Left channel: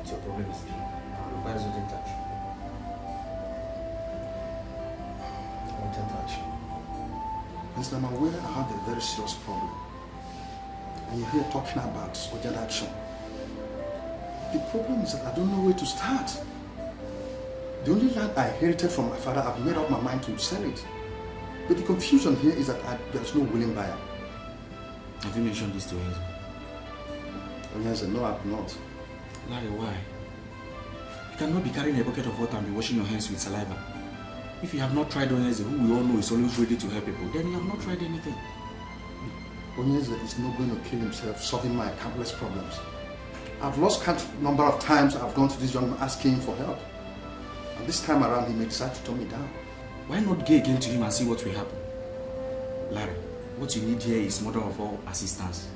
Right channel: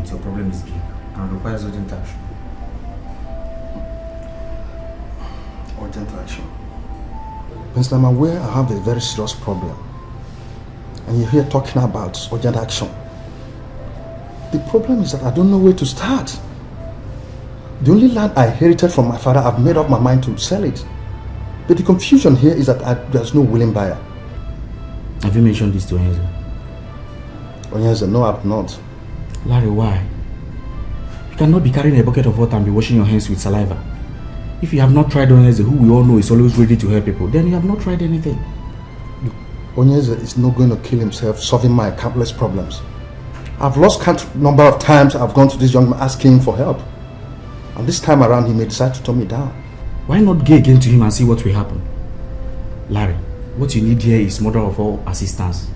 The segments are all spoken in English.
moment, your problem is big and requires urgent action. Urgent action? Mr. I'm aware I have a very serious problem. And you're here talking about urgent action. The problem is that I don't know where to start. The only land I inherited from my father, I've made up my mind to sell it. But the confusion here is that there's no willing buyer. Have you mentioned this to Onyeze? Onyeze, no, I've not. Larry, why? You cannot be carrying a bucket of water and be washing your hands with saliva. If you have not tried Onyeze, who we all know is always ready to help people, then you have not tried anything. Onyeze is not going to kill himself solving my countless problems. I've lost count number of times I've gone to this young man asking him for help. And this time around, he may decide to turn me down. Why not go again to him and see what will happen? Larry, what you need here is mother of all assistance.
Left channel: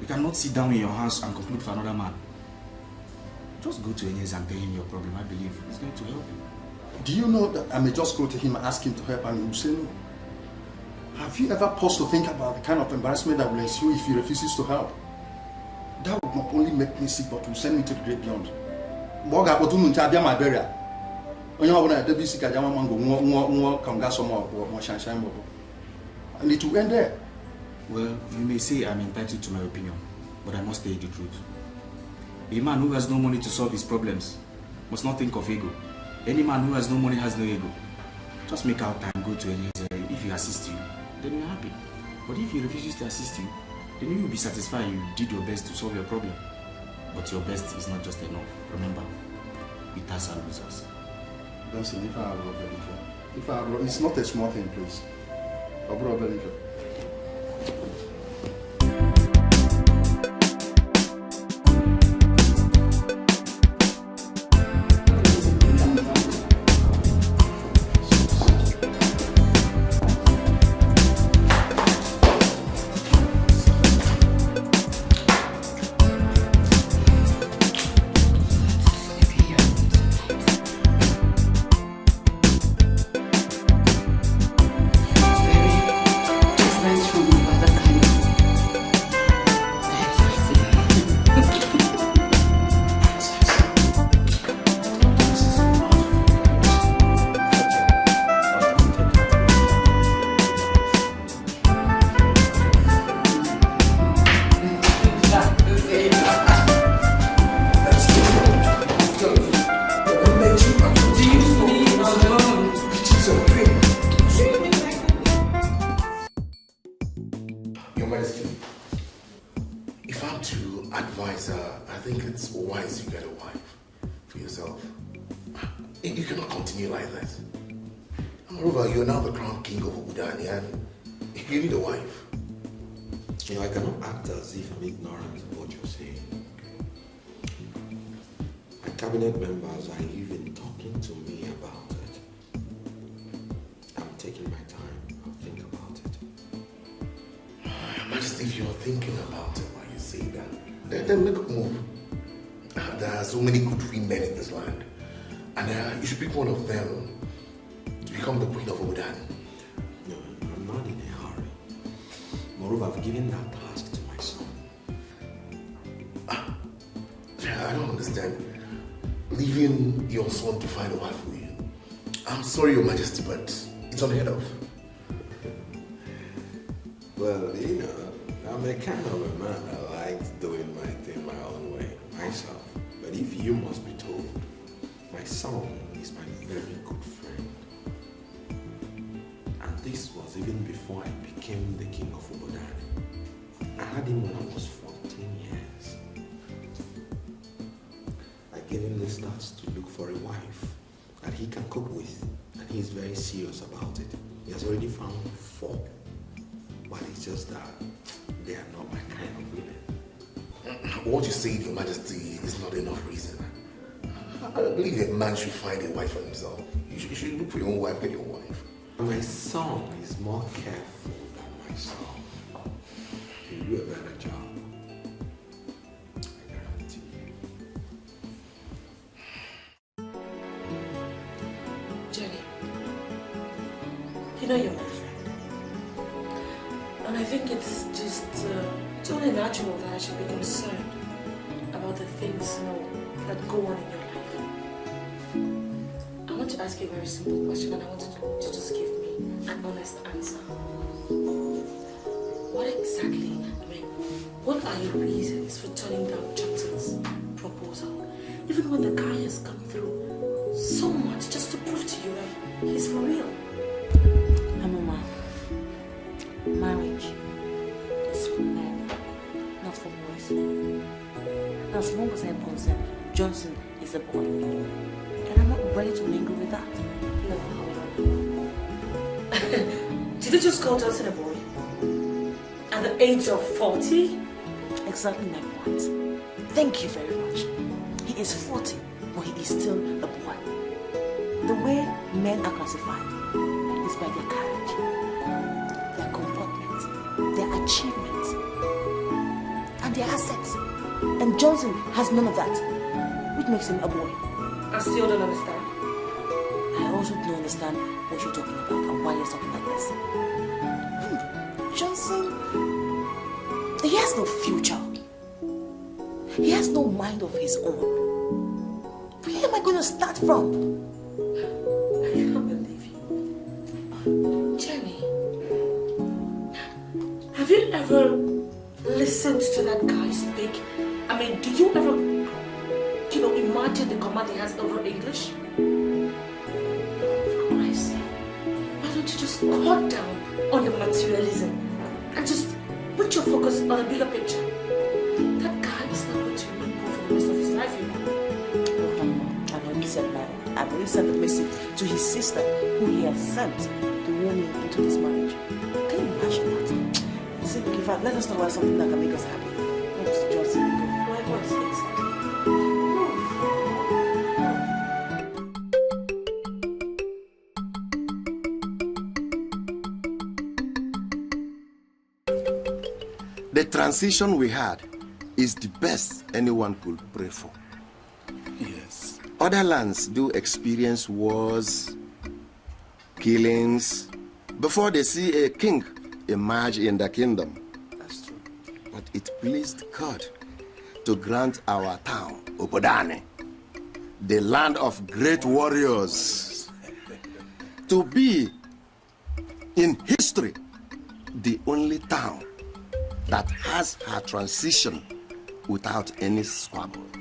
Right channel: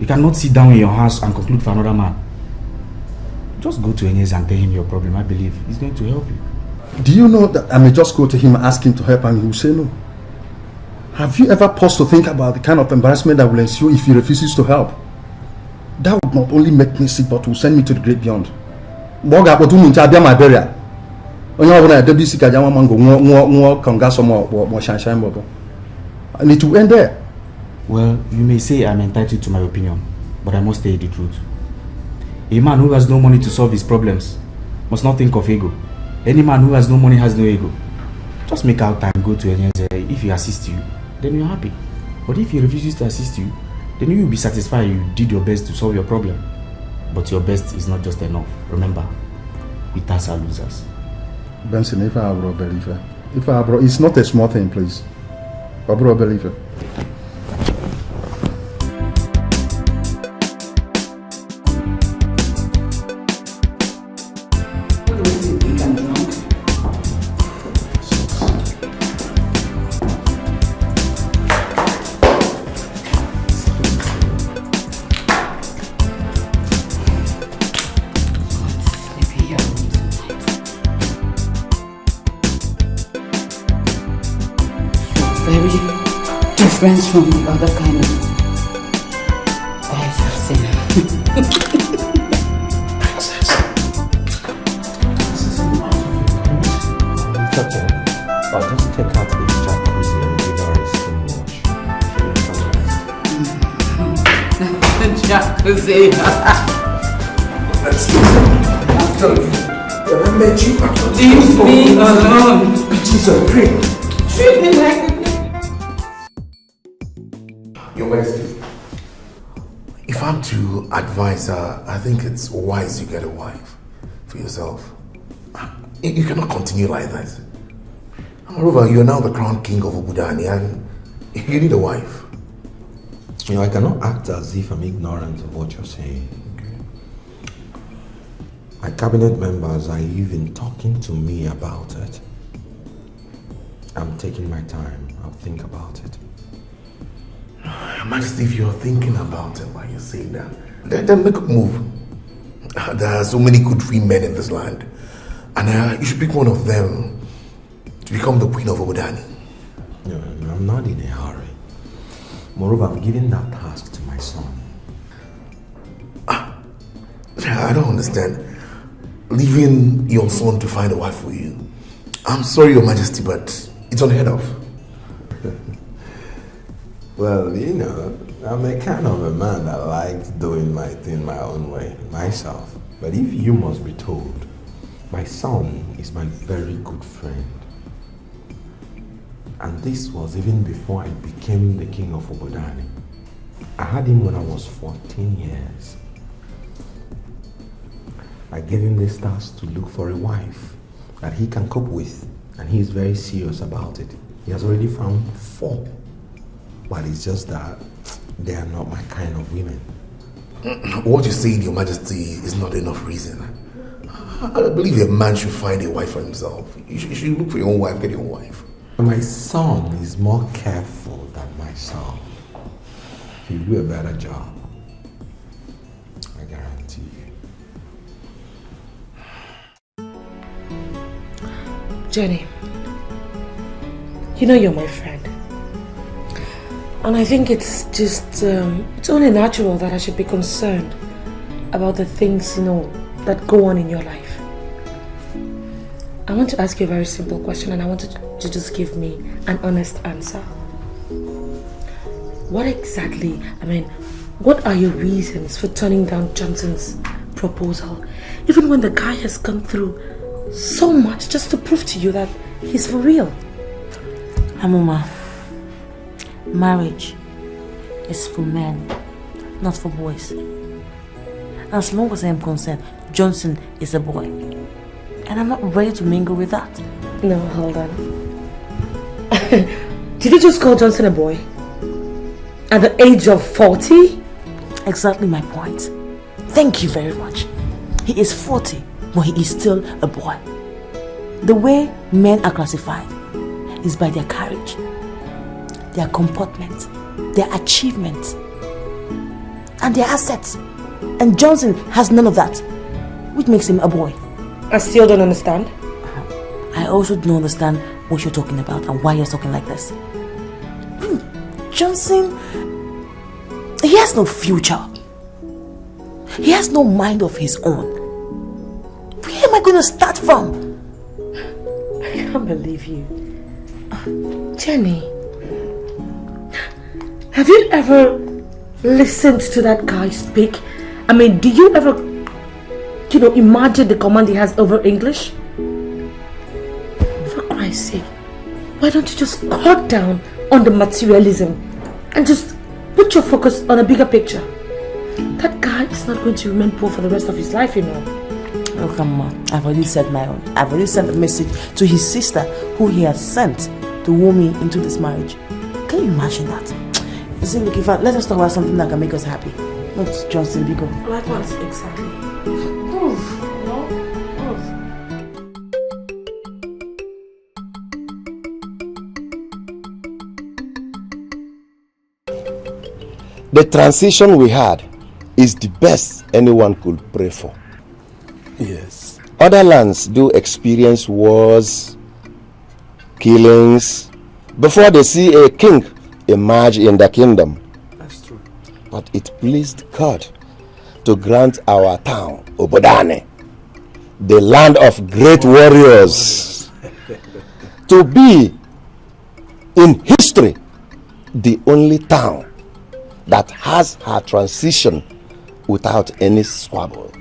You cannot sit down in your house and conclude for another man. Just go to Onyeze and tell him your problem. I believe he's going to help you. Do you know that I may just go to him and ask him to help and he will say no? Have you ever paused to think about the kind of embarrassment that will ensue if he refuses to help? That would not only make me sick, but will send me to the great beyond. My burial. And it will end there. Well, you may say I'm entitled to my opinion, but I must tell you the truth. A man who has no money to solve his problems must not think of ego. Any man who has no money has no ego. Just make out time, go to Onyeze. If he assists you, then you're happy. But if he refuses to assist you, then you will be satisfied you did your best to solve your problem. But your best is not just enough. Remember, winners are losers. Benson, if I bro believer, it's not a small thing, please. I bro believer. Friends from the other kind of Leave me alone. Bitches are great. Treat me like Your Majesty, if I'm to advise her, I think it's wise you get a wife for yourself. You cannot continue like that. Moreover, you're now the crown king of Obudani and you need a wife. You know, I cannot act as if I'm ignorant of what you're saying. My cabinet members are even talking to me about it. I'm taking my time. I'll think about it. Your Majesty, if you're thinking about it while you're saying that, then make a move. There are so many good free men in this land. And you should pick one of them to become the queen of Obudani. No, I'm not in a hurry. Moreover, I've given that task to my son. I don't understand. Leaving your son to find a wife for you. I'm sorry, Your Majesty, but it's unheard of. Well, you know, I'm a kind of a man that likes doing my thing my own way, myself. But if you must be told, my son is my very good friend. And this was even before I became the king of Obudani. I had him when I was 14 years. I gave him this task to look for a wife that he can cope with, and he is very serious about it. He has already found 4. But it's just that they are not my kind of women. What you say, Your Majesty, is not enough reason. I believe a man should find a wife for himself. You should look for your own wife, get your own wife. My son is more careful than myself. He'll do a better job. I guarantee you. Jenny, you know you're my friend. And I think it's just, it's only natural that I should be concerned about the things, that go on in your life. I want to ask you a very simple question and I want you to just give me an honest answer. What are your reasons for turning down Johnson's proposal? Even when the guy has gone through so much just to prove to you that he's for real. Hamuma, marriage is for men, not for boys. As long as I am concerned, Johnson is a boy. And I'm not ready to mingle with that. No, hold on. Did you just call Johnson a boy? At the age of 40? Exactly my point. Thank you very much. He is 40, but he is still a boy. The way men are classified is by their courage, their comportment, their achievements, and their assets. And Johnson has none of that, which makes him a boy. I still don't understand. I also don't understand what you're talking about and why you're talking like this. Johnson, he has no future. He has no mind of his own. Where am I going to start from? I can't believe you. Jenny, have you ever listened to that guy speak? I mean, do you ever, imagine the command he has over English? For Christ's sake, why don't you just cut down on the materialism and just put your focus on a bigger picture? That guy is not going to remain poor for the rest of his life, Oh, come on. I've already said my own. I've already sent a message to his sister who he has sent to woo me into this marriage. Can you imagine that? You see, look, let us talk about something that can make us happy. What's Johnson, Bigo? Likewise, exactly. The transition we had is the best anyone could pray for. Yes. Other lands do experience wars, killings, before they see a king emerge in the kingdom. That's true. But it pleased God to grant our town, Obodane, the land of great warriors, to be, in history, the only town that has her transition without any squabble.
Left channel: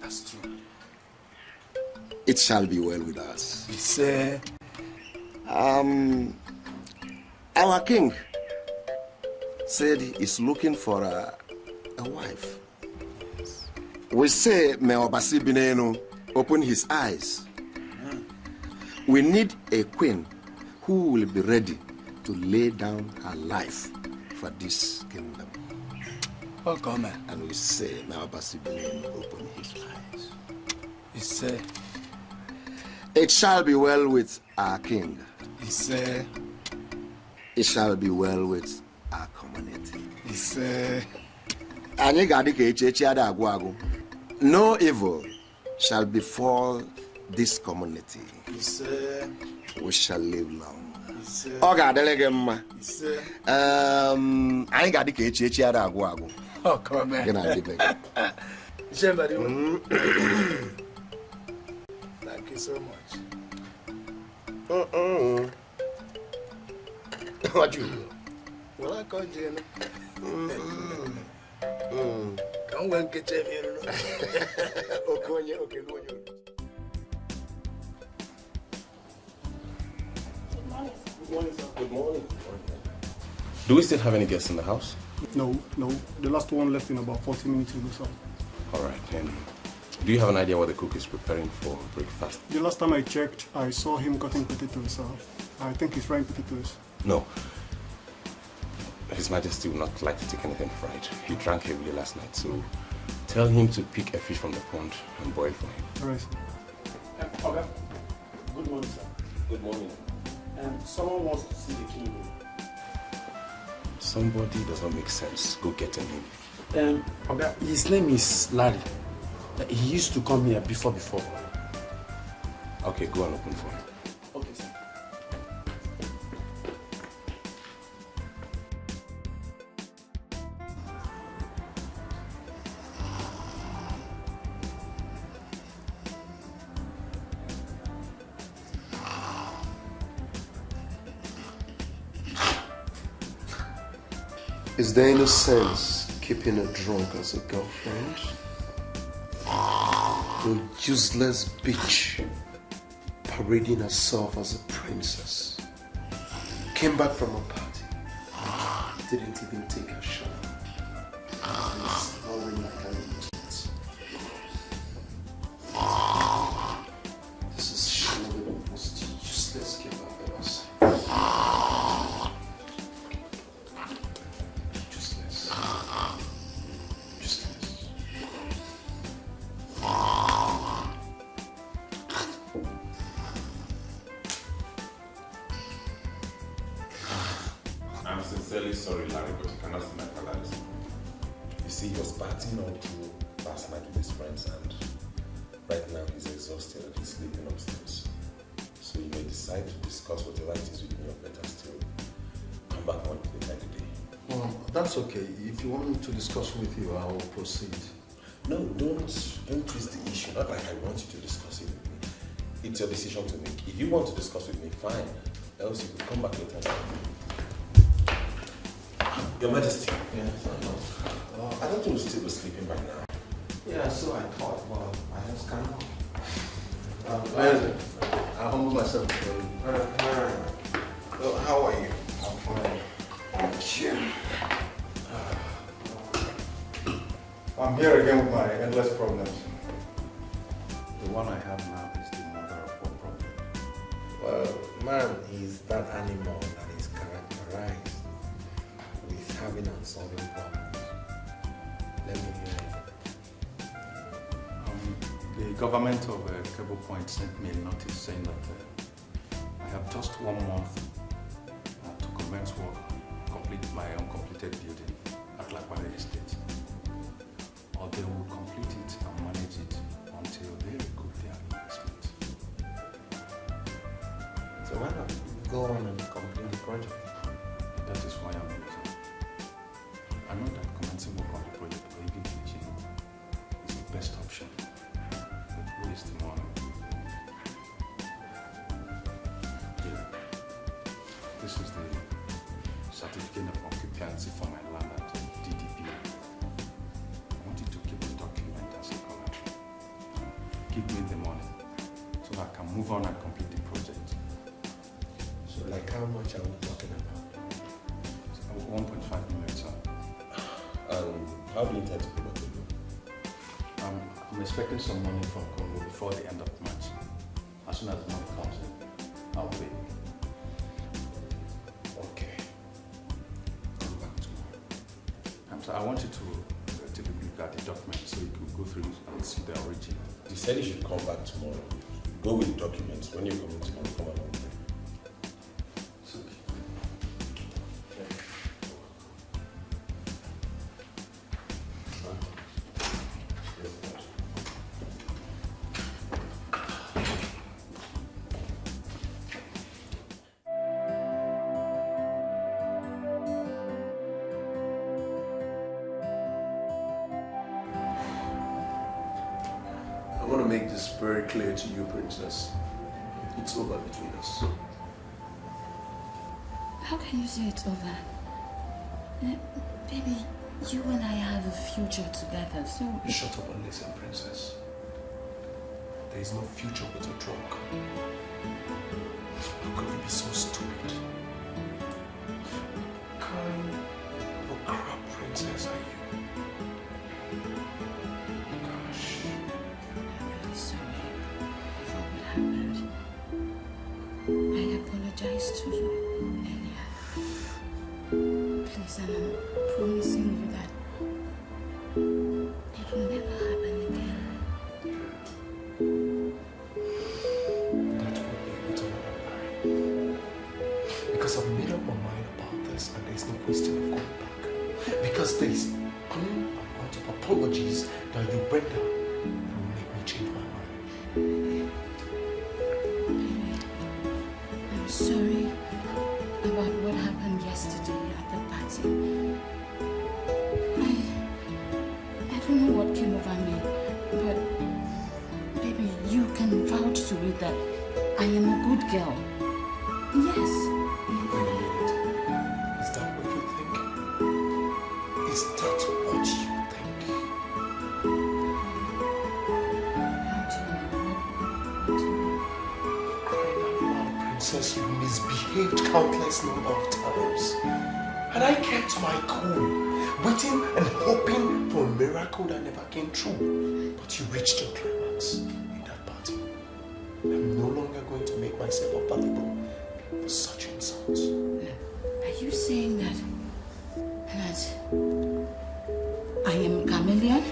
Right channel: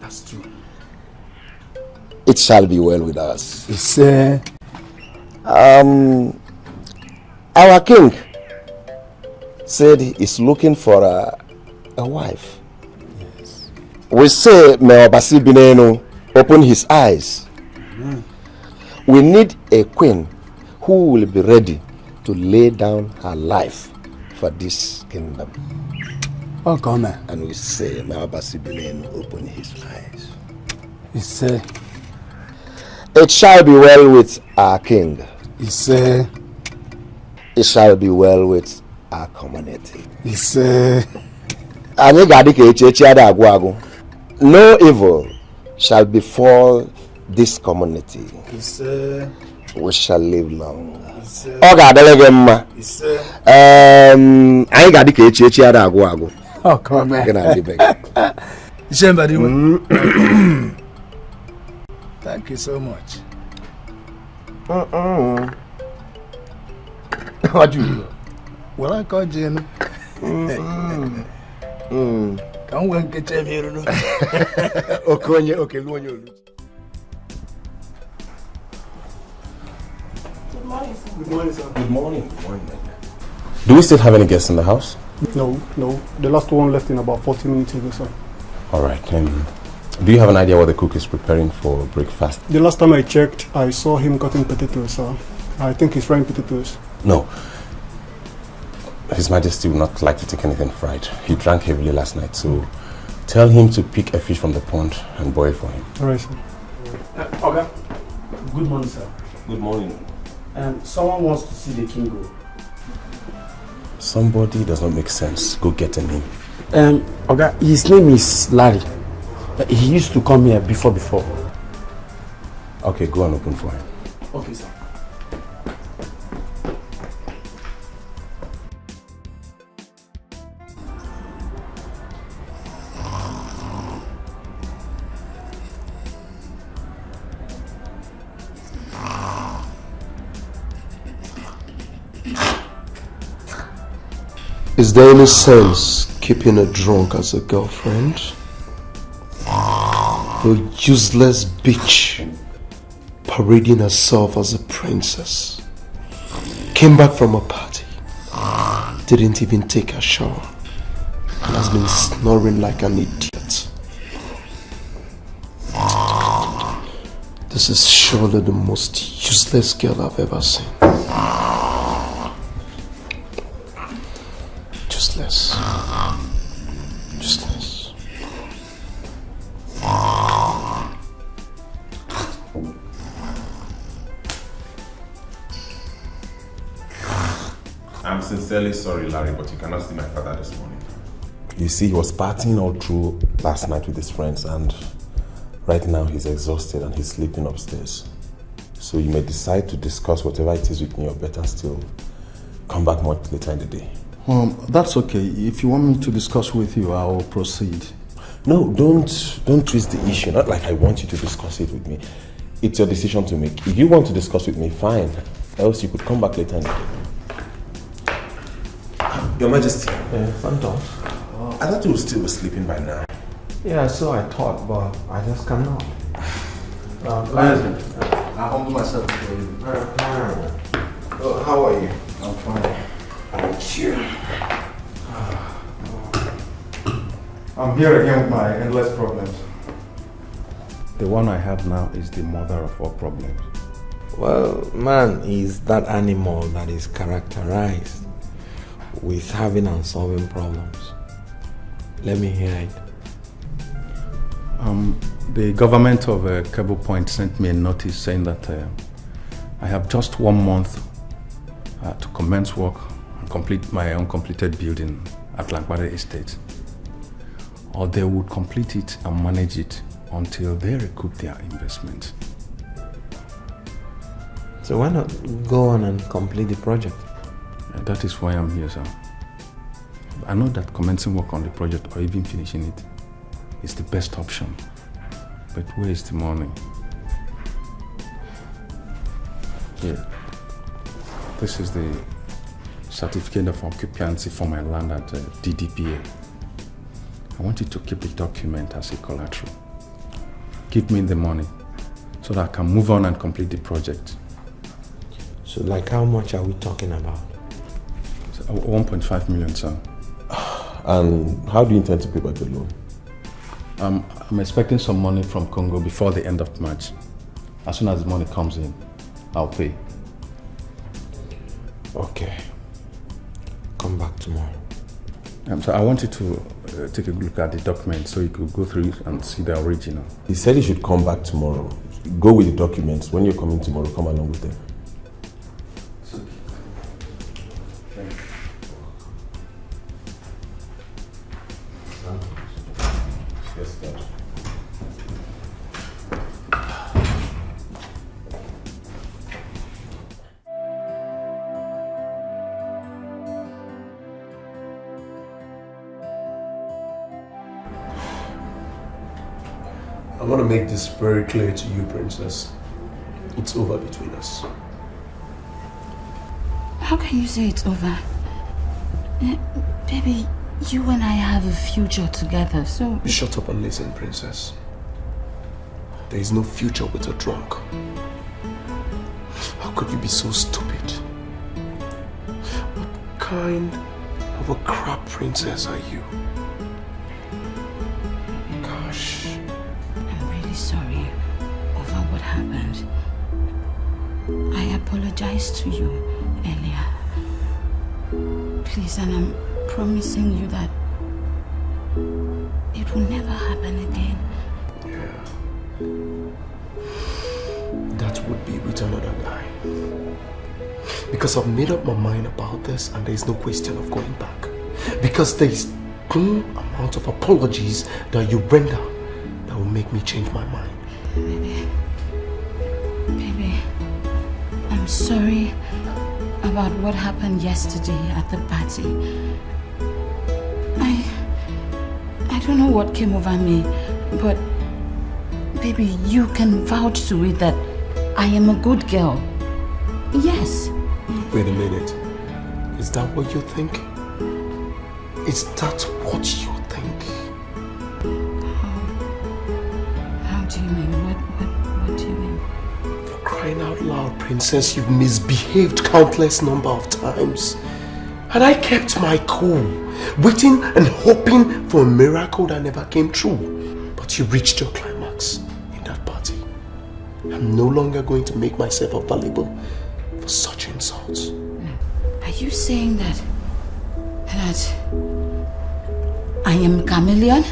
That's true. It shall be well with us. It's Our king said he is looking for a wife. yes. We say, may Obasi Binenu open his eyes. We need a queen who will be ready to lay down her life for this kingdom. Oh, come on. And we say, may Obasi Binenu open his eyes. It's It shall be well with our king. It shall be well with our community. Anyị ga-adị ka echi ada agwụ agwụ. No evil shall befall this community. We shall live long. Ọ ga-adịrị gị mma. Anyị ga-adị ka echi ada agwụ agwụ. Oh, come on. Thank you so much. What you? Well, I called you. Come on, get your hair. Okay, okay, Luonyo. Good morning, sir. Good morning, sir. Good morning. Do we still have any guests in the house? No. The last one left in about 40 minutes ago, sir. All right. Do you have an idea what the cook is preparing for breakfast? The last time I checked, I saw him cutting potatoes, sir. I think he's frying potatoes. No. His Majesty would not like to take anything fried. He drank heavily last night, so tell him to pick a fish from the pond and boil for him. All right, sir. Okay. Good morning, sir. Good morning. Someone wants to see the king. Somebody does not make sense. Go get him. Okay, his name is Larry. He used to come here before. Okay, go and open for him. Okay, sir. Is there any sense keeping a drunk as a girlfriend? A useless bitch parading herself as a princess. Came back from a party. Didn't even take a shower. And has been snoring like an idiot. This is surely the most useless girl I've ever seen. Useless. Useless. I'm sincerely sorry, Larry, but you cannot see my father this morning. You see, he was partying all through last night with his friends, and right now he's exhausted and he's sleeping upstairs. So you may decide to discuss whatever it is with me, or better still, come back much later in the day. That's okay. If you want me to discuss with you, I will proceed. No, don't twist the issue. Not like I want you to discuss it with me. It's your decision to make. If you want to discuss with me, fine. Else you could come back later in the day. Your Majesty. I thought you were still sleeping by now. Yeah, so I thought, but I just cannot. I humble myself for you. How are you? I'm fine. Thank you. I'm here again with my endless problems. The one I have now is the mother of all problems. Well, man is that animal that is characterized with having and solving problems. Let me hear it. The government of Cable Point sent me a notice saying that I have just 1 month to commence work and complete my uncompleted building at Lankwade Estate. Or they would complete it and manage it until they recoup their investment. So why not go on and complete the project? That is why I'm here, sir. I know that commencing work on the project or even finishing it is the best option. But where is the money? Here. This is the certificate of occupancy for my land at DDPA. I want you to keep the document as a collateral. Give me the money so that I can move on and complete the project. So like how much are we talking about? 1.5 million, sir. And how do you intend to pay back the loan? I'm expecting some money from Congo before the end of March. As soon as the money comes in, I'll pay. Okay. Come back tomorrow. So I want you to take a look at the document so you could go through it and see the original. He said he should come back tomorrow. Go with the documents. When you're coming tomorrow, come along with them. I want to make this very clear to you, Princess. It's over between us. How can you say it's over? Baby, you and I have a future together, so... Shut up and listen, Princess. There is no future with a drunk. How could you be so stupid? What kind of a crap princess are you? Gosh. I'm really sorry over what happened. I apologized to you earlier. Please, and I'm promising you that it will never happen again. Yeah. That would be with another lie. Because I've made up my mind about this and there is no question of going back. Because there is no amount of apologies that you render that will make me change my mind. Baby, I'm sorry about what happened yesterday at the party. I don't know what came over me, but baby, you can vouch to it that I am a good girl. Yes. Wait a minute. Is that what you're thinking? Is that what you think? How do you mean? What do you mean? For crying out loud, Princess, you've misbehaved countless number of times. And I kept my cool, waiting and hoping for a miracle that never came true. But you reached your climax in that party. I'm no longer going to make myself available for such insults. Are you saying that I am a chameleon?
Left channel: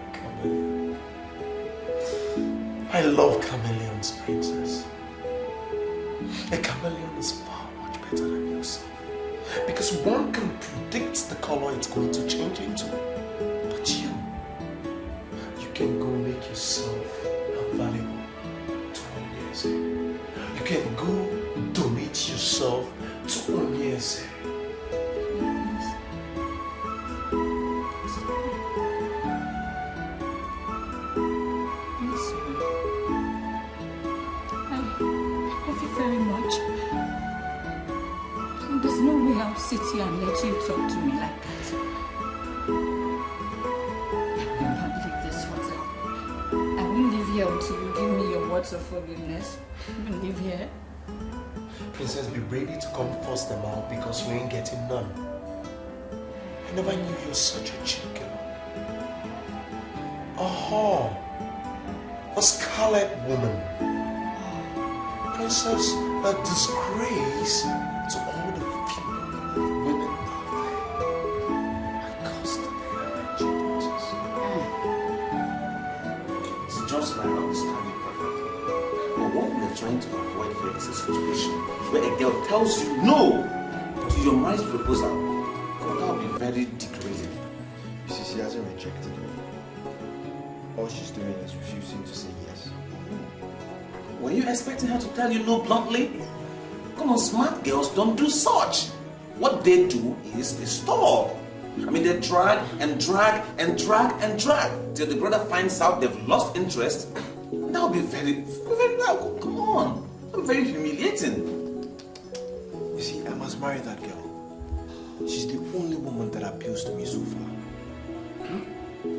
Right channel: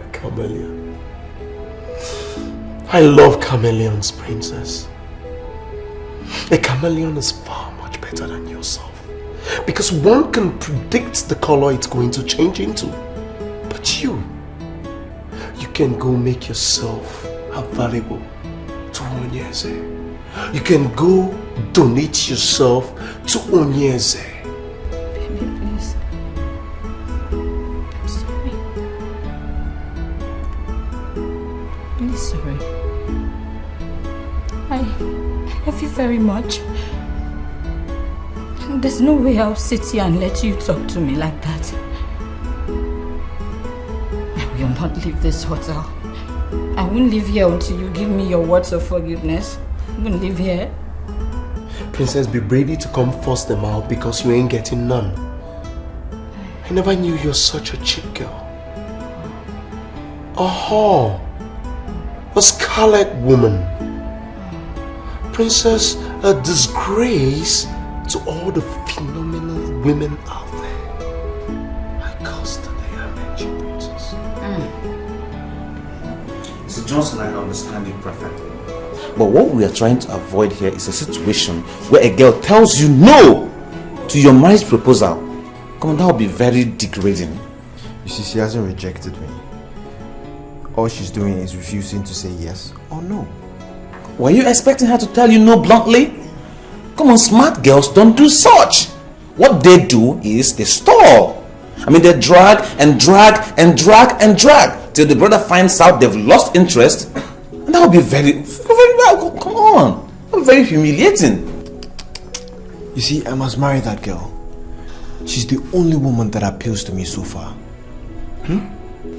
A chameleon. I love chameleons, Princess. A chameleon is far much better than yourself. Because one can predict the color it's going to change into. But you can go make yourself available to Onyeze. You can go donate yourself to Onyeze. Baby, please. I'm sorry. I'm sorry. I love you very much. There's no way I'll sit here and let you talk to me like that. I will not leave this hotel. I won't leave here until you give me your words of forgiveness. I won't leave here. Princess, be ready to come force them out because you ain't getting none. I never knew you're such a cheap girl. A whore. A scarlet woman. Princess, a disgrace to all the phenomenal women out there. I constantly arrange you, Princess. Mr. Johnson, I understand it perfectly. But what we are trying to avoid here is a situation where a girl tells you no to your marriage proposal. Come on, that would be very degrading. You see, she hasn't rejected me. All she's doing is refusing to say yes or no. Were you expecting her to tell you no bluntly? Come on, smart girls don't do such. What they do is they stall. I mean, they drag and drag and drag and drag till the brother finds out they've lost interest. And that would be very well. Come on, that would be very humiliating. You see, I must marry that girl. She's the only woman that appeals to me so far.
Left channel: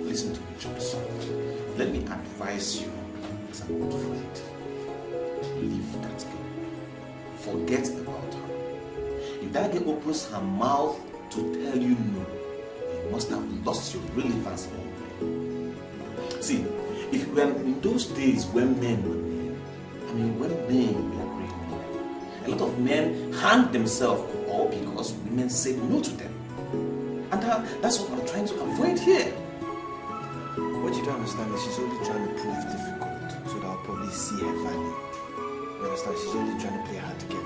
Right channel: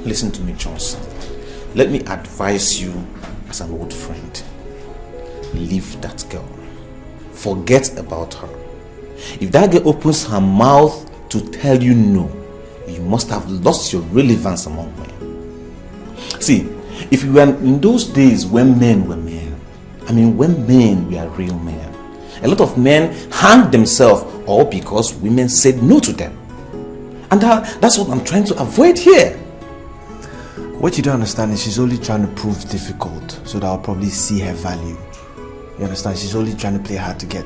Listen to me, Johnson. Let me advise you as an old friend. Leave that girl. Forget about her. If that girl opens her mouth to tell you no, you must have lost your relevance among men. See, if you were in those days when men were men, I mean when men were real men, a lot of men hanged themselves all because women said no to them. And that's what I'm trying to avoid here. What you don't understand is she's only trying to prove difficult so that I'll probably see her value. You understand? She's only trying to play hard to get.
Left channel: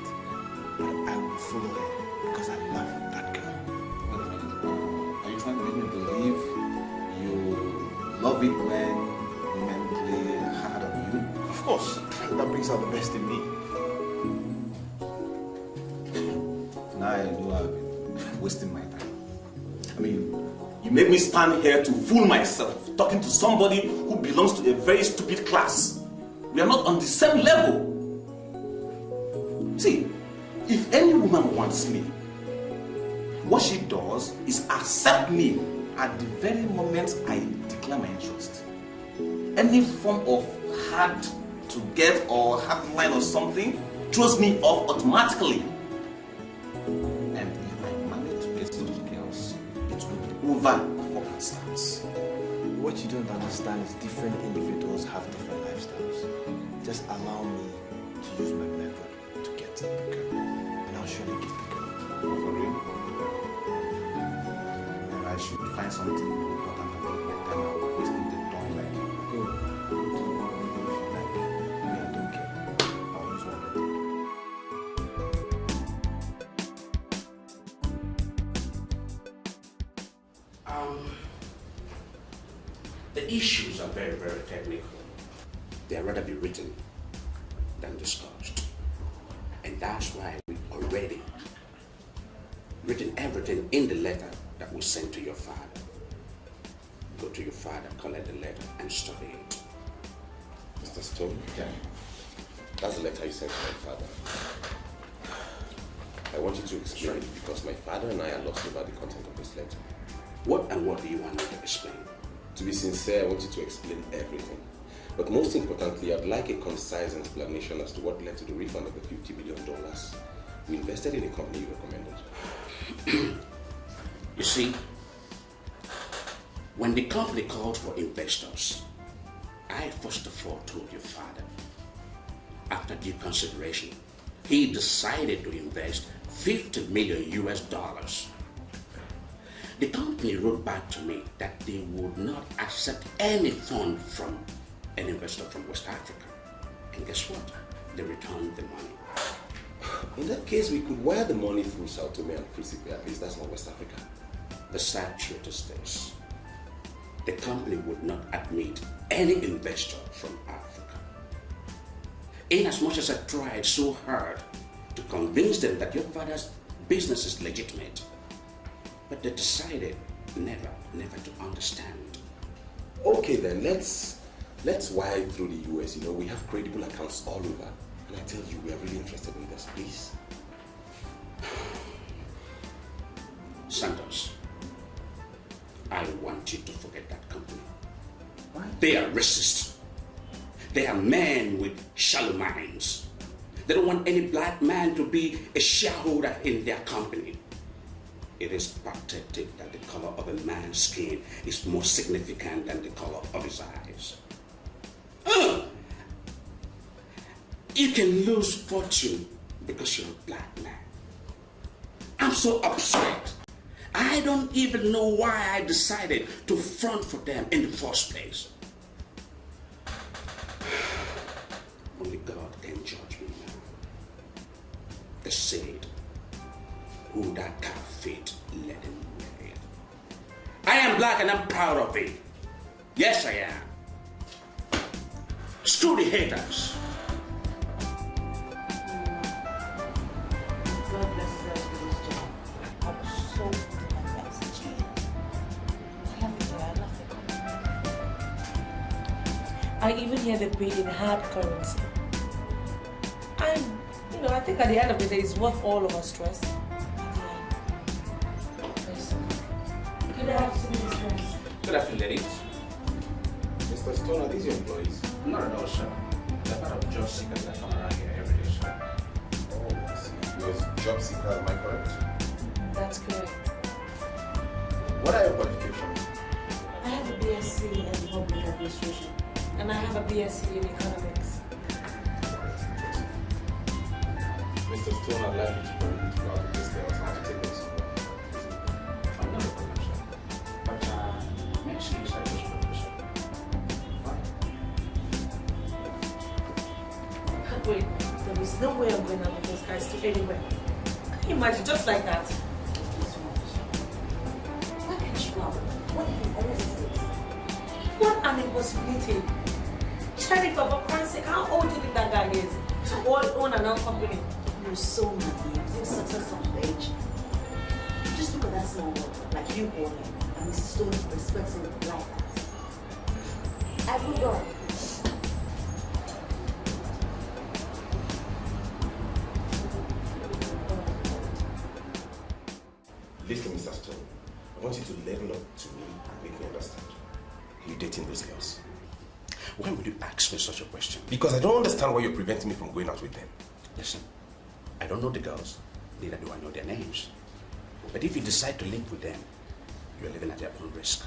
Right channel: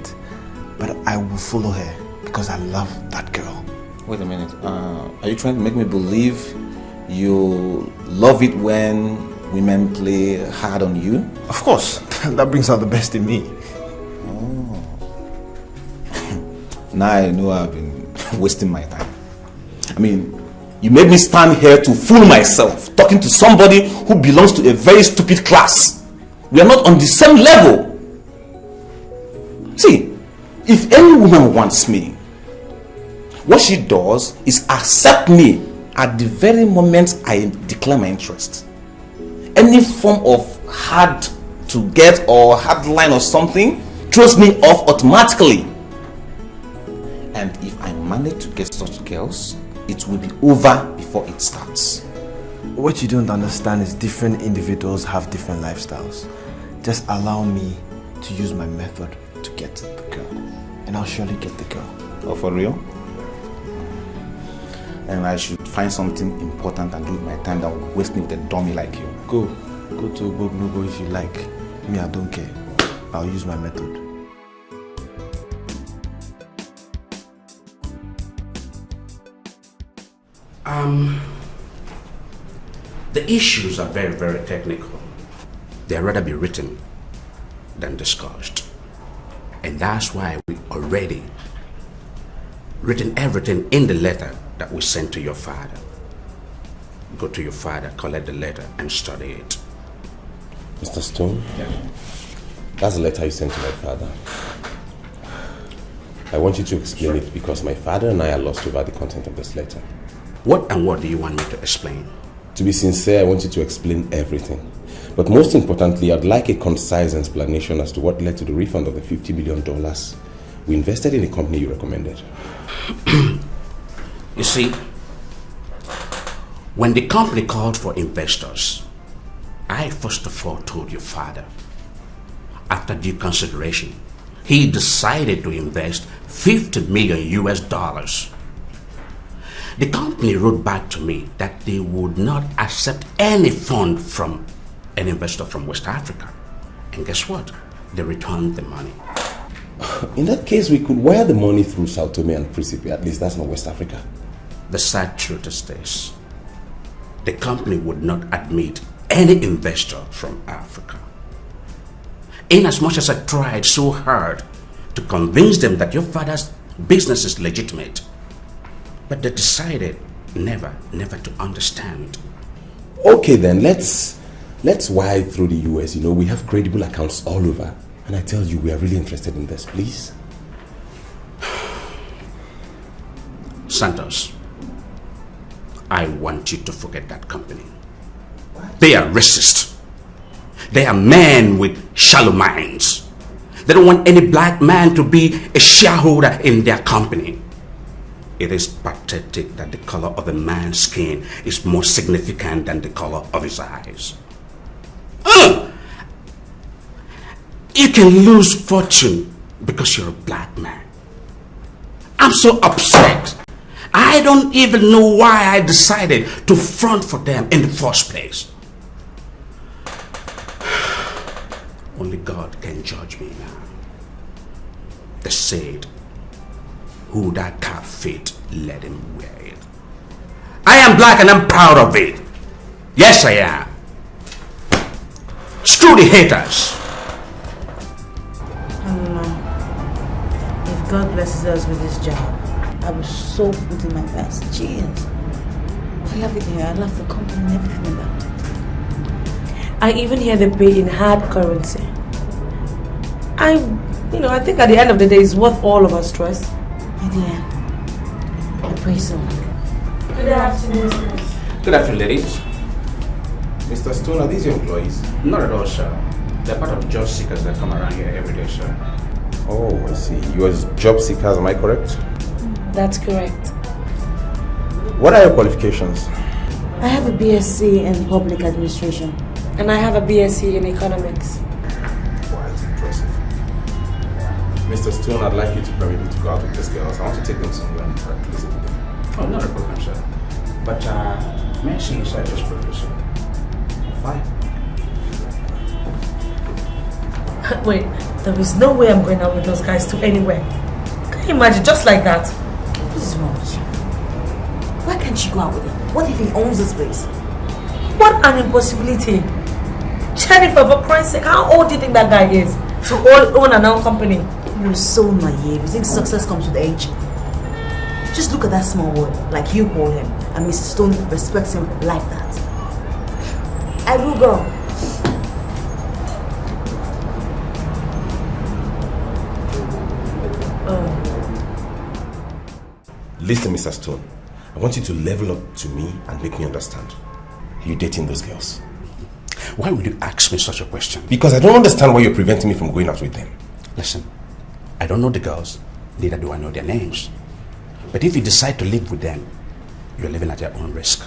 But I will follow her because I love that girl. Wait a minute. Are you trying to make me believe you love it when women play hard on you? Of course. That brings out the best in me. Now I know I've been wasting my time. I mean, you made me stand here to fool myself, talking to somebody who belongs to a very stupid class. We are not on the same level. See, if any woman wants me, what she does is accept me at the very moment I declare my interest. Any form of hard to get or hard line or something throws me off automatically. And if I manage to get such girls, it will be over before it starts. What you don't understand is different individuals have different lifestyles. Just allow me to use my method to get the girl, and I'll surely get the girl. Oh, for real? And I should find something important and do with my time that will waste me with a dummy like you. Go to a book if you like. Me, I don't care. I'll use my method. The issues are very, very technical. They'd rather be written than discussed. And that's why we already written everything in the letter that we sent to your father. Go to your father, collect the letter, and study it. Mr. Stone? Yeah. That's the letter you sent to my father. I want you to explain it because my father and I are lost over the content of this letter. What do you want me to explain? To be sincere, I want you to explain everything. But most importantly, I'd like a concise explanation as to what led to the refund of the $50 million we invested in a company you recommended. You see, when the company called for investors, I first of all told your father, after due consideration, he decided to invest $50 million US. The company wrote back to me that they would not accept any fund from an investor from West Africa. And guess what? They returned the money. In that case, we could wire the money through Sao Tome and Principe. At least that's not West Africa. The sad truth is this. The company would not admit any investor from Africa. In as much as I tried so hard to convince them that your father's business is legitimate, but they decided never to understand. Okay then, let's wire through the US. You know, we have credible accounts all over. And I tell you, we are really interested in this, please. Santos, I want you to forget that company. They are racist. They are men with shallow minds. They don't want any black man to be a shareholder in their company. It is pathetic that the color of a man's skin is more significant than the color of his eyes. You can lose fortune because you're a black man. I'm so upset. I don't even know why I decided to front for them in the first place. Only God can judge me now. They said, who that cap fit, let him wear it. I am black and I'm proud of it. Yes, I am. Screw the haters. If God blesses us with this job, I will so put in my best. Jeez. I love it here. I love the company and everything about it. I even hear they pay in hard currency. I think at the end of the day, it's worth all of our stress. Yeah. I pray so. Good afternoon, sir. Good afternoon, ladies. Mr. Stone, are these your employees? Not at all, sir. They're part of job seekers that come around here every day, sir. Oh, I see. You are job seekers, am I correct? That's correct. What are your qualifications? I have a BSc in Public Administration. And I have a BSc in Economics. Quite impressive. Mr. Stone, I'd like you to permit me to go out with these girls. I want to take them somewhere and practice with them. Oh, not a problem, sir. But, may I see inside this professor? Fine. Wait, there is no way I'm going out with those guys to anywhere. Can you imagine, just like that? What is wrong with you? Why can't you go out with him? What if he owns this place? What an impossibility. Jennifer, for Christ's sake, how old do you think that guy is to own an own company? You're so naive. You think success comes with age? Just look at that small word, like you call him, and Mrs. Stone respects him like that. I will go. Listen, Mr. Stone. I want you to level up to me and make me understand. Are you dating those girls? Why would you ask me such a question? Because I don't understand why you're preventing me from going out with them. Listen, I don't know the girls, neither do I know their names. But if you decide to live with them, you're living at your own risk.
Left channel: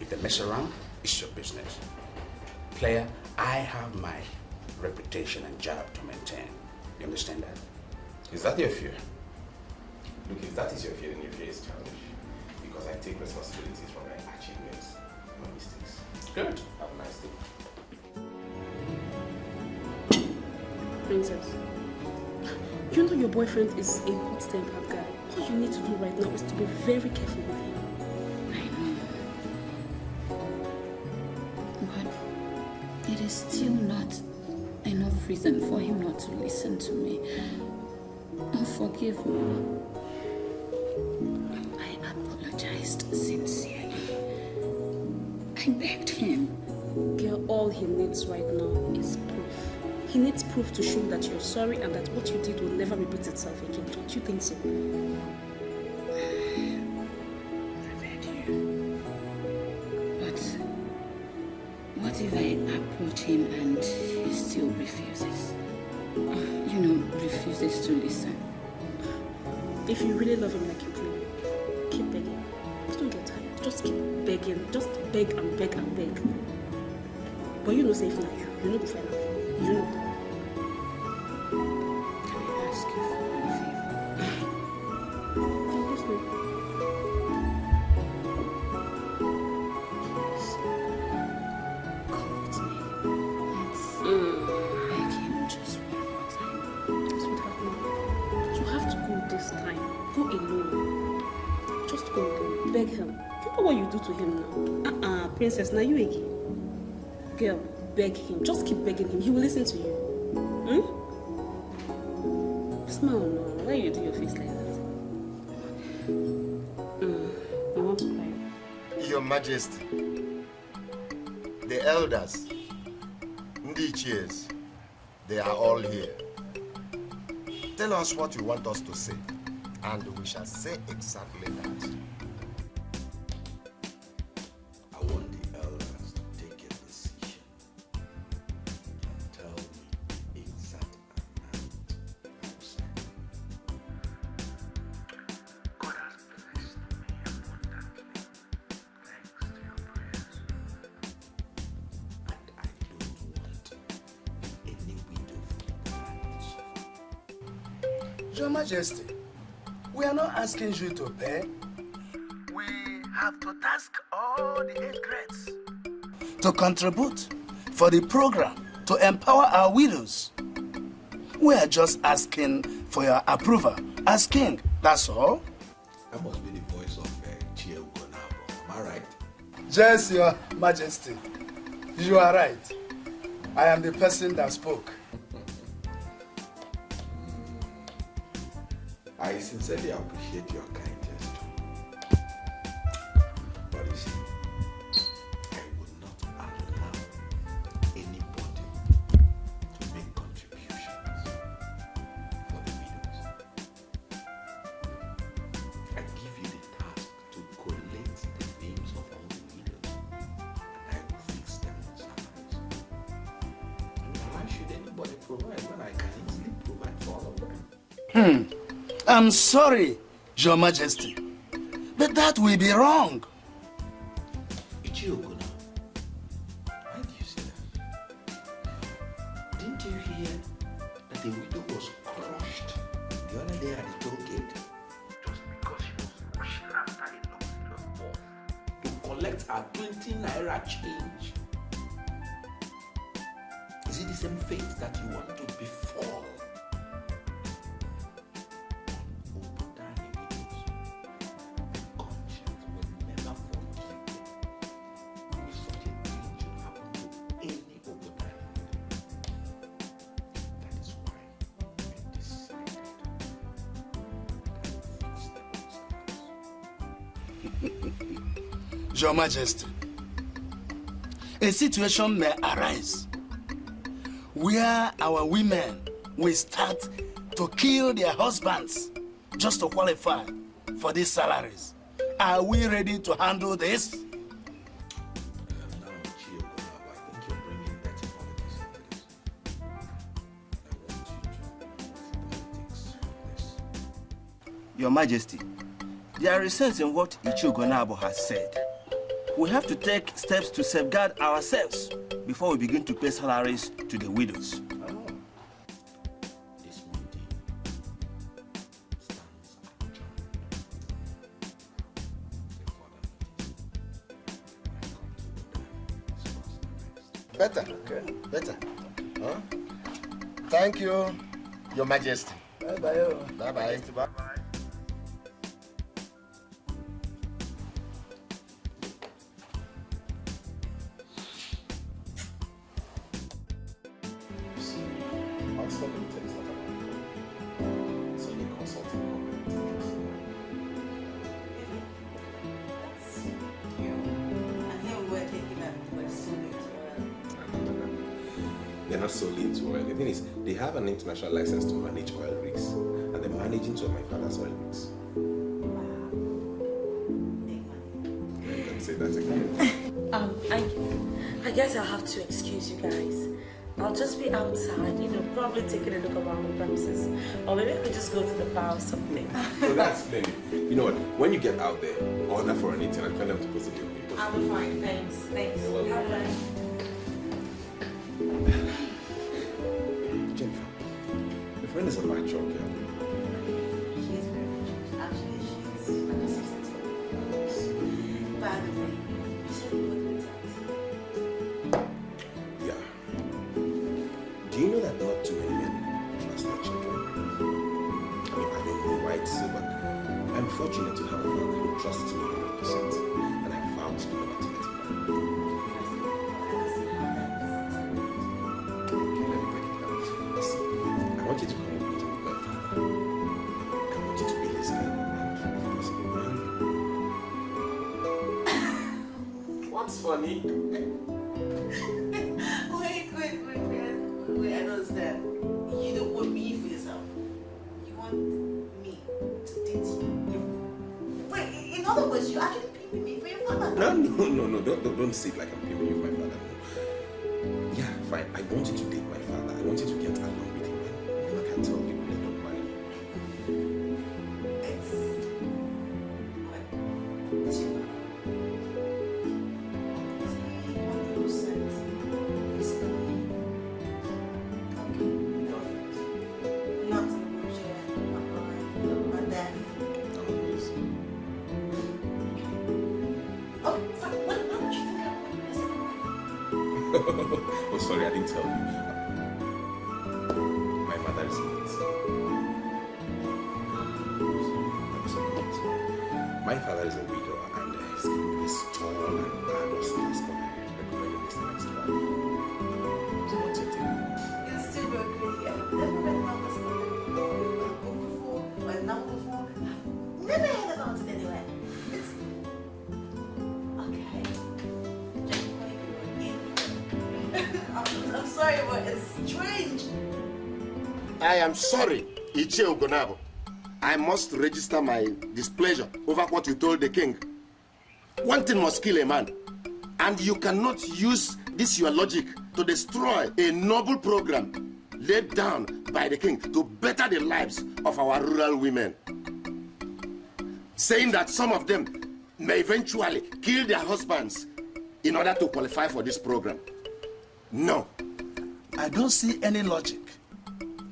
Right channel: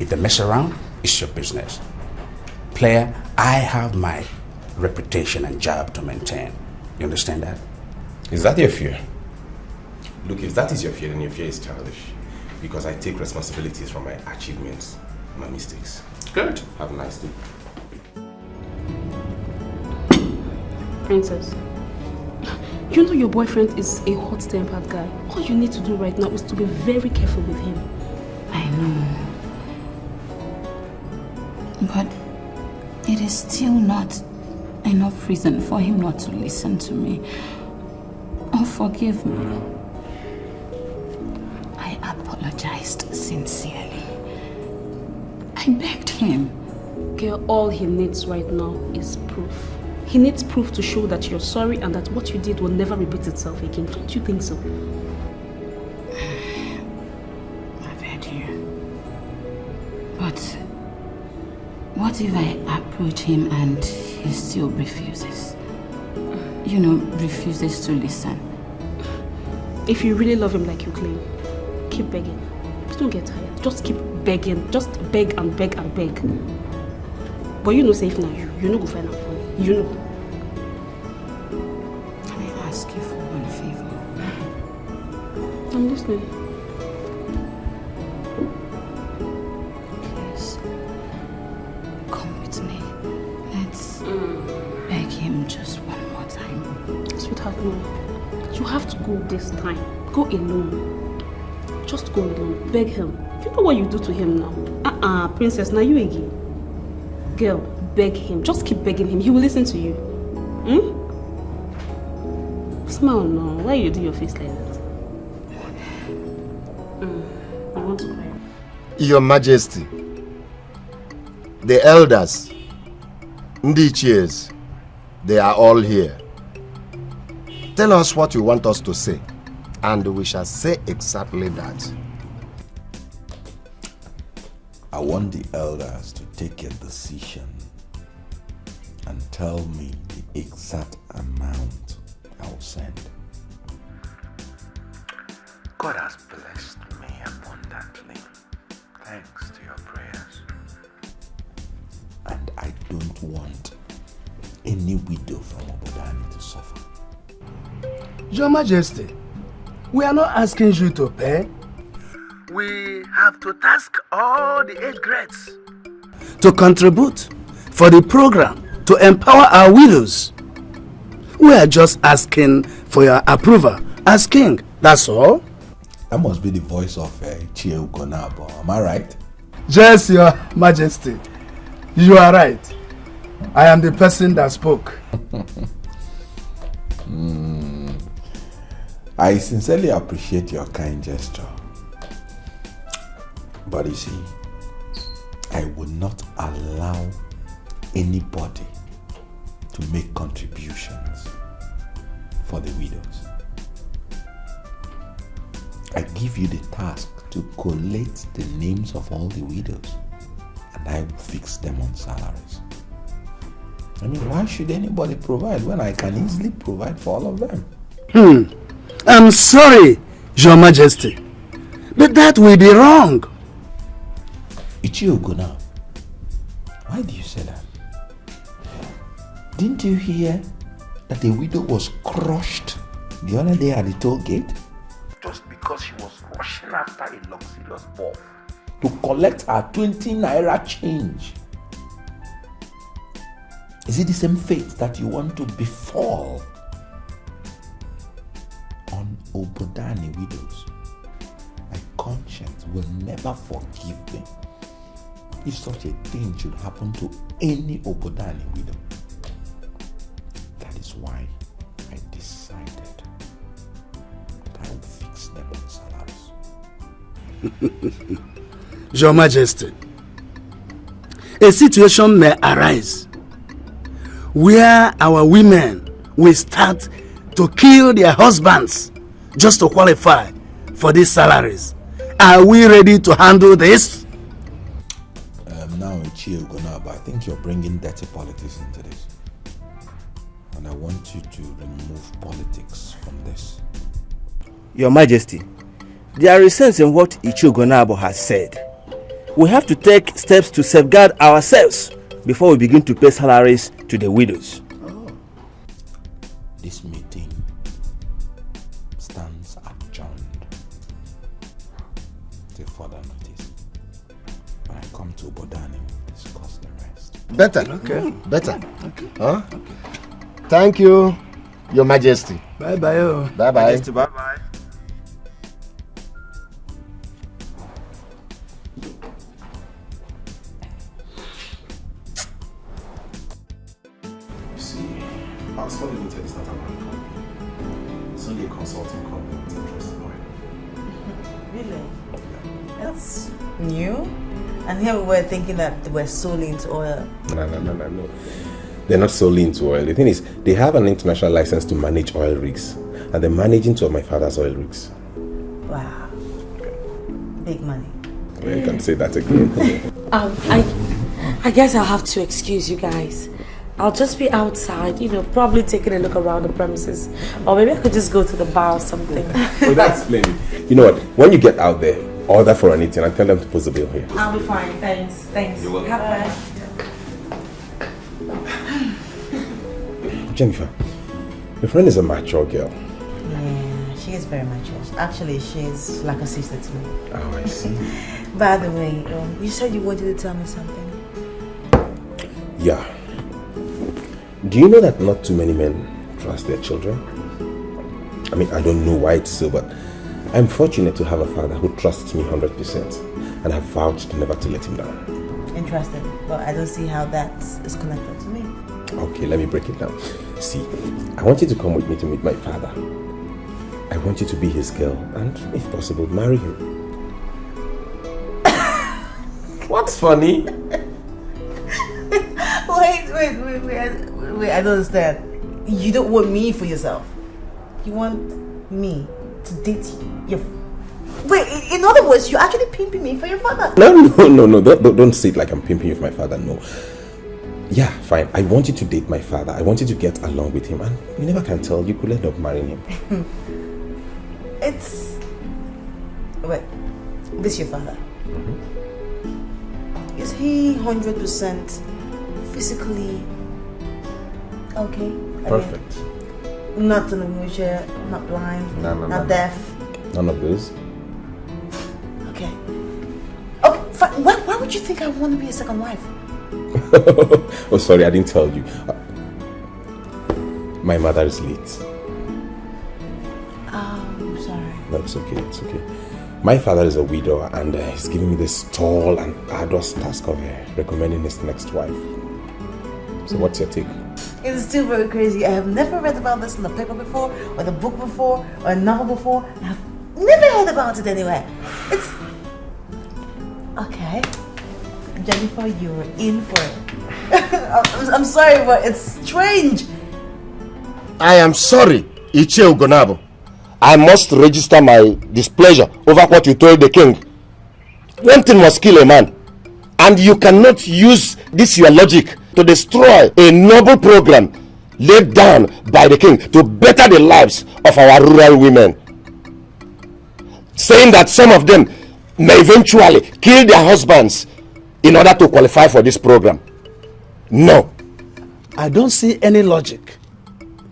If they mess around, it's your business. Player, I have my reputation and job to maintain. You understand that? Is that your fear? Look, if that is your fear, then your fear is childish. Because I take responsibilities for my achievements, my mistakes. Good. Have a nice day. Princess, you know your boyfriend is a hot-tempered guy. All you need to do right now is to be very careful with him. I know. But it is still not enough reason for him not to listen to me or forgive me. I apologized sincerely. I begged him. Girl, all he needs right now is proof. He needs proof to show that you're sorry and that what you did will never repeat itself again. Don't you think so? I've heard you. But what if I approach him and he still refuses? You know, refuses to listen. If you really love him like you claim, keep begging. Don't get tired. Just keep begging. Just beg and beg and beg. But you know safe now. You know go find out for me. You know. Can I ask you for one favor? I'm listening. Please, come with me. Let's beg him just one more time. Sweetheart, no. You have to go this time. Go alone. Just go alone. Beg him. You know what you do to him now. Princess, now you again. Girl, beg him. Just keep begging him. He will listen to you. Smile now. Why you do your face like that? I want to cry. Your Majesty, the elders, Ndichies, they are all here. Tell us what you want us to say, and we shall say exactly that. I want the elders to take a decision and tell me the exact amount I will send. God has blessed me abundantly, thanks to your prayers. And I don't want any widow from Obodani to suffer. Your Majesty, we are not asking you to pay. We have to task all the 8 grades to contribute for the program to empower our widows. We are just asking for your approval as king, that's all. That must be the voice of Chie Ugonabo, am I right? Yes, Your Majesty, you are right. I am the person that spoke. I sincerely appreciate your kind gesture. But you see, I will not allow anybody to make contributions for the widows. I give you the task to collate the names of all the widows, and I will fix them on salaries. I mean, why should anybody provide when I can easily provide for all of them? I'm sorry, Your Majesty, but that will be wrong. Ichiogona, why do you say that? Didn't you hear that the widow was crushed the other day at the toll gate? Just because she was rushing after a luxurious ball to collect her 20 naira change. Is it the same fate that you want to befall on Obodani widows? My conscience will never forgive me if such a thing should happen to any Obodani widow. That is why I decided that I would fix them on salaries. Your Majesty, a situation may arise where our women will start to kill their husbands just to qualify for these salaries. Are we ready to handle this? Now, Chiogonaba, I think you're bringing dirty politics into this. And I want you to remove politics from this. Your Majesty, there is sense in what Ichiogonabo has said. We have to take steps to safeguard ourselves before we begin to pay salaries to the widows. This meeting stands adjourned till further notice. When I come to Bodani, discuss the rest. Better. Okay. Better. Huh? Thank you, Your Majesty. Bye-bye. Bye-bye. Majesty, bye-bye. New? And here we were thinking that they were sold into oil. No. They're not solely into oil. The thing is, they have an international license to manage oil rigs, and they're managing two of my father's oil rigs. Wow. Big money. Well, you can say that again. I guess I'll have to excuse you guys. I'll just be outside, probably taking a look around the premises. Or maybe I could just go to the bar or something. Oh, that's splendid. You know what? When you get out there, order for anything and tell them to post the bill here. I'll be fine. Thanks. You're welcome. Have fun. Jennifer, your friend is a mature girl. Yeah, she is very mature. Actually, she's like a sister to me. Oh, I see. By the way, you said you wanted to tell me something. Yeah. Do you know that not too many men trust their children? I mean, I don't know why it's so, but I'm fortunate to have a father who trusts me 100%, and I've vowed never to let him down. Interested, but I don't see how that is connected to me. Okay, let me break it down. See, I want you to come with me to meet my father. I want you to be his girl, and if possible, marry him. What's funny? Wait, I don't understand. You don't want me for yourself. You want me to date you. Wait, in other words, you're actually pimping me for your father. No. Don't say it like I'm pimping you for my father, no. Yeah, fine. I want you to date my father. I want you to get along with him. And you never can tell. You could end up marrying him. Wait, this is your father. Is he 100% physically okay? Perfect. Not in a wheelchair, not blind, not deaf. None of those. Okay. Okay, fine. Why would you think I want to be a second wife? Oh, sorry, I didn't tell you. My mother is late. I'm sorry. No, it's okay. My father is a widower, and he's giving me this tall and arduous task of recommending his next wife. So what's your take? It's still very crazy. I have never read about this in a paper before, or a book before, or a novel before. I've never heard about it anywhere. It's... Okay. Jennifer, you're in for it. I'm sorry, but it's strange. I am sorry, Ichie Ugonabo. I must register my displeasure over what you told the king. One thing must kill a man, and you cannot use this your logic to destroy a noble program laid down by the king to better the lives of our rural women. Saying that some of them may eventually kill their husbands in order to qualify for this program. No. I don't see any logic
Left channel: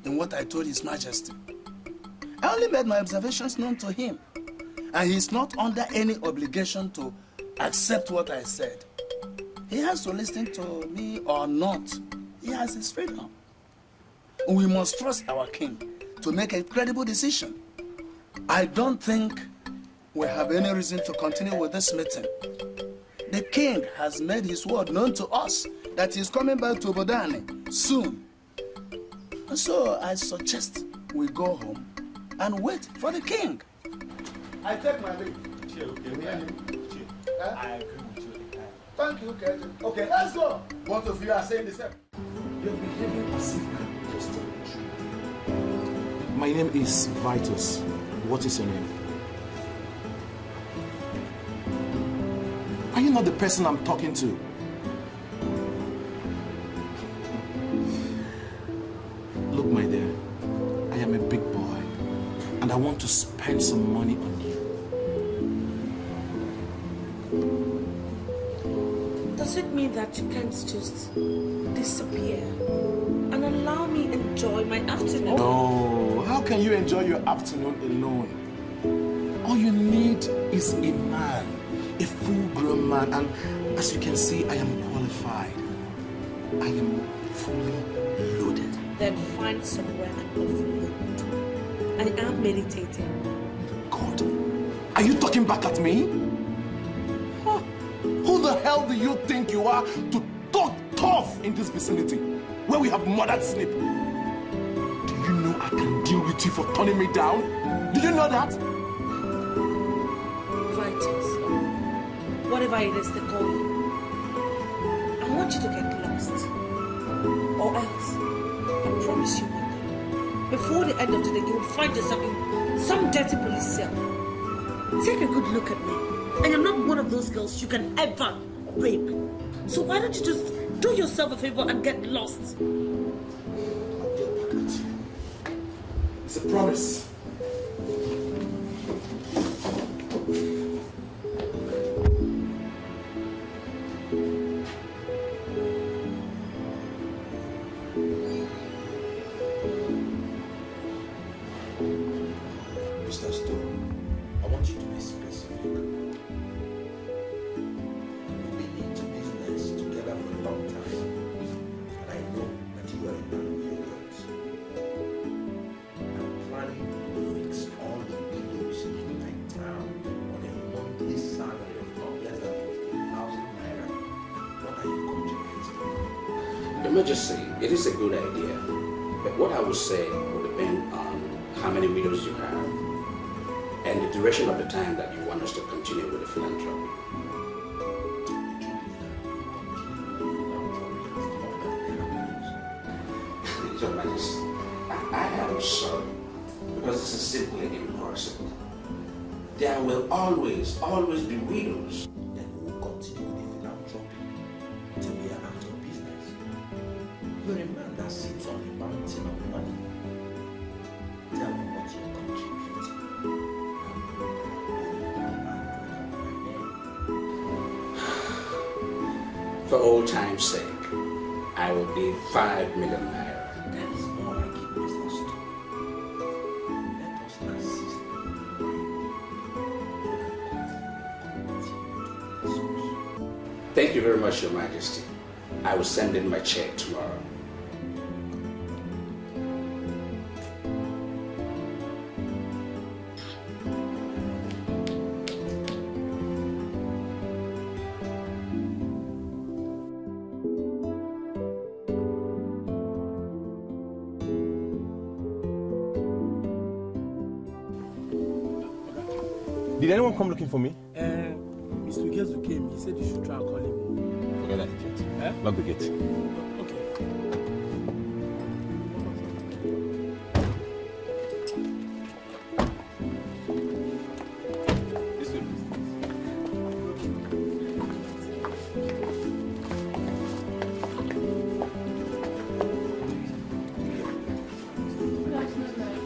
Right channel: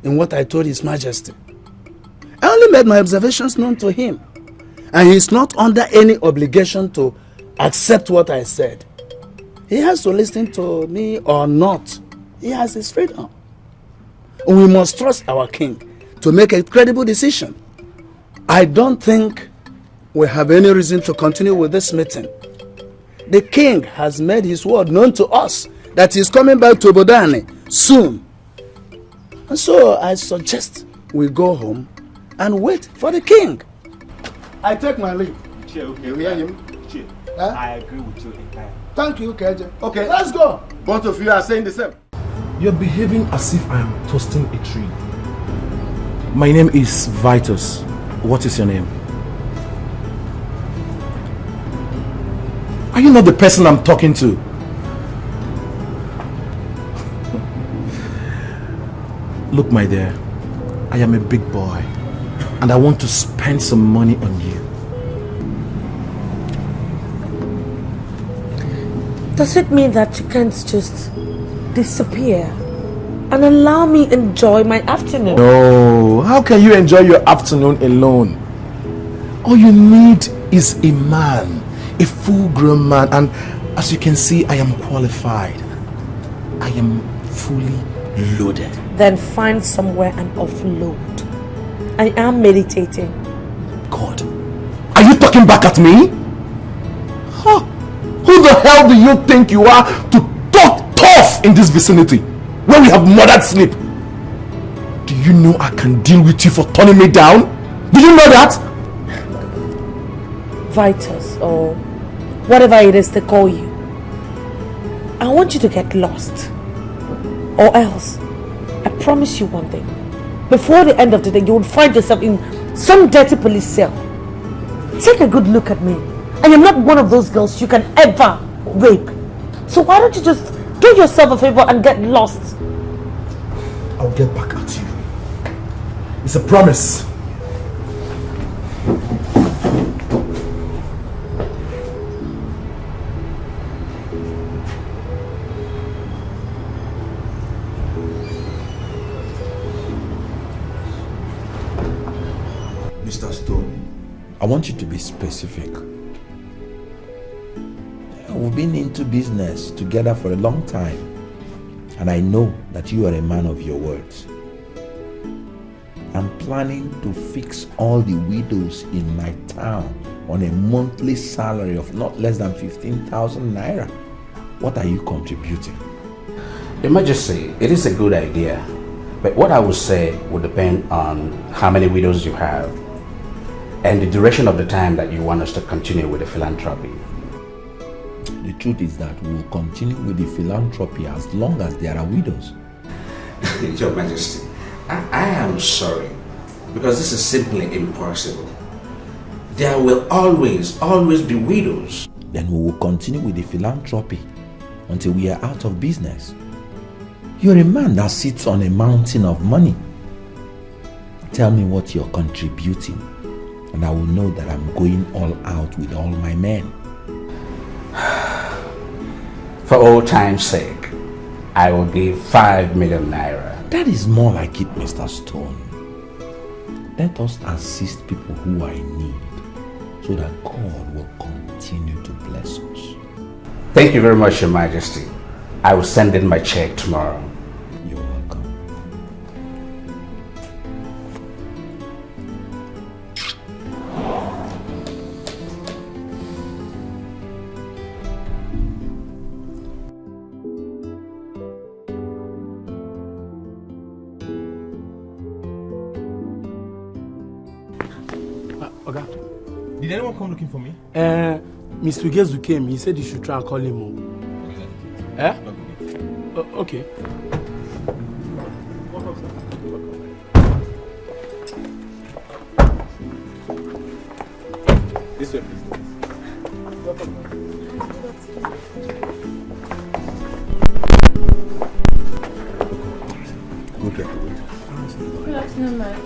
in what I told His Majesty. I only made my observations known to him, and he's not under any obligation to accept what I said. He has to listen to me or not. He has his freedom. We must trust our king to make a credible decision. I don't think we have any reason to continue with this meeting. The king has made his word known to us that he's coming back to Bodani soon. And so I suggest we go home and wait for the king. I take my leave. You hear him? I agree with you entirely. Thank you, KJ. Okay, let's go. Both of you are saying the same. You're behaving as if I am toasting a tree. My name is Vitus. What is your name? Are you not the person I'm talking to? Look, my dear, I am a big boy, and I want to spend some money on you. Does it mean that you can't just disappear and allow me enjoy my afternoon? No, how can you enjoy your afternoon alone? All you need is a man, a full-grown man, and as you can see, I am qualified. I am fully loaded. Then find somewhere and offload. I am meditating. God, are you talking back at me? Huh? Who the hell do you think you are to talk tough in this vicinity when we have murdered sleep? Do you know I can deal with you for turning me down? Do you know that? Vitus, or whatever it is they call you. I want you to get lost. Or else, I promise you one thing. Before the end of the day, you will find yourself in some dirty police cell. Take a good look at me. I am not one of those girls you can ever rape. So why don't you just do yourself a favor and get lost? I'll get back at you. It's a promise. Mr. Stone, I want you to be specific. We've been into business together for a long time, and I know that you are a man of your words. I'm planning to fix all the widows in my town on a monthly salary of not less than 15,000 naira. What are you contributing? Your Majesty, it is a good idea, but what I would say would depend on how many widows you have and the duration of the time that you want us to continue with the philanthropy. The truth is that we will continue with the philanthropy as long as there are widows. Your Majesty, I am sorry, because this is simply impossible. There will always be widows. Then we will continue with the philanthropy until we are out of business. You're a man that sits on a mountain of money. Tell me what you're contributing, and I will know that I'm going all out with all my men. For old time's sake, I will give 5 million naira. That is more like it, Mr. Stone. Let us assist people who are in need so that God will continue to bless us. Thank you very much, Your Majesty. I will send in my check tomorrow. You're welcome. Did anyone come looking for me? Mr. Gezu came. He said you should try and call him. Lock the gate. Okay. This way, Good afternoon, ma'am.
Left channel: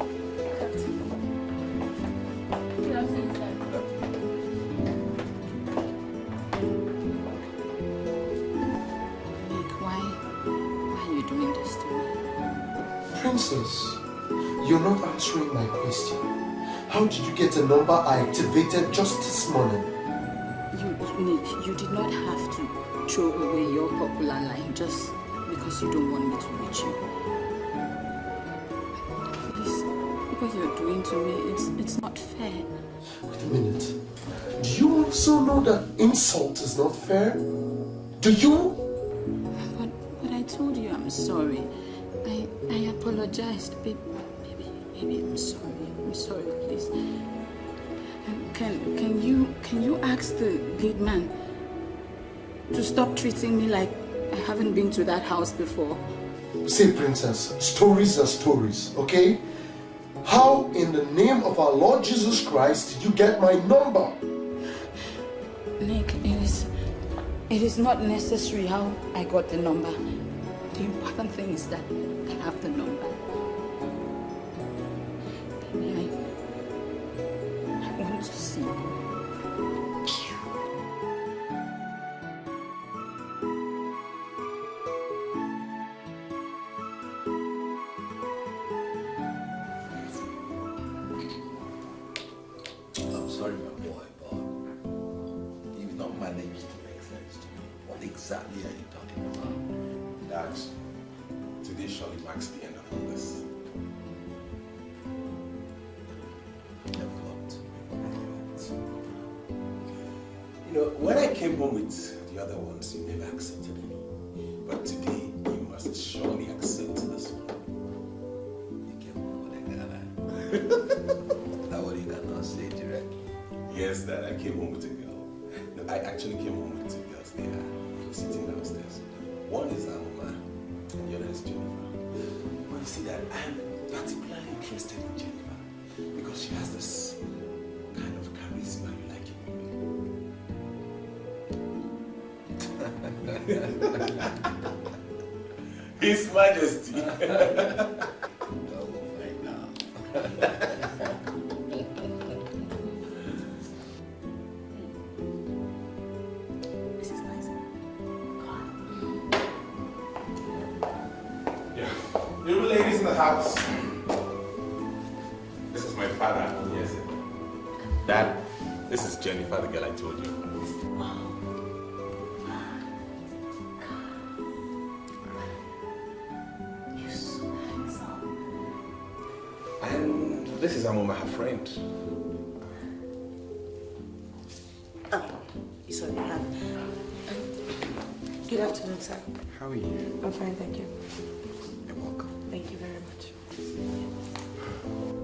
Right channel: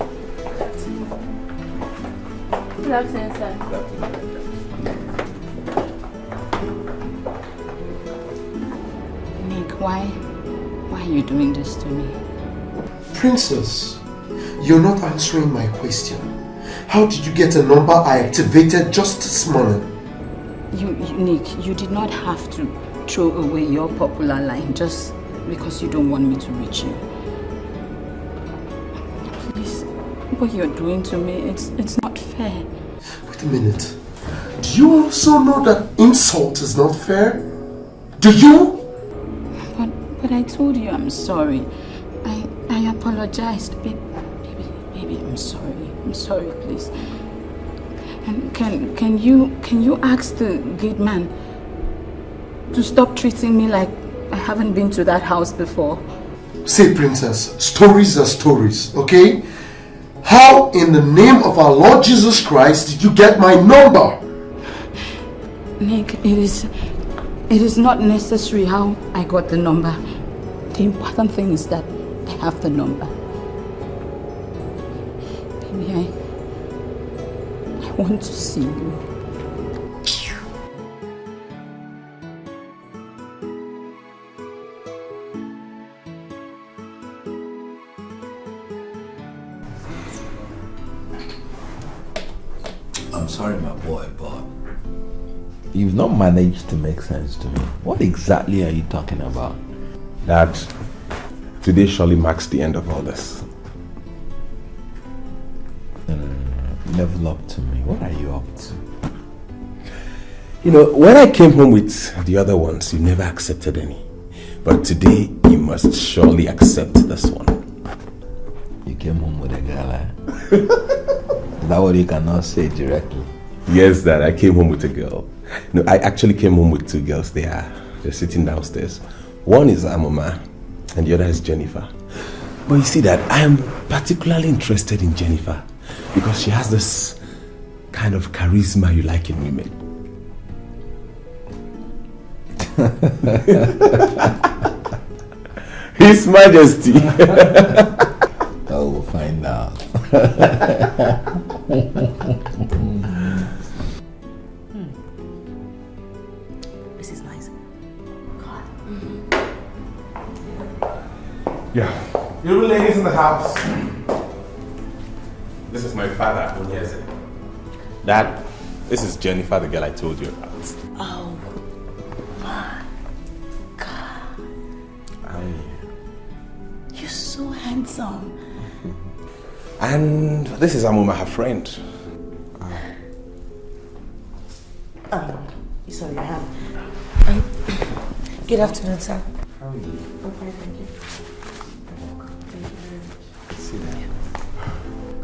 Good afternoon, sir. Why are you doing this to me? Princess, you're not answering my question. How did you get a number I activated just this morning? Nick, you did not have to throw away your popular line just because you don't want me to reach you. Please, what you're doing to me, it's not fair. Wait a minute. Do you also know that insult is not fair? Do you? But I told you I'm sorry. I apologized. Baby, I'm sorry. I'm sorry, please. And can you ask the gate man to stop treating me like I haven't been to that house before? See, Princess, stories are stories, okay? How in the name of our Lord Jesus Christ did you get my number? Nick, it is not necessary how I got the number. The important thing is that I have the number. Baby, I want to see you. I'm sorry, my boy, but you've not managed to make sense to me. What exactly are you talking about? Dad, today surely marks the end of all this. Level up to me. What are you up to? You know, when I came home with the other ones, you never accepted any. But today, you must surely accept this one. You came home with a girl, eh? Is that what you cannot say directly? Yes, Dad, I came home with a girl. No, I actually came home with two girls. They're sitting downstairs. One is Amoma, and the other is Jennifer. But you see that I am particularly interested in Jennifer because she has this kind of charisma you like in women. His Majesty. Oh, we'll find out. This is nice. Yeah. You ladies in the house. This is my father. Yes. Dad, this is Jennifer, the girl I told you about. Oh my God. You're so handsome. And this is Amuma, her friend. Sorry, I have. Good afternoon, sir. How are you? I'm fine, thank you. You're welcome. Thank you very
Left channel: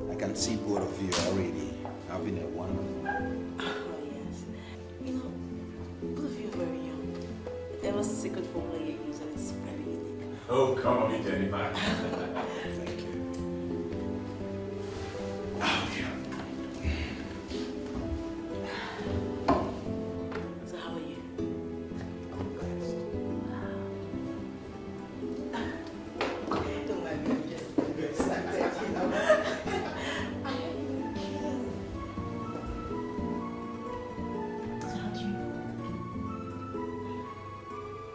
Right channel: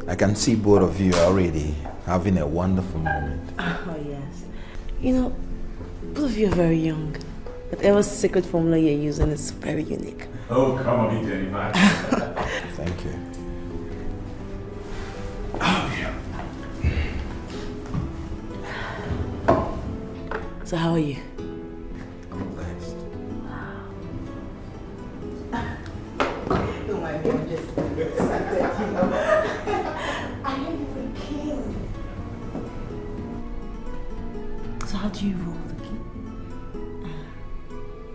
much. I can see both of you already having a wonderful moment. Oh, yes. You know, both of you are very young. Whatever secret formula you're using is very unique. Oh, come on, Jennifer. Thank you. Oh, yeah. So how are you? Don't mind me, I'm just excited, you know. I am the king. So how do you roll the king?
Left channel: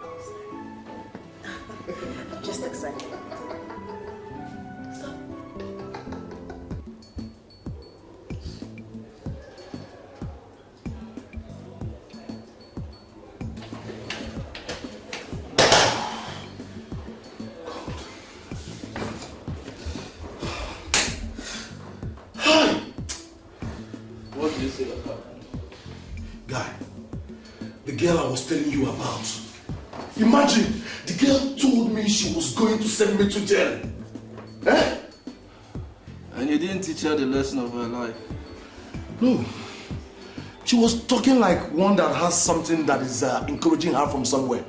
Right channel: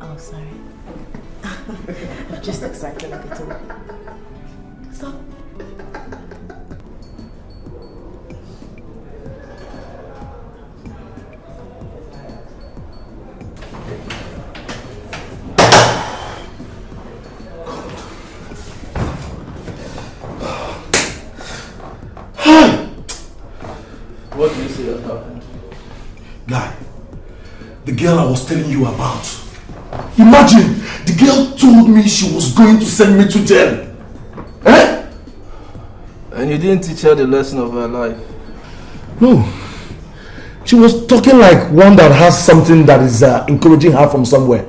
Oh, sorry. I'm just excited like a toad. Stop. What do you say that happened? Guy, the girl I was telling you about. Imagine, the girl told me she was going to send me to jail. Eh? And you didn't teach her the lesson of her life? No. She was talking like one that has something that is encouraging her from somewhere.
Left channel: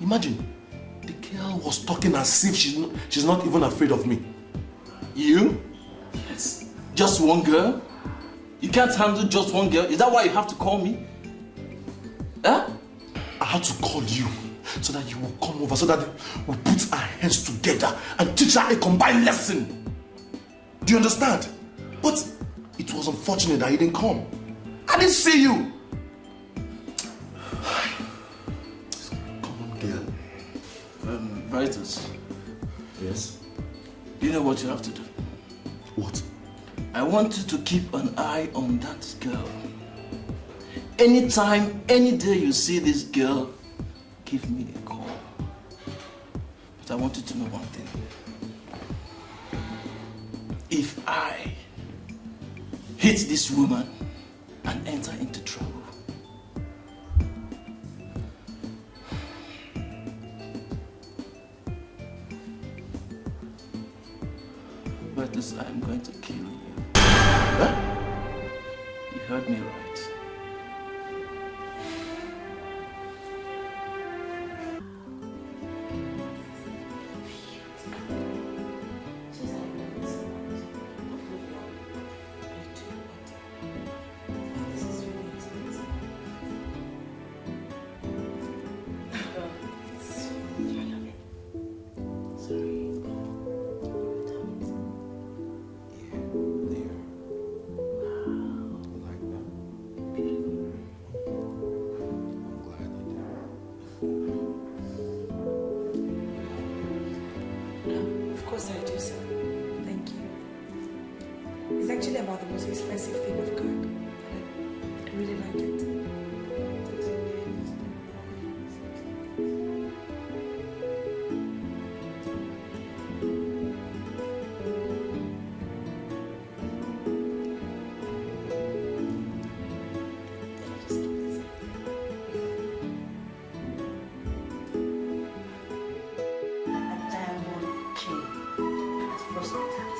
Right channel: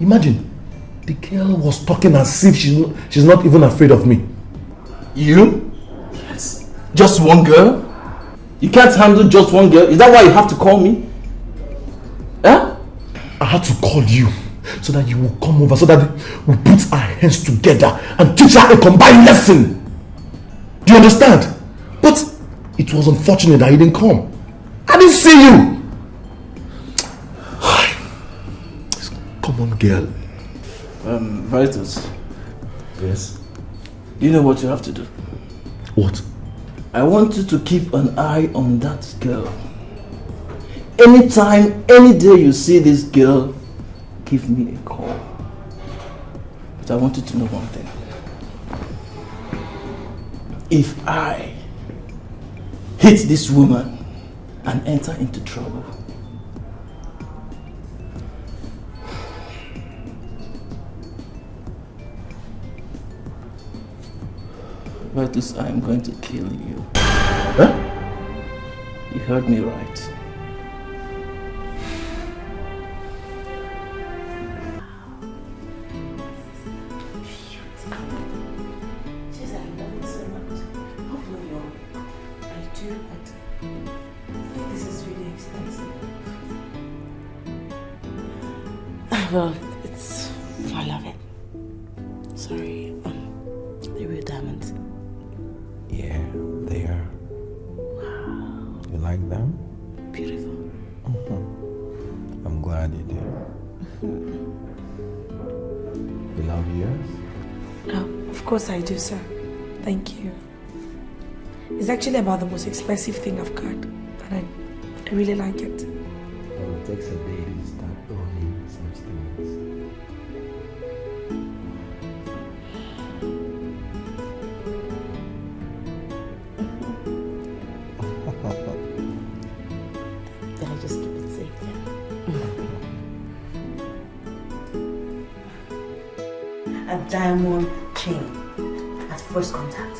Imagine, the girl was talking as if she's not even afraid of me. You? Yes. Just one girl? You can't handle just one girl? Is that why you have to call me? Huh? I had to call you so that you will come over, so that we put our hands together and teach her a combined lesson. Do you understand? But it was unfortunate that he didn't come. I didn't see you. Come on, girl. Vitus. Yes? You know what you have to do? What? I want you to keep an eye on that girl. Anytime, any day you see this girl, give me a call. But I want you to know one thing. If I hit this woman and enter into trouble, Vitus, I'm going to kill you. Huh? You heard me right. Well, it's I love it. Sorry, they're real diamonds. Yeah, they are. You like them? Beautiful. I'm glad you do. You love yours? Oh, of course I do, sir. Thank you. It's actually about the most expensive thing I've got, and I really like it. It takes a day to start doing such things. Then I just keep it safe there. A diamond chain at first contact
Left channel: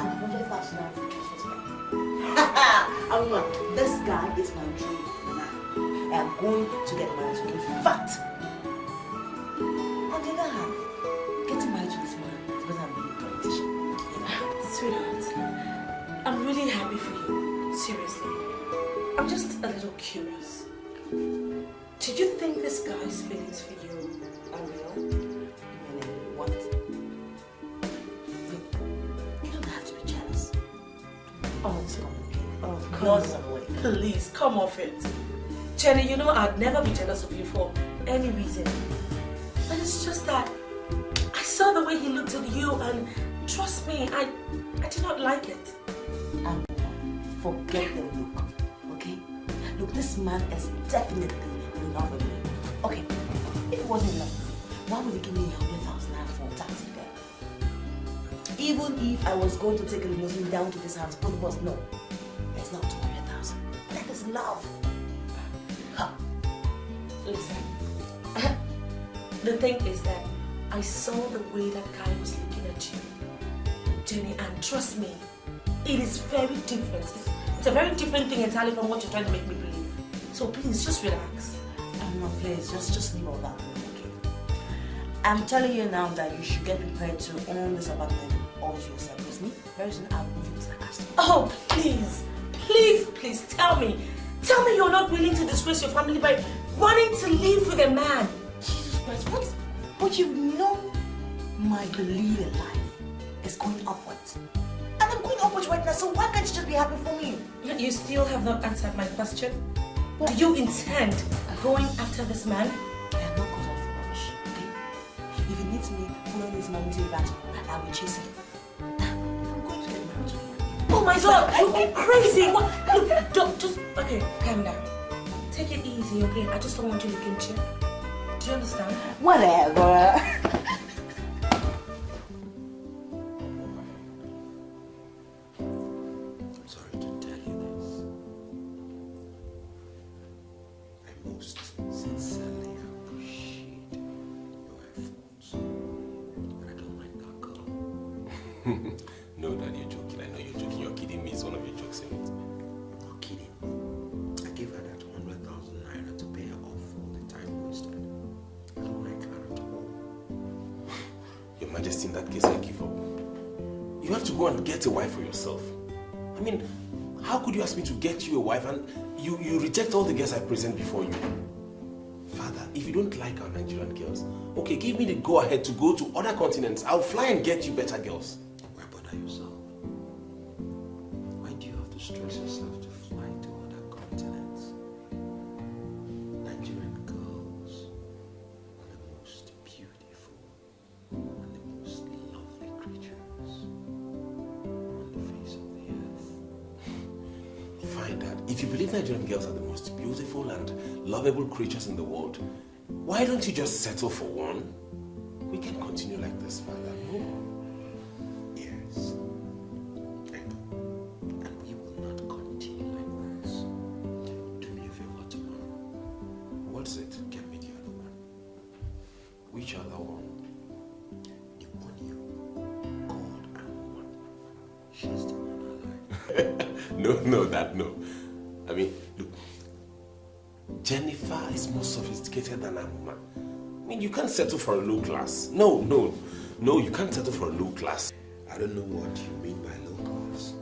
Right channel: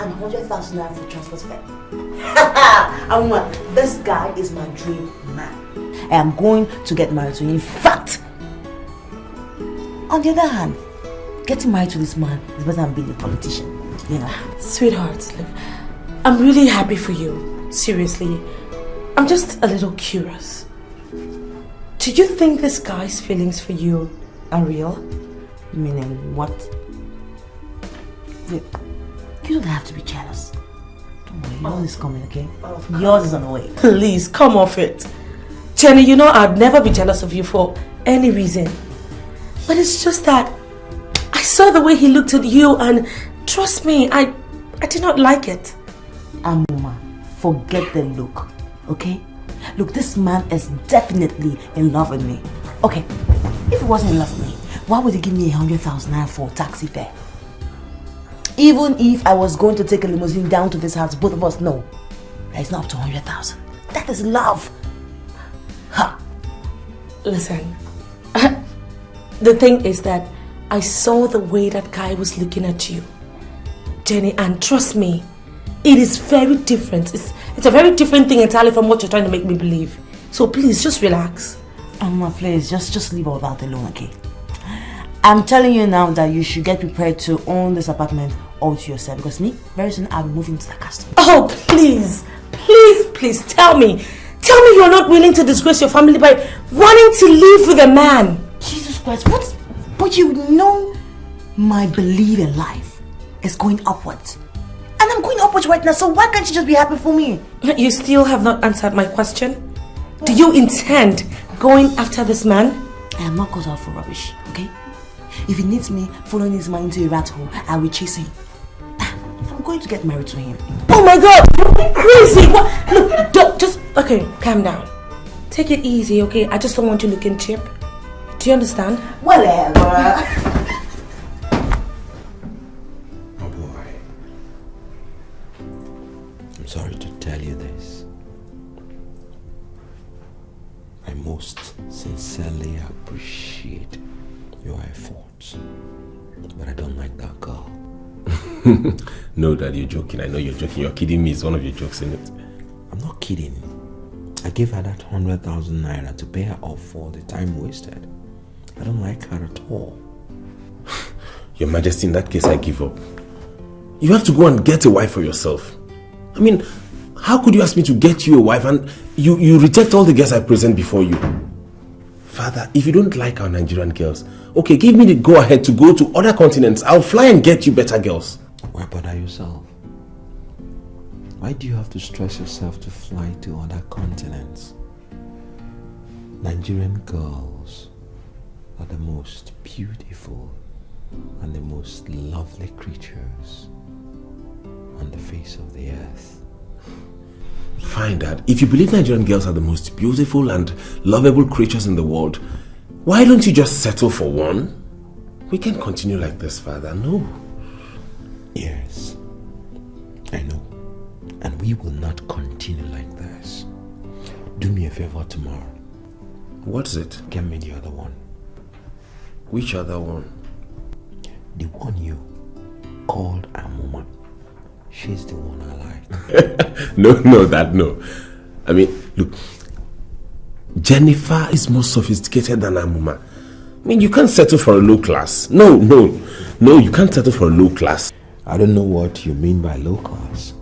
and 100,000 naira for transport fare. This guy is my dream man. I am going to get married to him. In fact, on the other hand, getting married to this man is better than being a politician, you know. Sweetheart, look, I'm really happy for you. Seriously. I'm just a little curious. Do you think this guy's feelings for you are real? Meaning what? Look, you don't have to be jealous. Don't worry, yours is coming, okay? Yours is on the way. Please, come off it. Jenny, you know I'd never be jealous of you for any reason. But it's just that I saw the way he looked at you and trust me, I did not like it. Amuma, forget the look, okay? Look, this man is definitely in love with me. Okay, if he wasn't in love with me, why would he give me 100,000 naira for taxi fare? Even if I was going to take a limousine down to this house, both of us know that it's not up to 100,000. That is love. Ha. Listen, the thing is that I saw the way that guy was looking at you, Jenny, and trust me, it is very different. It's a very different thing entirely from what you're trying to make me believe. So please, just relax. Please, just leave all that alone, okay? I'm telling you now that you should get prepared to own this apartment all to yourself, because me, very soon I'll be moving to the castle. Oh, please, tell me. Tell me you're not willing to disgrace your family by running to live with a man. Jesus Christ, what? But you know my belief in life is going upwards. And I'm going upwards right now, so why can't you just be happy for me? You still have not answered my question. Do you intend going after this man? I am not caught out for rubbish, okay? If he needs me following his man into a rat hole, I will chase him. I'm going to get married to him. Oh my God, you're crazy. What? Look, just, okay, calm down. Take it easy, okay? I just don't want you looking cheap. Do you understand? Whatever. Oh boy. I'm sorry to tell you this. I most sincerely appreciate your efforts, but I don't like that girl. No, Dad, you're joking. I know you're joking. You're kidding me. It's one of your jokes, isn't it? I'm not kidding. I gave her that 100,000 naira to pay her off for the time wasted. I don't like her at all. Your Majesty, in that case, I give up. You have to go and get a wife for yourself. I mean, how could you ask me to get you a wife and you reject all the girls I present before you? Father, if you don't like our Nigerian girls, okay, give me the go-ahead to go to other continents. I'll fly and get you better girls. Why bother yourself? Why do you have to stress yourself to fly to other continents? Nigerian girls are the most beautiful and the most lovely creatures on the face of the earth. Fine, Dad. If you believe Nigerian girls are the most beautiful and lovable creatures in the world, why don't you just settle for one? We can't continue like this, Father. No. Yes, I know. And we will not continue like this. Do me a favor tomorrow. What's it? Get me the other one. Which other one? The one you called Amuma. She's the one I like. No, Dad, no. I mean, look, Jennifer is more sophisticated than Amuma. I mean, you can't settle for a low class. No, you can't settle for a low class. I don't know what you mean by low class.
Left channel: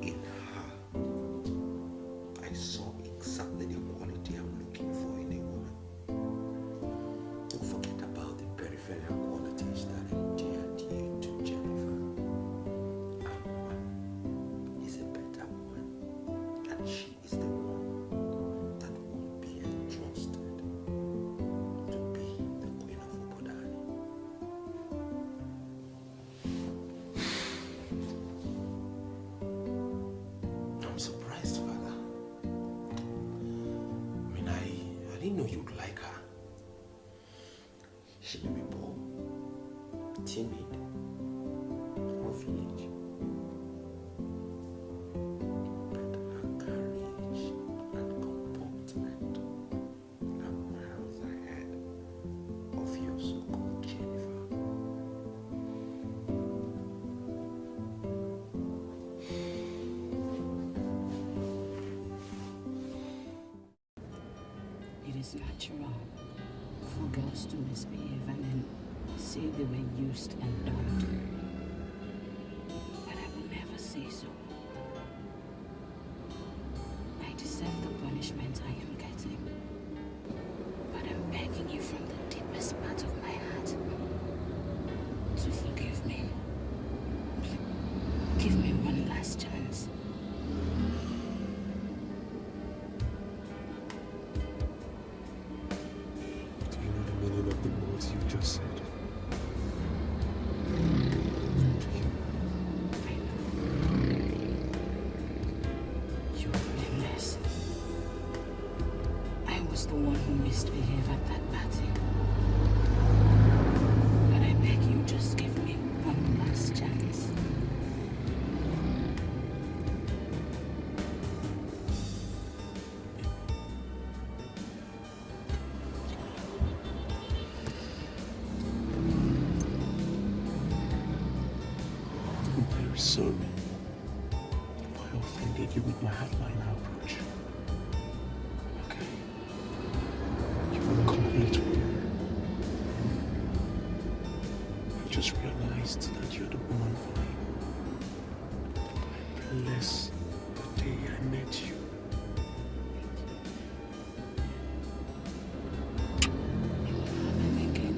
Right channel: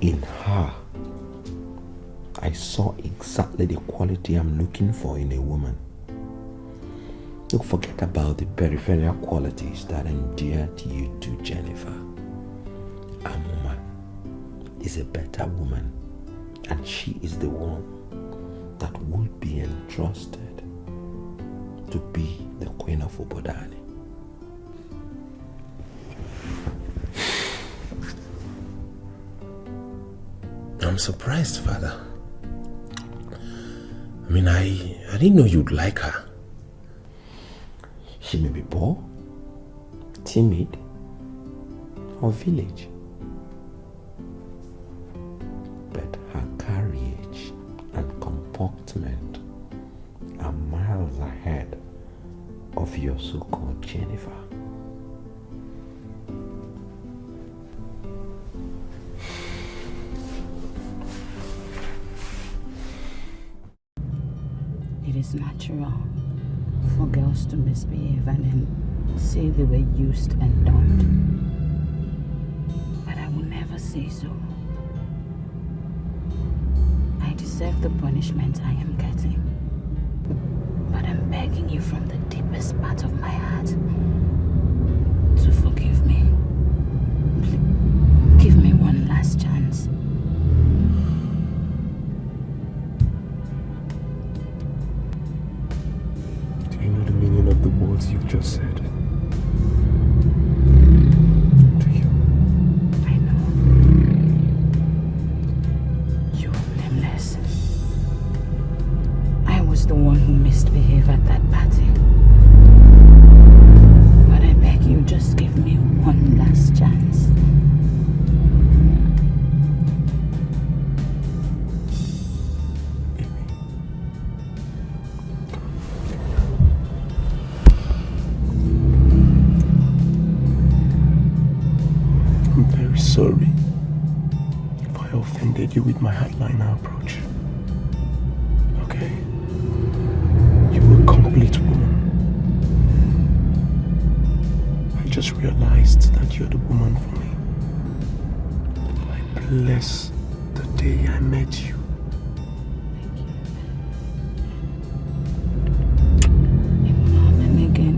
In her, I saw exactly the quality I'm looking for in a woman. Look, forget about the peripheral qualities that endeared you to Jennifer. Amuma is a better woman, and she is the one that would be entrusted to be the Queen of Obodani. I'm surprised, Father. I mean, I didn't know you'd like her. She may be poor, timid, or village, but her courage and comportment are miles ahead of your so-called Jennifer. It is natural for girls to misbehave and then say they were used and dumped. But I will never say so. I deserve the punishment I am getting. But I'm begging you from the deepest part of my heart to forgive me. Please, give me one last chance. Do you know the meaning of the words you've just said? The one who misbehaved at that party. But I beg you, just give me one last chance. I'm very sorry if I offended you with my hardliner approach. Okay? A complete woman. I just realized that you're the woman for me. I bless the day I met you. And again,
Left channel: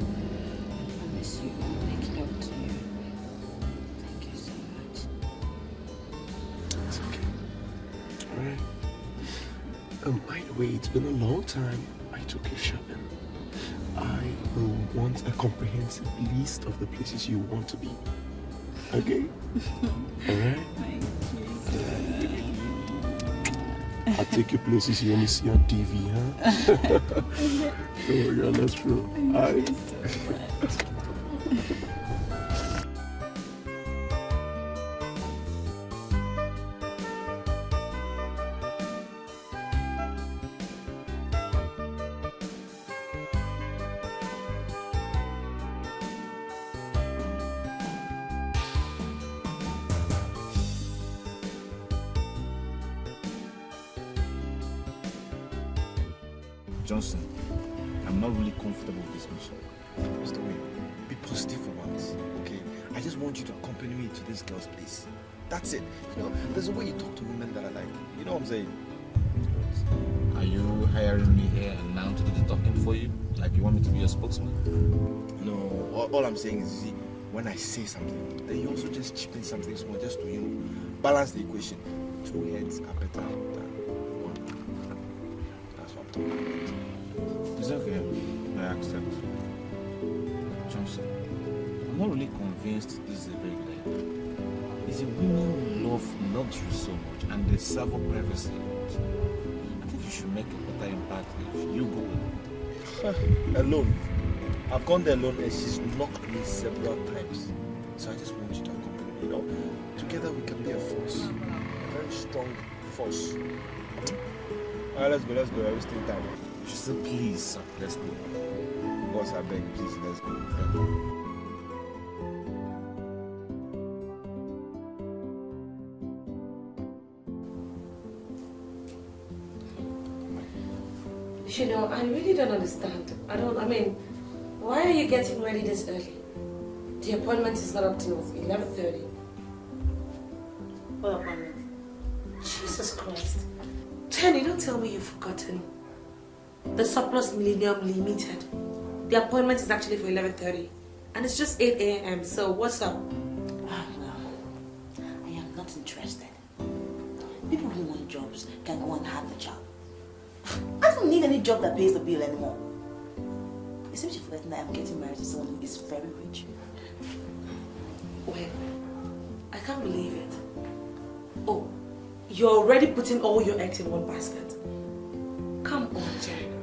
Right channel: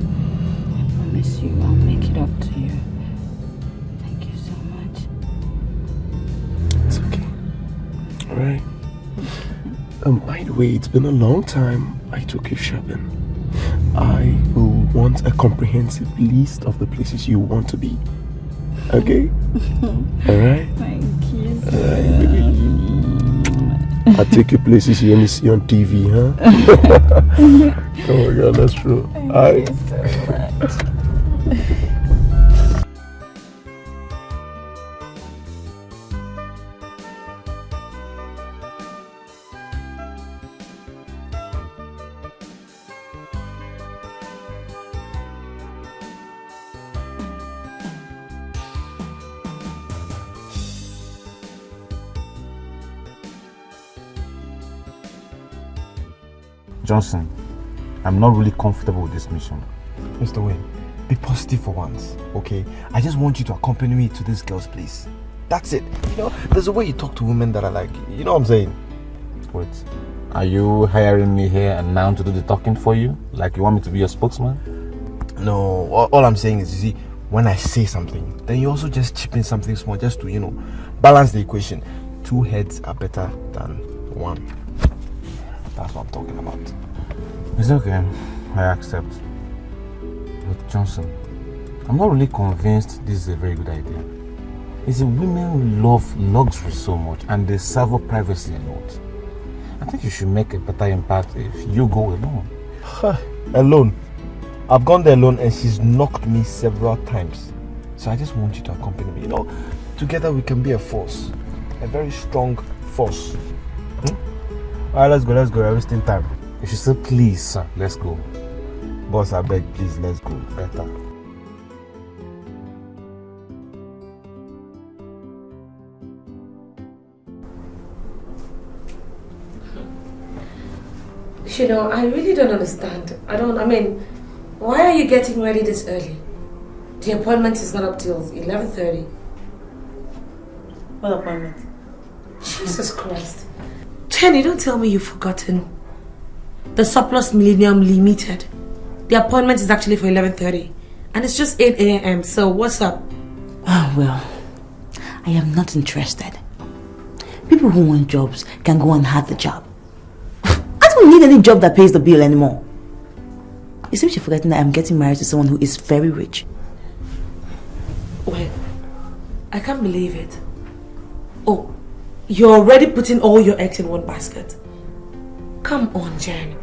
I promise you I'll make it up to you. Thank you so much. It's okay. Alright. By the way, it's been a long time I took you shopping. I will want a comprehensive list of the places you want to be. Okay? Alright? Thank you. Alright, baby. I'll take you places you only see on TV, huh? Oh my God, that's true. Thank you so much. Johnson, I'm not really comfortable with this mission. Mr. Wayne, be positive for once, okay? I just want you to accompany me to this girl's place. That's it. You know, there's a way you talk to women that I like. You know what I'm saying? Wait, are you hiring me here and now to do the talking for you? Like you want me to be your spokesman? No, all I'm saying is, you see, when I say something, then you also just chip in something small just to, you know, balance the equation. Two heads are better than one. That's what I'm talking about. It's okay, I accept. But Johnson, I'm not really convinced this is a very good idea. It's a women love luxury so much and they savor privacy a lot. I think you should make a better impact if you go alone. Alone? I've gone there alone and she's knocked me several times. So I just want you to accompany me. You know, together we can be a force. A very strong force. Alright, let's go. We're wasting time. You should say please, sir. Let's go. Boss, I beg, please, let's go. Better. You know, I really don't understand. I mean, why are you getting ready this early? The appointment is not up till 11:30. What appointment? Jesus Christ. Jenny, don't tell me you've forgotten. The Surplus Millennium Limited. The appointment is actually for 11:30. And it's just 8 a.m. So what's up? Oh, well, I am not interested. People who want jobs can go and have the job. I don't need any job that pays the bill anymore. You seem to be forgetting that I'm getting married to someone who is very rich. Wait, I can't believe it. Oh, you're already putting all your eggs in one basket. Come on, Jen.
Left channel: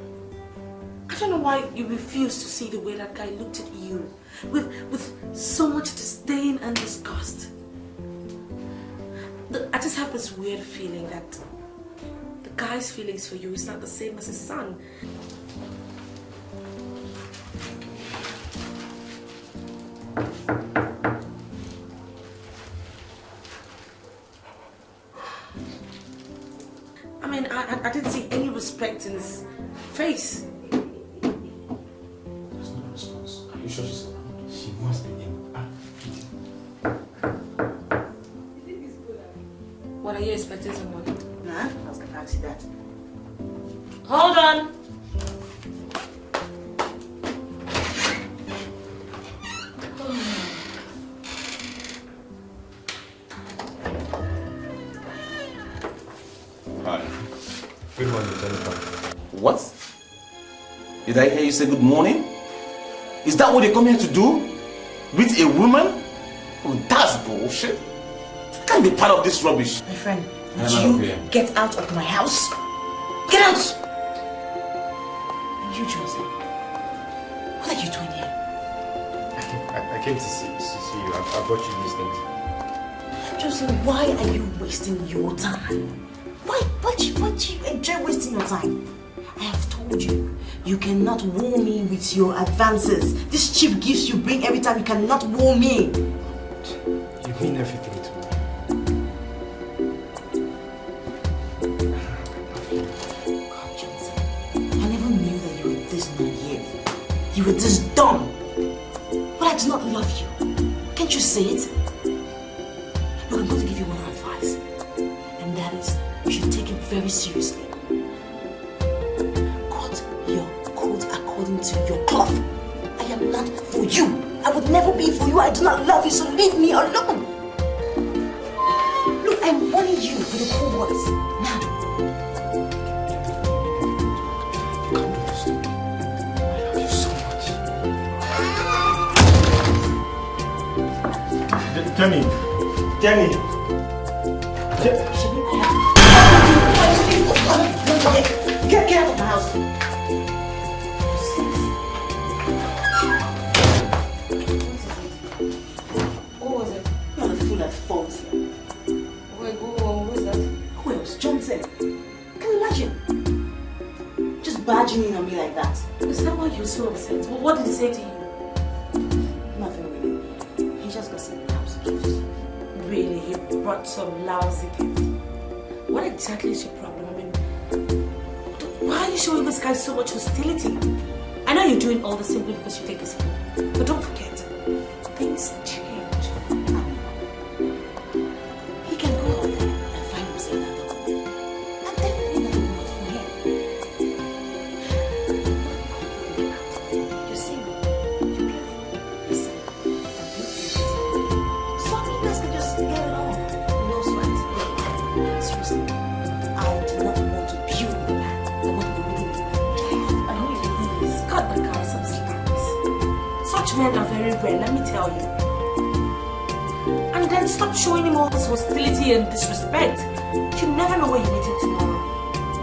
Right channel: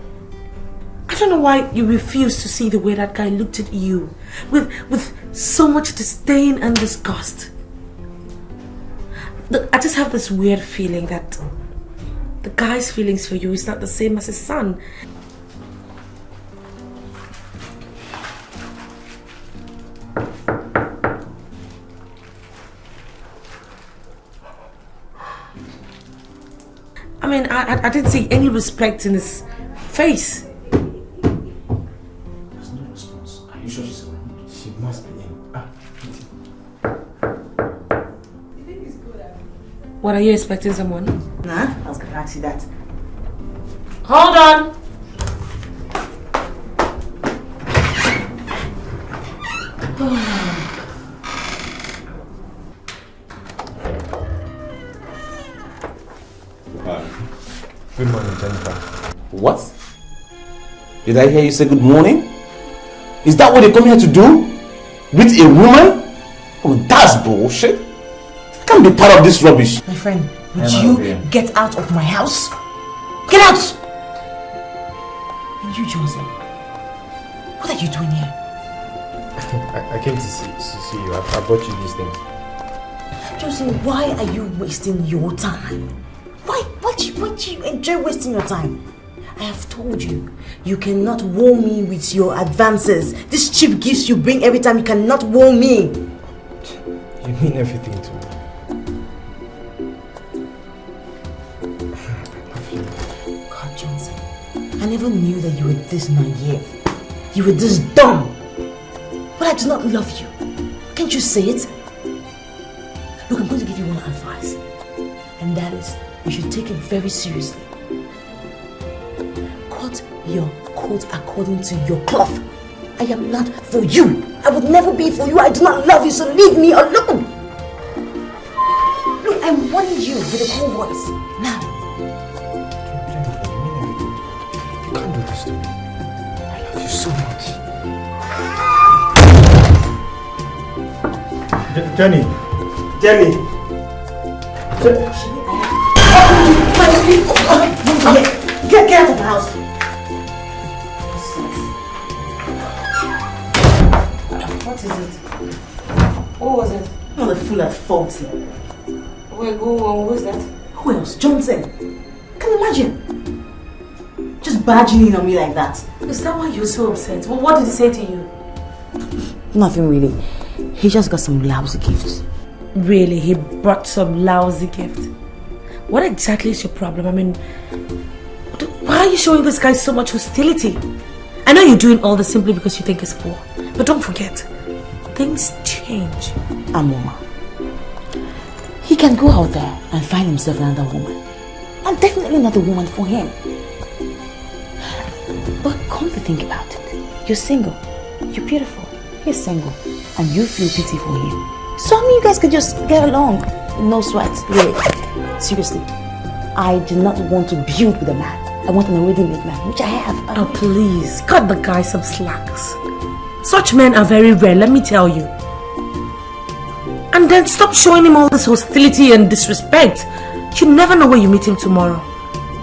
I don't know why you refuse to see the way that guy looked at you with so much disdain and disgust. Look, I just have this weird feeling that the guy's feelings for you is not the same as his son. I mean, I didn't see any respect in his face. There's no response. Are you sure she's around? What, are you expecting someone? Nah, I was gonna ask you that. Hold on! Hi. Good morning, Jennifer. What? Did I hear you say good morning? Is that what they come here to do? With a woman? Oh, that's bullshit. I can't be part of this rubbish. My friend, would you get out of my house? Get out! And you, Joseph, what are you doing here? I came to see you. I brought you these things. Joseph, why are you wasting your time? Why do you enjoy wasting your time? I have told you, you cannot woo me with your advances. This cheap gifts you bring every time, you cannot woo me. You mean everything to me. God, Johnson, I never knew that you were this naive. You were this dumb. But I do not love you. Can't you say it? Look, I'm going to give you one advice. And that is, you should take it very seriously. Cut your coat according to your cloth. I am not for you. I would never be for you. I do not love you, so leave me alone. Look, I'm warning you with a cool voice. Now. You can't do this to me. I love you so much. Jenny. Get out of the house. What is it? What was it? Not the fool at fault here. Wait, go on. Who is that? Who else? Johnson. Can you imagine? Just barging in on me like that. Is that why you're so upset? Well, what did he say to you? Nothing really. He just got some lousy gifts. Really? He brought some lousy gift? What exactly is your problem? I mean, why are you showing this guy so much hostility? I know you're doing all this simply because you think he's poor. But don't forget, things change. Amoma. He can go out there and find himself another woman. I'm definitely not the woman for him. But come to think about it, you're single, you're beautiful, you're single, and you feel pity for him. So I mean, you guys could just get along, no sweat, really. Seriously, I do not want to build with a man. I want an already made man, which I have. Oh please, cut the guy some slacks. Such men are very rare, let me tell you. And then stop showing him all this hostility and disrespect. You never know where you meet him tomorrow.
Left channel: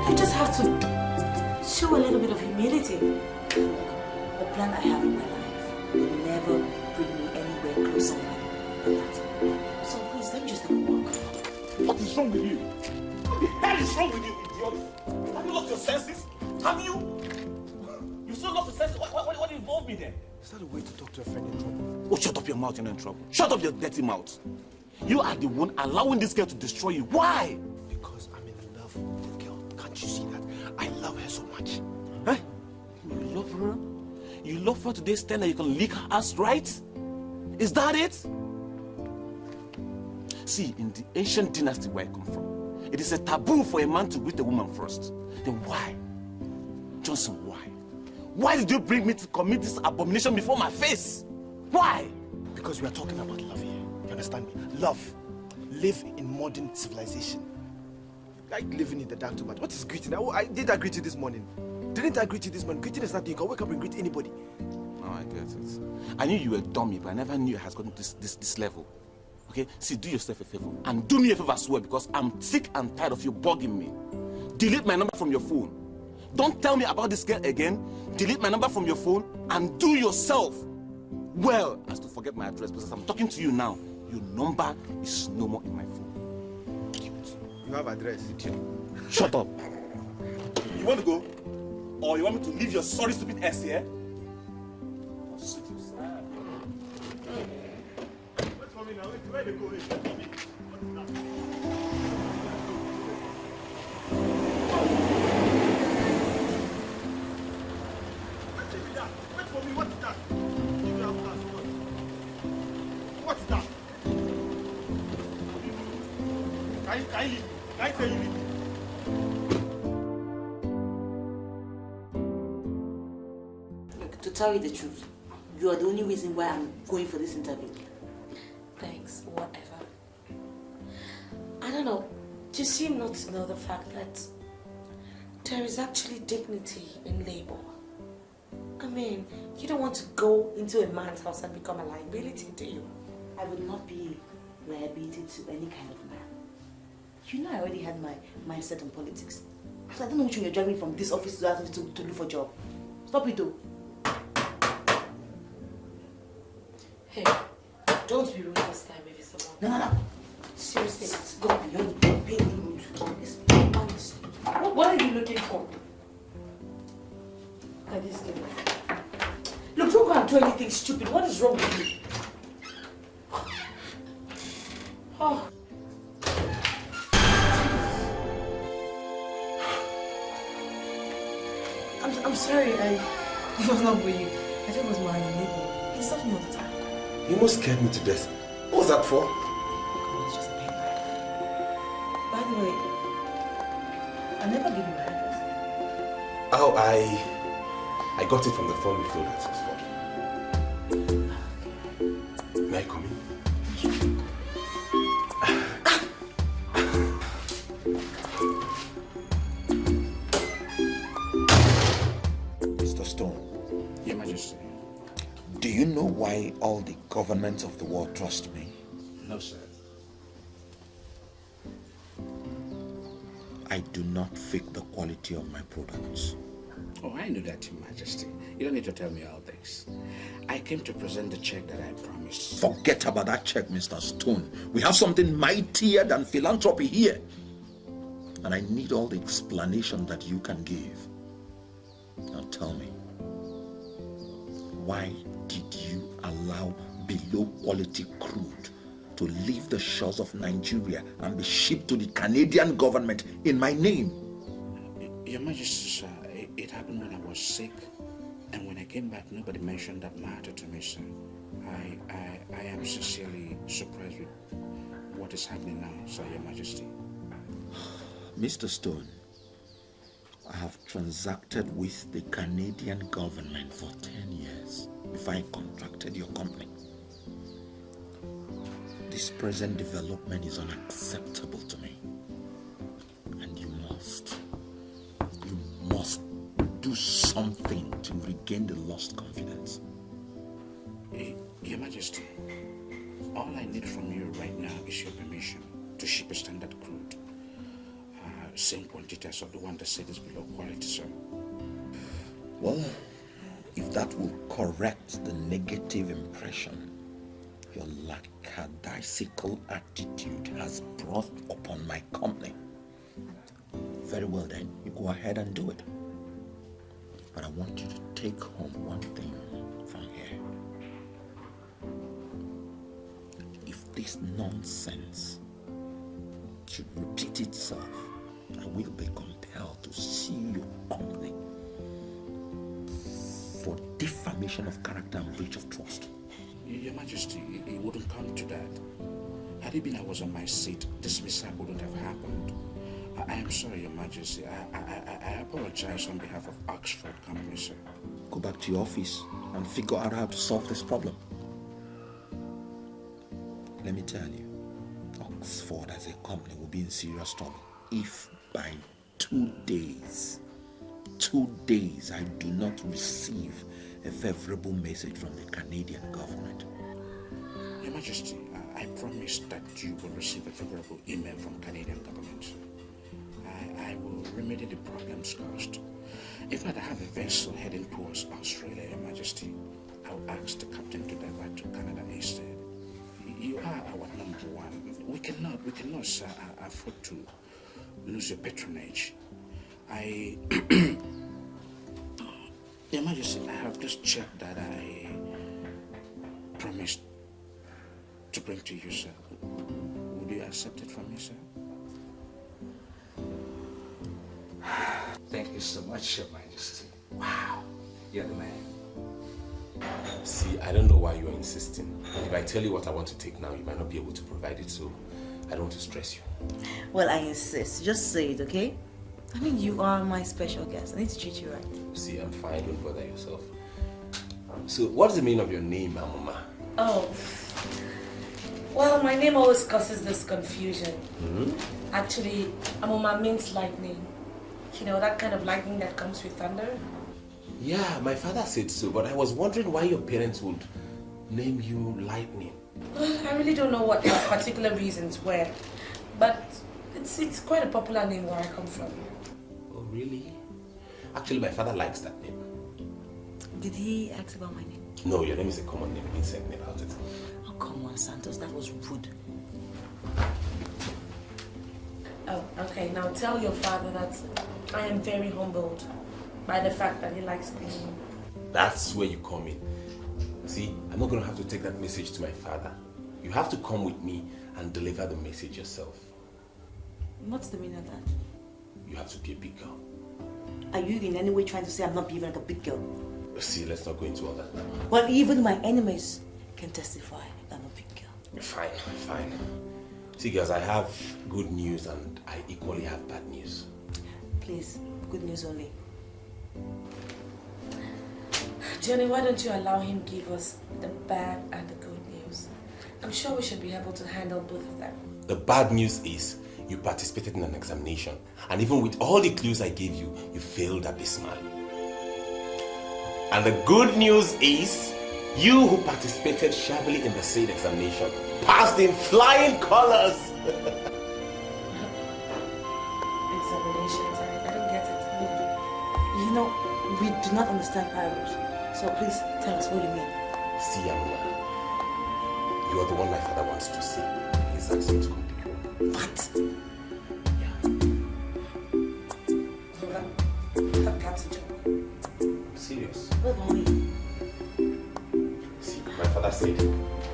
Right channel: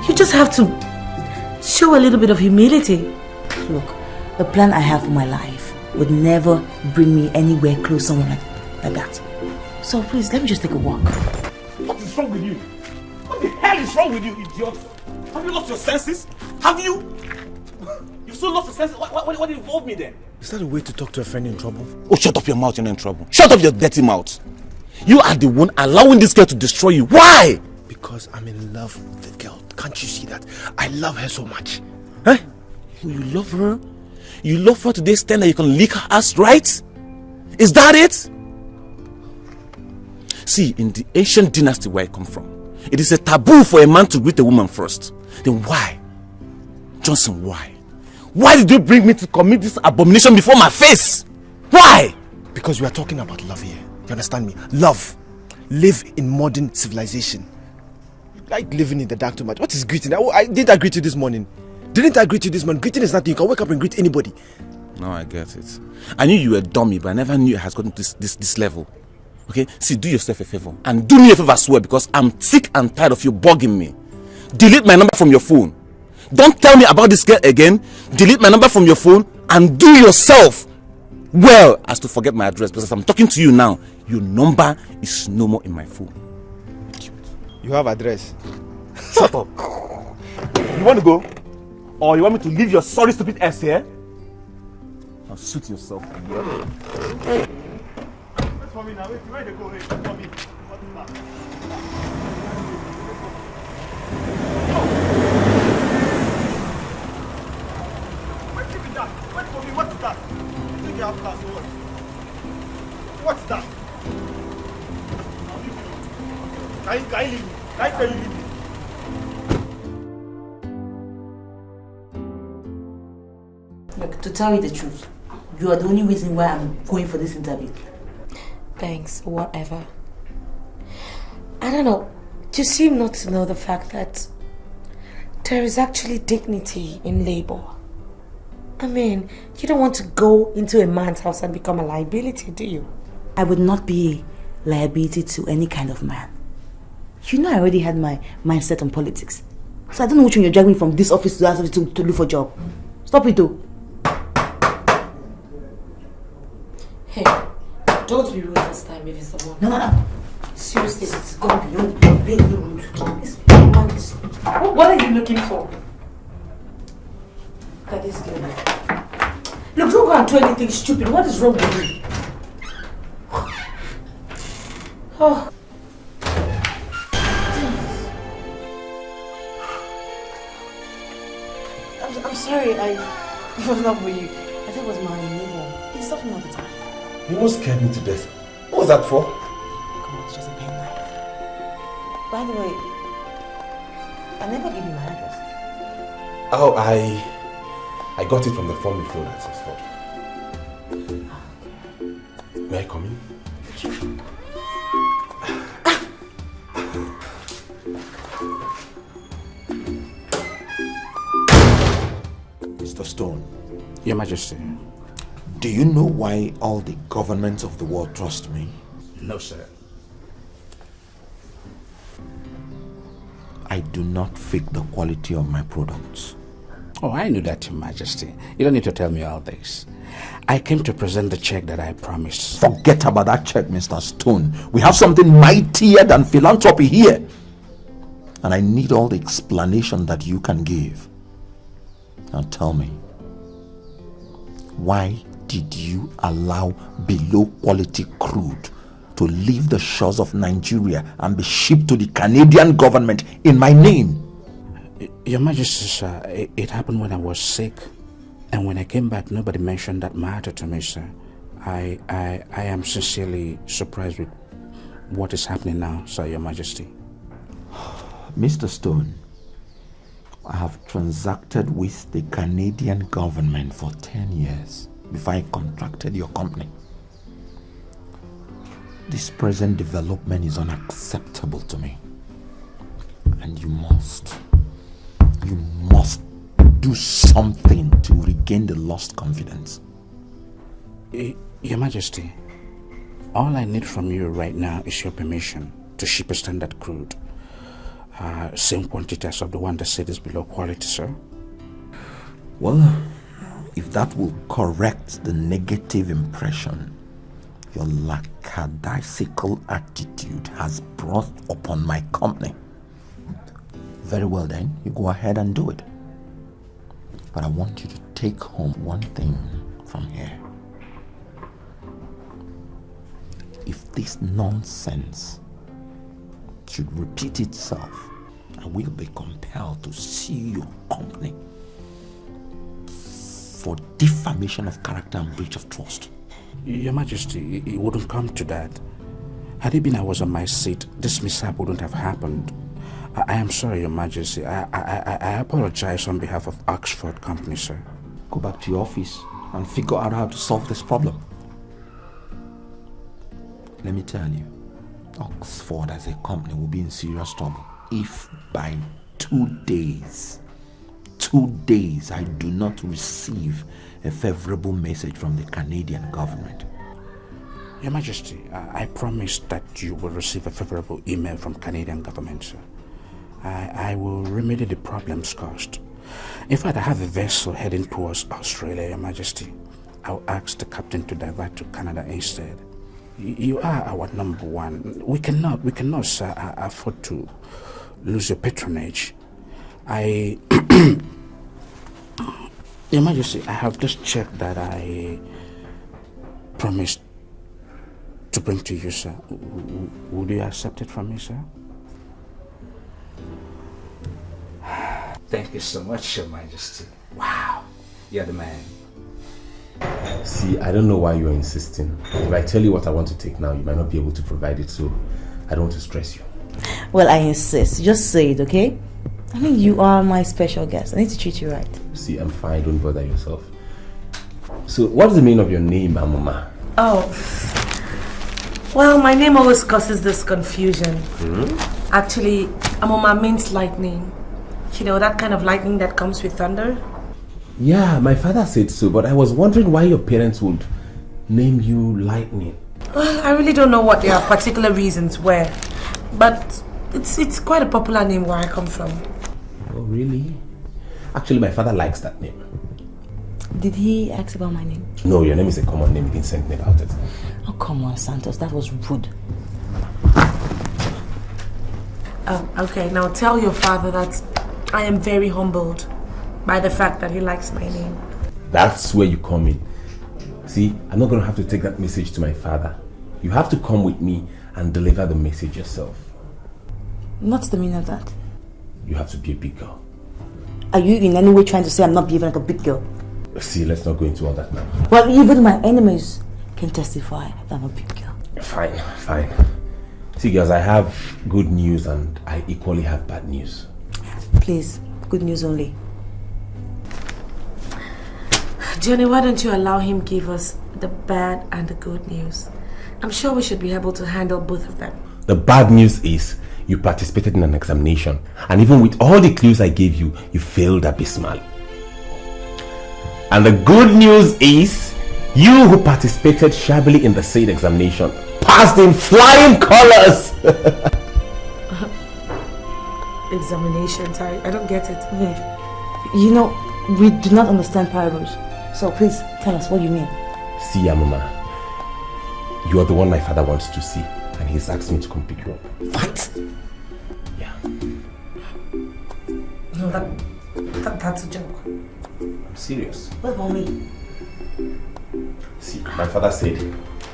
You just have to show a little bit of humility. Look, the plan I have for my life would never bring me anywhere close to someone like that. So please, let me just take a walk. What is wrong with you? What the hell is wrong with you, idiot? Have you lost your senses? Have you? You've so lost your senses? What involved me then? Is that a way to talk to a friend in trouble? Oh, shut up your mouth, you're not in trouble. Shut up your dirty mouth. You are the one allowing this girl to destroy you. Why? Because I'm in love with the girl. Can't you see that? I love her so much. Huh? You love her? You love her to the extent that you can lick her ass, right? Is that it? See, in the ancient dynasty where I come from, it is a taboo for a man to greet a woman first. Then why? Johnson, why? Why did you bring me to commit this abomination before my face? Why? Because we are talking about love here. You understand me? Love. Live in modern civilization. Like living in the dark too much. What is greeting? Did I greet you this morning? Didn't I greet you this morning? Greeting is nothing. You can wake up and greet anybody. No, I get it. I knew you were a dummy, but I never knew it has gotten to this level. Okay? See, do yourself a favor. And do me a favor as well, because I'm sick and tired of you bugging me. Delete my number from your phone. Don't tell me about this girl again. Delete my number from your phone and do yourself well as to forget my address, because as I'm talking to you now, your number is no more in my phone. You have address. Shut up. You want to go? Or you want me to leave your sorry stupid ass here? Now suit yourself. Wait for me now. Wait, where they go? Wait for me. Wait for me. What's that? Take your class. What's that? Can Can you leave me? I tell you leave me. Look, to tell you the truth, you are the only reason why I'm going for this interview. Thanks, whatever. I don't know. You seem not to know the fact that there is actually dignity in labor. I mean, you don't want to go into a man's house and become a liability, do you? I would not be a liability to any kind of man. You know I already had my mindset on politics. So I don't know which one you're dragging me from this office to that office to look for a job. Stop it though. Hey, don't be rude this time, maybe someone. No. Seriously, it's gone beyond being rude. This woman is... What are you looking for? Look at this girl. Look, don't go and do anything stupid. What is wrong with you? Oh. I'm sorry, I was not with you. I thought it was my neighbor. He's talking all the time. You almost scared me to death. What was that for? Come on, it's just a pen knife. By the way, I never gave you my address. Oh, I got it from the form you filled out. May I come in? Mr. Stone. Your Majesty. Do you know why all the governments of the world trust me? No, sir. I do not fake the quality of my products. Oh, I knew that, Your Majesty. You don't need to tell me all this. I came to present the check that I promised. Forget about that check, Mr. Stone. We have something mightier than philanthropy here. And I need all the explanation that you can give. Now tell me, why did you allow below quality crude to leave the shores of Nigeria and be shipped to the Canadian government in my name? Your Majesty, sir, it happened when I was sick. And when I came back, nobody mentioned that matter to me, sir. I am sincerely surprised with what is happening now, sir, Your Majesty. Mr. Stone, I have transacted with the Canadian government for 10 years before I contracted your company. This present development is unacceptable to me. And you must do something to regain the lost confidence. Your Majesty, all I need from you right now is your permission to ship a standard crude. Same quantity as of the one that said is below quality, sir. Well, if that will correct the negative impression your lackadaisical attitude has brought upon my company, very well then, you go ahead and do it. But I want you to take home one thing from here. If this nonsense should repeat itself, I will be compelled to sue your company for defamation of character and breach of trust. Your Majesty, it wouldn't come to that. Had it been I was on my seat, this mishap wouldn't have happened. I am sorry, Your Majesty. I apologize on behalf of Oxford Company, sir. Go back to your office and figure out how to solve this problem. Let me tell you, Oxford as a company will be in serious trouble if by 2 days I do not receive a favorable message from the Canadian government. Your Majesty, I promise that you will receive a favorable email from Canadian government, sir. I will remedy the problems caused. In fact, I have a vessel heading towards Australia, Your Majesty. I'll ask the captain to divert to Canada instead. You are our number one. We cannot, sir, afford to lose your patronage. Your Majesty, I have just checked that I promised to bring to you, sir. Would you accept it from me, sir? Thank you so much, Your Majesty. Wow, you're the man. See, I don't know why you're insisting. If I tell you what I want to take now, you might not be able to provide it, so I don't want to stress you. Well, I insist. Just say it, okay? I mean, you are my special guest. I need to treat you right. See, I'm fine. Don't bother yourself. So, what's the meaning of your name, Amoma? Oh. Well, my name always causes this confusion. Actually, Amoma means lightning. You know, that kind of lightning that comes with thunder? Yeah, my father said so, but I was wondering why your parents would name you Lightning. Well, I really don't know what their particular reasons were, but it's quite a popular name where I come from. Oh, really? Actually, my father likes that name. Did he ask about my name? No, your name is a common name. He didn't send me about it. Oh, come on, Santos. That was rude. Okay, now tell your father that I am very humbled by the fact that he likes my name. That's where you come in. See, I'm not going to have to take that message to my father. You have to come with me and deliver the message yourself. What's the meaning of that? You have to be a big girl. Are you in any way trying to say I'm not behaving like a big girl? See, let's not go into all that now. Well, even my enemies can testify that I'm a big girl. Fine, fine. See, girls, I have good news and I equally have bad news. Please, good news only. Jenny, why don't you allow him give us the bad and the good news? I'm sure we should be able to handle both of them. The bad news is you participated in an examination, and even with all the clues I gave you, you failed abysmally. And the good news is you who participated shabbily in the said examination passed in flying colors. Examinations, I don't get it. You know, we do not understand parables. So please tell us what you mean. See, Amama, you are the one my father wants to see, and he's asking me to come pick you up. What? Yeah. No, that's a joke. I'm serious. What about me? See, my father said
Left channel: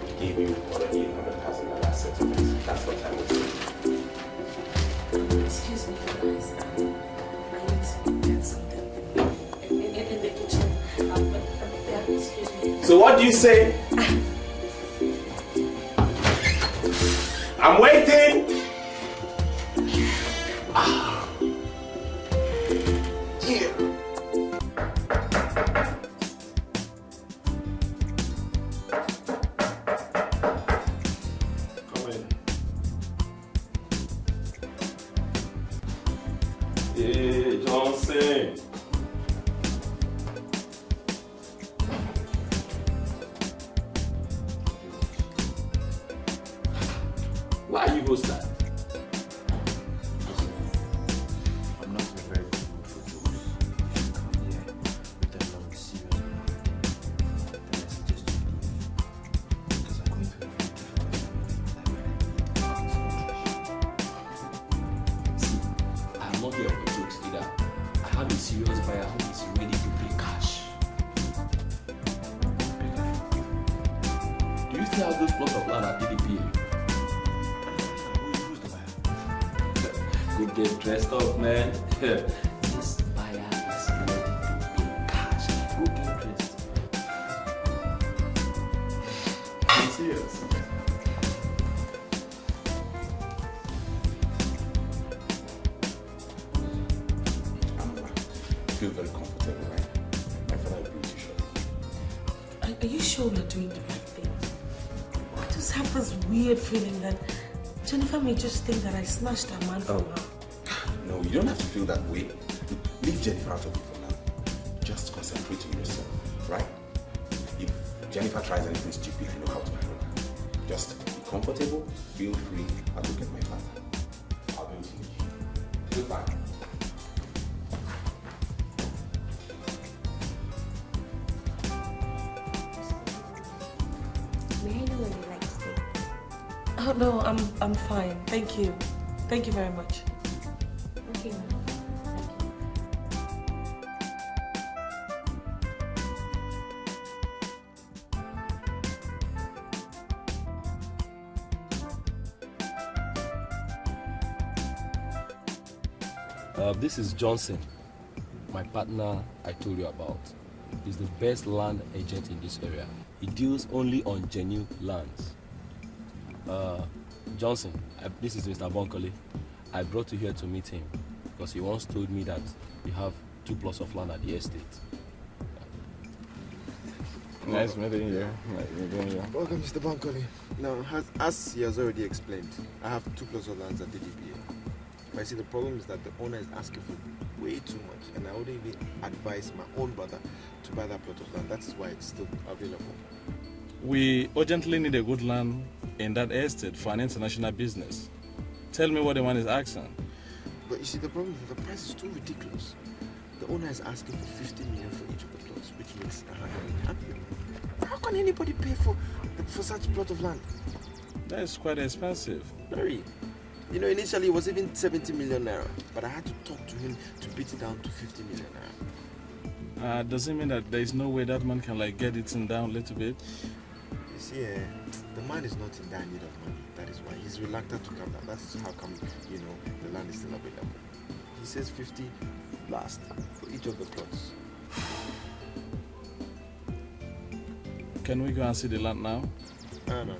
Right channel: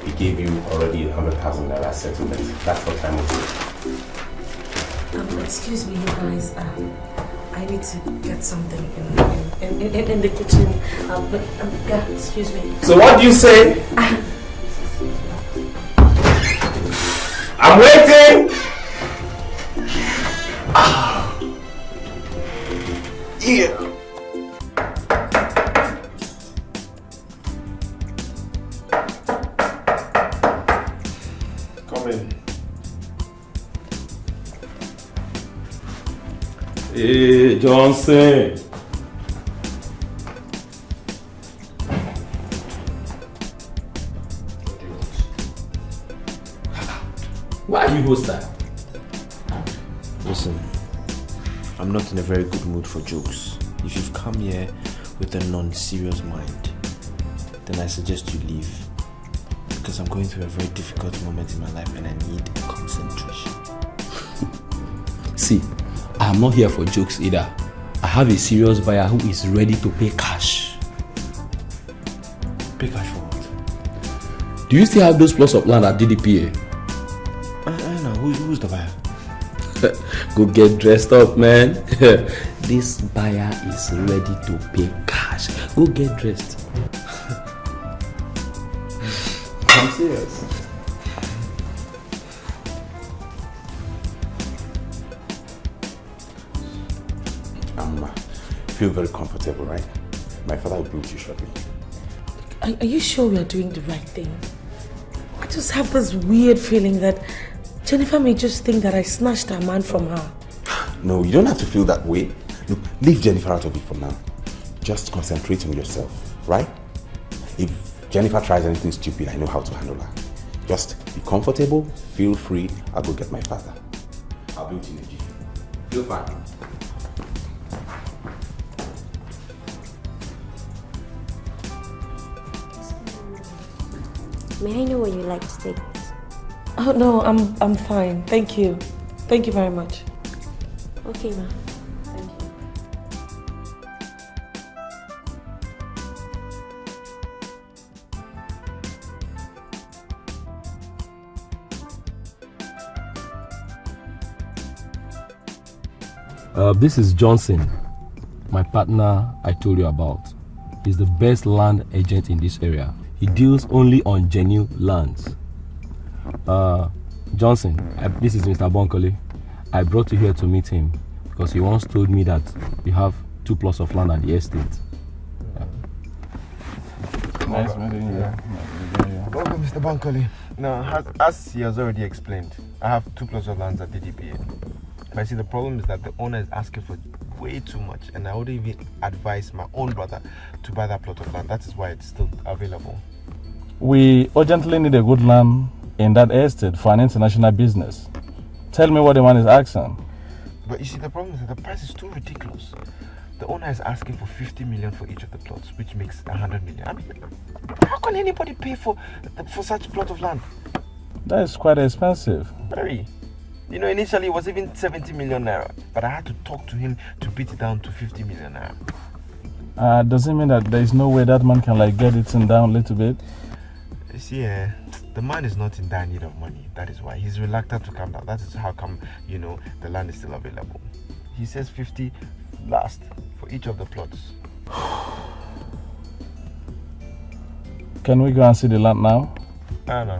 he gave you already 100,000 naira settlement. That's what time was it. Excuse me, you guys. I need to get something in the kitchen. Yeah, excuse me. So what do you say? I'm waiting. Yeah. Come in. Hey, Johnson. Why are you host that? Listen, I'm not in a very good mood for jokes. If you've come here with a non-serious mind, then I suggest you leave. Because I'm going through a very difficult moment in my life and I need concentration. See, I am not here for jokes either. I have a serious buyer who is ready to pay cash. Pay cash for what? Do you still have those plots of land at DDPA? Who's the buyer? Go get dressed up, man. This buyer is ready to pay cash. Go get dressed. I'm serious. Feel very comfortable, right? My father will bring you shortly. Are you sure we are doing the right thing? I just have this weird feeling that Jennifer may just think that I snatched a man from her. No, you don't have to feel that way. Look, leave Jennifer out of it for now. Just concentrate on yourself, right? If Jennifer tries anything stupid, I know how to handle her. Just be comfortable, feel free. I'll go get my father. I'll be with you. Feel fine. May I know where you like to stay? Oh no, I'm fine. Thank you. Thank you very much. Okay, ma. This is Johnson, my partner I told you about. He's the best land agent in this area. He deals only on genuine lands. Johnson, this is Mr. Bonkole. I brought you here to meet him because he once told me that you have 2 plots of land at the estate. Nice meeting you. Welcome, Mr. Bankole. Now, as he has already explained, I have 2 plots of land at DGPA. But I see the problem is that the owner is asking for way too much, and I would even advise my own brother to buy that plot of land. That is why it's still available. We urgently need a good land in that estate for an international business. Tell me what the man is asking. But you see, the problem is that the price is too ridiculous. The owner is asking for 50 million for each of the plots, which makes 100 million. How can anybody pay for such a plot of land? That is quite expensive. Very. You know, initially it was even 70 million naira, but I had to talk to him to beat it down to 50 million naira. Does it mean that there is no way that man can get it down a little bit? You see, the man is not in dire need of money. That is why he's reluctant to come down. That is how come, the land is still available. He says 50 last for each of the plots. Can we go and see the land now? No.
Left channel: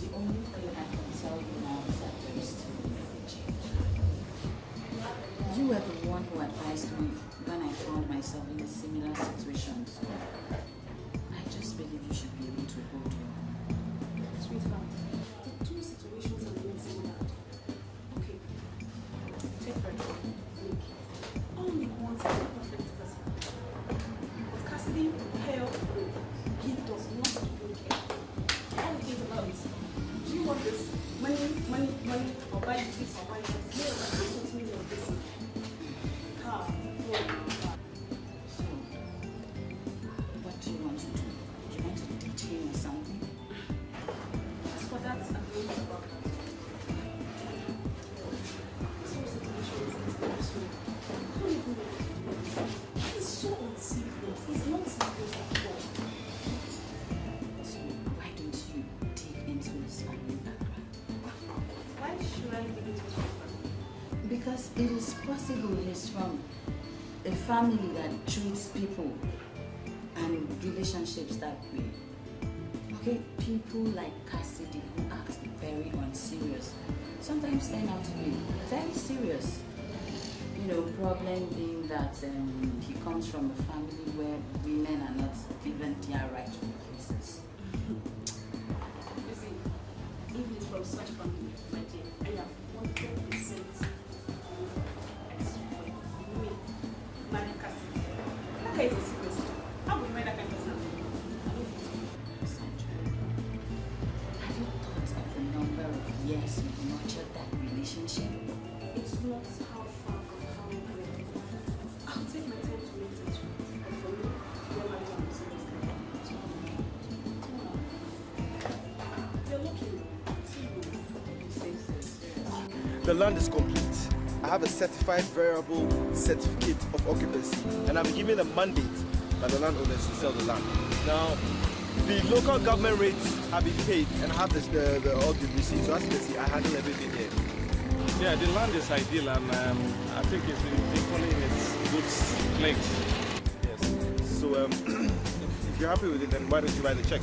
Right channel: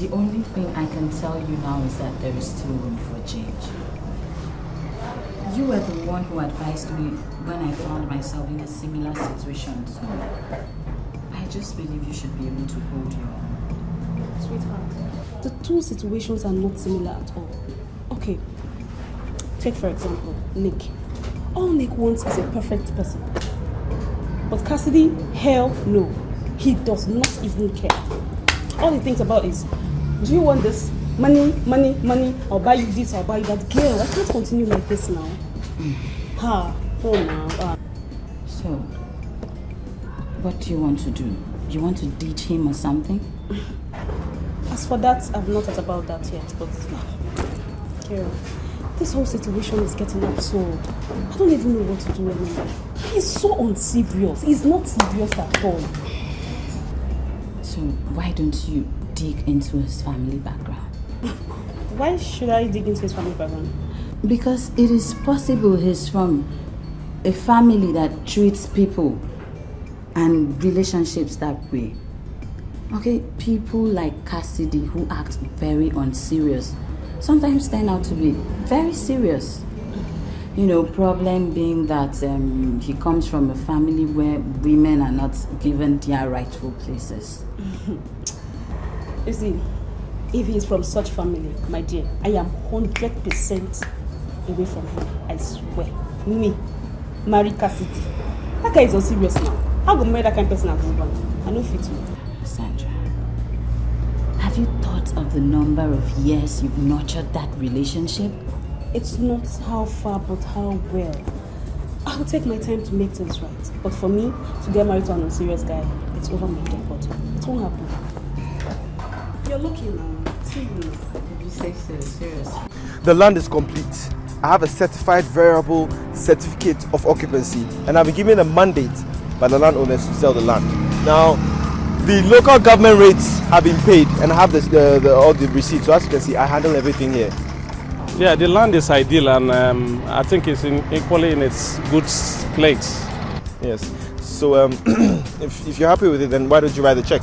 The only thing I can tell you now is that there is still room for change. You were the one who advised me when I found myself in a similar situation, so I just believe you should be able to hold your own. Sweetheart, the 2 situations are not similar at all. Okay, take for example, Nick. All Nick wants is a perfect person. But Cassidy, hell no. He does not even care. All he thinks about is, do you want this? Money, money, money. I'll buy you this, I'll buy you that. Girl, I can't continue like this now. Oh no. So, what do you want to do? You want to ditch him or something? As for that, I've not thought about that yet, but girl, this whole situation is getting absurd. I don't even know what to do anymore. He's so unserious. He's not serious at all. So why don't you dig into his family background? Why should I dig into his family background? Because it is possible he's from a family that treats people and relationships that way. Okay, people like Cassidy who act very unserious sometimes turn out to be very serious. Problem being that he comes from a family where women are not given their rightful places. You see, if he's from such family, my dear, I am 100% away from him. I swear. Me, marry Cassidy. That guy is unserious now. How go marry that kind of person as husband? I know fit me. Sandra, have you thought of the number of years you've nurtured that relationship? It's not how far, but how well. I'll take my time to make things right. But for me, to get married to an unserious guy, it's over my head. But it won't happen. You're lucky now. See me. You say so, seriously. The land is complete. I have a certified variable certificate of occupancy, and I've been given a mandate by the landowners to sell the land. Now, the local government rates have been paid, and I have all the receipts. So as you can see, I handle everything here. Yeah, the land is ideal, and I think it's equally in its good place. Yes. So if you're happy with it, then why don't you write the check?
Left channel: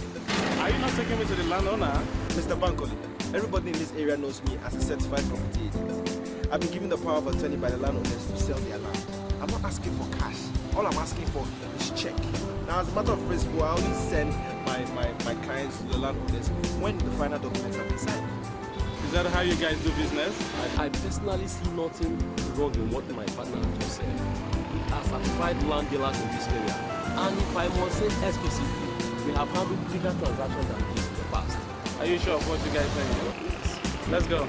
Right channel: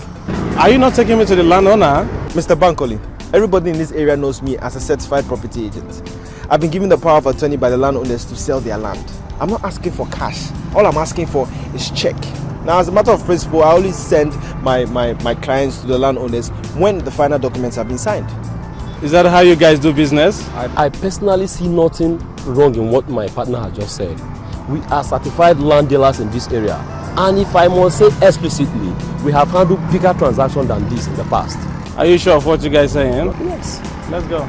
Are you not taking me to the landowner? Mr. Bankole, everybody in this area knows me as a certified property agent. I've been given the power of attorney by the landowners to sell their land. I'm not asking for cash. All I'm asking for is check. Now, as a matter of principle, I only send my clients to the landowners when the final documents have been signed. Is that how you guys do business? I personally see nothing wrong in what my partner has just said. We are certified land dealers in this area. And if I must say explicitly, we have handled bigger transactions than this in the past. Are you sure of what you guys are saying? Yes. Let's go.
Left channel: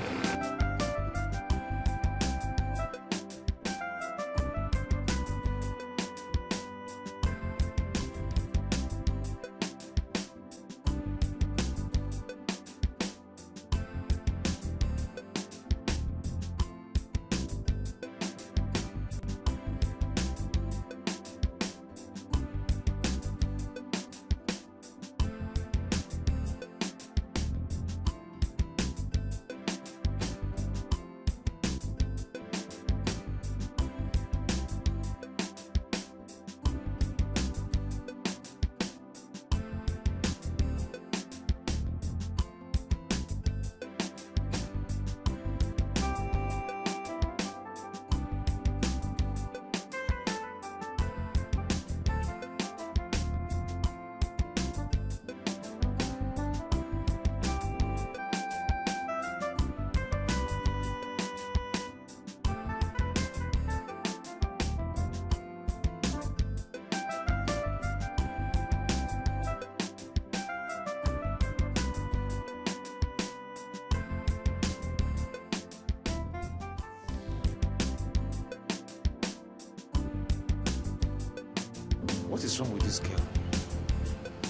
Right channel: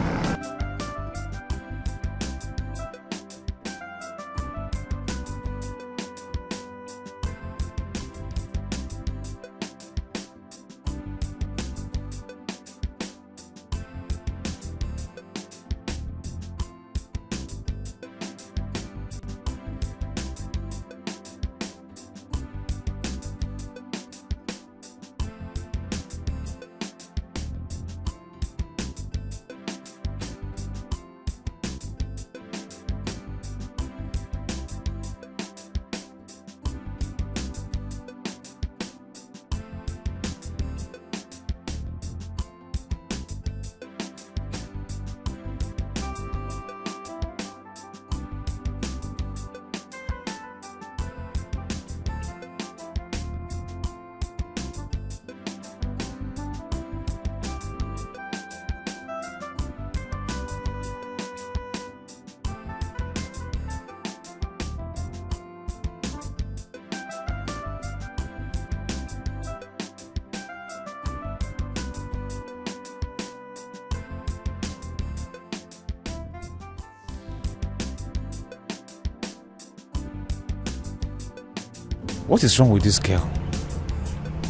What is wrong with this girl?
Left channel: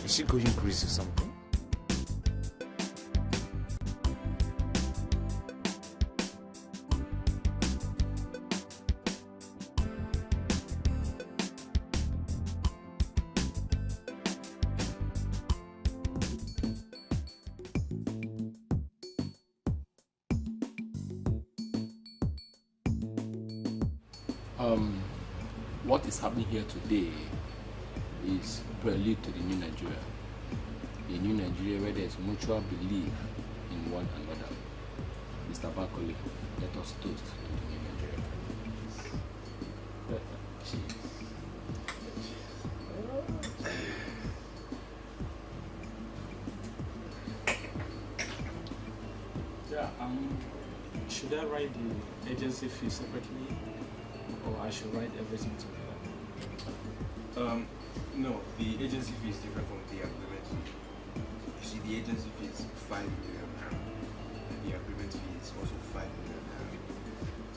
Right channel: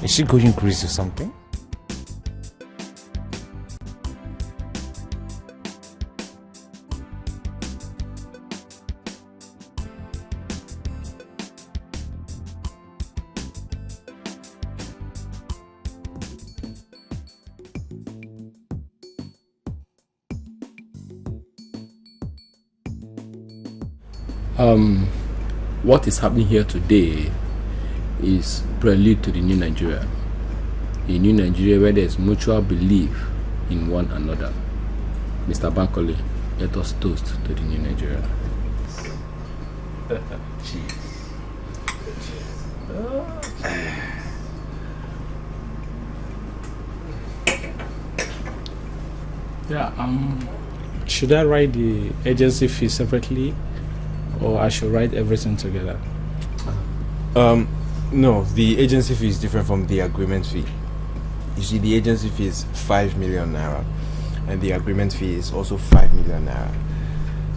Is she going crazy or something? What is happening here today is prelude to the new Nigeria. A new Nigeria where there is mutual belief in one another. Mr. Bankole, let us toast to the new Nigeria. Cheers. Yeah, should I write the agency fee separately, or I should write everything together? No, the agency fee is different from the agreement fee. You see, the agency fee is 5 million naira, and the agreement fee is also 5 million naira,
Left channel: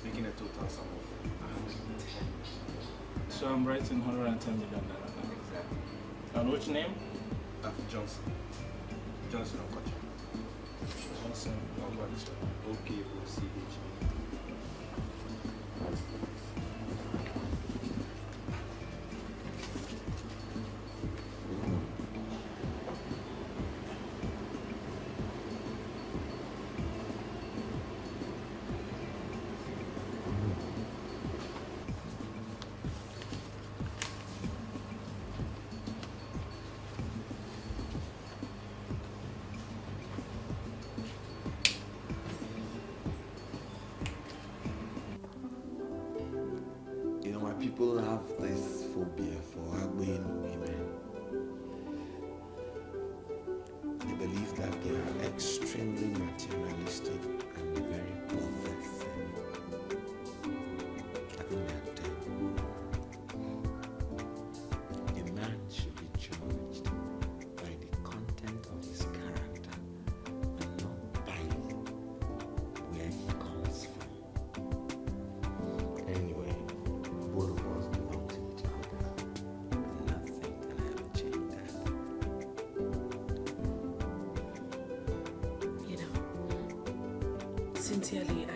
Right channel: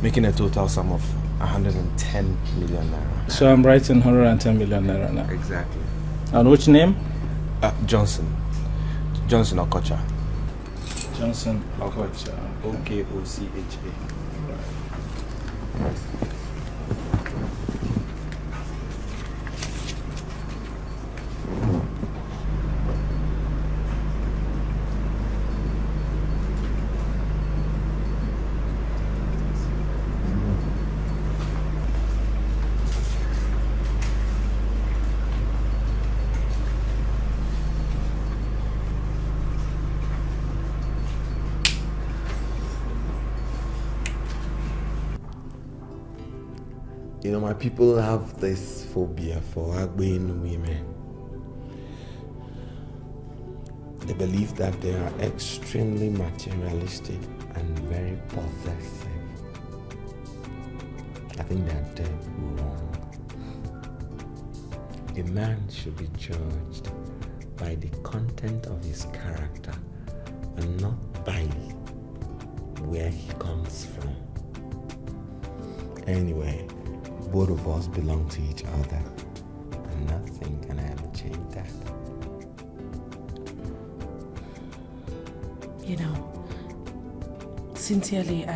making a total sum of 110 million naira. So I'm writing 110 million naira now. Exactly. And which name? Johnson Okocha. Johnson Okocha. Okocha. You know, my people have this phobia for Agbeinu women. They believe that they are extremely materialistic and very possessive. I think they're dead wrong. The man should be judged by the content of his character and not by where he comes from. Anyway, both of us belong to each other, and nothing can ever change that. You know, sincerely,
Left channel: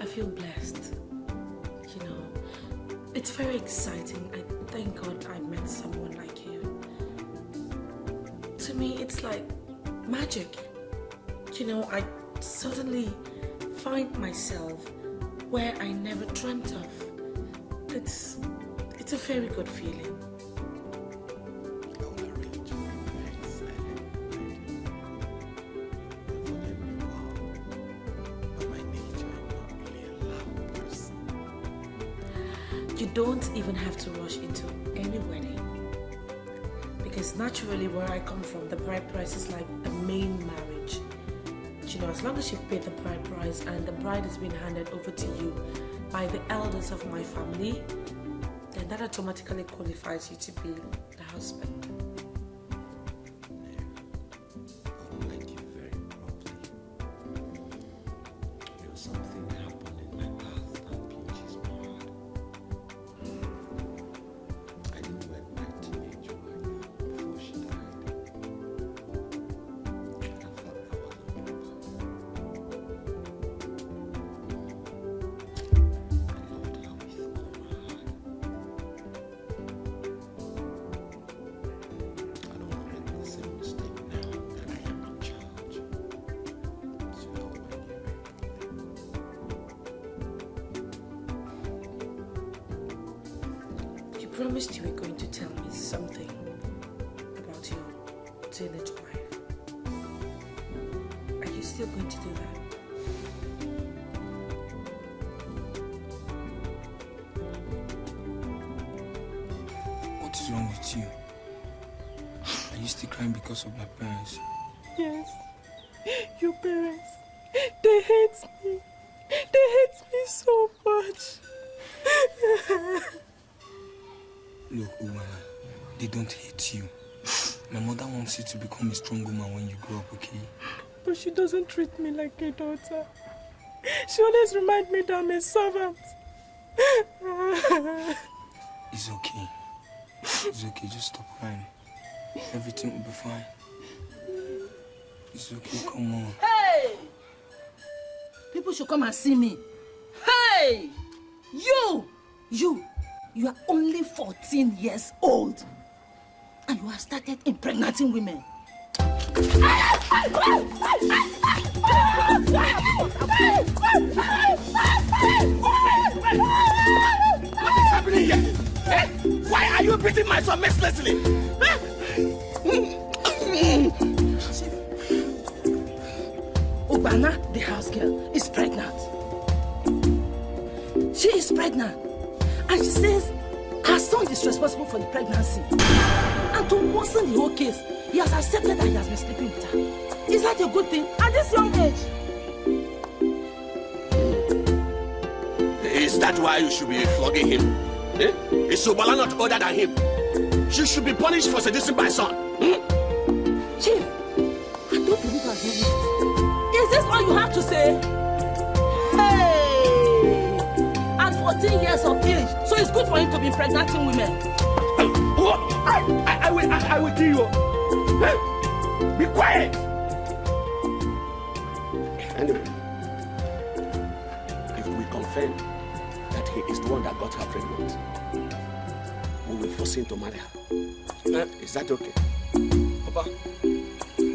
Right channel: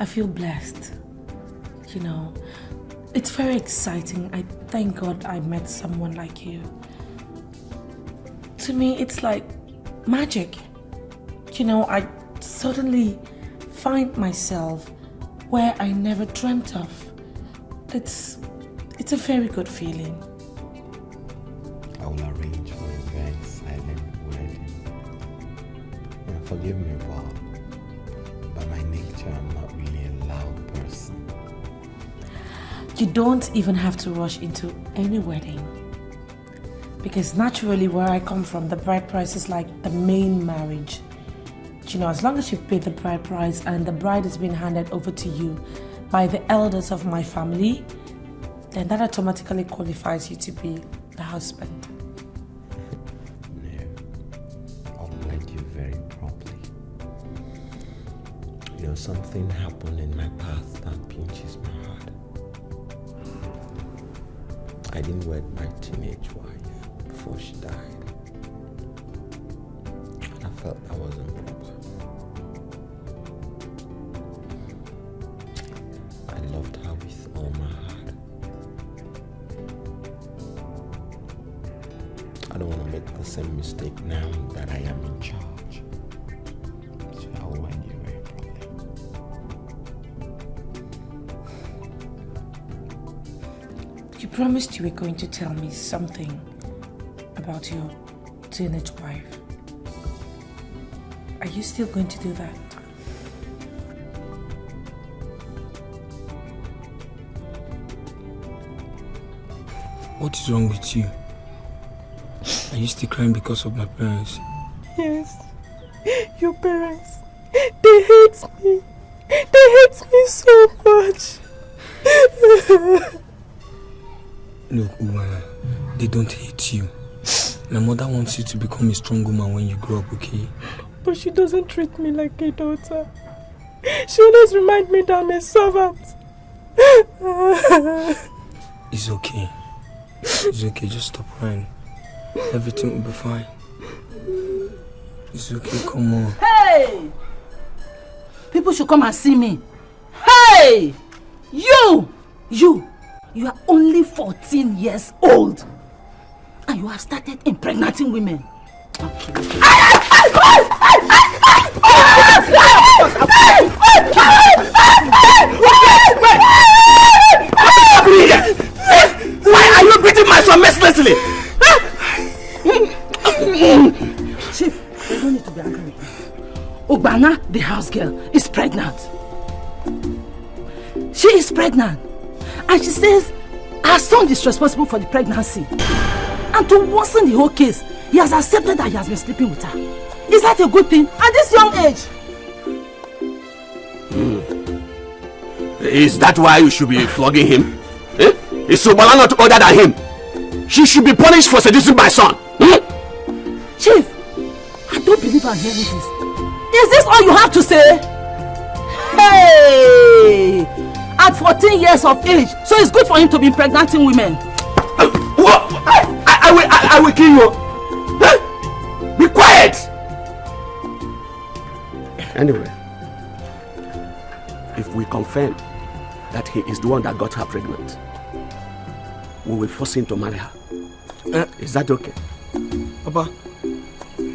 I feel blessed. You know, it's very exciting. I thank God I met someone like you. To me, it's like magic. You know, I suddenly find myself where I never dreamt of. It's a very good feeling. I will arrange for a very silent wedding. Forgive me, Paul, but by nature I'm not really a loud person. You don't even have to rush into any wedding. Because naturally where I come from, the bride price is like the main marriage. You know, as long as you've paid the bride price and the bride has been handed over to you by the elders of my family, then that automatically qualifies you to be the husband. I'll wed you very properly. You know, something happened in my past that pinches my heart. I didn't wed my teenage wife before she died. And I felt that wasn't proper. I loved her with all my heart. I don't want to make the same mistake now that I am in charge. So I'll wed you very properly. You promised you were going to tell me something about your teenage wife. Are you still going to do that? What is wrong with you? Are you still crying because of my parents? Yes. Your parents. They hate me. They hate me so much. Look, Umala, they don't hate you. My mother wants you to become a strong woman when you grow up, okay? But she doesn't treat me like a daughter. She always reminds me that I'm a servant. It's okay. It's okay, just stop crying. Everything will be fine. It's okay, come on. Hey! People should come and see me. Hey! You are only 14 years old. And you have started impregnating women. Why are you beating my son mercilessly? Chief, you don't need to be angry. Obana, the house girl, is pregnant. She is pregnant. And she says her son is responsible for the pregnancy. And to worsen the whole case, he has accepted that he has been sleeping with her. Is that a good thing at this young age? Is that why you should be flogging him? Eh? Is Sobala not older than him? She should be punished for seducing my son. Chief, I don't believe I'm hearing this. Is this all you have to say? Hey! At 14 years of age, so it's good for him to be impregnating women. I will kill you. Be quiet. Anyway, if we confirm that he is the one that got her pregnant, we will force him to marry her. Is that okay? Papa,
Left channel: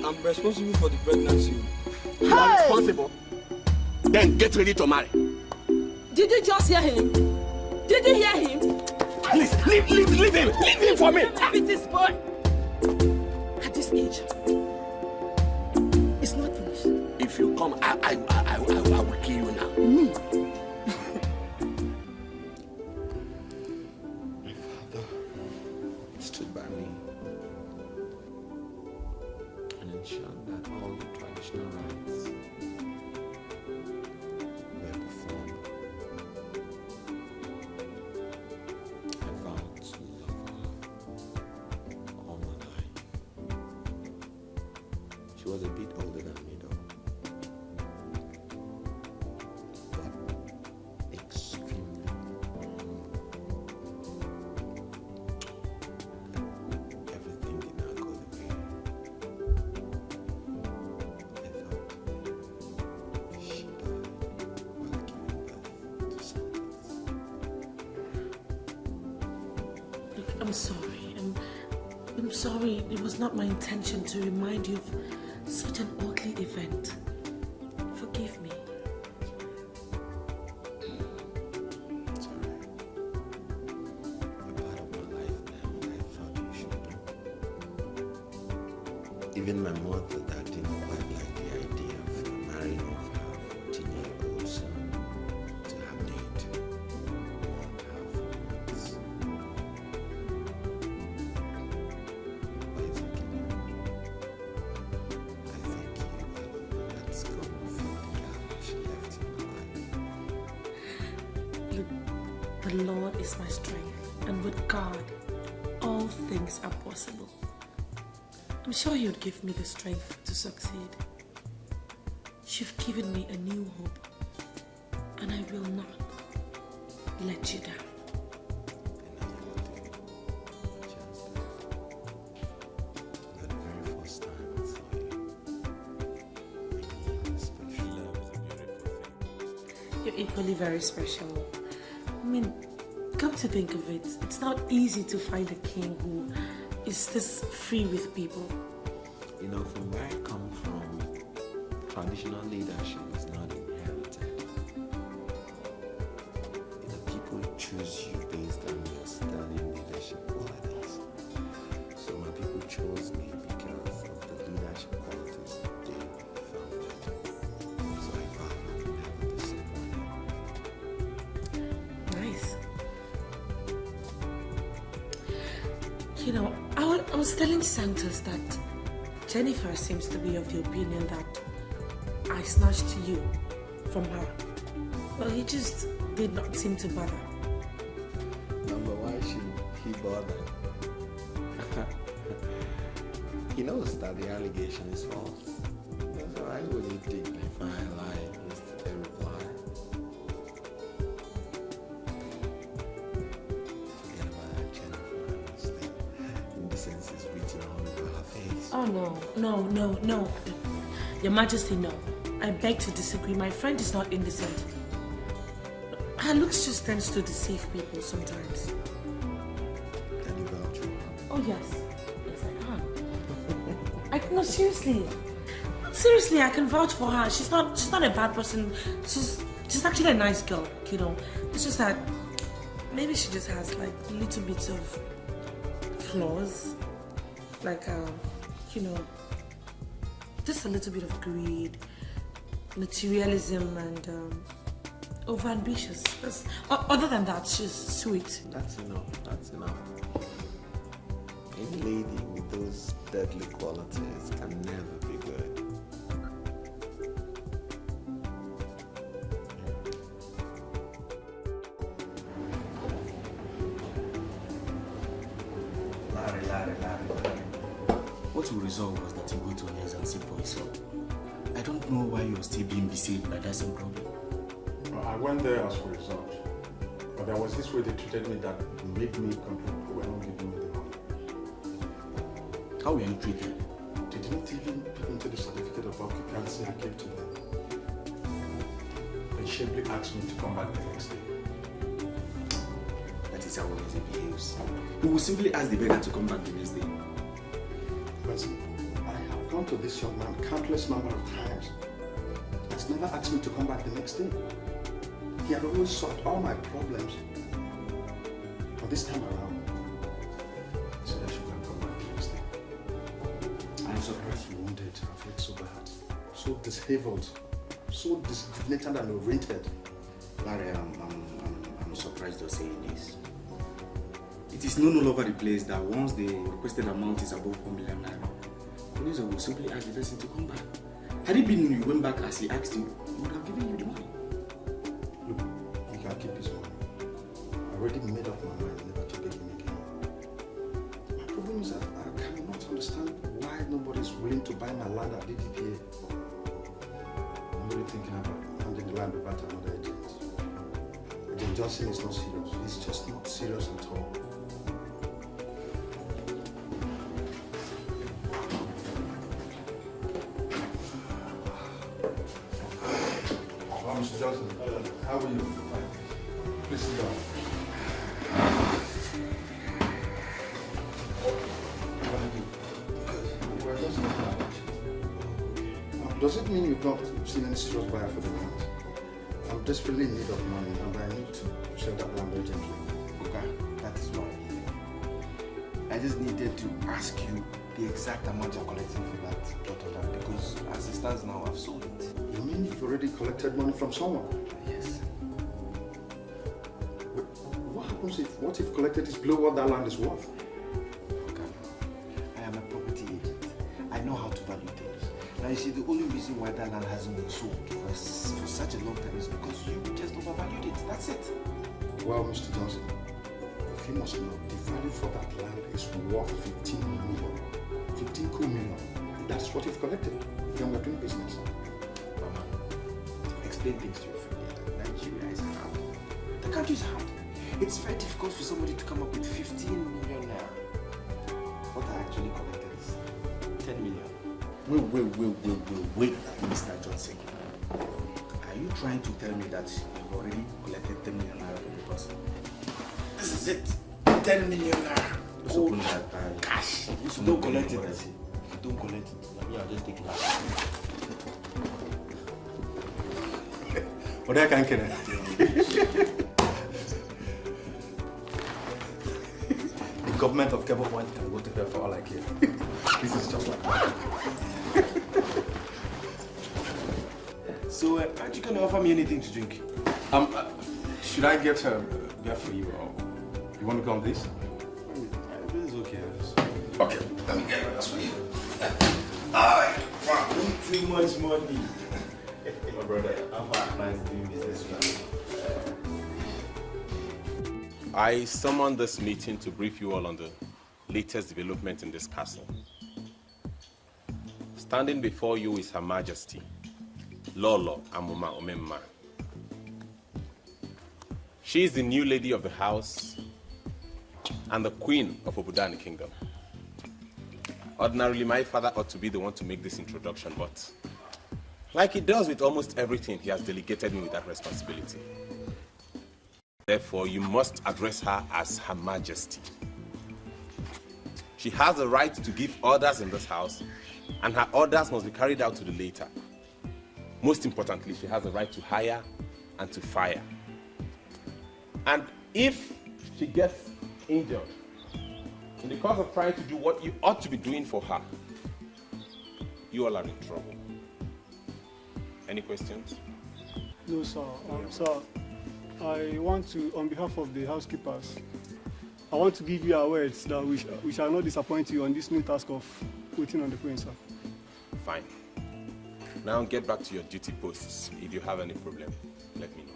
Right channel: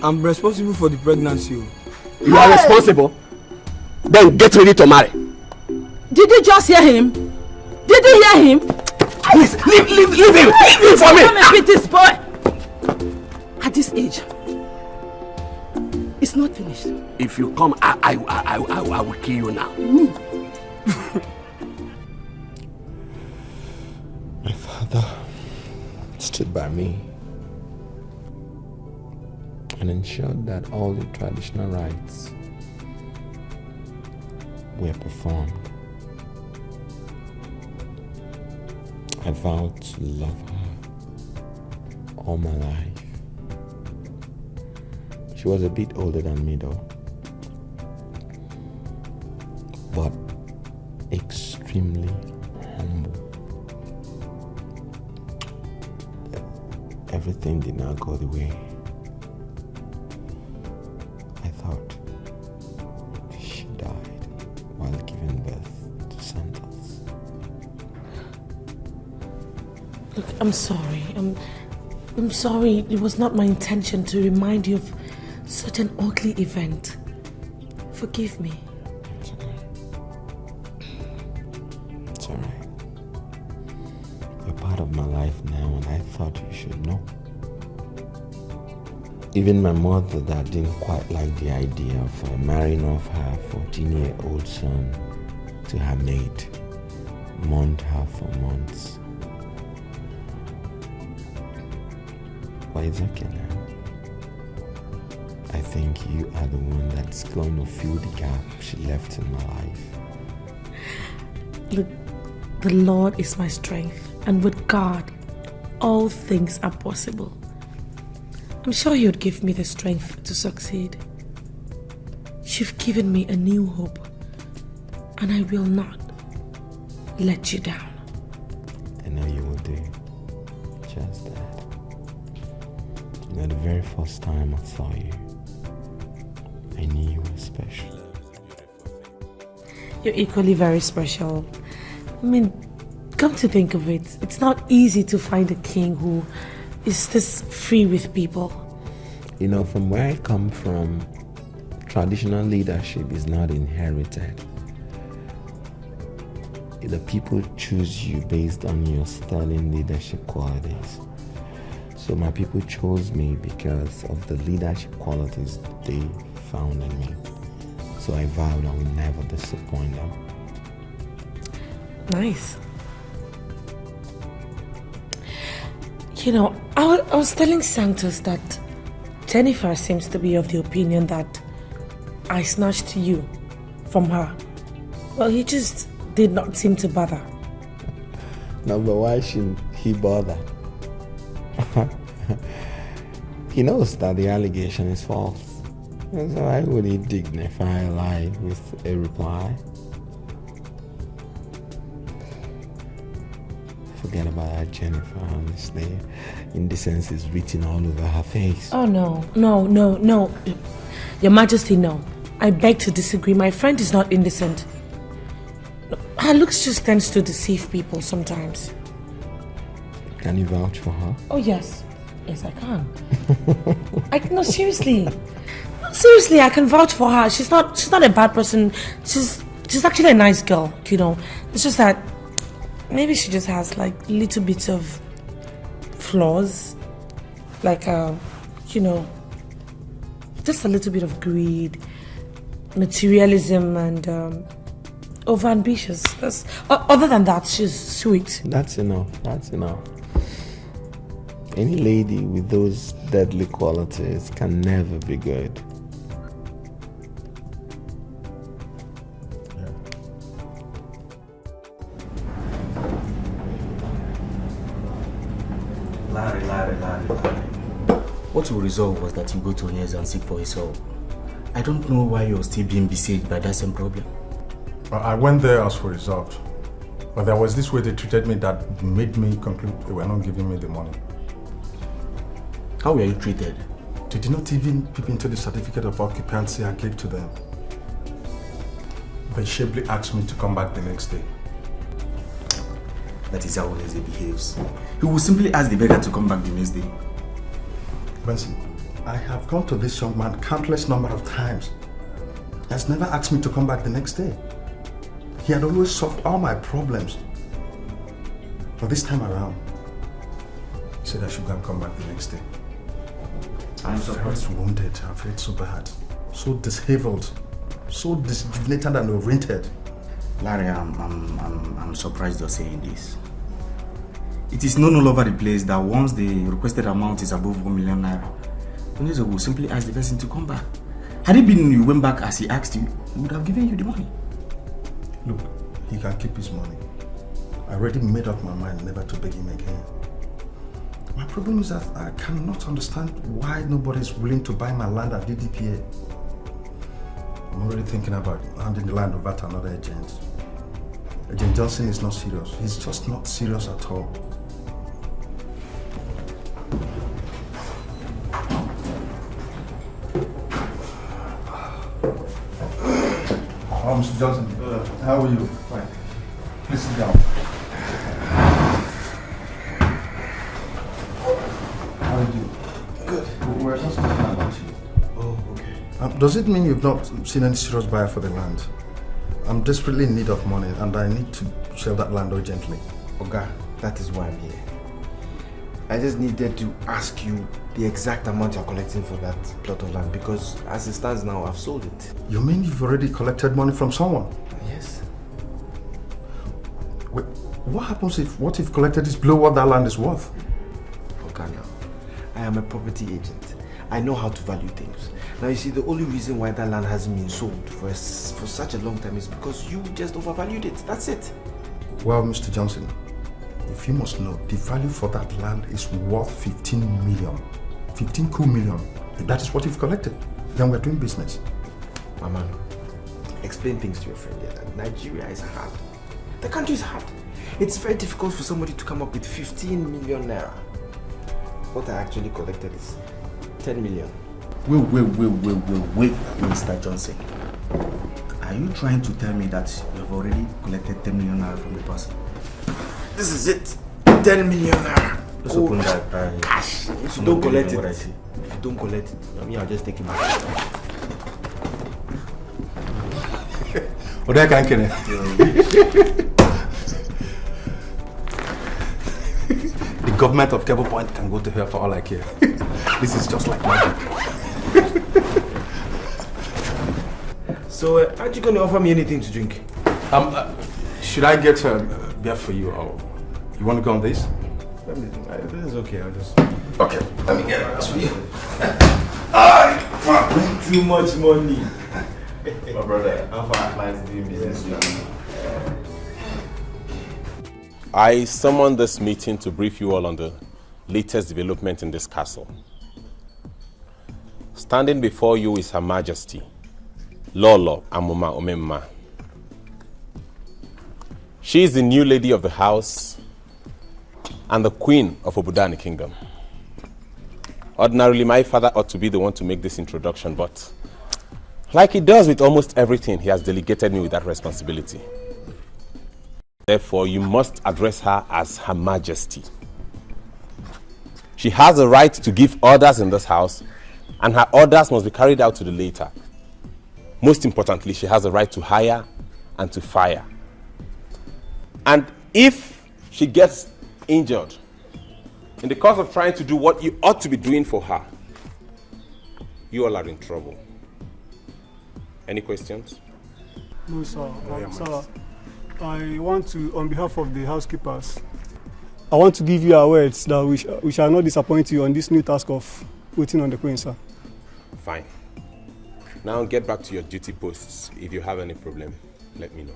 I'm responsible for the pregnancy. You are responsible? Then get ready to marry. Did you just hear him? Did you hear him? Please, leave him! Leave him for me! Come and beat this boy! At this age, it's not finished. If you come, I will kill you now. Me? My father stood by me and ensured that all the traditional rites were performed. I vowed to love her all my life. She was a bit older than me though, but extremely humble. Everything did not go the way I thought. She died while giving birth to Santos. Look, I'm sorry. I'm sorry. It was not my intention to remind you of such an ugly event. Forgive me. It's alright. You're part of my life now, and I thought you should know. Even my mother that didn't quite like the idea of marrying off her 14-year-old son to her maid, mourned her for months. But it's okay now. I think you are the one that's going to fill the gap she left in my life. Look, the Lord is my strength, and with God, all things are possible. I'm sure He would give me the strength to succeed. You've given me a new hope, and I will not let you down. I know you will do. Just that. You know, the very first time I saw you, I knew you were special. You're equally very special. I mean, come to think of it, it's not easy to find a king who is this free with people. You know, from where I come from, traditional leadership is not inherited. The people choose you based on your sterling leadership qualities. So my people chose me because of the leadership qualities they found in me. So I vow I will never disappoint them. Nice. You know, I was telling Santos that Jennifer seems to be of the opinion that I snatched you from her. Well, he just did not seem to bother. No, but why should he bother? He knows that the allegation is false. So why would he dignify a lie with a reply? forget about Jennifer, honestly. Indecence is written all over her face. Oh, no. Your Majesty, no. I beg to disagree. My friend is not indecent. Her looks just tends to deceive people sometimes. Can you vouch for her? Oh, yes. Yes, I can. No, seriously. Seriously, I can vouch for her. She's not a bad person. She's actually a nice girl, you know. It's just that maybe she just has like little bits of flaws. Like, you know, just a little bit of greed, materialism, and over-ambitious. Other than that, she's sweet. That's enough. Any lady with those deadly qualities can never be good. Larry. What we resolved was that you go to his and seek for his help. I don't know why you're still being besieged by that same problem. Well, I went there as for result. But there was this way they treated me that made me conclude they were not giving me the money. How were you treated? They did not even peep into the certificate of occupancy I gave to them. They sharply asked me to come back the next day. That is how he behaves. He will simply ask the beggar to come back the next day. Benson, I have gone to this young man countless number of times. He has never asked me to come back the next day. He had always solved all my problems. But this time around, he said I should go and come back the next day. I'm surprised. I was wounded. I felt so bad, so disheveled, so disjuvenated and oriented. Larry, I'm surprised you're saying this. It is known all over the place that once the requested amount is above 1 million naira, Onezo will simply ask the person to come back. Had it been you went back as he asked you, he would have given you the money. Look, he can keep his money. I already made up my mind never to beg him again. My problem is that I cannot understand why nobody is willing to buy my land at DDPA. I'm already thinking about handing the land over to another agent. Agent Johnson is not serious. He's just not serious at all. Oh, Mr. Johnson, how are you? Please sit down. How are you? Good. We're just talking about you. Oh, okay. Does it mean you've not seen any serious buyer for the land? I'm desperately in need of money and I need to sell that land urgently. Oga, that is why I'm here. I just needed to ask you the exact amount you're collecting for that plot of land because as it stands now, I've sold it. You mean you've already collected money from someone? Yes. Wait, what if collected is below what that land is worth? Oga, I am a property agent. I know how to value things. Now you see, the only reason why that land hasn't been sold for such a long time is because you just overvalued it. That's it. Well, Mr. Johnson, if you must know, the value for that land is worth 15 million. 15 cool million. If that is what you've collected, then we're doing business. Mama, explain things to your friend here. Nigeria is hard. The country is hard. It's very difficult for somebody to come up with 15 million naira. What I actually collected is 10 million. Wait, Mr. Johnson. Are you trying to tell me that you have already collected 10 million naira from the person? This is it. 10 million naira. Just open that cash. If you don't collect it, if you don't collect it, I mean, I'll just take it back. What can I The government of Cable Point can go to hell for all I care. This is just like magic. So, aren't you going to offer me anything to drink? Should I get a beer for you? Or you want to go on this? This is okay. I'll just... Okay, let me get it for you. Too much money. My brother, how far am I doing business now? I summoned this meeting to brief you all on the latest development in this castle. Standing before you is Her Majesty, Lolo Amuma Omemma. She is the new lady of the house and the queen of Obudani Kingdom. Ordinarily, my father ought to be the one to make this introduction, but like he does with almost everything, he has delegated me with that responsibility. Therefore, you must address her as Her Majesty. She has the right to give orders in this house, and her orders must be carried out to the letter. Most importantly, she has the right to hire and to fire. And if she gets injured in the course of trying to do what you ought to be doing for her, you all are in trouble. Any questions? No, sir. Sir, I want to, on behalf of the housekeepers, I want to give you our words that we shall not disappoint you on this new task of waiting on the queen, sir. Fine. Now get back to your duty posts. If you have any problem, let me know.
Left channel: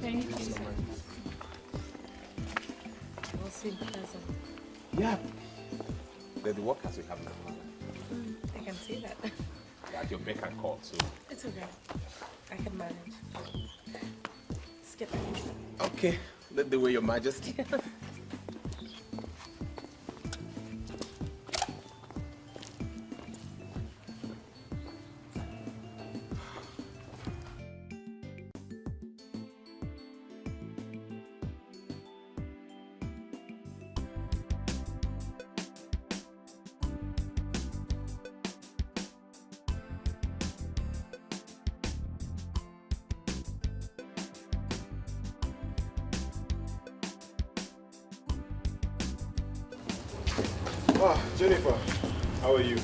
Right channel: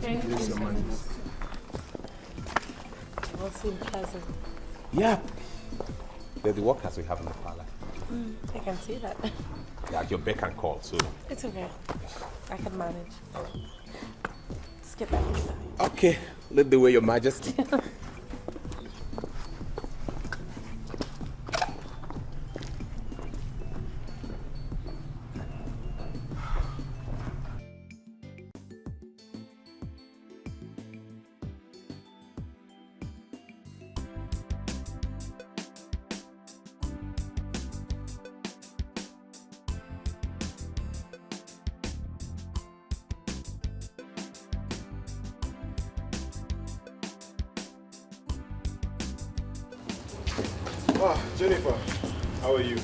Thank you so much. We'll see pleasant. Yeah. They're the workers we have in the parlor. I can see that. Yeah, your beck and call, so. It's okay. I can manage. Let's get back inside. Okay, lead the way, Your Majesty. Jennifer, how are you?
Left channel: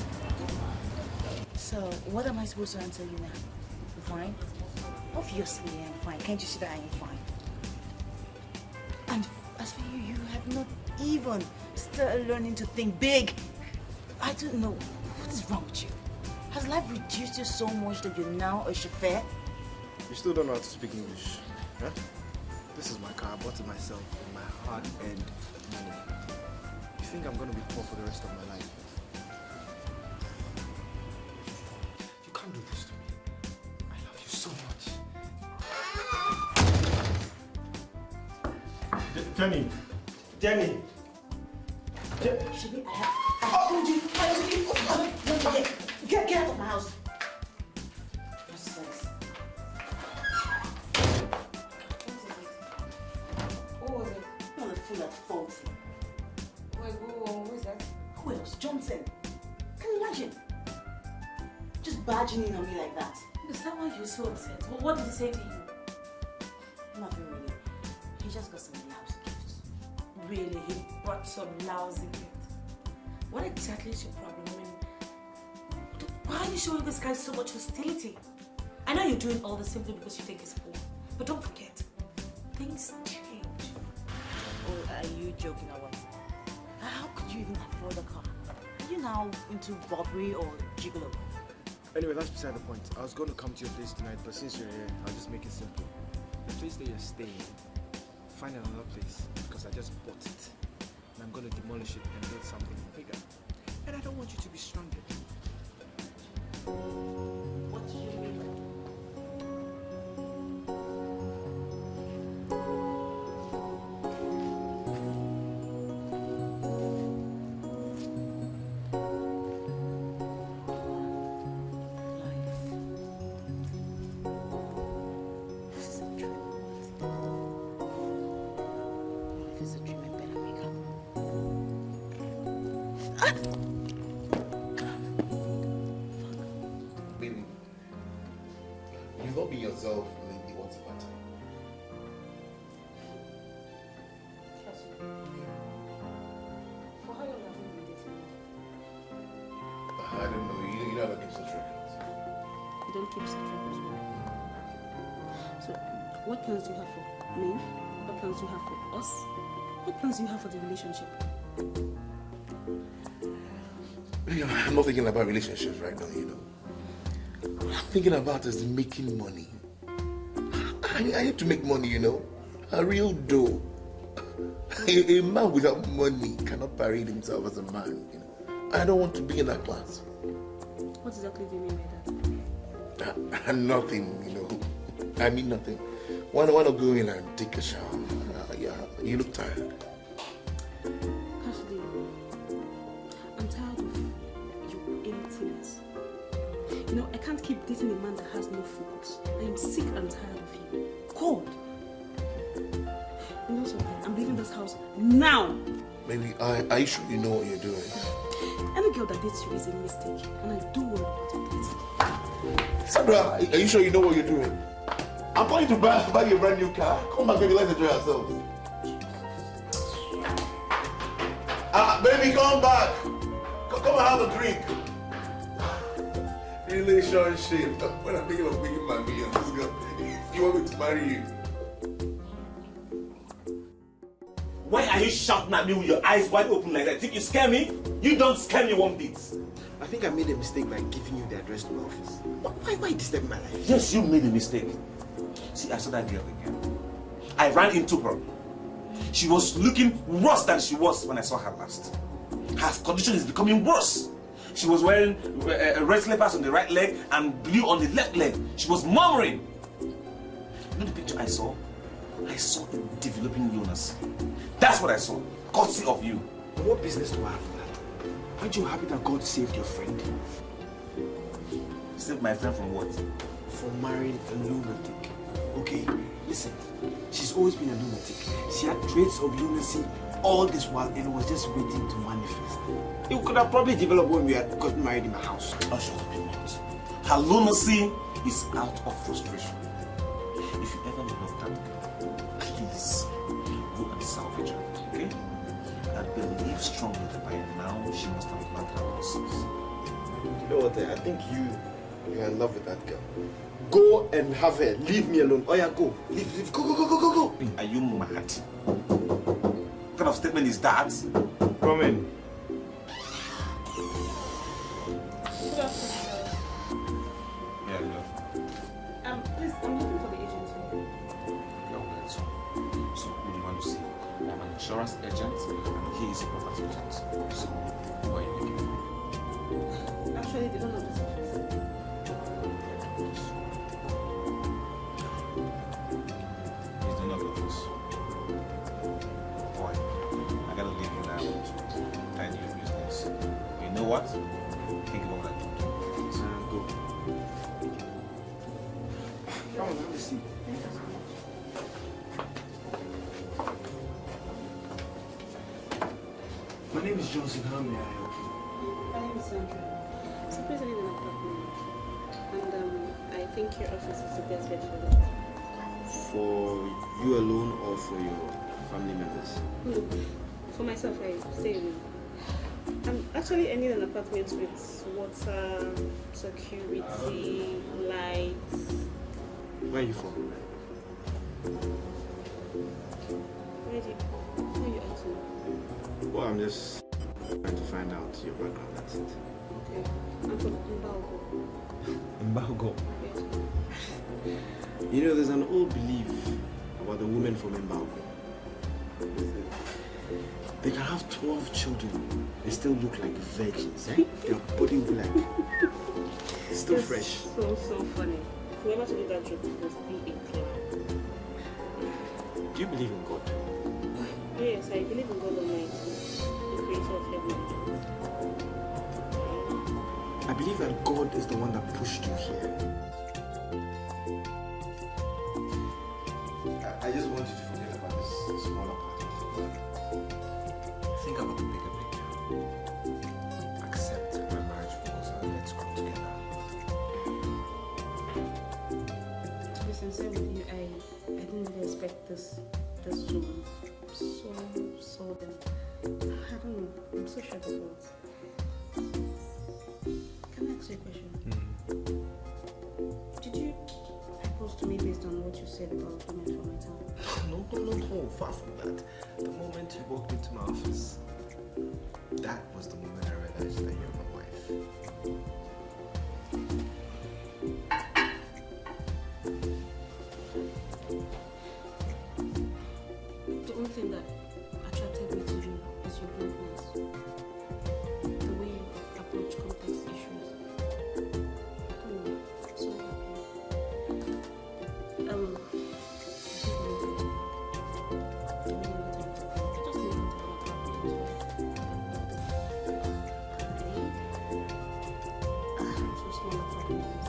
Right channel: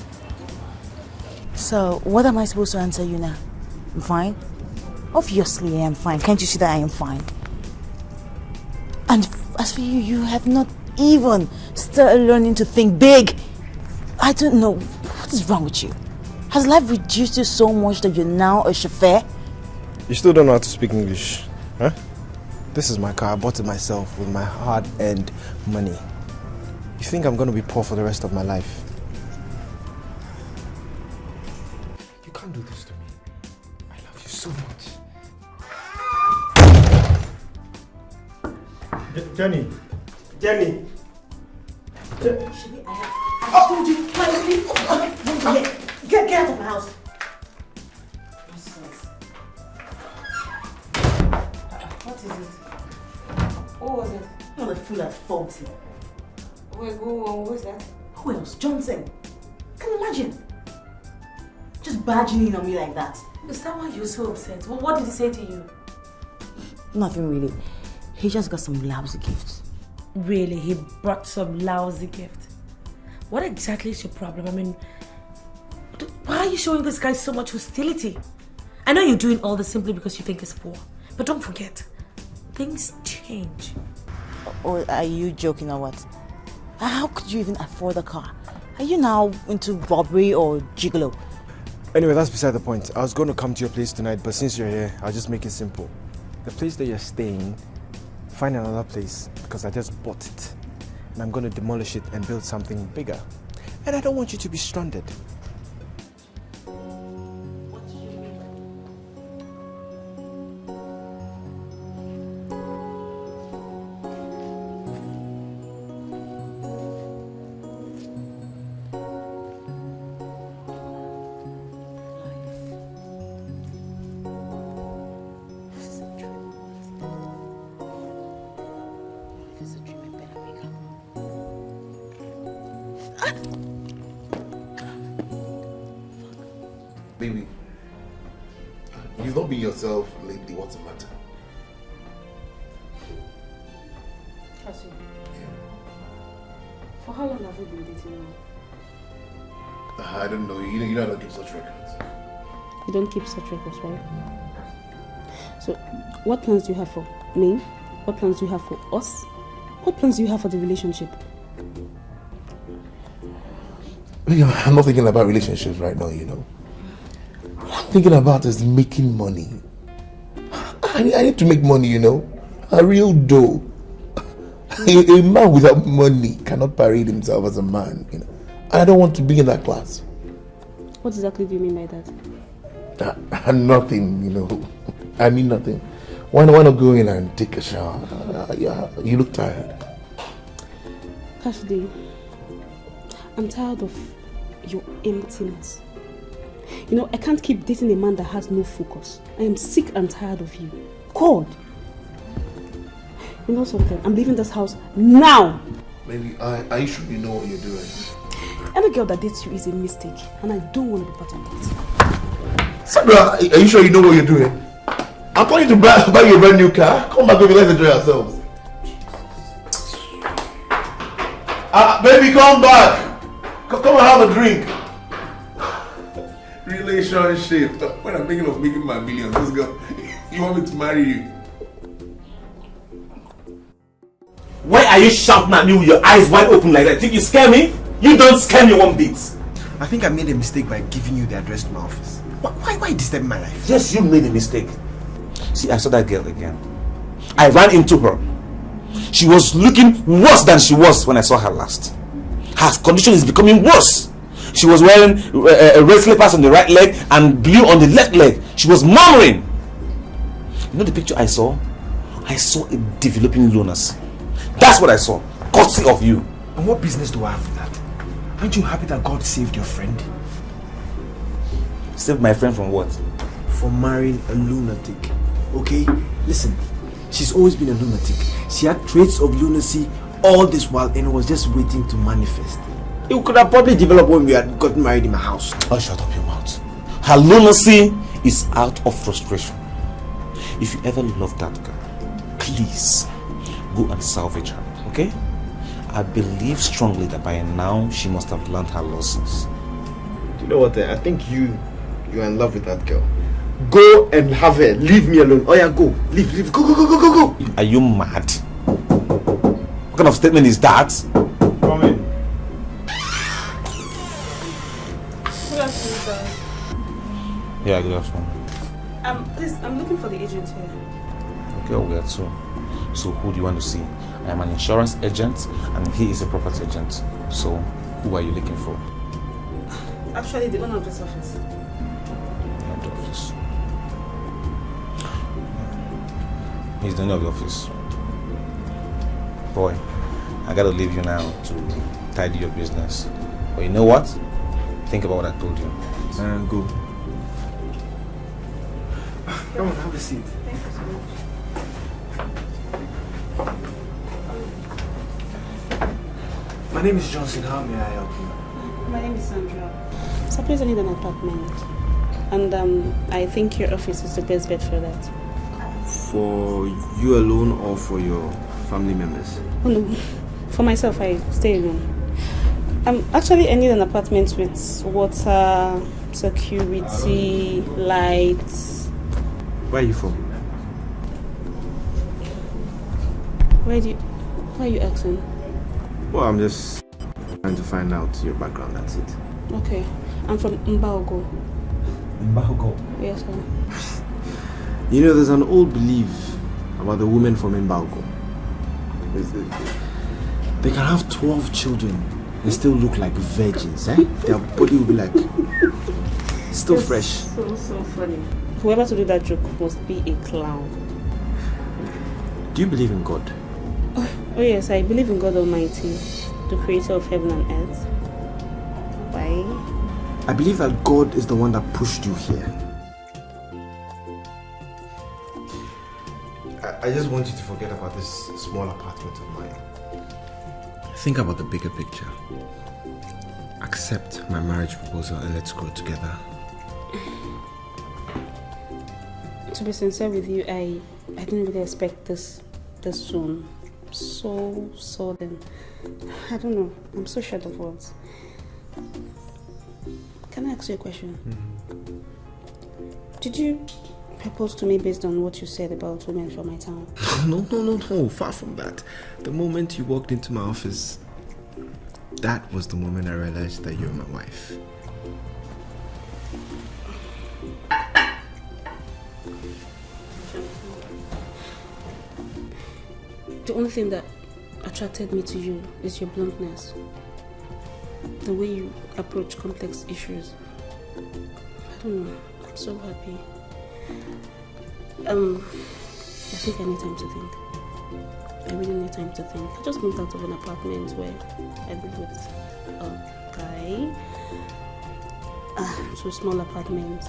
So, what am I supposed to answer you now? I'm fine? Obviously I am fine. Can't you see that I am fine? And as for you, you have not even started learning to think big. I don't know. What is wrong with you? Has life reduced you so much that you're now a chauffeur? You still don't know how to speak English, huh? This is my car. I bought it myself with my hard-earned money. You think I'm going to be poor for the rest of my life? You can't do this to me. I love you so much. Jenny! Jenny! Oh, you trying to sleep? Get out of my house. What is it? What was it? You're a fool at 40. Who is that? Who else? Johnson. Can you imagine? Just barging in on me like that. Is that why you're so upset? Well, what did he say to you? Nothing really. He just got some lousy gifts. Really? He brought some lousy gift? What exactly is your problem? I mean, why are you showing this guy so much hostility? I know you're doing all this simply because you think he's poor. But don't forget, things change. Or are you joking or what? How could you even afford a car? Are you now into robbery or gigolo? Anyway, that's beside the point. I was going to come to your place tonight, but since you're here, I'll just make it simple. The place that you're staying, find another place because I just bought it. And I'm going to demolish it and build something bigger. And I don't want you to be stranded. Baby, you've not been yourself lately. What's the matter? Trust me. For how long have you been dating me? I don't know. You know how to keep such records. You don't keep such records, right? So, what plans do you have for me? What plans do you have for us? What plans do you have for the relationship? I'm not thinking about relationships right now, you know. What I'm thinking about is making money. I need to make money, you know. A real dough. A man without money cannot parade himself as a man, you know. I don't want to be in that class. What exactly do you mean by that? Nothing, you know. I mean nothing. Why not go in and take a shower? Yeah, you look tired. Cassidy, I'm tired of your emptiness. You know, I can't keep dating a man that has no focus. I am sick and tired of you. God! You know something? I'm leaving this house now! Maybe, are you sure you know what you're doing? Any girl that dates you is a mistake, and I don't want to be part of it. Sandra, are you sure you know what you're doing? I'm calling you to buy you a brand new car. Come back, baby, let's enjoy ourselves. Baby, come back. Come and have a drink. Relationship. When I'm thinking of making my millions, this girl, you want me to marry you? Why are you shouting at me with your eyes wide open like that? Think you scare me? You don't scare me one bit. I think I made a mistake by giving you the address to my office. Why disturb my life? Yes, you made a mistake. See, I saw that girl again. I ran into her. She was looking worse than she was when I saw her last. Her condition is becoming worse. She was wearing red slippers on the right leg and blue on the left leg. She was murmuring. You know the picture I saw? I saw a developing lunacy. That's what I saw. Courtesy of you. And what business do I have with that? Aren't you happy that God saved your friend? Saved my friend from what? From marrying a lunatic. Okay? Listen, she's always been a lunatic. She had traits of lunacy all this while and was just waiting to manifest. It could have probably developed when we had gotten married in my house. Oh, shut up your mouth. Her lunacy is out of frustration. If you ever love that girl, please go and salvage her, okay? I believe strongly that by now she must have learned her lessons. You know what? I think you're in love with that girl. Go and have her. Leave me alone. Oh yeah, go. Leave. Go. Are you mad? What kind of statement is that? Come in. Good afternoon, sir. Yeah, good afternoon. Please, I'm looking for the agent here. Okay, we are two. So who do you want to see? I am an insurance agent and he is a property agent. So who are you looking for? Actually, the owner of this office. He's the owner of the office. Boy, I gotta leave you now to tidy your business. But you know what? Think about what I told you. And go. Come on, have a seat. Thank you so much. My name is Johnson. How may I help you? My name is Sandra. So please, I need an apartment. And I think your office is the best bet for that. For you alone or for your family members? Oh no, for myself, I stay alone. Actually, I need an apartment with water, security, lights. Where are you from? Why are you asking? Well, I'm just trying to find out your background, that's it. Okay, I'm from Mbaogo. Mbaogo? Yes, sir. You know, there's an old belief about the women from Mbaogo. They can have 12 children and still look like virgins, eh? Their body will be like, still That's fresh. So funny. Whoever to do that joke must be a clown. Do you believe in God? Oh yes, I believe in God Almighty, the creator of heaven and earth. Why? I believe that God is the one that pushed you here. I just want you to forget about this small apartment of mine. Think about the bigger picture. Accept my marriage proposal and let's grow together. To be sincere with you, I didn't really expect this soon. So sudden. I don't know. I'm so short of words. Can I ask you a question? Did you propose to me based on what you said about women from my town? No. Far from that. The moment you walked into my office, that was the moment I realized that you're my wife. The only thing that attracted me to you is your bluntness. The way you approach complex issues. I don't know. I'm so happy. I think I need time to think. I really need time to think. I just moved out of an apartment where I live with a guy. So small apartment.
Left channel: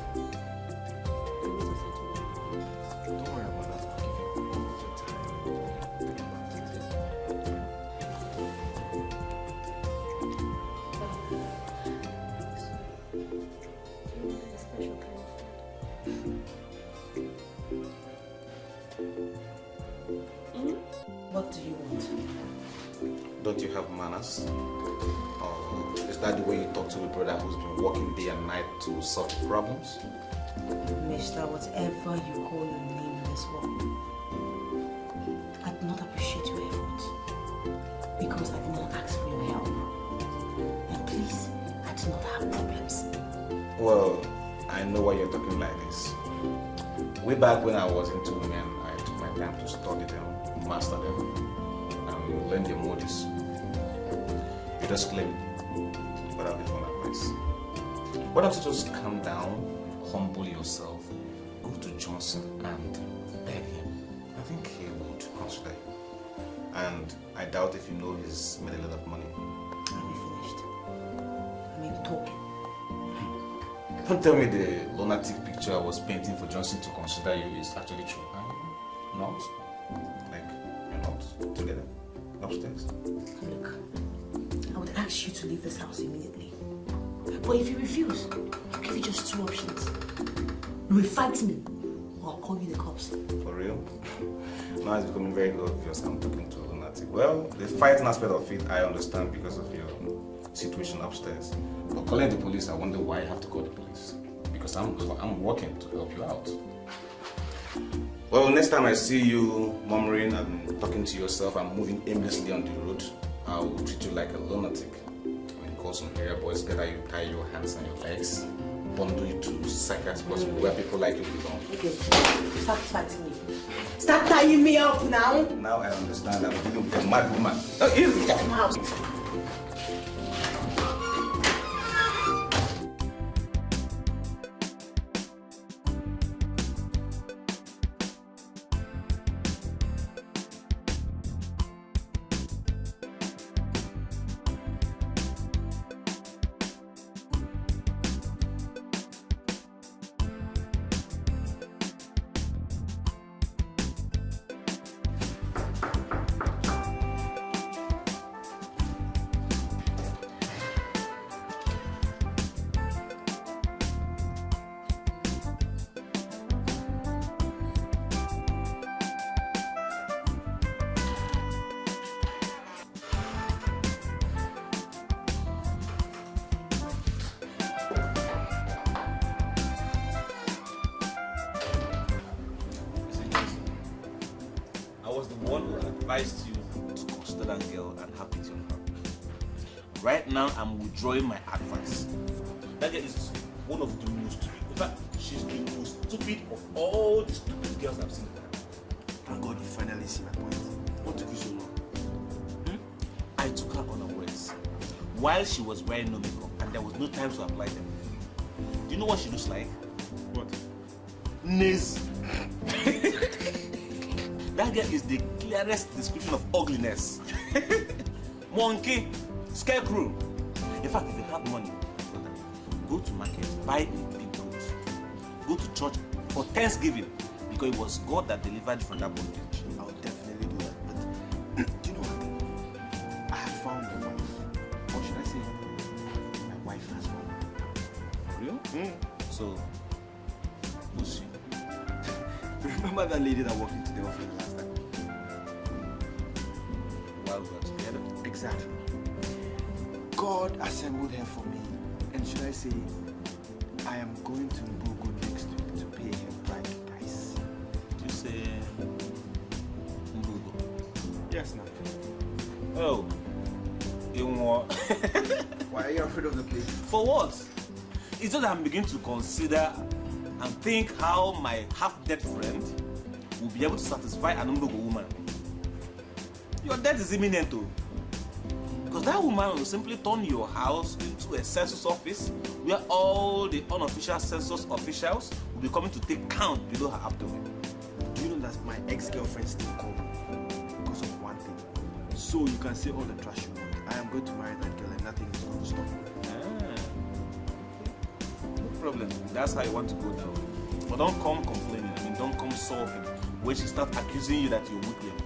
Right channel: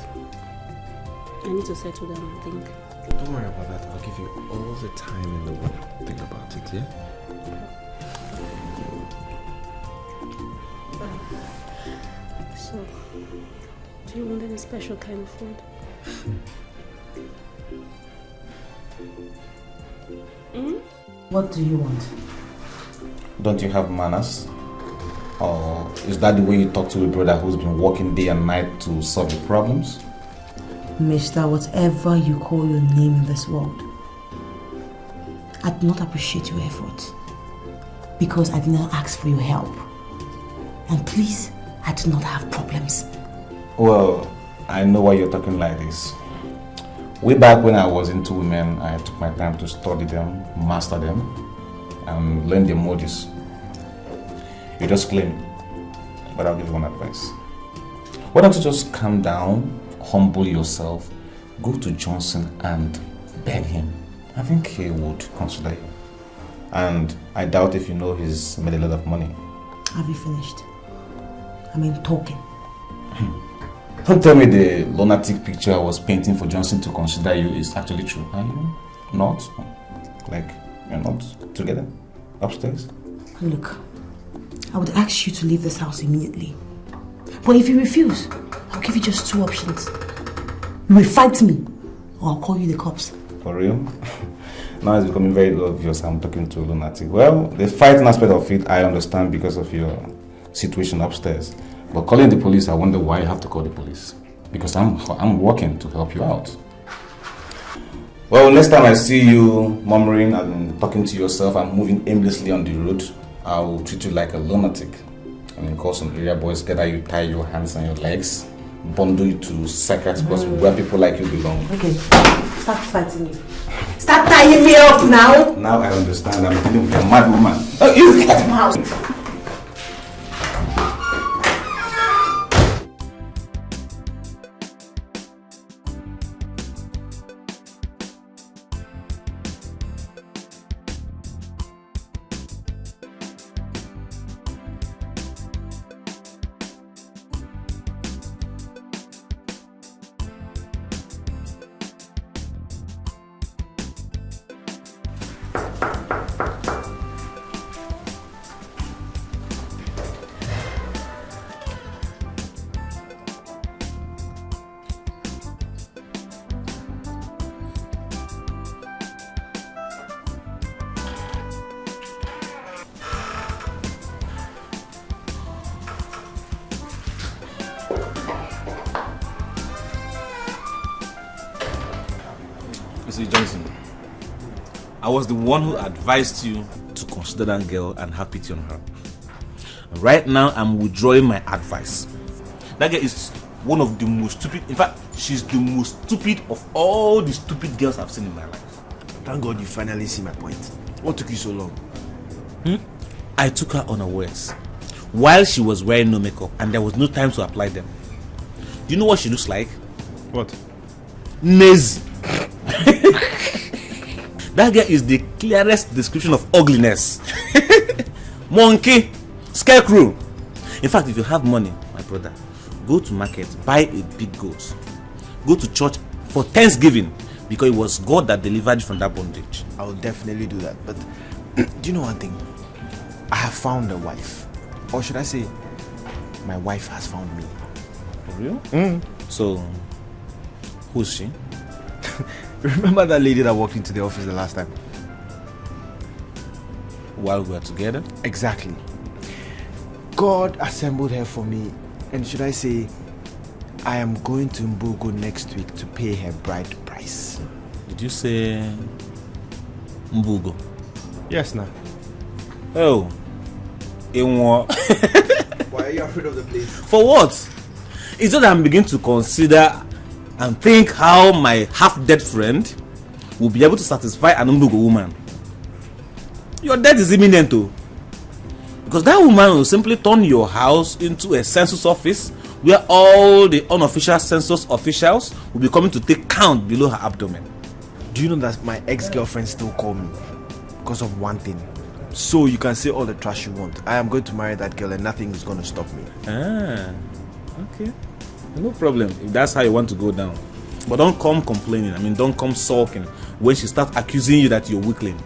I need to settle down and think. Don't worry about that. I'll give you all the time you want to think about it, yeah? So, do you want any special kind of food? What do you want? Don't you have manners? Or is that the way you talk to a brother who's been working day and night to solve your problems? Mister, whatever you call your name in this world, I do not appreciate your efforts because I did not ask for your help. And please, I do not have problems. Well, I know why you're talking like this. Way back when I was into women, I took my time to study them, master them, and learn their modus. You just claim, but I'll give you one advice. Why don't you just calm down, humble yourself, go to Johnson and beg him. I think he would consider you. And I doubt if you know he's made a lot of money. Have you finished? I mean, talking. Don't tell me the lunatic picture I was painting for Johnson to consider you is actually true. Are you not? Like, you're not together? Upstairs? Look, I would ask you to leave this house immediately. But if you refuse, I'll give you just two options. You will fight me, or I'll call you the cops. For real? Now it's becoming very obvious I'm talking to a lunatic. Well, the fighting aspect of it, I understand because of your situation upstairs. But calling the police, I wonder why you have to call the police. Because I'm working to help you out. Well, next time I see you murmuring and talking to yourself and moving aimlessly on the road, I will treat you like a lunatic. I mean, call some area boys, gather you, tie your hands and your legs, bundle you to psychiatric hospital where people like you belong. Okay, start fighting me. Start tying me up now. Now I understand. I'm dealing with a mad woman. Oh, you get him out. I was the one who advised you to consider that girl and have pity on her. Right now, I'm withdrawing my advice. That girl is one of the most stupid, in fact, she's the most stupid of all the stupid girls I've seen in my life. Thank God you finally see my point. What took you so long? I took her unawares while she was wearing no makeup and there was no time to apply them. Do you know what she looks like? What? Nazi. That girl is the clearest description of ugliness. Monkey, scarecrow. In fact, if you have money, my brother, go to market, buy a big goat. Go to church for Thanksgiving because it was God that delivered you from that bondage. I will definitely do that. But do you know one thing? I have found a wife. Or should I say, my wife has found me. For real? So, who's she? Remember that lady that walked into the office the last time? While we were together? Exactly. God assembled her for me. And should I say, I am going to Mbugo next week to pay her bride price. Did you say Mbugo? Yes, now. Oh. In what? Why are you afraid of the place? For what? It's just that I'm beginning to consider and think how my half-dead friend will be able to satisfy an Mbugo woman. Your death is imminent too. Because that woman will simply turn your house into a census office where all the unofficial census officials will be coming to take count below her abdomen. Do you know that my ex-girlfriend still call me? because of one thing. So you can say all the trash you want. I am going to marry that girl and nothing is going to stop me. Ah, okay. No problem. If that's how you want to go down. But don't come complaining. I mean, don't come sulking when she starts accusing you that you're weakling.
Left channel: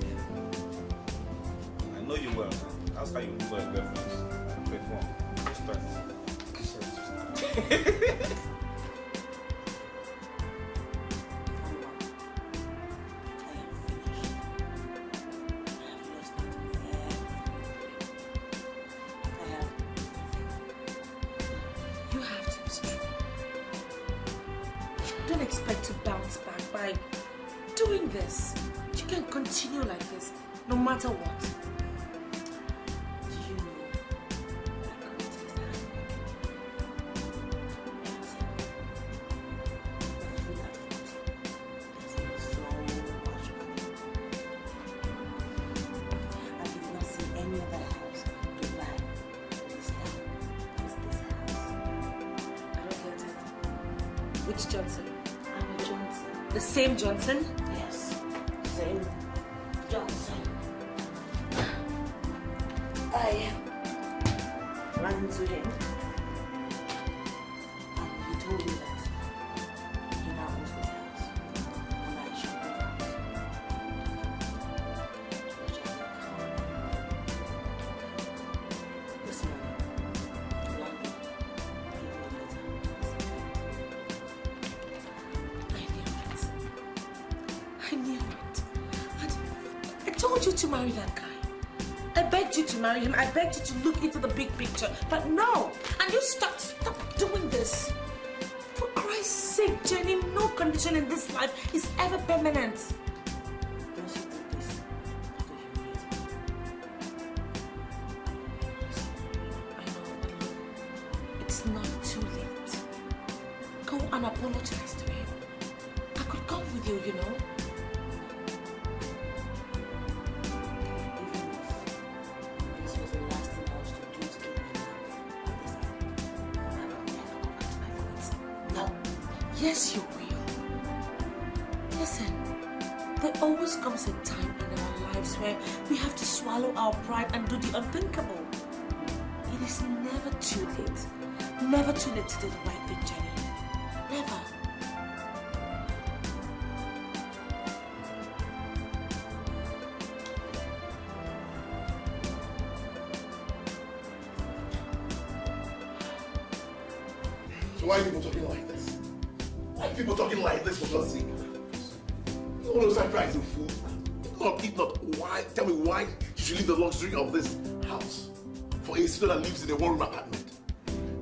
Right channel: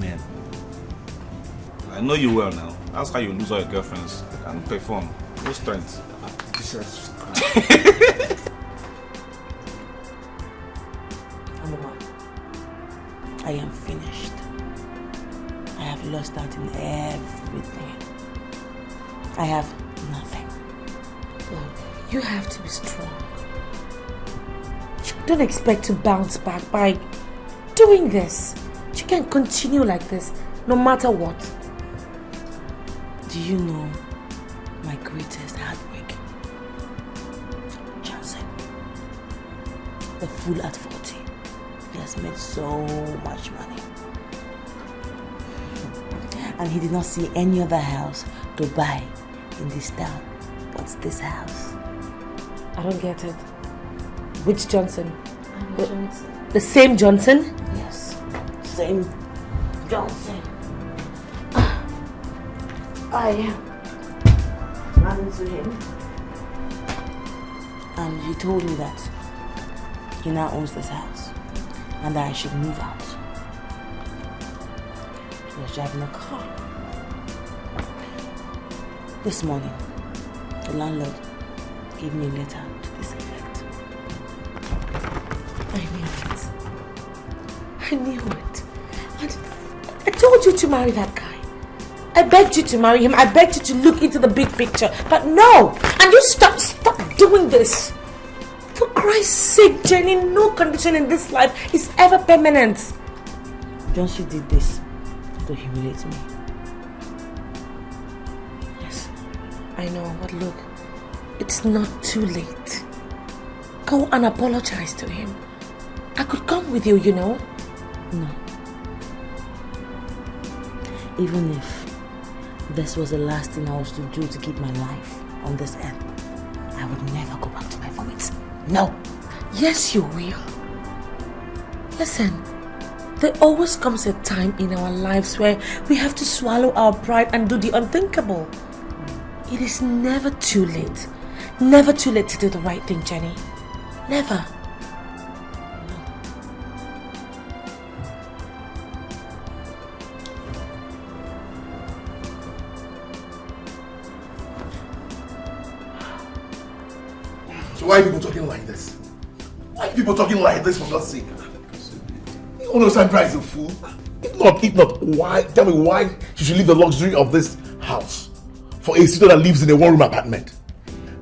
Man. I know you well now. That's how you lose all your girlfriends and perform. No strength. I am finished. I have lost out in everything. I have nothing. You have to be strong. You don't expect to bounce back by doing this. You can't continue like this, no matter what. Do you know my greatest heartbreak? Johnson. The fool at 40. He has made so much money. And he did not see any other house to buy in this town but this house. I don't get it. Which Johnson? The same Johnson? Yes. Same Johnson. I ran into him and he told me that he now owns this house and that I should move out. He was driving a car. This morning, the landlord gave me a letter to this effect. I knew it. And I told you to marry that guy. I begged you to marry him. I begged you to look into the big picture. But no! And you stop doing this. For Christ's sake, Jenny, no condition in this life is ever permanent. Johnson did this to humiliate me. Yes, I know, but look, it's not too late. Go and apologize to him. I could come with you, you know. No. Even if this was the last thing I was to do to keep my life on this earth, I would never go back to my vomit. No. Yes, you will. Listen, there always comes a time in our lives where we have to swallow our pride and do the unthinkable. It is never too late. Never too late to do the right thing, Jenny. Never. So why are people talking like this? Why are people talking like this, for God's sake? You know Sandra is a fool. If not, why? Tell me why she should leave the luxury of this house for a sister that lives in a one-room apartment.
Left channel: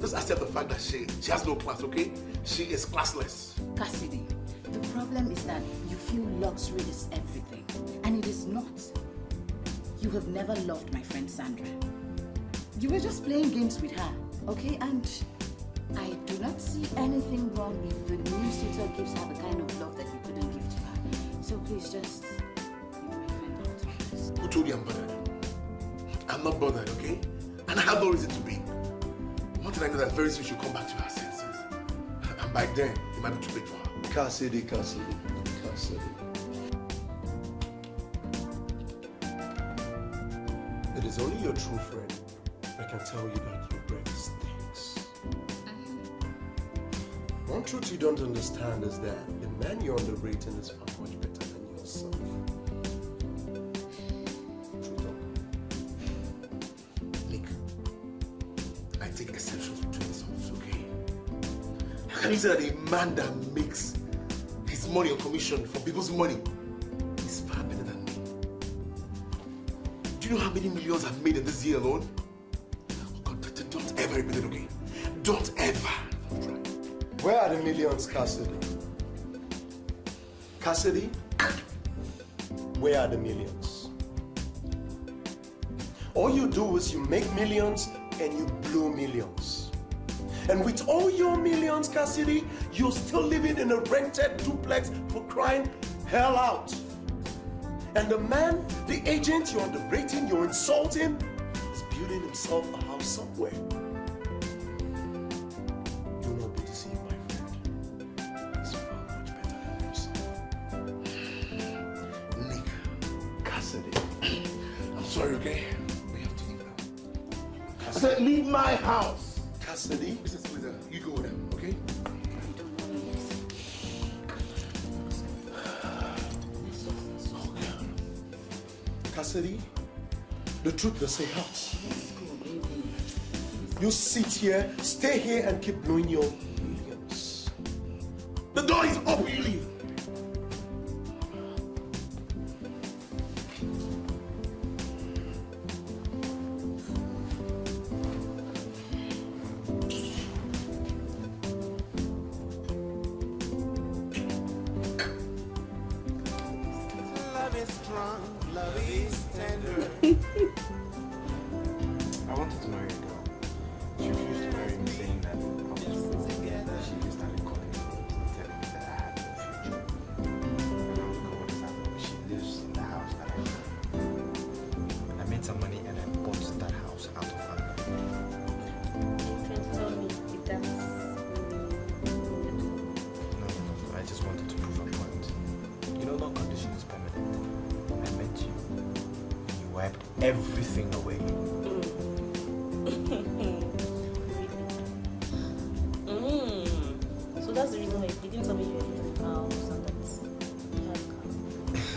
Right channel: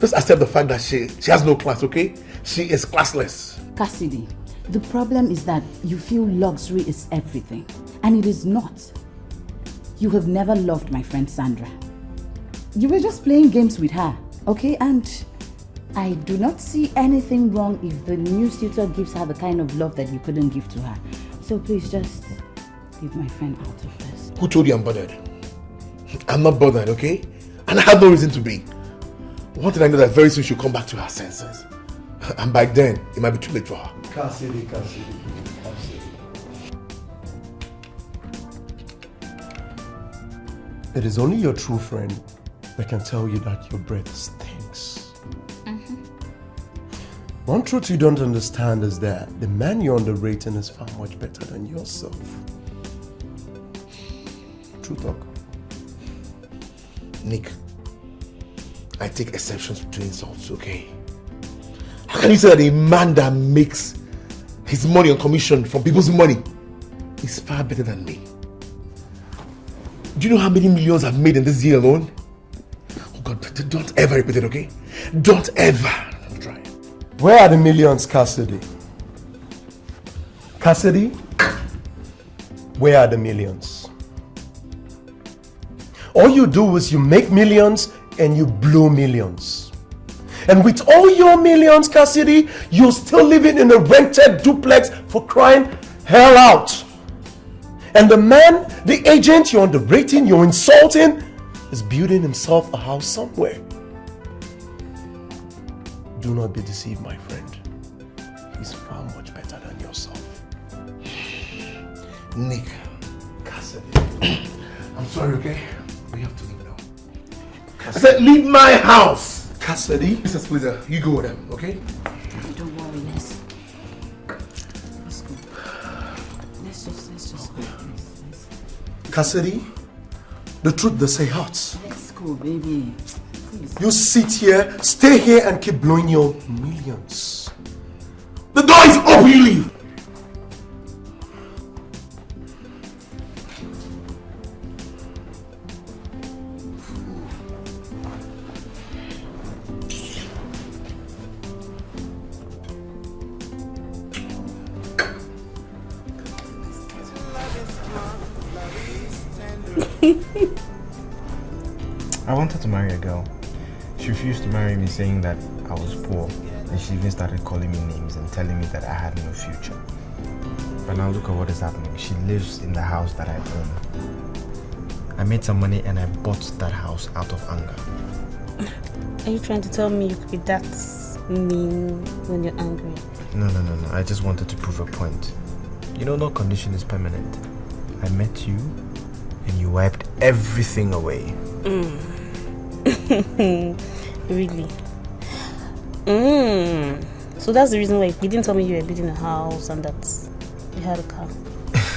Just accept the fact that she has no class, okay? She is classless. Cassidy, the problem is that you feel luxury is everything, and it is not. You have never loved my friend Sandra. You were just playing games with her, okay? And I do not see anything wrong if the new suitor gives her the kind of love that you couldn't give to her. So please just leave my friend out of this. Who told you I'm bothered? I'm not bothered, okay? And I have no reason to be. One thing I know that very soon she'll come back to her senses. And by then, it might be too late for her. Cassidy. It is only your true friend that can tell you that your breath stinks. One truth you don't understand is that the man you're underrating is far much better than yourself. True talk. Nick, I take exceptions to insults, okay? How can you say that a man that makes his money on commission from people's money is far better than me? Do you know how many millions I've made in this year alone? Oh God, don't ever repeat it, okay? Don't ever. Where are the millions, Cassidy? Cassidy, where are the millions? All you do is you make millions and you blow millions. And with all your millions, Cassidy, you're still living in a rented duplex for crying hell out. And the man, the agent you're underrating, you're insulting, is building himself a house somewhere. Do not be deceived, my friend. He's far much better than yourself. sorry, okay? We have to leave now. I said leave my house! Cassidy? Mr. Splitter, you go with them, okay? Don't worry, let's go. Let's just go. Cassidy, the truth they say hurts. Let's go, baby. You sit here, stay here and keep blowing your millions. The door is open, you leave! I wanted to marry a girl. She refused to marry me, saying that I was poor. And she even started calling me names and telling me that I had no future. But now look at what is happening. She lives in the house that I own. I made some money and I bought that house out of anger. Are you trying to tell me you could be that mean when you're angry? No. I just wanted to prove a point. You know, no condition is permanent. I met you and you wiped everything away. Really? So that's the reason why you didn't tell me you were building a house and that you had a car.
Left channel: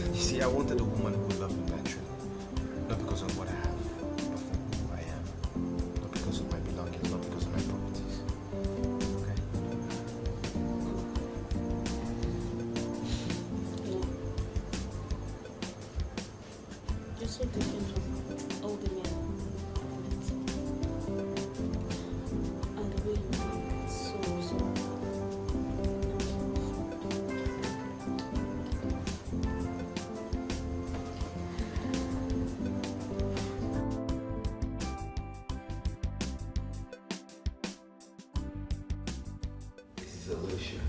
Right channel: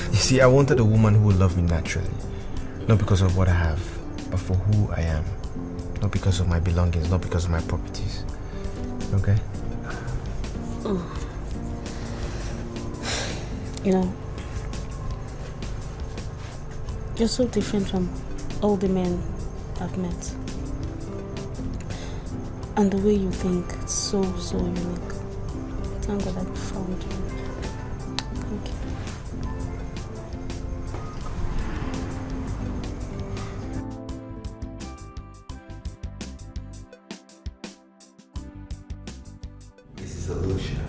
You see, I wanted a woman who would love me naturally. Not because of what I have, but for who I am. Not because of my belongings, not because of my properties. Okay? You know, you're so different from all the men I've met. And the way you think, it's so unique. Thank God I found you. Thank you. This is Alicia.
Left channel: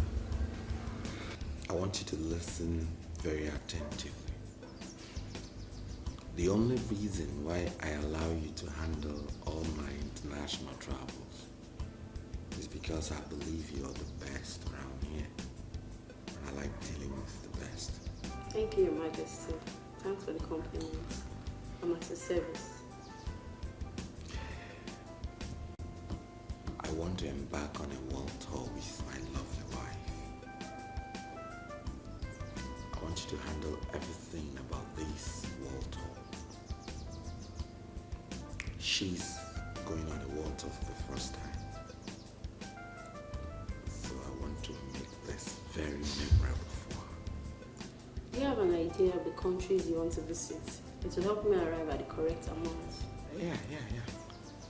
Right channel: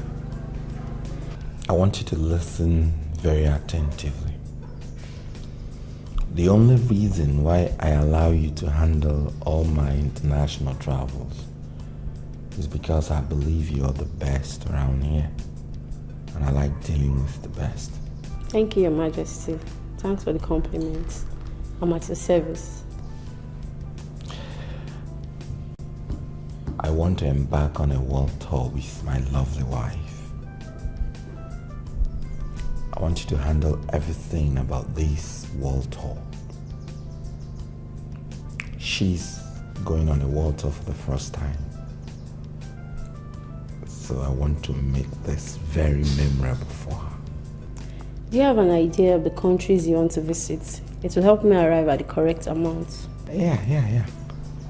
I want you to listen very attentively. The only reason why I allow you to handle all my international travels is because I believe you're the best around here. And I like dealing with the best. Thank you, Your Majesty. Thanks for the compliments. I'm at your service. I want to embark on a world tour with my lovely wife. I want you to handle everything about this world tour. She's going on a world tour for the first time. So I want to make this very memorable for her. Do you have an idea of the countries you want to visit? It will help me arrive at the correct amount. Yeah.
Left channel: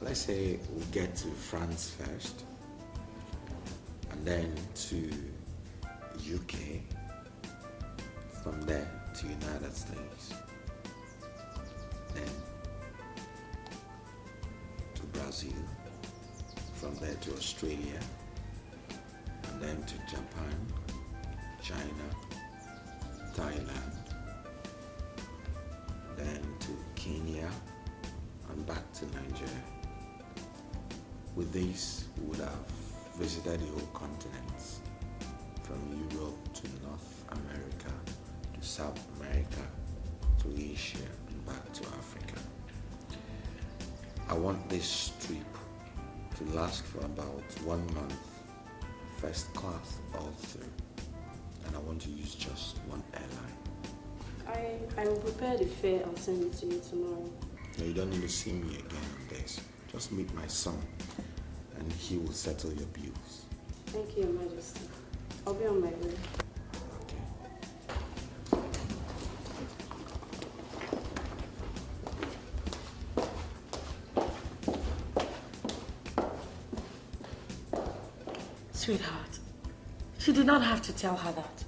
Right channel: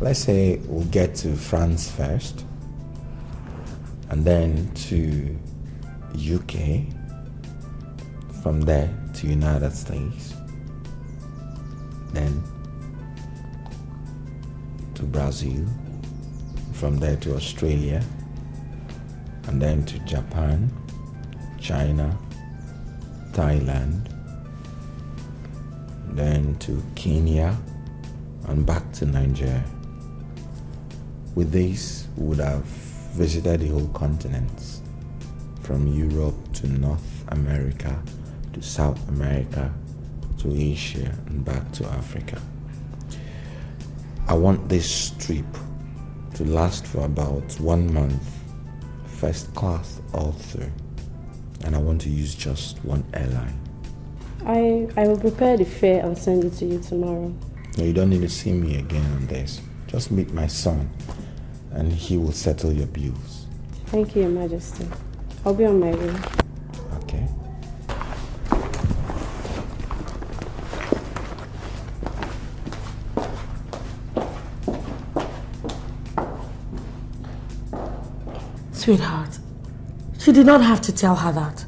Let's say we'll get to France first, and then to UK, from there to United States, then to Brazil, from there to Australia, and then to Japan, China, Thailand, then to Kenya, and back to Nigeria. With this, we would have visited the whole continents, from Europe to North America, to South America, to Asia, and back to Africa. I want this trip to last for about 1 month, first class all through, and I want to use just one airline. I will prepare the fare and send it to you tomorrow. No, you don't need to see me again on this. Just meet my son, and he will settle your bills. Thank you, Your Majesty. I'll be on my way. Okay. Sweetheart, she did not have to tell her that.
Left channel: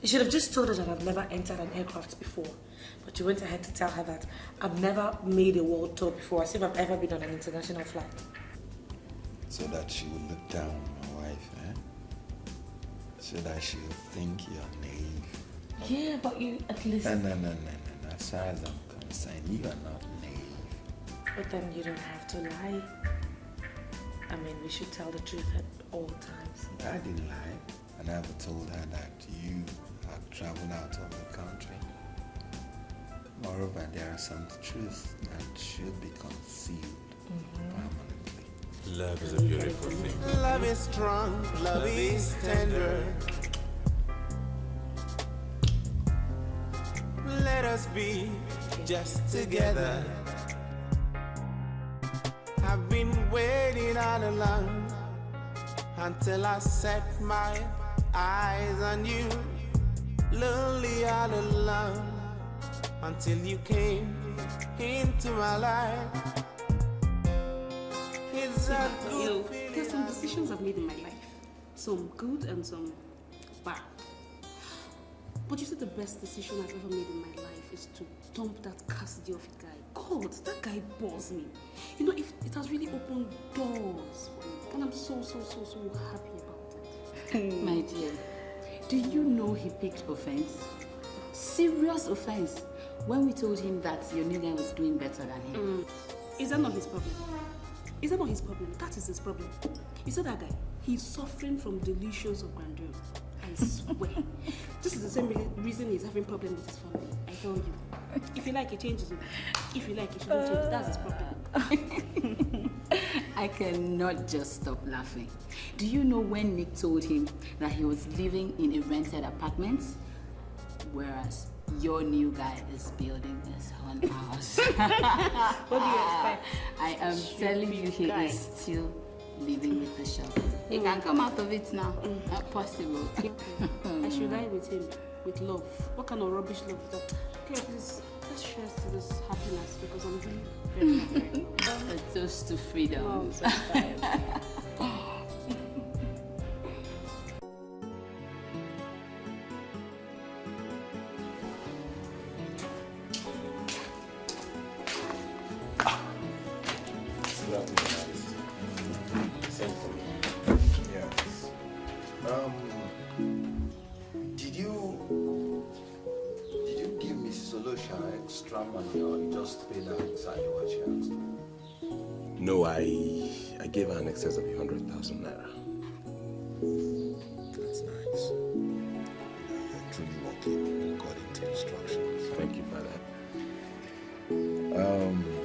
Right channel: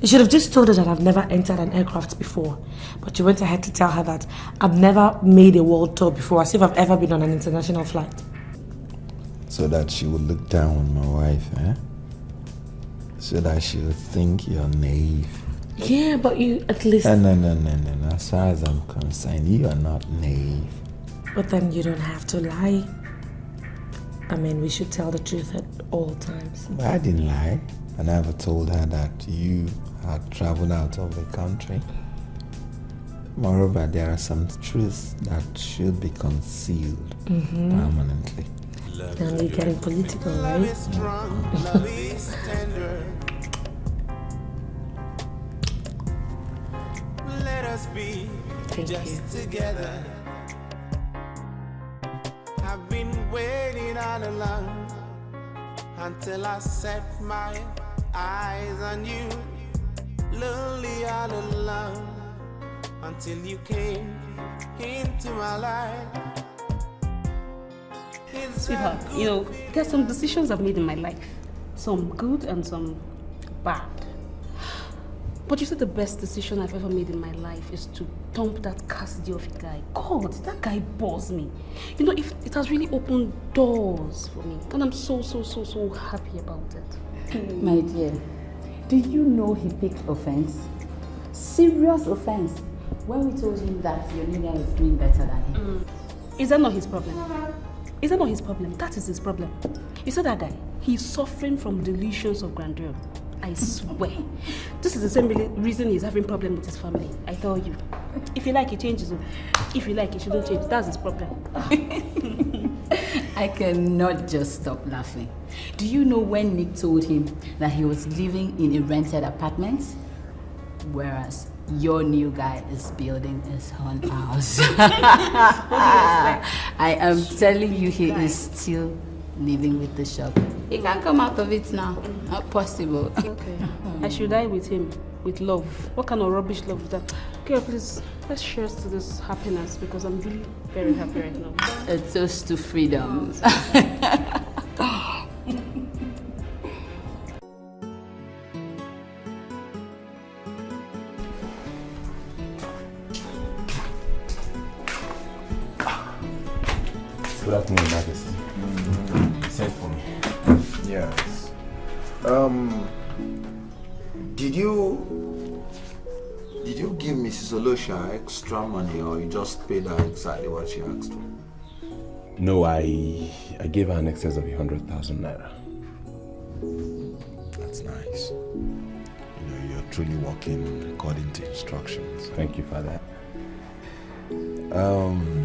You should have just told her that I've never entered an aircraft before. But you went ahead to tell her that I've never made a world tour before, as if I've ever been on an international flight. So that she would look down on my wife, eh? So that she would think you're naive. Yeah, but you at least... No. As far as I'm concerned, you are not naive. But then you don't have to lie. I mean, we should tell the truth at all times. But I didn't lie. I never told her that you had traveled out of the country. Moreover, there are some truths that should be concealed permanently. Love is a beautiful thing. Love is strong, love is tender. Let us be just together. I've been waiting all along until I set my eyes on you. Lonely all alone until you came into my life. Sweetheart, you know, there's some decisions I've made in my life. Some good and some bad. But you said the best decision I've ever made in my life is to dump that Cassidy of a guy. God, that guy bores me. You know, if it has really opened doors for me. And I'm so happy about it. My dear, do you know he picked offense? Serious offense. When we told him that your new guy was doing better than him. Is that not his problem? Is that not his problem? That is his problem. You saw that guy? He's suffering from delusions of grandeur. I swear. This is the same reason he's having problems with his family. I tell you. If you like, he changes. If you like, he shouldn't change. That's his problem. I cannot just stop laughing. Do you know when Nick told him that he was living in a rented apartment? Whereas your new guy is building his own house. I am telling you, he is still living with the shop. He can't come out of it now. Not possible. Okay. I should die with him, with love. What kind of rubbish love is that? Okay, please, let's share to this happiness because I'm really very happy right now. A toast to freedom. Good afternoon, Majesty. Send for me. Yes. Did you give Mrs. Olosha extra money or you just paid her exactly what she asked for? No, I gave her an excess of 100,000 naira. That's nice. You're truly working according to instructions. Thank you, Father.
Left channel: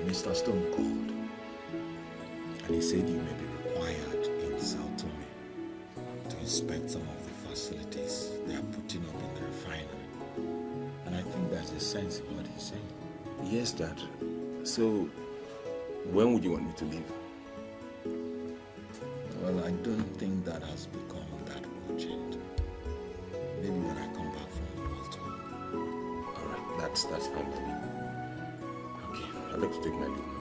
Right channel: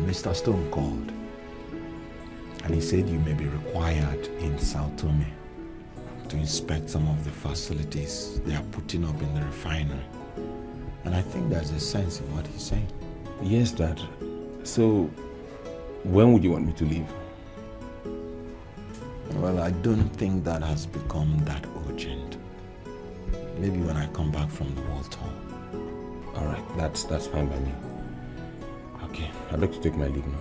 Mr. Stone called and he said you may be required in Sao Tome to inspect some of the facilities they are putting up in the refinery. And I think there's a sense in what he's saying. Yes, Dad. So, when would you want me to leave? Well, I don't think that has become that urgent. Maybe when I come back from the world tour. All right, that's fine by me. Okay, I'd like to take my leave now.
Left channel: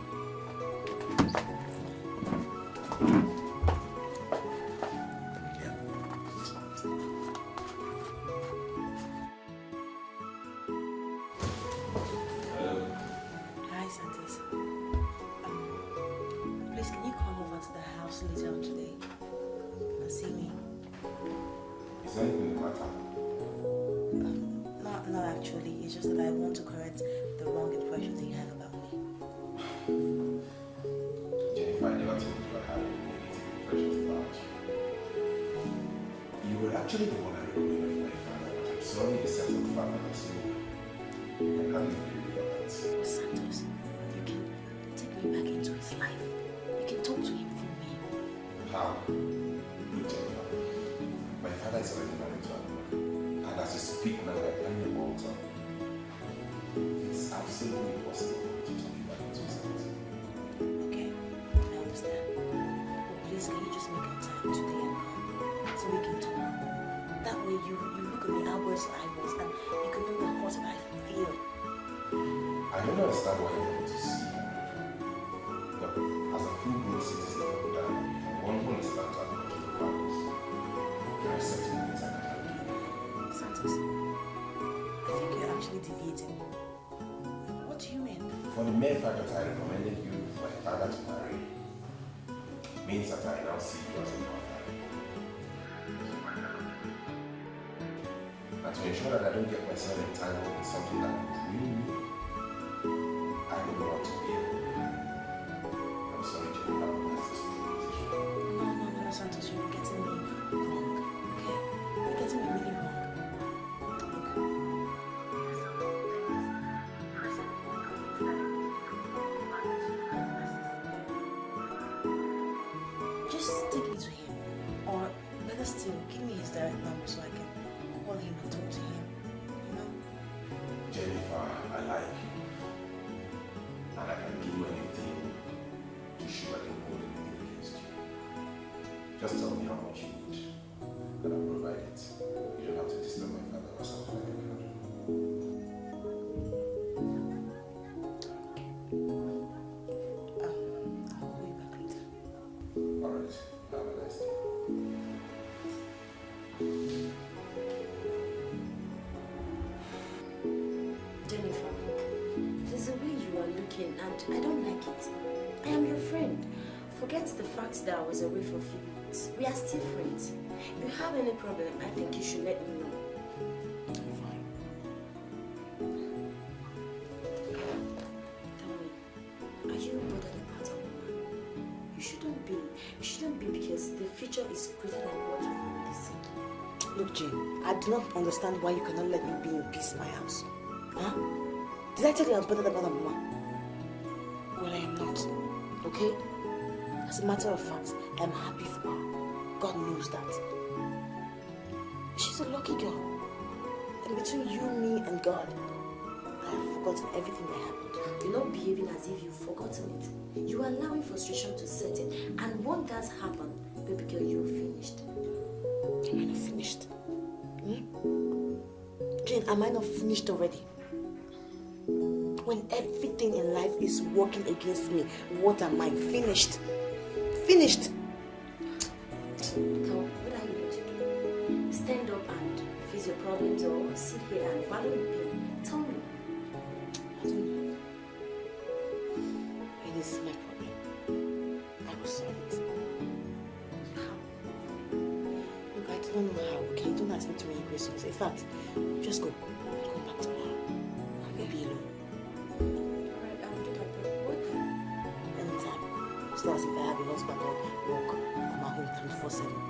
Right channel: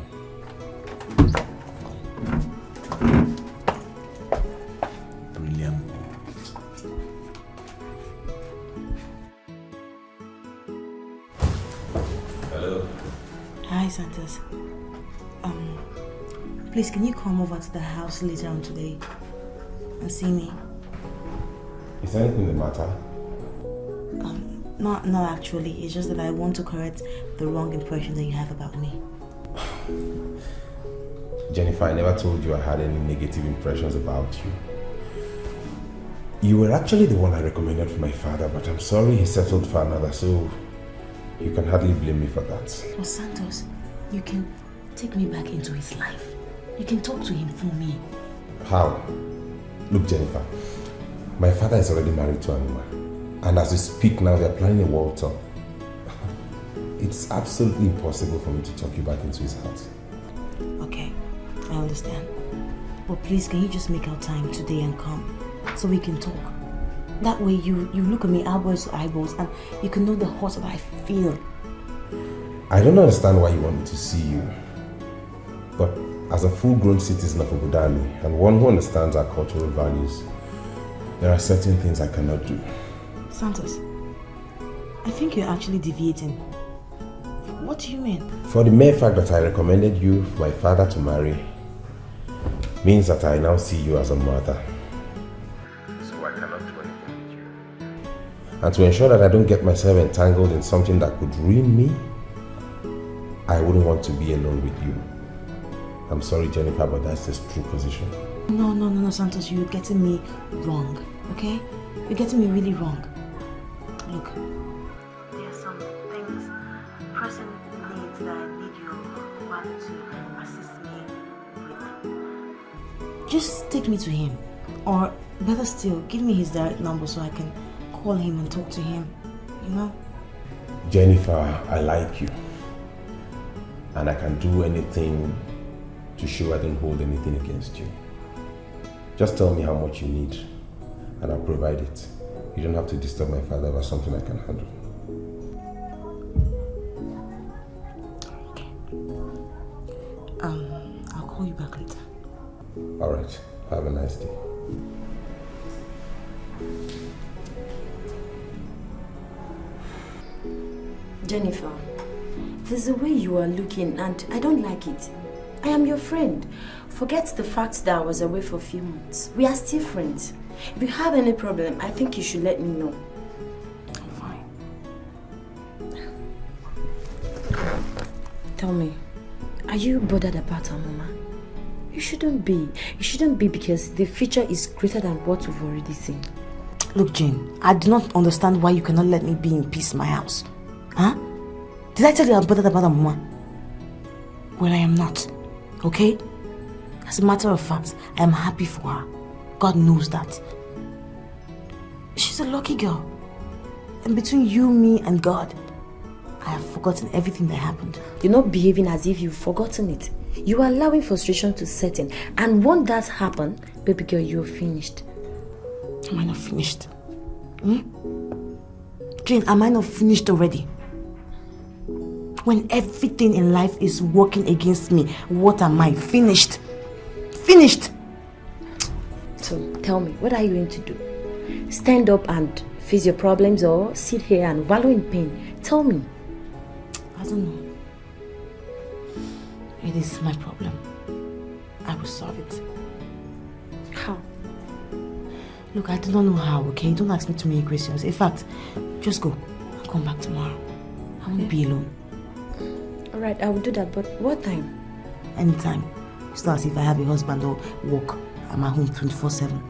Brilliant. Hi, Santos. Please, can you come over to the house later on today and see me? Is there anything the matter? Not actually. It's just that I want to correct the wrong impression that you have about me. Jennifer, I never told you I had any negative impressions about you. You were actually the one I recommended for my father, but I'm sorry he settled for another, so you can hardly blame me for that. Well, Santos, you can take me back into his life. You can talk to him for me. How? Look, Jennifer, my father is already married to Anima, and as we speak now, they're planning a world tour. It's absolutely impossible for me to talk you back into his heart. Okay, I understand. But please, can you just make our time today and come so we can talk? That way you look at me eyeballs to eyeballs and you can know the heart that I feel. I don't understand why you want me to see you, but as a full-grown citizen of Obodami and one who understands our cultural values, there are certain things I cannot do. Santos, I think you're actually deviating. What do you mean? For the mere fact that I recommended you for my father to marry means that I now see you as a mother. So I cannot do anything. And to ensure that I don't get myself entangled in something that could ruin me, I wouldn't want to be alone with you. I'm sorry, Jennifer, but that's the true position. No, Santos, you're getting me wrong, okay? You're getting me really wrong. Look, there's some things, personal Just take me to him. Or better still, give me his direct number so I can call him and talk to him. You know? Jennifer, I like you. And I can do anything to show I don't hold anything against you. Just tell me how much you need and I'll provide it. You don't have to disturb my father about something I can handle. I'll call you back later. Alright, have a nice day. Jennifer, there's a way you are looking and I don't like it. I am your friend. Forget the fact that I was away for a few months. We are still friends. If you have any problem, I think you should let me know. Tell me, are you bothered about our mama? You shouldn't be. You shouldn't be because the future is greater than what we've already seen. Look, Jane, I do not understand why you cannot let me be in peace in my house. Huh? Did I tell you I was bothered about our mama? Well, I am not. Okay? As a matter of fact, I am happy for her. God knows that. She's a lucky girl. And between you, me, and God, I have forgotten everything that happened. You're not behaving as if you've forgotten it. You are allowing frustration to set in. And once that happens, baby girl, you're finished. Am I not finished? Hmm? Jane, am I not finished already? When everything in life is working against me, what am I? Finished. Finished. So tell me, what are you going to do? Stand up and face your problems or sit here and wallow in pain? Tell me. I don't know. It is my problem. I will solve it. How? Look, I do not know how, okay? Don't ask me too many questions. In fact, just go. I'll come back tomorrow. I won't be alone. Alright, I will do that, but what time? Anytime. It's not as if I have a husband or work. I'm at home 24/7.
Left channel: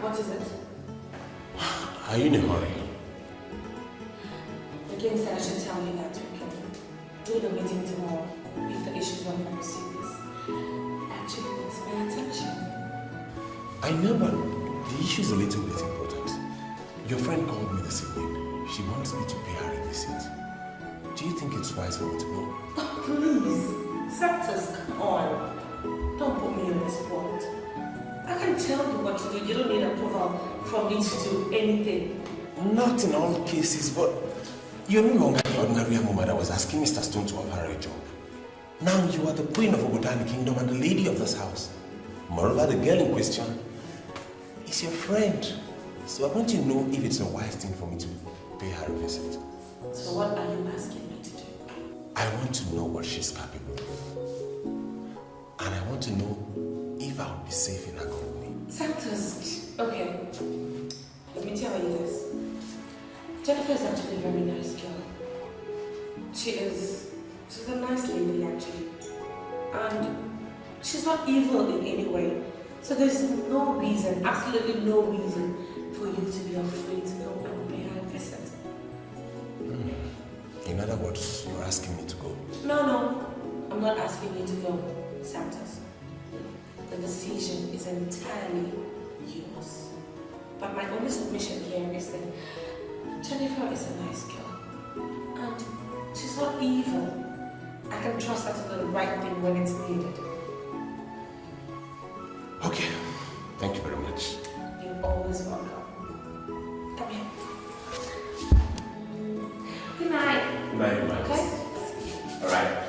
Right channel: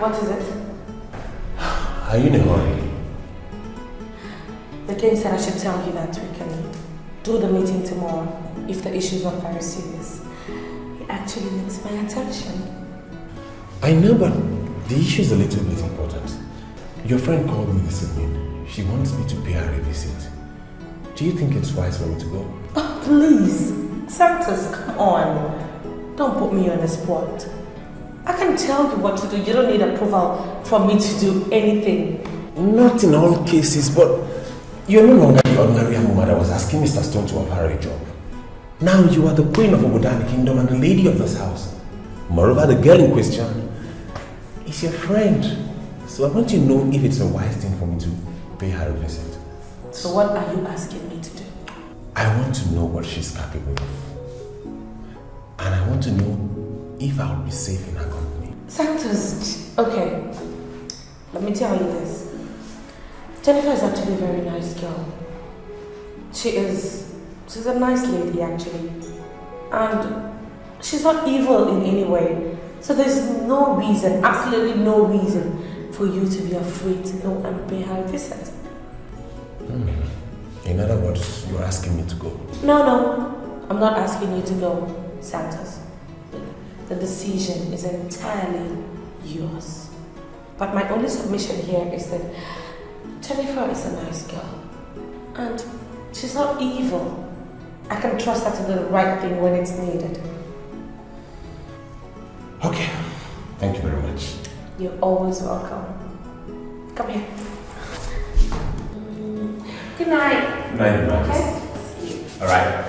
What is it? Are you in a hurry? The king said I should tell you that we can do the meeting tomorrow if the issue is not very serious. It actually needs my attention. I know, but the issue is a little bit important. Your friend called me this evening. She wants me to pay her a visit. Do you think it's wise for me to go? Oh, please. Santos, come on. Don't put me on the spot. I can tell you what to do. You don't need approval from me to do anything. Not in all cases, but you're no longer the ordinary woman that was asking Mr. Stone to offer her a job. Now you are the queen of Ogodani Kingdom and the lady of this house. Moreover, the girl in question is your friend. So I want to know if it's a wise thing for me to pay her a visit. So what are you asking me to do? I want to know what she's capable of. And I want to know if I would be safe in her company. Santos, okay. Let me tell you this. Jennifer is actually a very nice girl. She's a nice lady actually. And she's not evil in any way. So there's no reason, absolutely no reason for you to be afraid to go and pay her a visit. In other words, you're asking me to go. No, I'm not asking you to go, Santos. The decision is entirely yours. But my only submission here is that Jennifer is a nice girl. And she's not evil. I can trust her to do the right thing when it's needed. Okay. Thank you very much. You're always welcome. Come here. Good night. Good night, everyone. Okay? All right.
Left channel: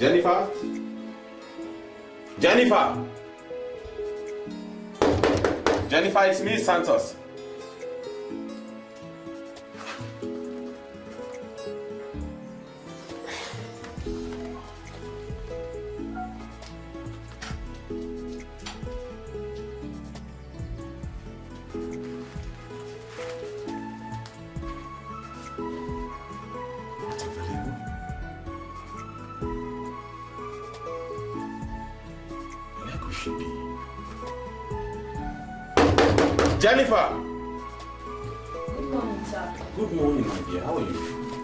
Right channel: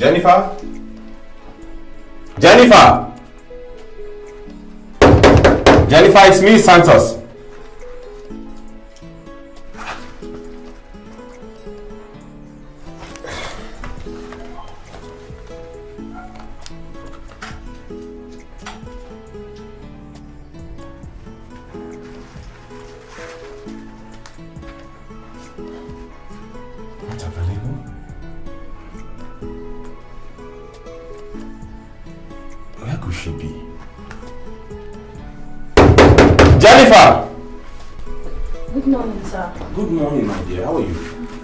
Jennifer? Jennifer! Jennifer, it's me, Santos. Where could she be? Jennifer! Good morning, sir. Good morning, my dear. How are you?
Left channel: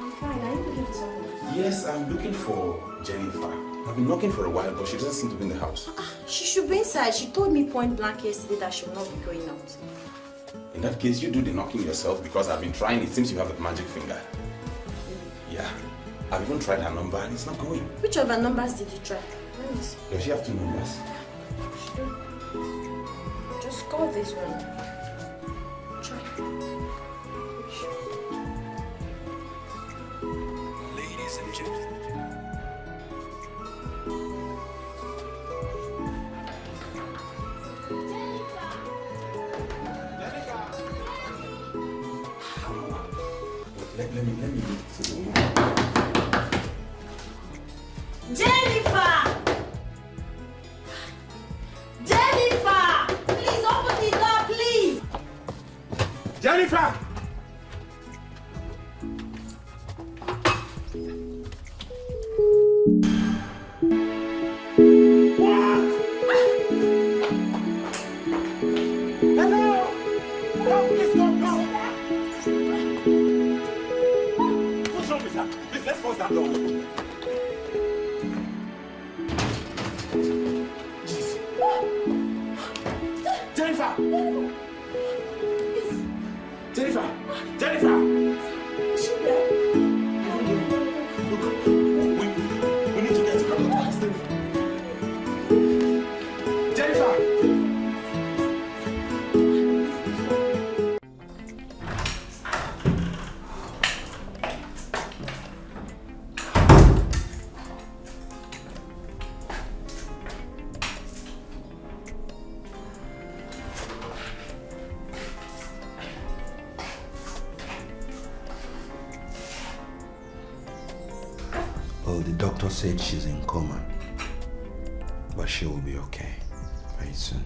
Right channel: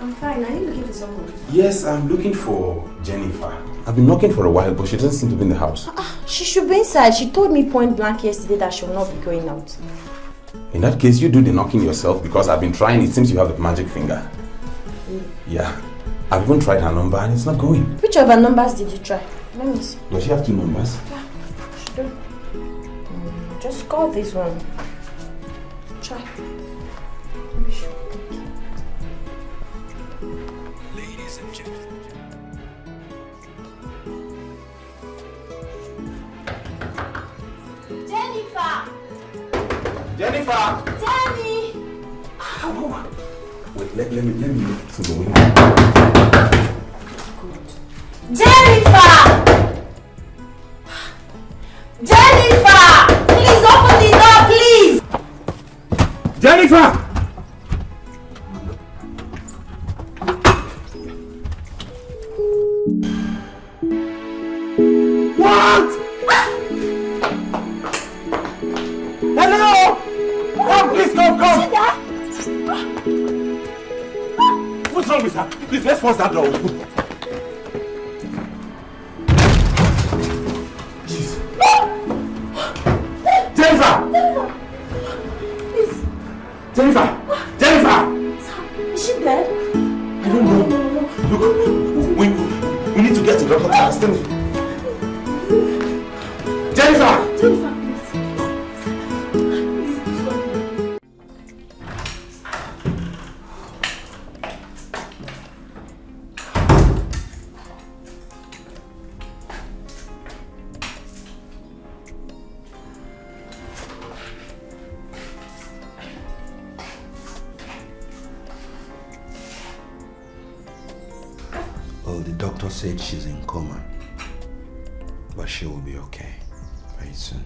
I'm fine. Are you looking for someone? Yes, I'm looking for Jennifer. I've been knocking for a while, but she doesn't seem to be in the house. She should be inside. She told me point blank yesterday that she will not be going out. In that case, you do the knocking yourself because I've been trying. It seems you have the magic finger. Yeah. I've even tried her number and it's not going. Which of her numbers did you try? Let me see. Does she have 2 numbers? She do. Just call this one. Try. Ladies and gentlemen. Jennifer! Jennifer! Jenny! Wait, let me look through the window. Jennifer! Jennifer! Please open the door, please! Jennifer! What? Hello? Oh, please come. What's wrong with her? Please, let's force that door. Jennifer! Jennifer! Jennifer! Is she dead? I don't know. Look, we need to get to Dr. Carsten. Jennifer! Well, the doctor said she's in coma, but she will be okay very soon.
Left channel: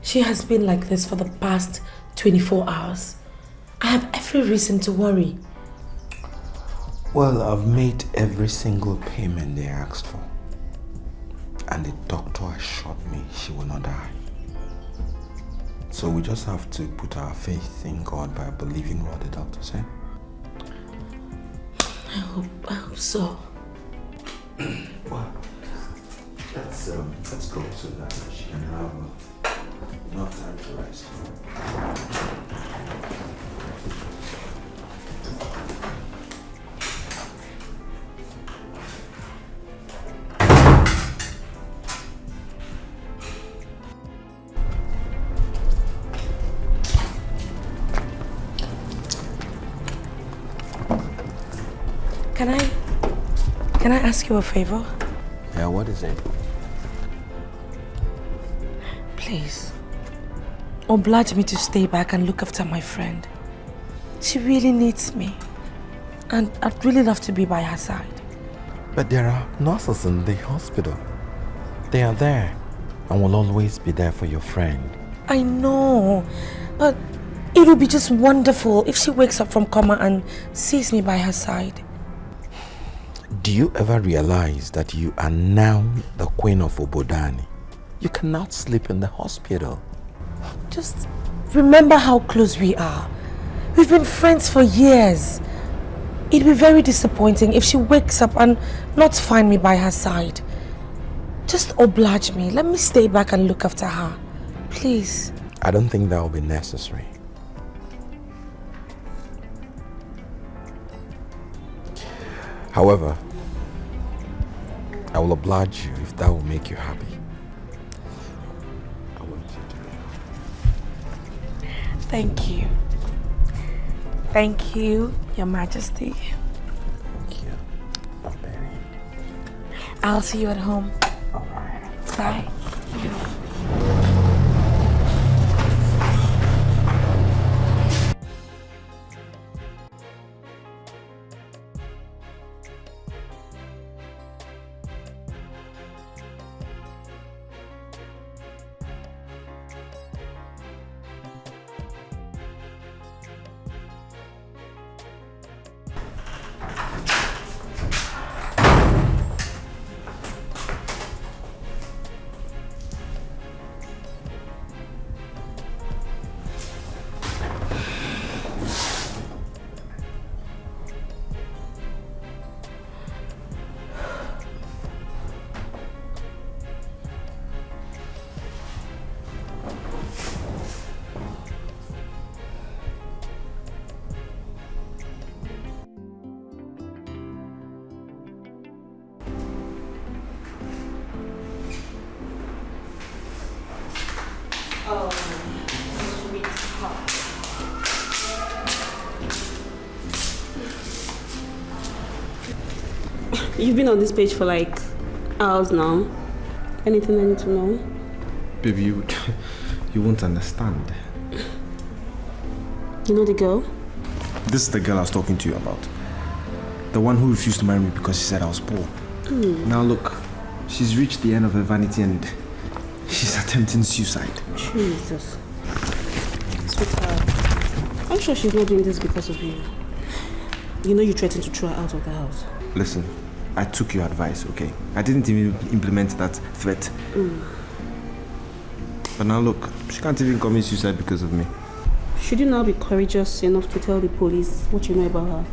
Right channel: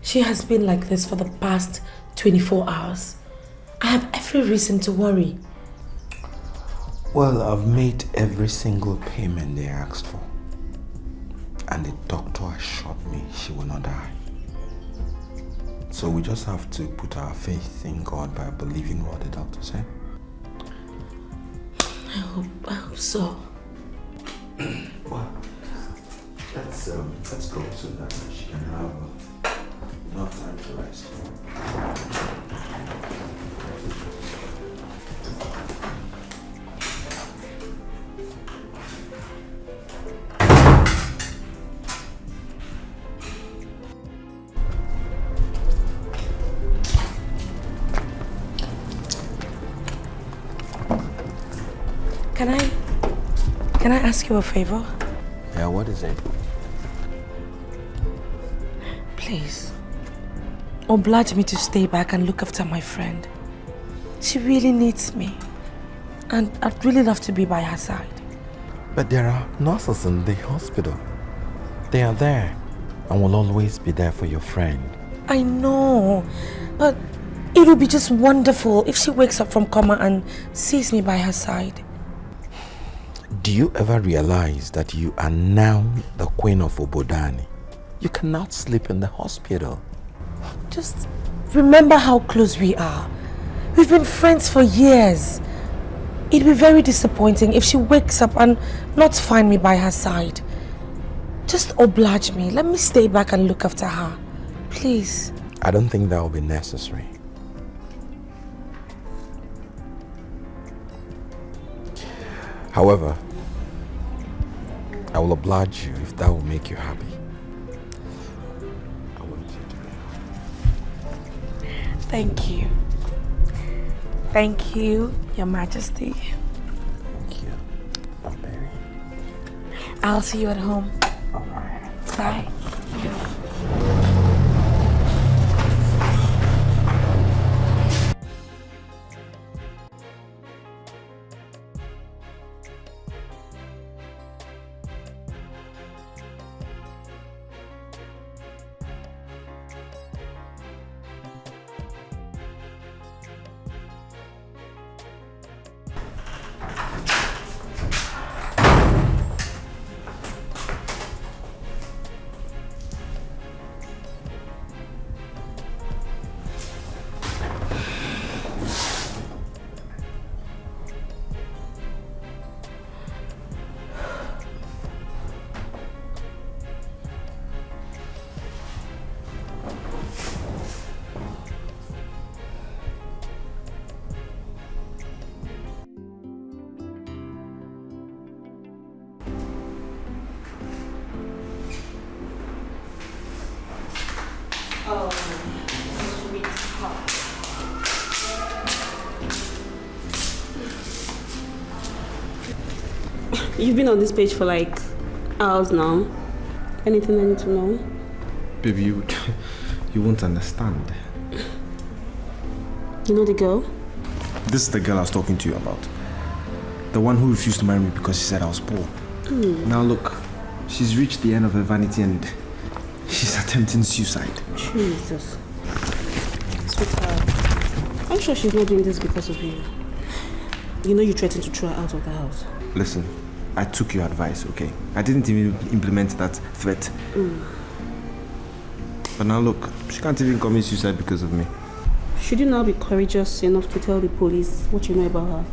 She has been like this for the past 24 hours. I have every reason to worry. Well, I've made every single payment they asked for. And the doctor assured me she will not die. So we just have to put our faith in God by believing what the doctor said. I hope so. Well, let's go so that she can have enough time to rest. Can I ask you a favor? Yeah, what is it? Please, oblige me to stay back and look after my friend. She really needs me. And I'd really love to be by her side. But there are nurses in the hospital. They are there and will always be there for your friend. I know, but it would be just wonderful if she wakes up from coma and sees me by her side. Do you ever realize that you are now the queen of Obodani? You cannot sleep in the hospital. Just remember how close we are. We've been friends for years. It'd be very disappointing if she wakes up and not find me by her side. Just oblige me. Let me stay back and look after her. Please. I don't think that will be necessary. However, I will oblige you if that will make you happy. I want you to be happy. Thank you. Thank you, Your Majesty. Thank you, my baby. I'll see you at home. Bye. You've been on this page for like hours now. Anything I need to know? Baby, you won't understand. You know the girl? This is the girl I was talking to you about. The one who refused to marry me because she said I was poor. Now look, she's reached the end of her vanity and she's attempting suicide. Jesus. Sweetheart, I'm sure she's not doing this because of you. You know you threatened to throw her out of the house. Listen, I took your advice, okay? I didn't even implement that threat. But now look, she can't even commit suicide because of me. Should you now be courageous enough to tell the police what you know about her?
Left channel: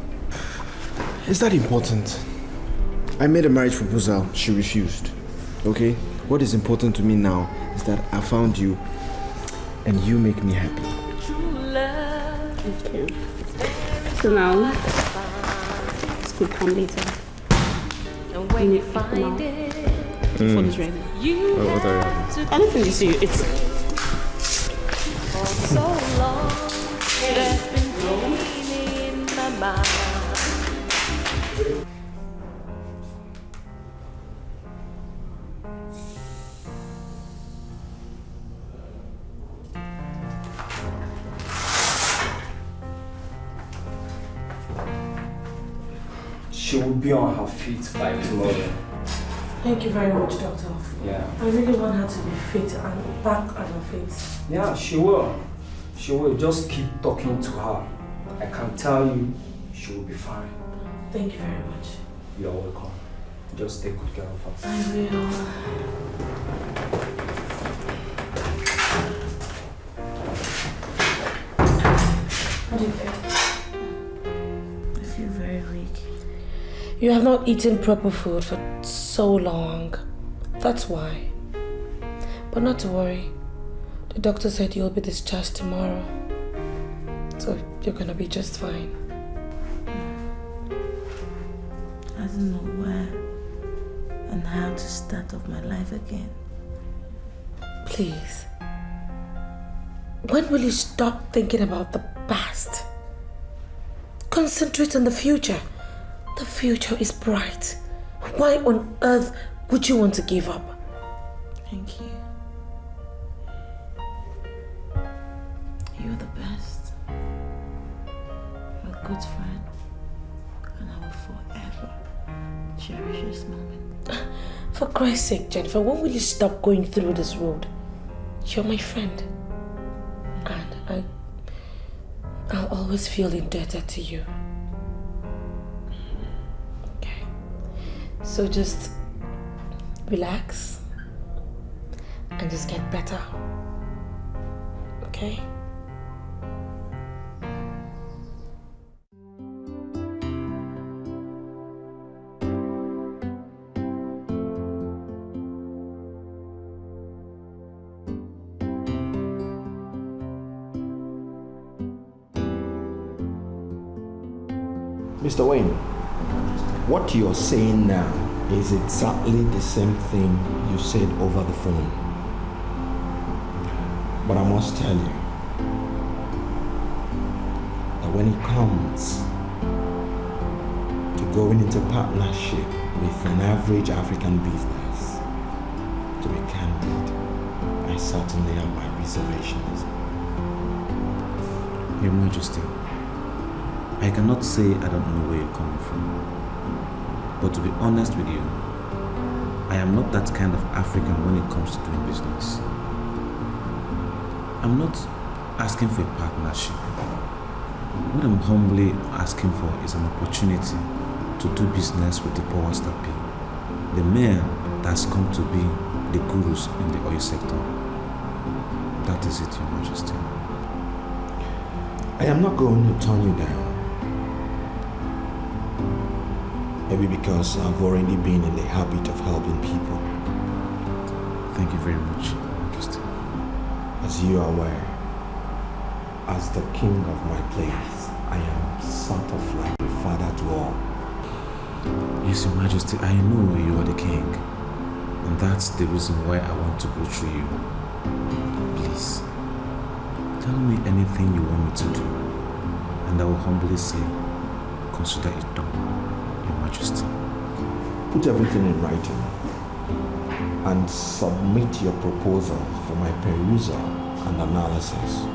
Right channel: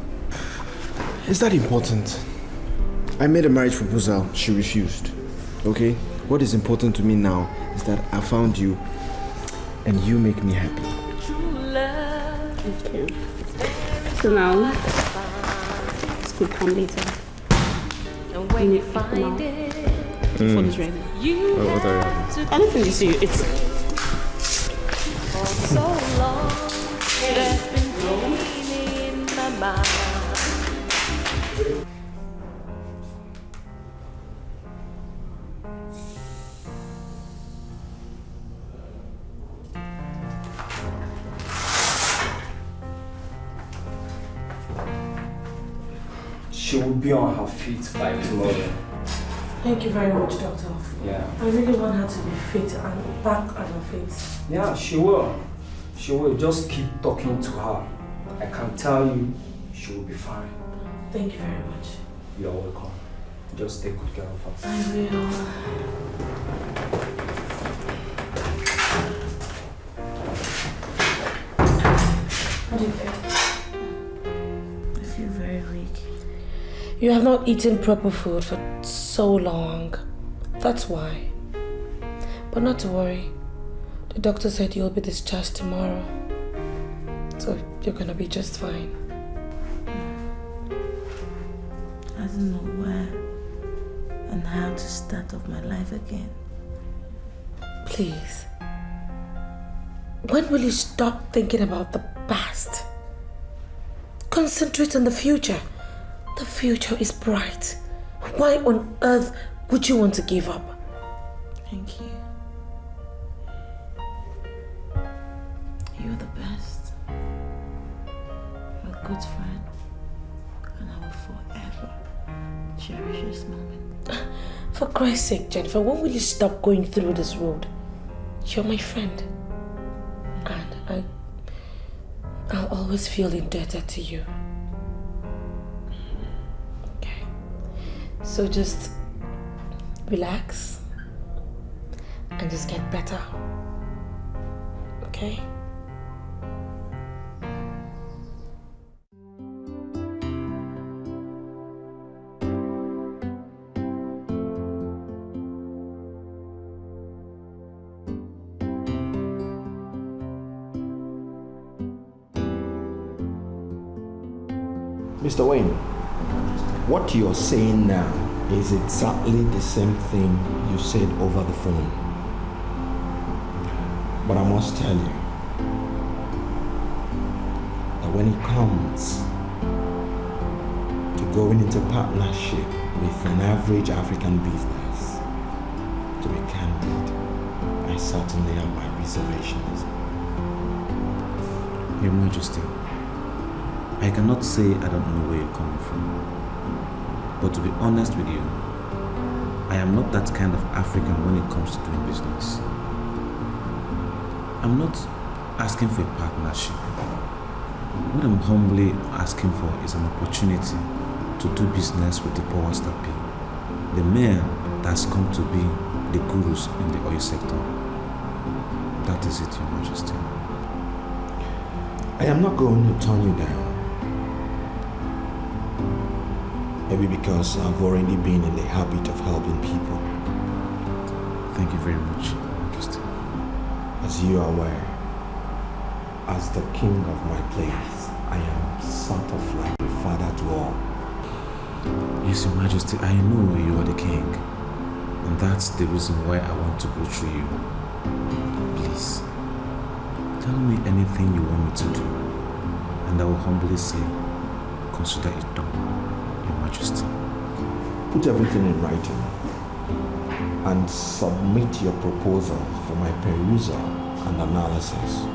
Is that important? I made a marriage proposal, she refused. Okay? What is important to me now is that I found you and you make me happy. Okay. So now, school come later. When you find it, food is ready. What are you having? Anything you see, it's for so long, that's been growing in my mind. She will be on her feet by tomorrow. Thank you very much, Doctor. Yeah. I really want her to be fit and back on her feet. Yeah, she will. She will. Just keep talking to her. I can tell you, she will be fine. Thank you very much. You're welcome. Just take good care of her. I will. How do you feel? I feel very weak. You have not eaten proper food for so long. That's why. But not to worry. The doctor said you'll be discharged tomorrow. So you're gonna be just fine. I don't know where and how to start off my life again. Please. When will you stop thinking about the past? Concentrate on the future. The future is bright. Why on earth would you want to give up? Thank you. You're the best. A good friend. And I will forever cherish this moment. For Christ's sake, Jennifer, when will you stop going through this road? You're my friend. And I'll always feel indebted to you. Okay. So just relax and just get better. Okay? Mr. Wayne, what you're saying now is exactly the same thing you said over the phone. But I must tell you that when it comes to going into partnership with an average African business. To be candid, I certainly have my reservations. Your Majesty, I cannot say I don't know where you're coming from. But to be honest with you, I am not that kind of African when it comes to doing business. I'm not asking for a partnership. What I'm humbly asking for is an opportunity to do business with the powers that be, the men that's come to be the gurus in the oil sector. That is it, Your Majesty. I am not going to turn you down. Maybe because I've already been in the habit of helping people. Thank you very much, Majesty. As you are aware, as the king of my place, I am sort of like a father to all. Yes, Your Majesty, I know you are the king. And that's the reason why I want to go through you. Please, tell me anything you want me to do, and I will humbly say, consider it done, Your Majesty. Put everything in writing and submit your proposal for my perusal and analysis.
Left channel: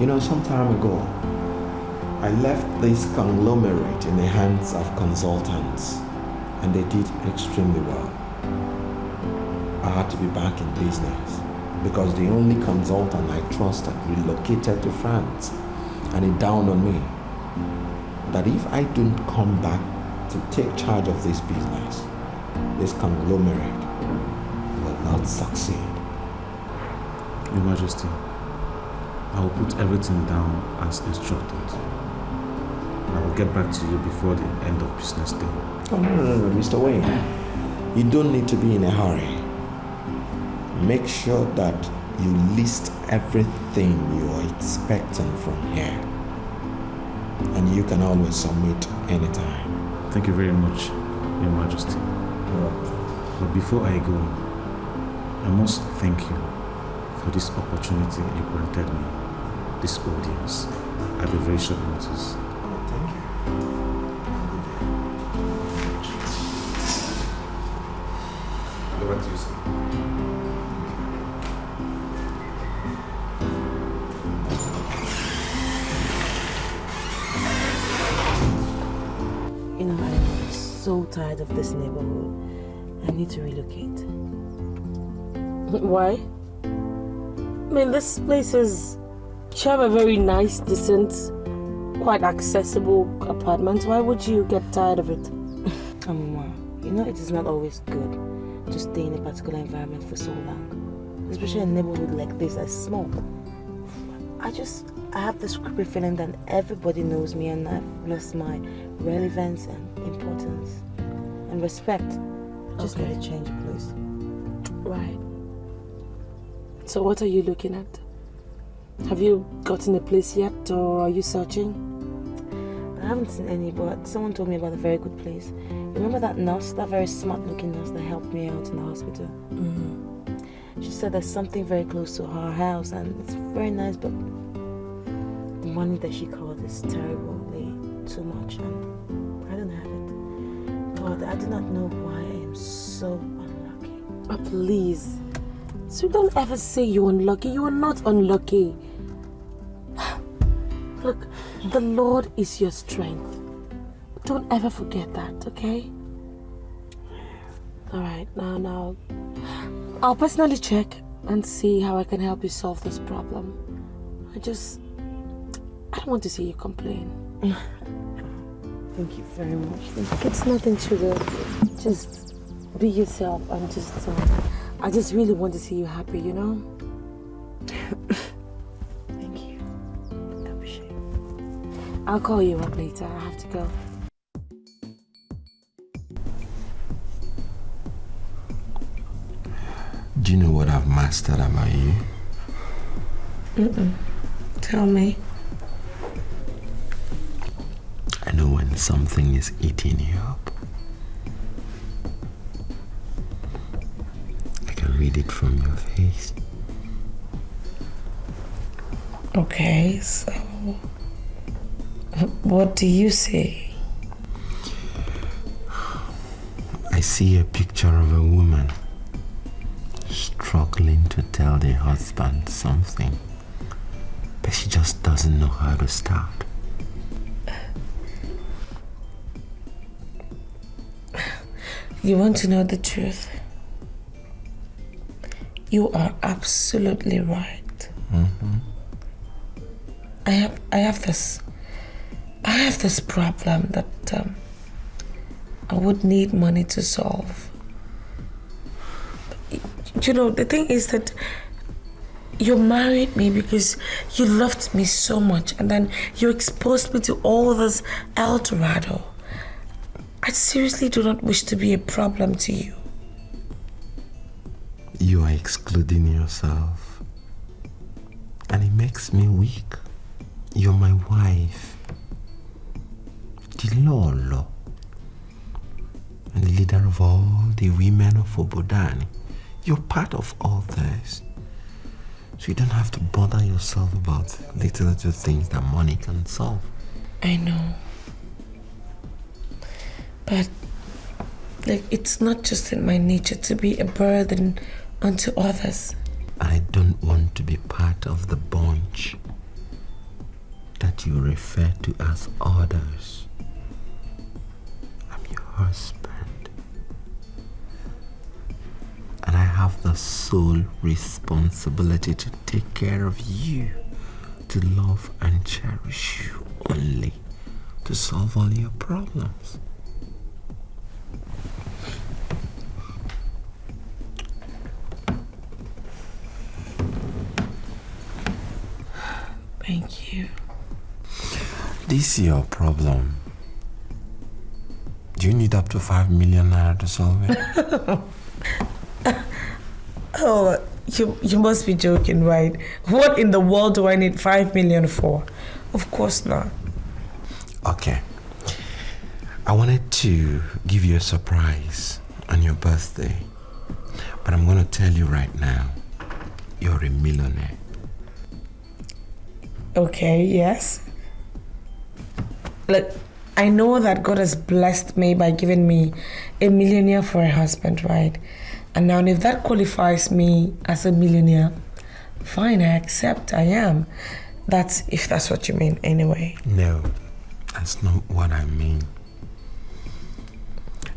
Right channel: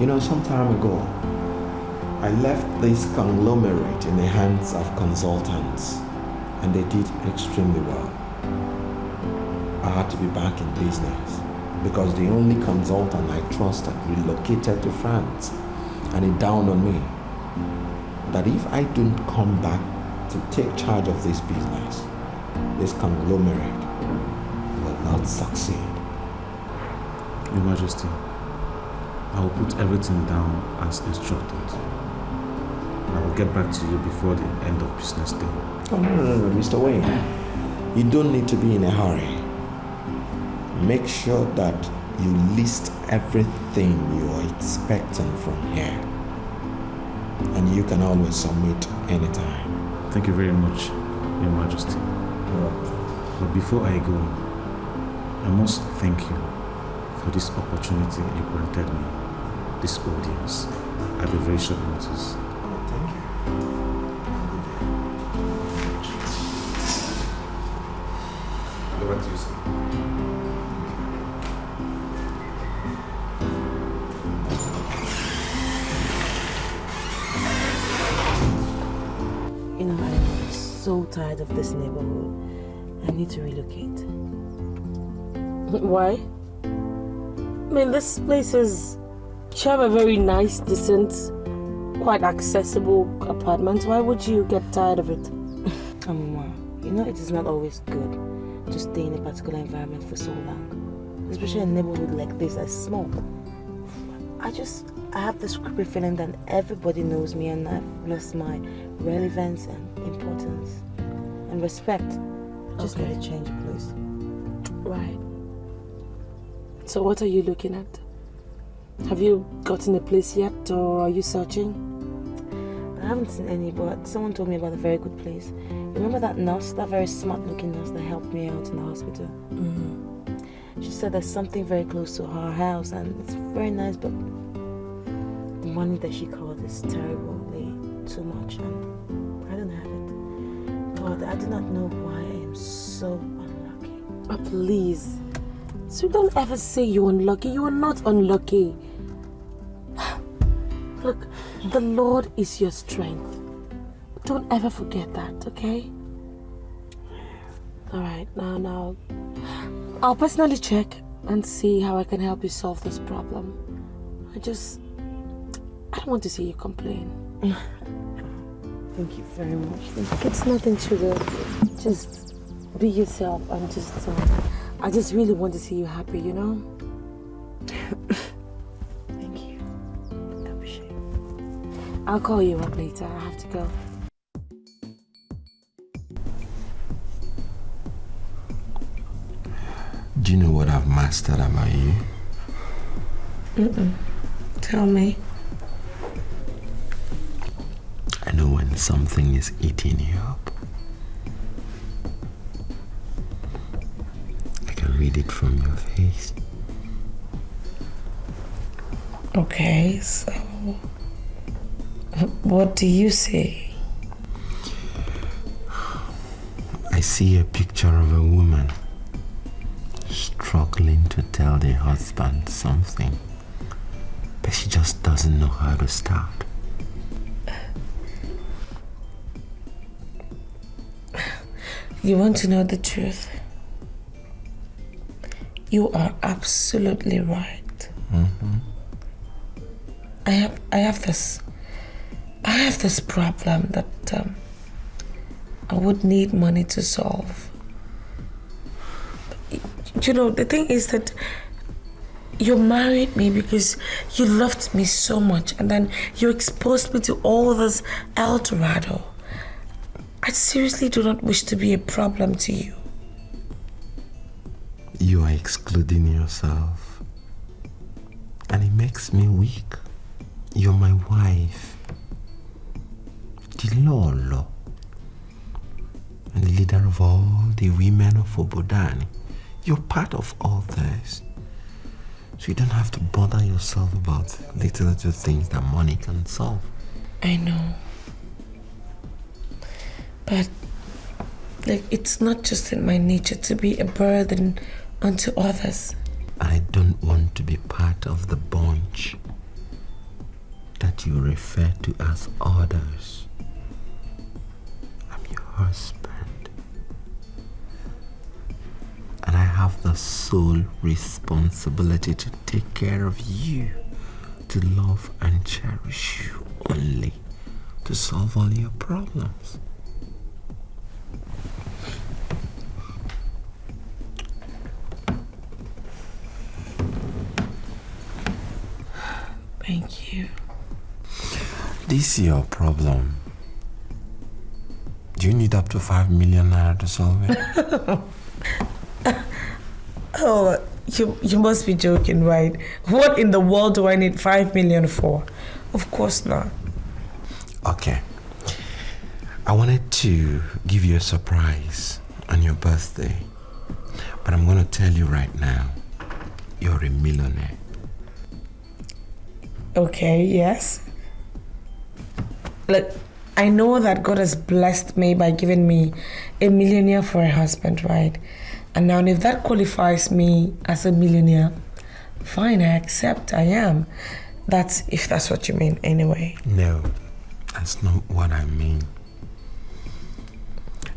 You know, some time ago, I left this conglomerate in the hands of consultants, and they did extremely well. I had to be back in business because the only consultant I trusted relocated to France, and it dawned on me that if I don't come back to take charge of this business, this conglomerate will not succeed. Your Majesty, I will put everything down as instructed. I will get back to you before the end of business day. Oh, no, Mr. Wayne. You don't need to be in a hurry. Make sure that you list everything you are expecting from here. And you can always submit anytime. Thank you very much, Your Majesty. But before I go, I must thank you for this opportunity you granted me, this audience, at a very short notice. Thank you. Go back to you, sir. You know, I'm so tired of this neighborhood. I need to relocate. Why? I mean, this place is... You have a very nice, decent, quite accessible apartment. Why would you get tired of it? Mama, you know it is not always good to stay in a particular environment for so long. Especially in a neighborhood like this that's small. I have this creepy feeling that everybody knows me and I've lost my relevance and importance and respect. Just gotta change the place. Right. So what are you looking at? Have you gotten a place yet, or are you searching? I haven't seen any, but someone told me about a very good place. Remember that nurse, that very smart looking nurse that helped me out in the hospital? She said there's something very close to her house and it's very nice, but the money that she called is terribly too much and I don't have it. God, I do not know why I am so unlucky. Oh, please. So don't ever say you're unlucky. You are not unlucky. Look, the Lord is your strength. Don't ever forget that, okay? Alright, now I'll personally check and see how I can help you solve this problem. I don't want to see you complain. Thank you very much. It's nothing, sugar. Just be yourself and I just really want to see you happy, you know? Thank you. I appreciate it. I'll call you up later. I have to go. Do you know what I've mastered about you? Tell me. I know when something is eating you up. I can read it from your face. Okay, so What do you say? I see a picture of a woman struggling to tell the husband something, but she just doesn't know how to start. You want to know the truth? You are absolutely right. Mm-hmm. I have this problem that I would need money to solve. You know, the thing is that you married me because you loved me so much, and then you exposed me to all this El Dorado. I seriously do not wish to be a problem to you. You are excluding yourself, and it makes me weak. You're my wife, the Lolo, and the leader of all the women of Obodani. You're part of all this, so you don't have to bother yourself about little things that money can solve. I know, but like, it's not just in my nature to be a burden unto others. I don't want to be part of the bunch that you refer to as others. I'm your husband, and I have the sole responsibility to take care of you, to love and cherish you only, to solve all your problems. Thank you. This is your problem. Do you need up to 5 million naira to solve it? Oh, you must be joking, right? What in the world do I need 5 million for? Of course not. Okay. I wanted to give you a surprise on your birthday, but I'm going to tell you right now, you're a millionaire. Okay, yes. Look, I know that God has blessed me by giving me a millionaire for a husband, right? And now if that qualifies me as a millionaire, fine, I accept, I am. That's if that's what you mean anyway. No, that's not what I mean.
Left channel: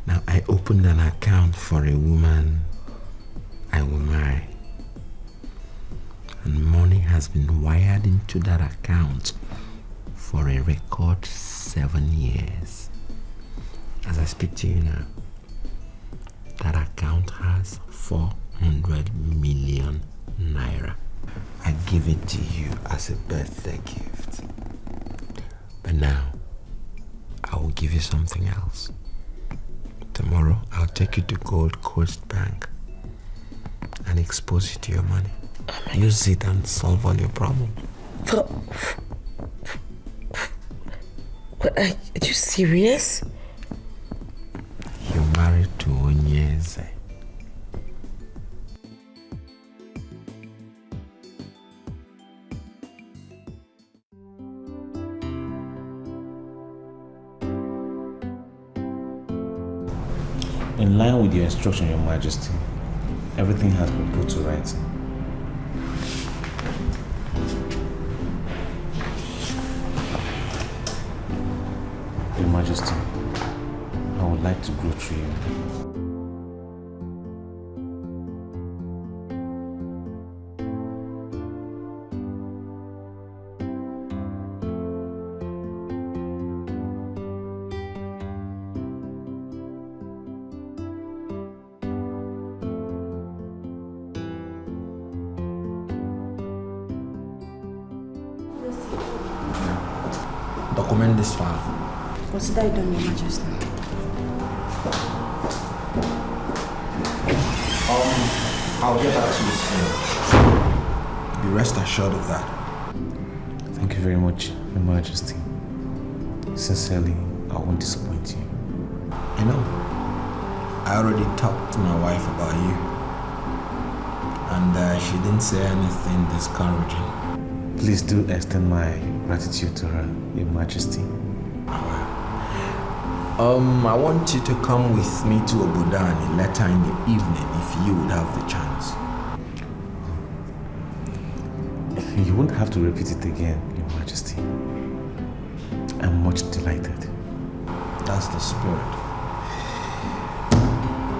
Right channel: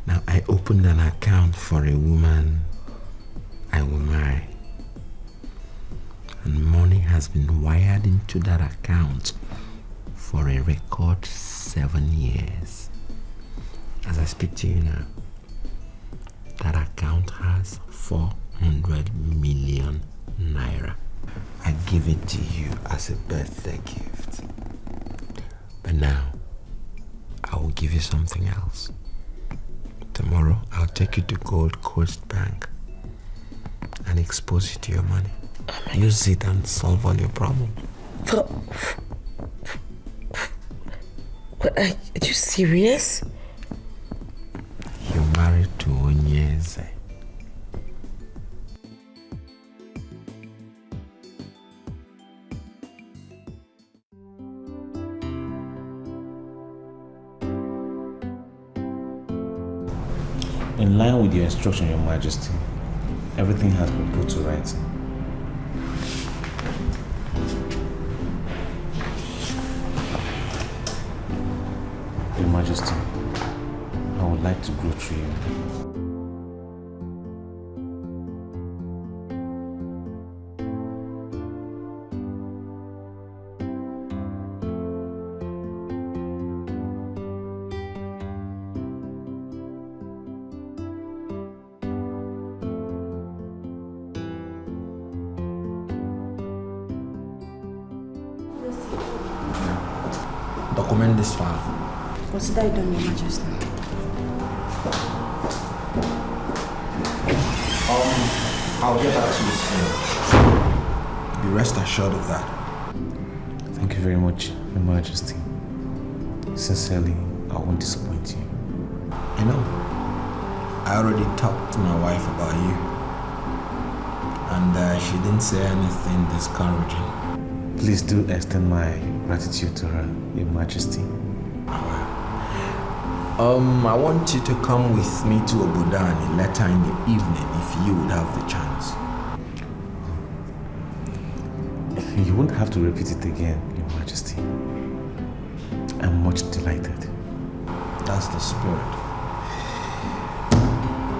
Now, I opened an account for a woman I will marry. And money has been wired into that account for a record 7 years. As I speak to you now, that account has 400 million naira. I give it to you as a birthday gift. But now, I will give you something else. Tomorrow, I'll take you to Gold Coast Bank and expose you to your money. Use it and solve all your problems. But are you serious? You're married to Onyeze. In line with your instruction, Your Majesty, everything has been put to rights. Your Majesty, I would like to go through you. Document this file. Consider it done, Your Majesty. I'll get back to you soon. Be rest assured of that. Thank you very much, Your Majesty. Sincerely, I won't disappoint you. You know, I already talked to my wife about you, and she didn't say anything discouraging. Please do extend my gratitude to her, Your Majesty. I want you to come with me to Obodani later in the evening if you would have the chance. You won't have to repeat it again, Your Majesty. I'm much delighted. That's the spirit.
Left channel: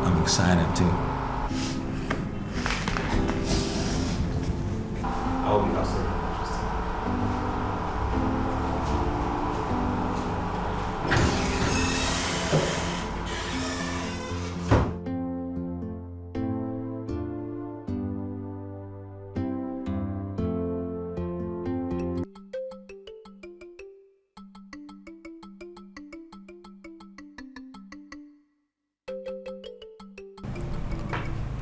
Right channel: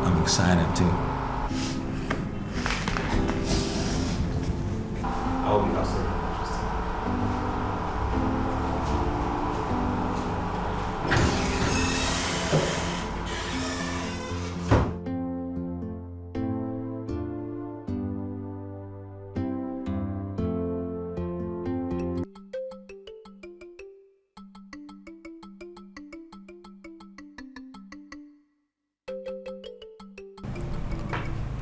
I'm excited too. I'll be outside.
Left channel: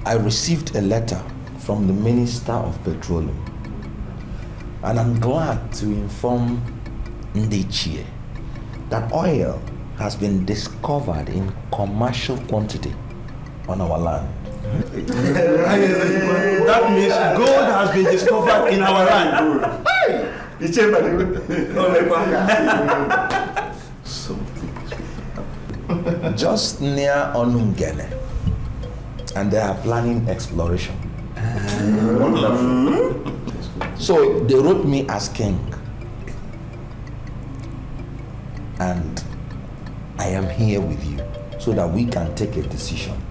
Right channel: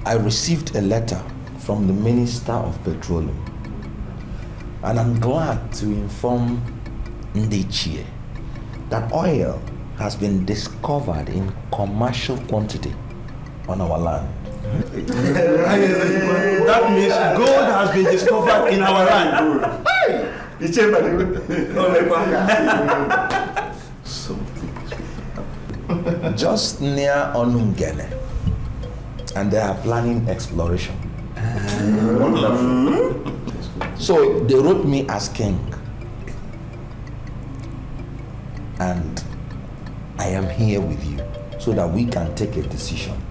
I received a letter from the Minister of Petroleum, and I'm glad to inform Ndichie that oil has been discovered in commercial quantity on our land. That means gold has been discovered in our land. Just near Onungene, and they are planning exploration. So they wrote me as king, and I am here with you so that we can take a decision.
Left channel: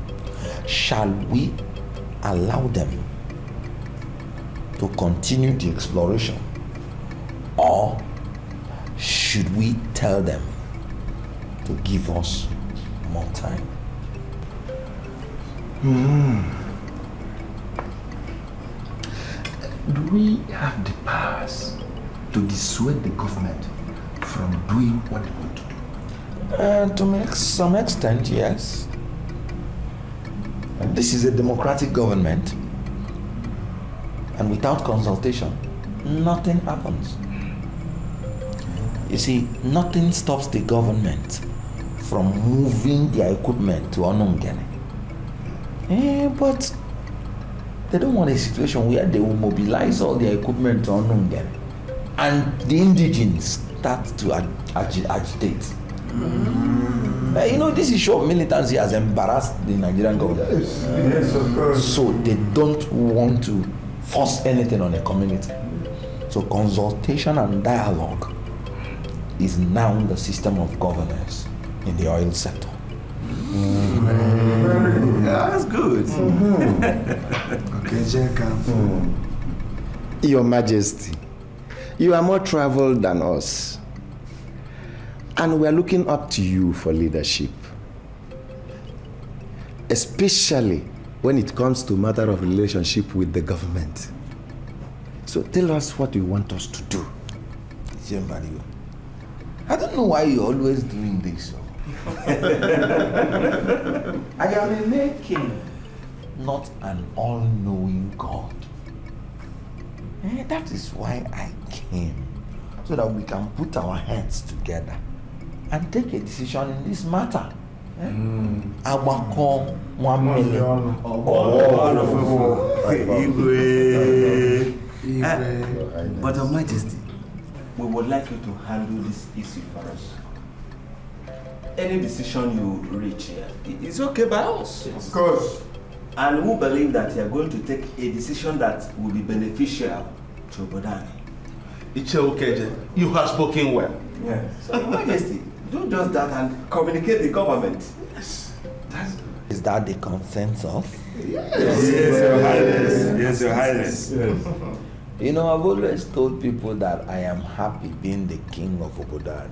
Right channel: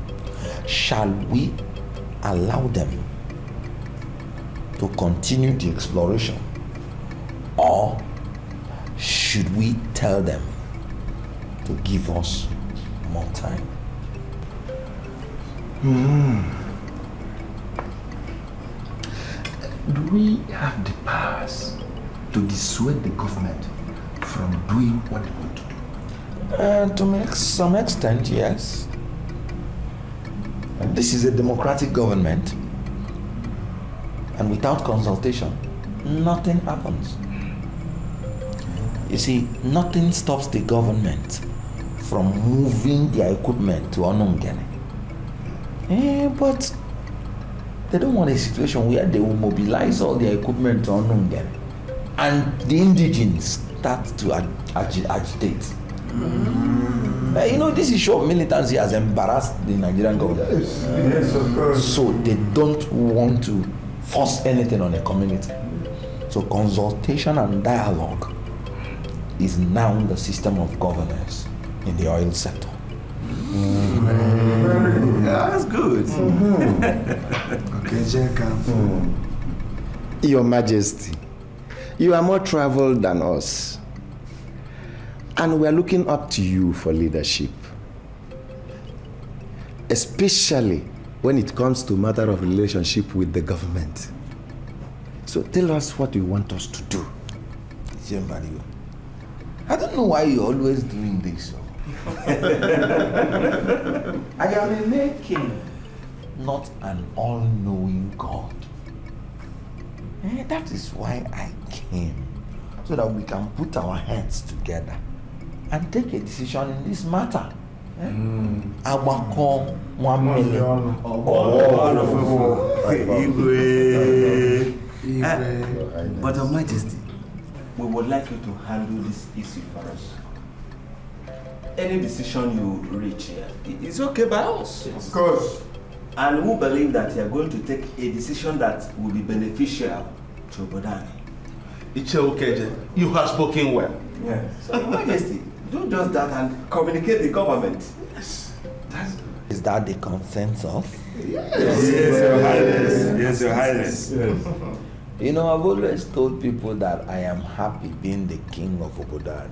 Shall we allow them to continue the exploration, or should we tell them to give us more time? Do we have the powers to dissuade the government from doing what they want to do? To make some extent, yes. This is a democratic government, and without consultation, nothing happens. You see, nothing stops the government from moving their equipment to Onungene. But they don't want a situation where they will mobilize all their equipment to Onungene and the indigenes start to agitate. You know, this issue of militancy has embarrassed the Nigerian government. Yes, of course. So they don't want to force anything on a community. So consultation and dialogue is now the system of governance in the oil sector. That's good. Okay, Your Majesty, you are more traveled than us, and we are looking up to you for leadership, especially when it comes to matter of relationship with the government. So tell us what you want us to do. I don't know why you're always doing this. I am a mere king, not an all-knowing God. That is why I came, so that we can put our heads together and take a decision in this matter. But Your Majesty, we would like you to handle this issue for us. Any decision you reach here is okay by us. Of course. And we believe that you are going to take a decision that will be beneficial to Bodani. Iche, you have spoken well. Yeah. So, Your Majesty, do just that and communicate the government. Yes. Is that the consensus? Yes, Your Highness. Yes, Your Highness. Yes. You know, I've always told people that I am happy being the king of Obodani.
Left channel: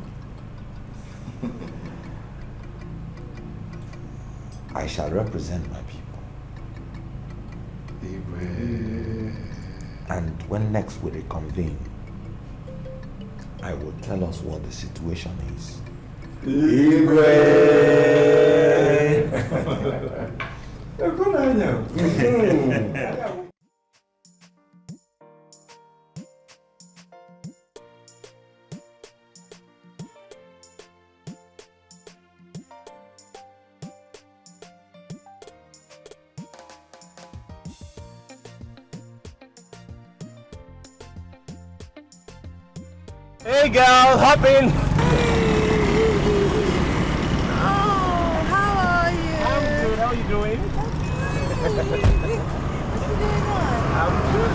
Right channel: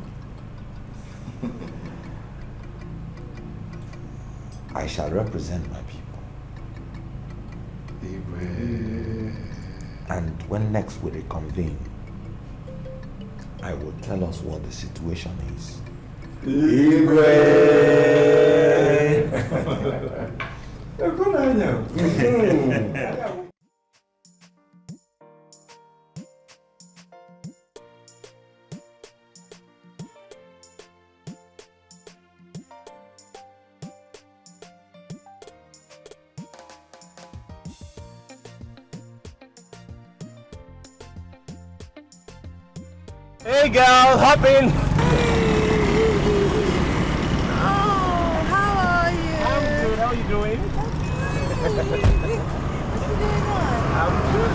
I shall represent my people. And when next we reconvene, I will tell us what the situation is. Hey girl, hop in. Oh, how are you? I'm good. How are you doing? I'm good.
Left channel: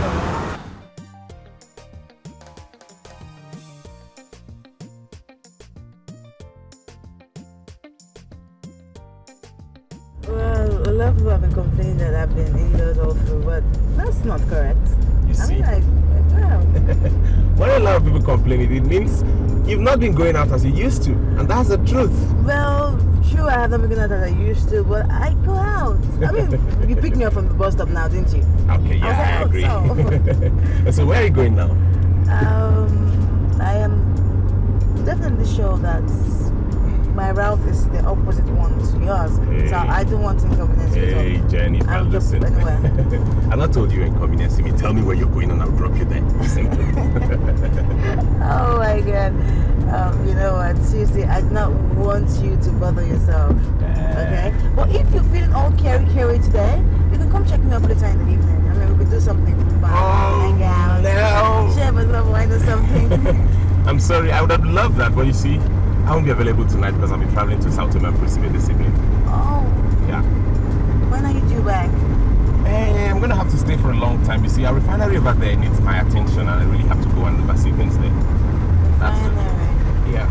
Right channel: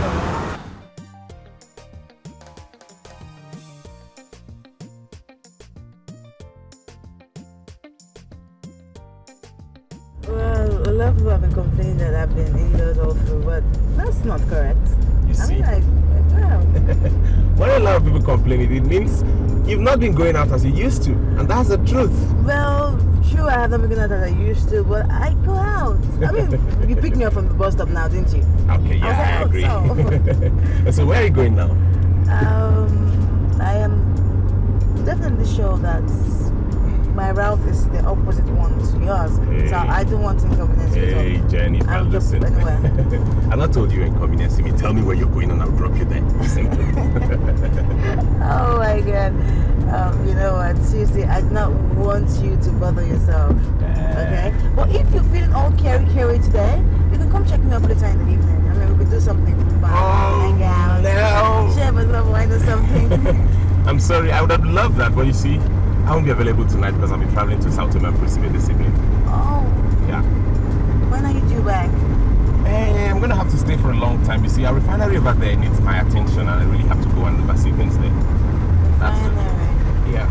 Well, a lot of people have been complaining that I've been indoors all through, but that's not correct. You see? I mean, like, wow. When a lot of people complain, it means you've not been going out as you used to, and that's the truth. Well, true, I have not been going out as I used to, but I go out. I mean, you picked me up from the bus stop now, didn't you? Okay, yeah, I agree. So where are you going now? I am definitely sure that my route is the opposite one to yours. Hey. So I don't want to inconvenience you. Hey, Jennifer, I'll just listen. anywhere. I'm not told you inconveniencing me. Tell me where you're going and I'll drop you there. Simple. Oh my God. You know what? Seriously, I do not want you to bother yourself. Okay? But if you're feeling all carry today, you can come check me up later in the evening. I mean, we could do something fun. Hang out. No. Share with some wine or something. I'm sorry, I would have loved that, but you see, I won't be available tonight because I'll be traveling to South America this evening. Oh. Yeah. When are you due back? Hey, I'm gonna have to stay for a long time. You see, our refinery over there needs my attention, and I really have to go and oversee things there. That's it. Yeah.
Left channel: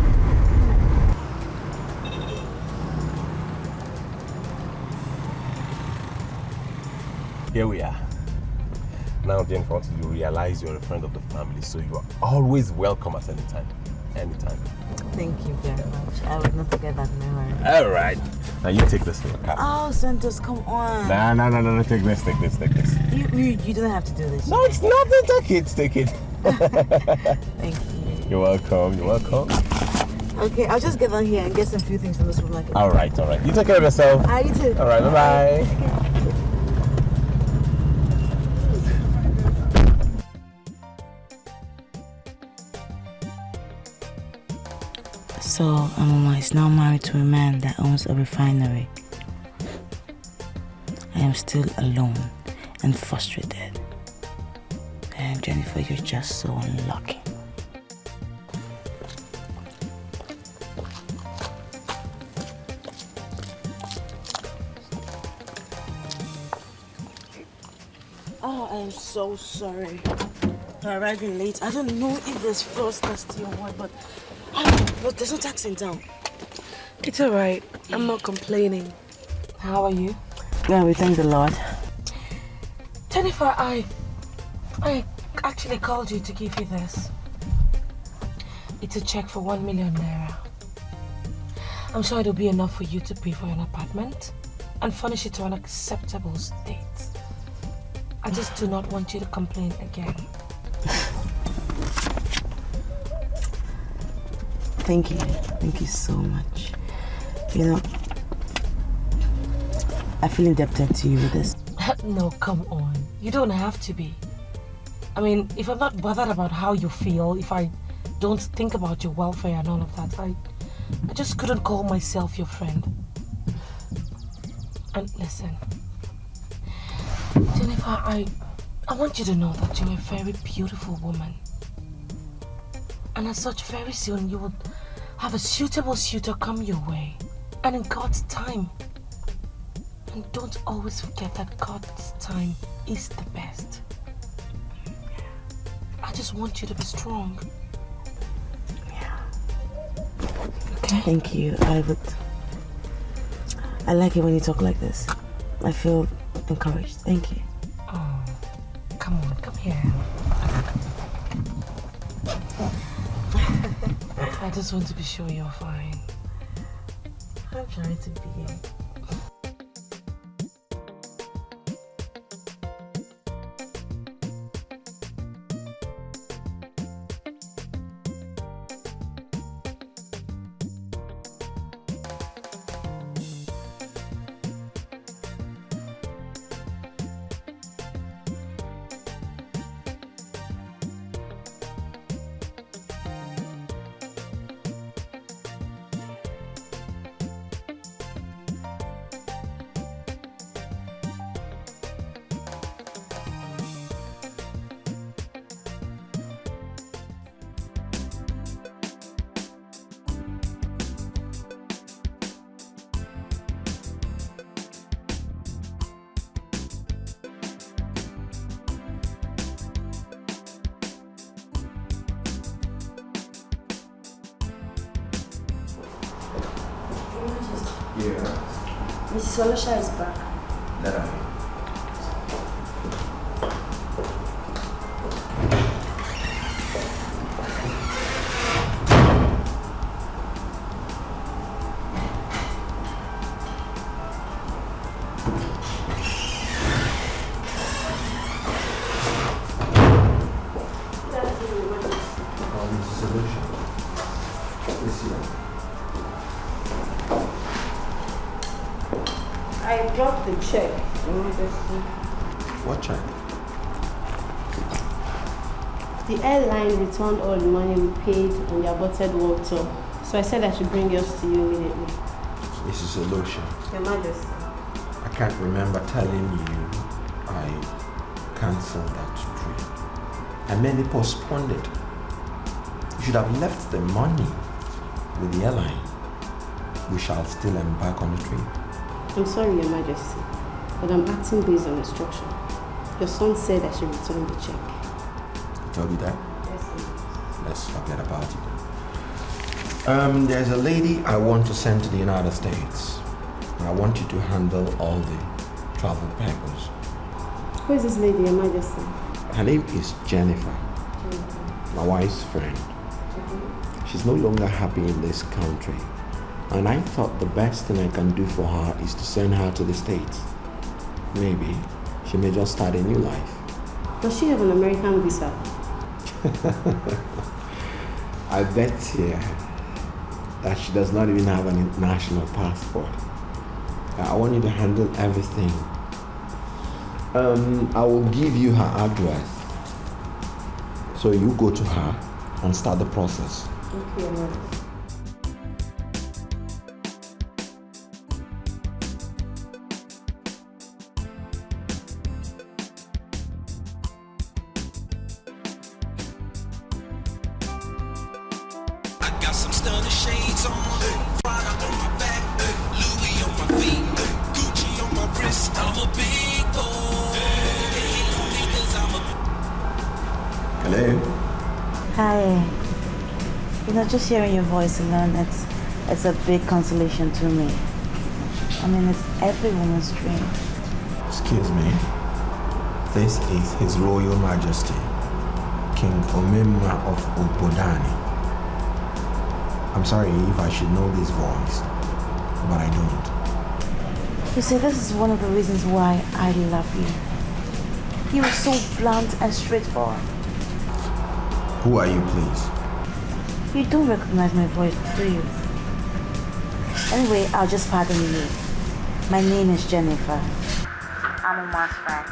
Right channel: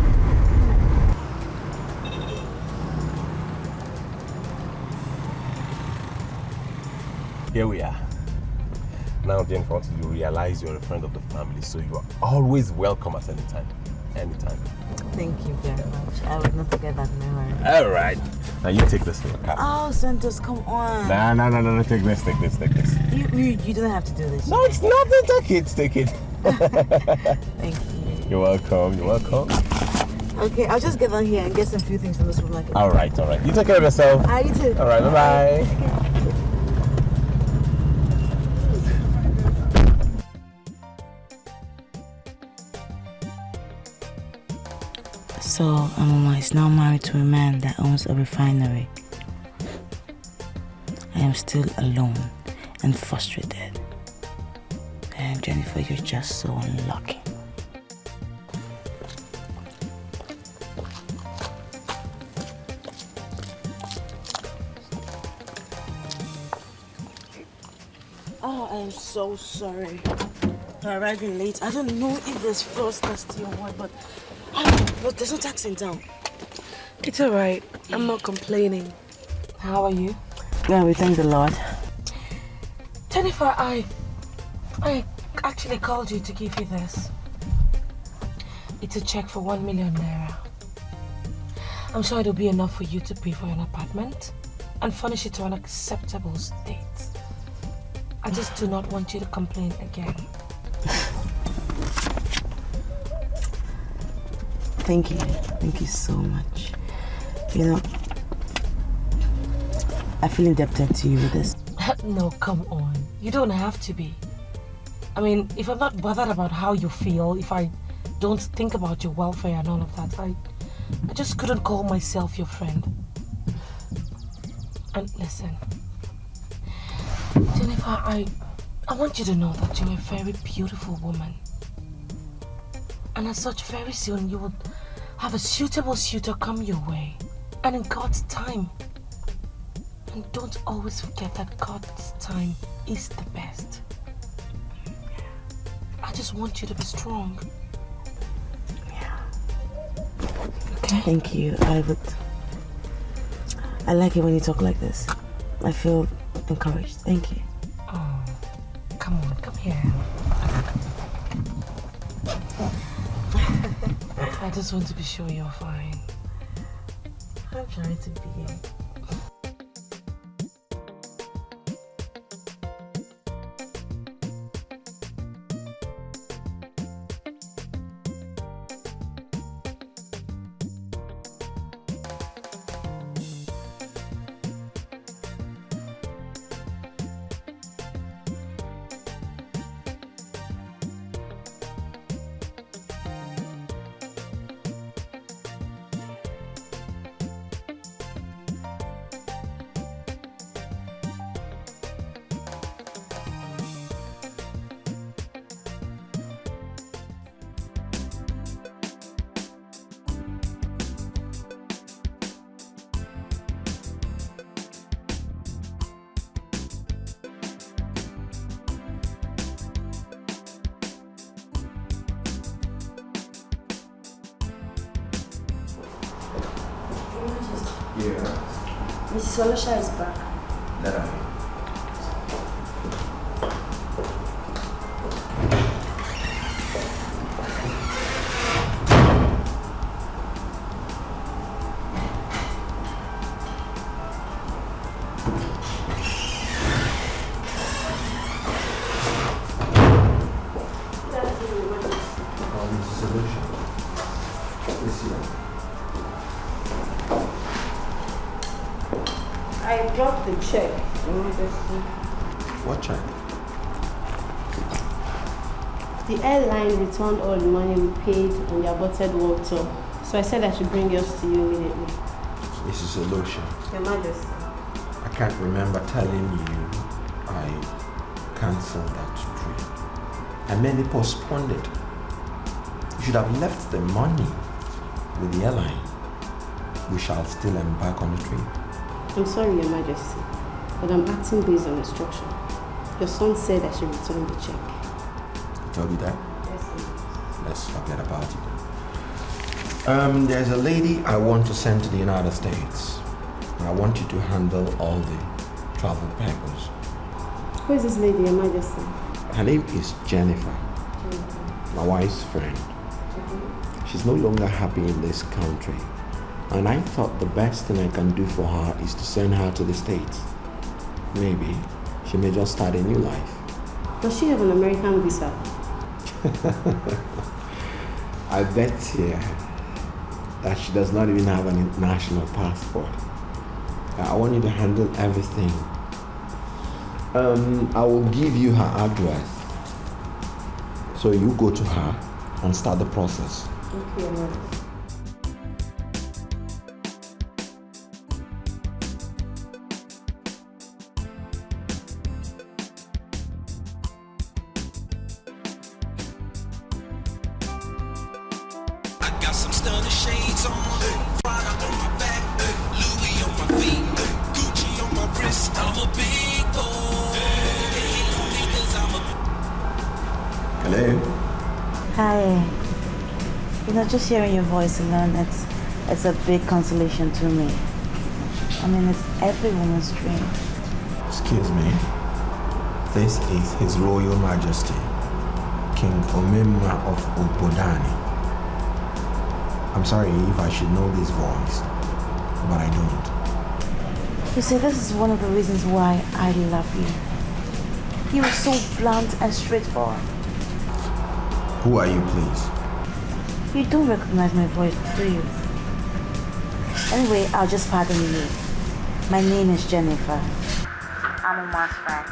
Here we are. Now, Jennifer, I want you to realize you're a friend of the family, so you are always welcome at any time. Anytime. Thank you very much. I would not forget that memory. All right. Now you take this for your car. Oh, Santos, come on. No. Take this. You don't have to do this. No, it's nothing. Take it. Thank you. You're welcome. Okay, I'll just get on here and get some few things from the supermarket. All right. You take care of yourself. You too. All right. Bye. So, Amama is now married to a man that owns a refinery. I am still alone and frustrated. And Jennifer, you're just so unlucky. Oh, I am so sorry for arriving late. I don't know if there's frost nasty or what, but there's no taxi in town. It's alright. I'm not complaining. How are you? Yeah, we thank the Lord. Jennifer, I actually called you to give you this. It's a check for 1 million naira. I'm sure it'll be enough for you to pay for an apartment and furnish it to an acceptable state. I just do not want you to complain again. Thank you. Thank you so much. You know, I feel indebted to you with this. No, come on. You don't have to be. I mean, if I'm not bothered about how you feel, if I don't think about your welfare and all of that, I just couldn't call myself your friend. And listen, Jennifer, I want you to know that you're a very beautiful woman. And as such, very soon you will have a suitable suitor come your way. And in God's time. And don't always forget that God's time is the best. I just want you to be strong. Yeah. Okay. Thank you. I like it when you talk like this. I feel encouraged. Thank you. Oh, come on, come here. I just want to be sure you're fine. I'm trying to be. Yeah. Mrs. Olosha is back. Let her in. I dropped the check. What check? The airline returned all the money we paid on the aborted world tour. So I said I should bring yours to you immediately. Mrs. Edochie, Your Majesty. I can't remember telling you I cancelled that trip. I merely postponed it. You should have left the money with the airline. We shall still embark on the trip. I'm sorry, Your Majesty, but I'm acting based on instruction. Your son said I should return the check. He told you that? Yes, sir. Let's forget about it. There's a lady I want to send to the United States. I want you to handle all the travel papers. Who is this lady, Your Majesty? Her name is Jennifer, my wife's friend. She's no longer happy in this country. And I thought the best thing I can do for her is to send her to the States. Maybe she may just start a new life. Does she have an American visa? I bet here that she does not even have an international passport. I want you to handle everything. I will give you her address. So you go to her and start the process. Okay, Majesty. Hello? Hi. You know, just hearing your voice alone, it's a big consolation to me. I mean, it's every woman's dream. Excuse me. This is His Royal Majesty, King Omemma of Obodani. I'm sorry if I should know this voice, but I don't. You see, this is one of the reasons why I love you. You are so blunt and straightforward. Who are you, please? You don't recognize my voice, do you? Anyway, I'll just pardon you. My name is Jennifer. I'm a man's friend.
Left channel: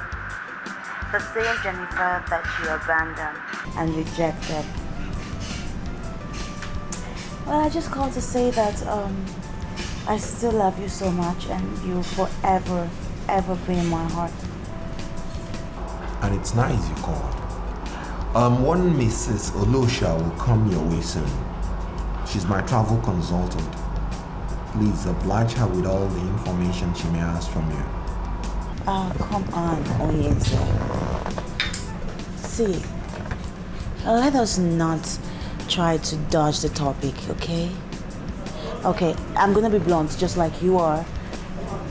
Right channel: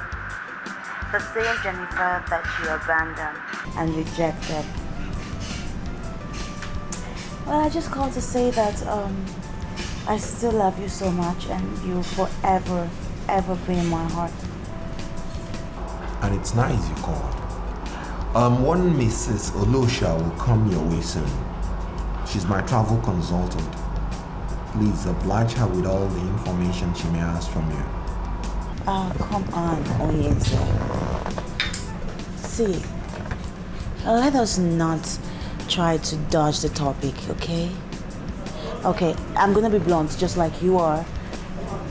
The same Jennifer that you abandoned and rejected. Well, I just called to say that I still love you so much and you'll forever, ever be in my heart. And it's nice you called. One Mrs. Olosha will come your way soon. She's my travel consultant. Please oblige her with all the information she may ask from you. Come on, Oyense. See, let us not try to dodge the topic, okay? Okay, I'm gonna be blunt, just like you are.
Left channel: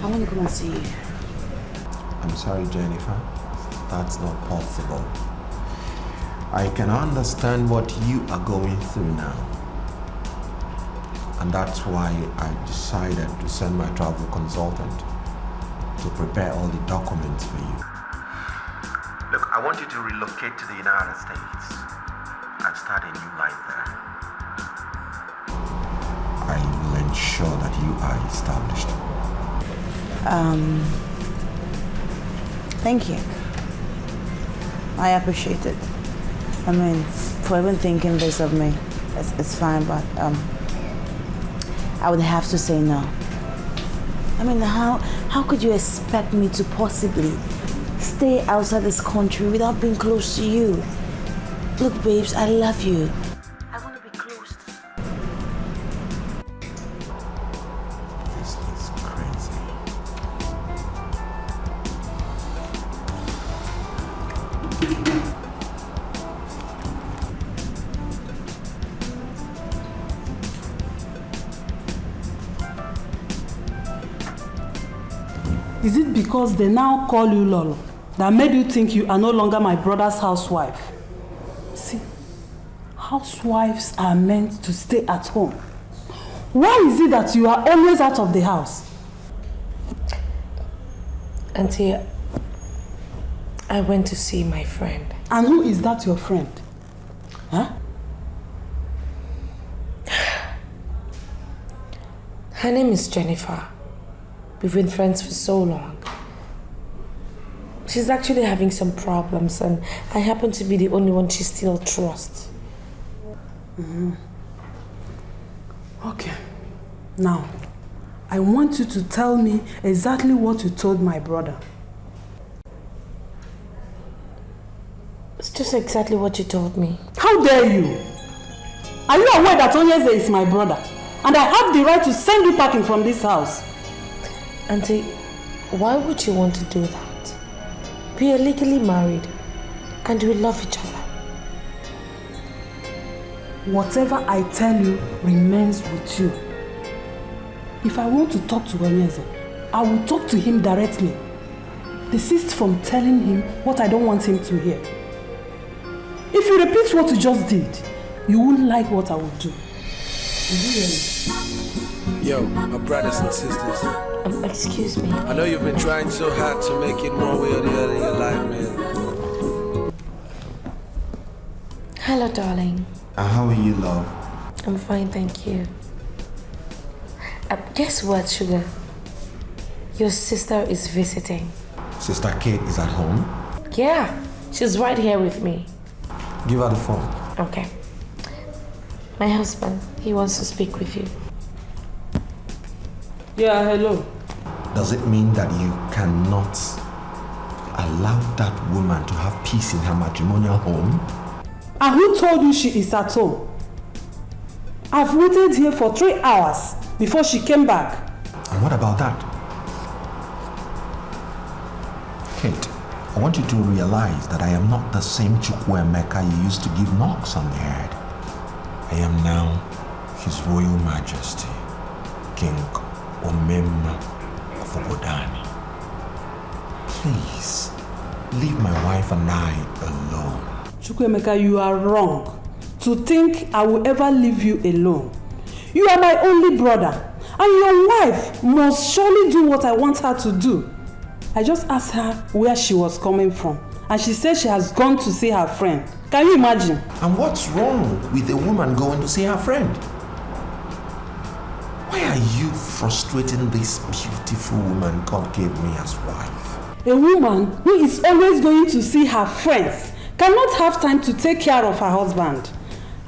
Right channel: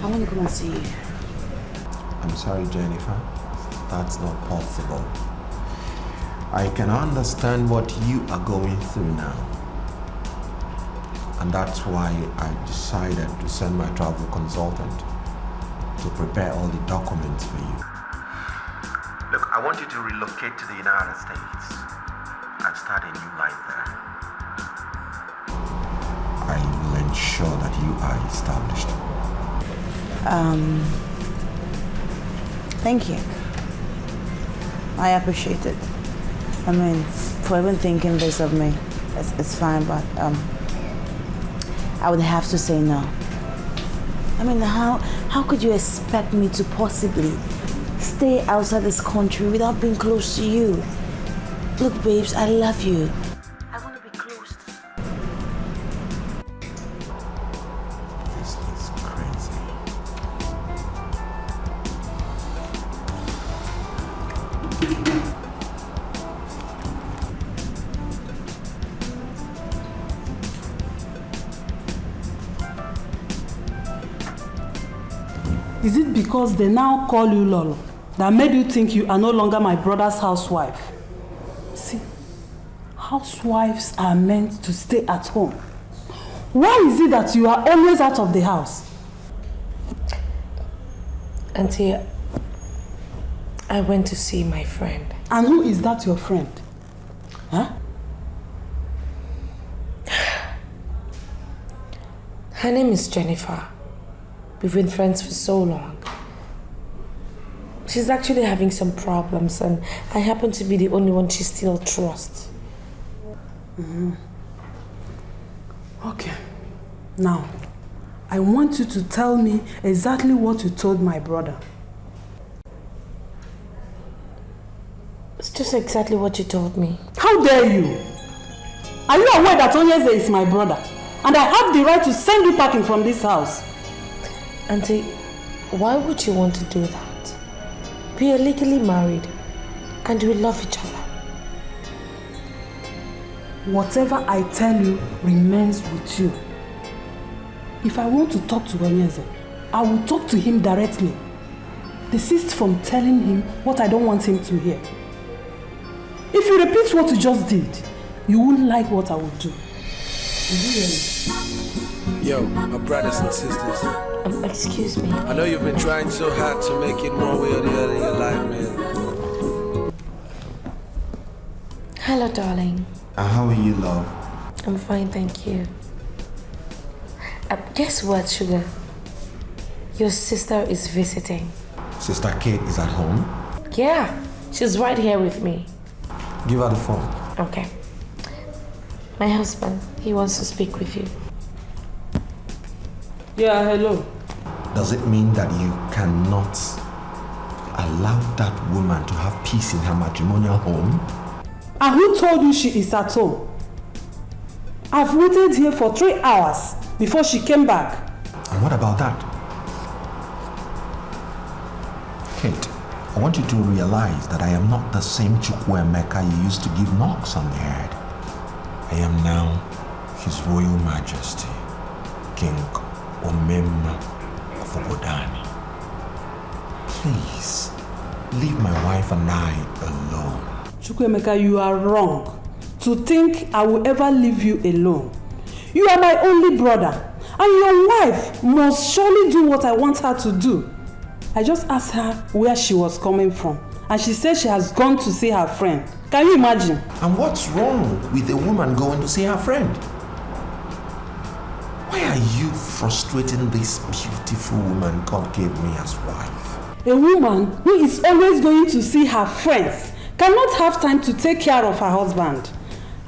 I want to come and see you. I'm sorry, Jennifer. That's not possible. I can understand what you are going through now. And that's why I decided to send my travel consultant to prepare all the documents for you. Look, I want you to relocate to the United States and start a new life there. I will ensure that you are established. Thank you. I appreciate it. I mean, for even thinking this of me, it's fine, but I would have to say no. I mean, how could you expect me to possibly stay outside this country without being close to you? Look, babes, I love you. I want to be close to you. This is crazy. Is it because they now call you Lolo that made you think you are no longer my brother's housewife? See, housewives are meant to stay at home. Why is it that you are always out of the house? Auntie, I went to see my friend. And who is that your friend? Huh? Her name is Jennifer. We've been friends for so long. She's actually having some problems and I happen to be the only one she still trusts. Okay. Now, I want you to tell me exactly what you told my brother. It's just exactly what you told me. How dare you? Are you aware that Onyeze is my brother? And I have the right to send you packing from this house? Auntie, why would you want to do that? We are legally married and we love each other. Whatever I tell you remains with you. If I want to talk to Onyeze, I will talk to him directly. Desist from telling him what I don't want him to hear. If you repeat what you just did, you won't like what I will do. Yo, my brothers and sisters. Excuse me. I know you've been trying so hard to make it one way or the other in your life, man. Hello, darling. How are you, love? I'm fine, thank you. Guess what, Sugar? Your sister is visiting. Sister Kate is at home? Yeah, she's right here with me. Give her the phone. Okay. My husband, he wants to speak with you. Yeah, hello. Does it mean that you cannot allow that woman to have peace in her matrimonial home? And who told you she is at home? I've waited here for 3 hours before she came back. And what about that? Kate, I want you to realize that I am not the same Chukwuemeka you used to give knocks on the head. I am now His Royal Majesty, King Omemma of Obodani. Please, leave my wife and I alone. Chukwuemeka, you are wrong to think I will ever leave you alone. You are my only brother, and your wife must surely do what I want her to do. I just asked her where she was coming from, and she said she has gone to see her friend. Can you imagine? And what's wrong with a woman going to see her friend? Why are you frustrating this beautiful woman God gave me as wife? A woman who is always going to see her friends cannot have time to take care of her husband.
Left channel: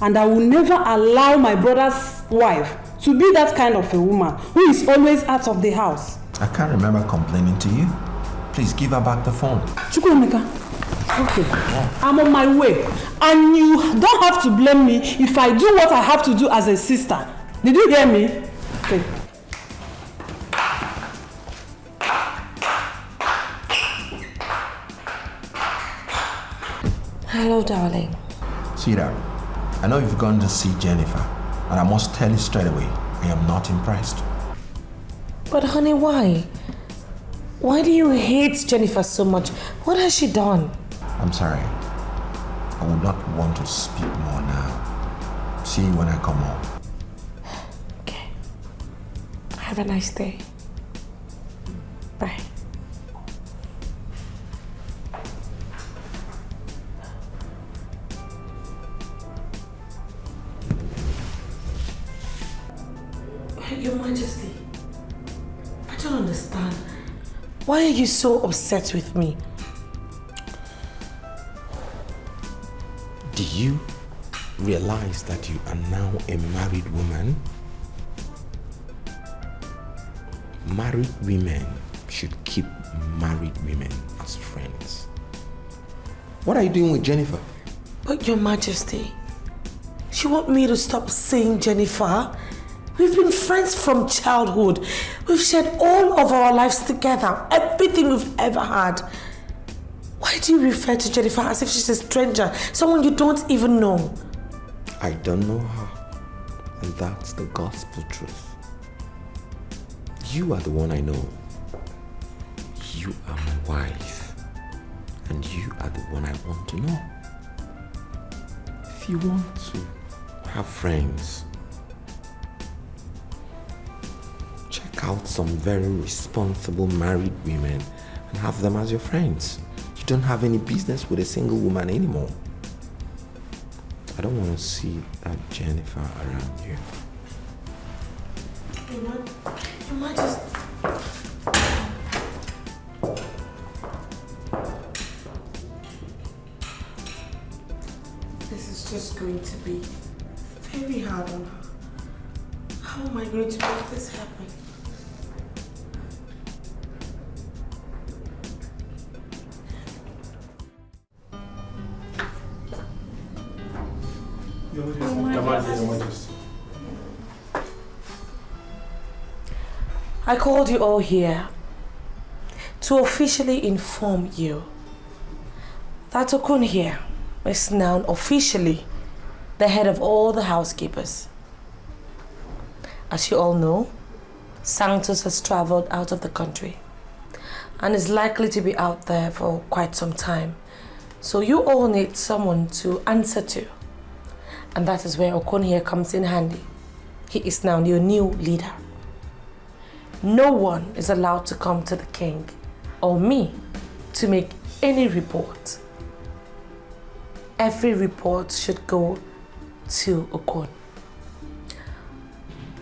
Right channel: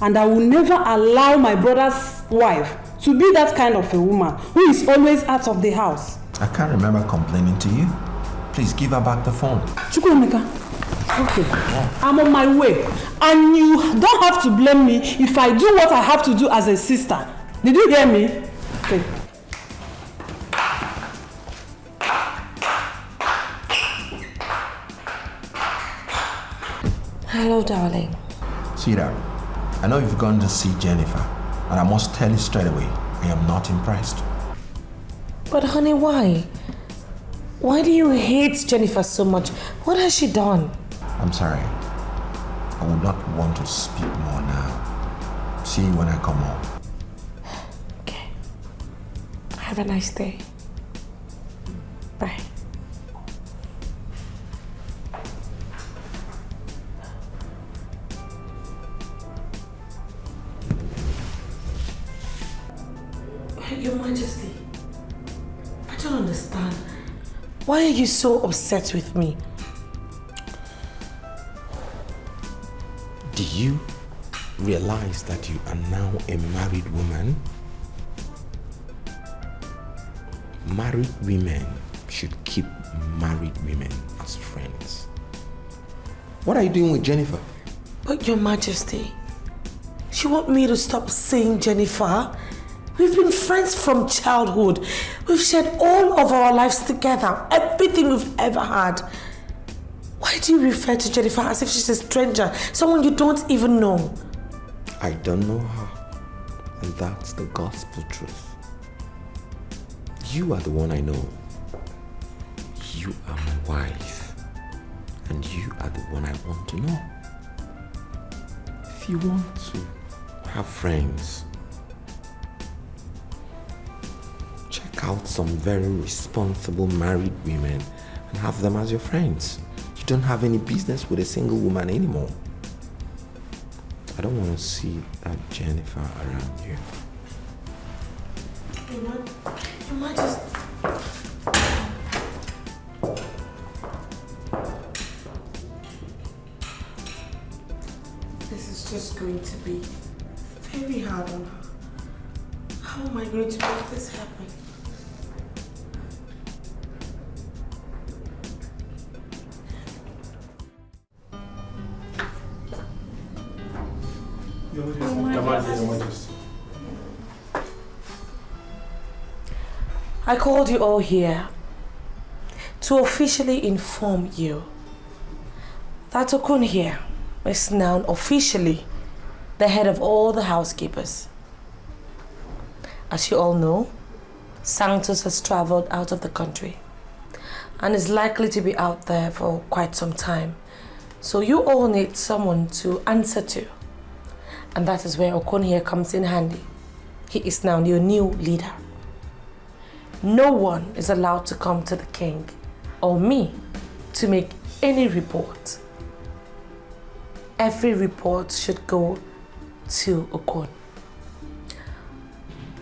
And I will never allow my brother's wife to be that kind of a woman who is always out of the house. I can't remember complaining to you. Please give her back the phone. Chukwuemeka, okay, I'm on my way. And you don't have to blame me if I do what I have to do as a sister. Did you hear me? Okay. Hello, darling. Sweetheart, I know you've gone to see Jennifer, and I must tell you straight away, I am not impressed. But honey, why? Why do you hate Jennifer so much? What has she done? I'm sorry. I would not want to speak more now. See you when I come home. Okay. Have a nice day. Bye. Your Majesty, I don't understand. Why are you so upset with me? Do you realize that you are now a married woman? Married women should keep married women as friends. What are you doing with Jennifer? But Your Majesty, you want me to stop seeing Jennifer? We've been friends from childhood. We've shared all of our lives together, everything we've ever had. Why do you refer to Jennifer as if she's a stranger, someone you don't even know? I don't know her, and that's the gospel truth. You are the one I know. You are my wife, and you are the one I want to know. If you want to have friends, check out some very responsible married women and have them as your friends. You don't have any business with a single woman anymore. I don't want to see that Jennifer around you. You might just... This is just going to be very hard on her. How am I going to make this happen? I called you all here to officially inform you that Okun here is now officially the head of all the housekeepers. As you all know, Santos has traveled out of the country and is likely to be out there for quite some time. So you all need someone to answer to. And that is where Okun here comes in handy. He is now your new leader. No one is allowed to come to the king or me to make any report. Every report should go to Okun.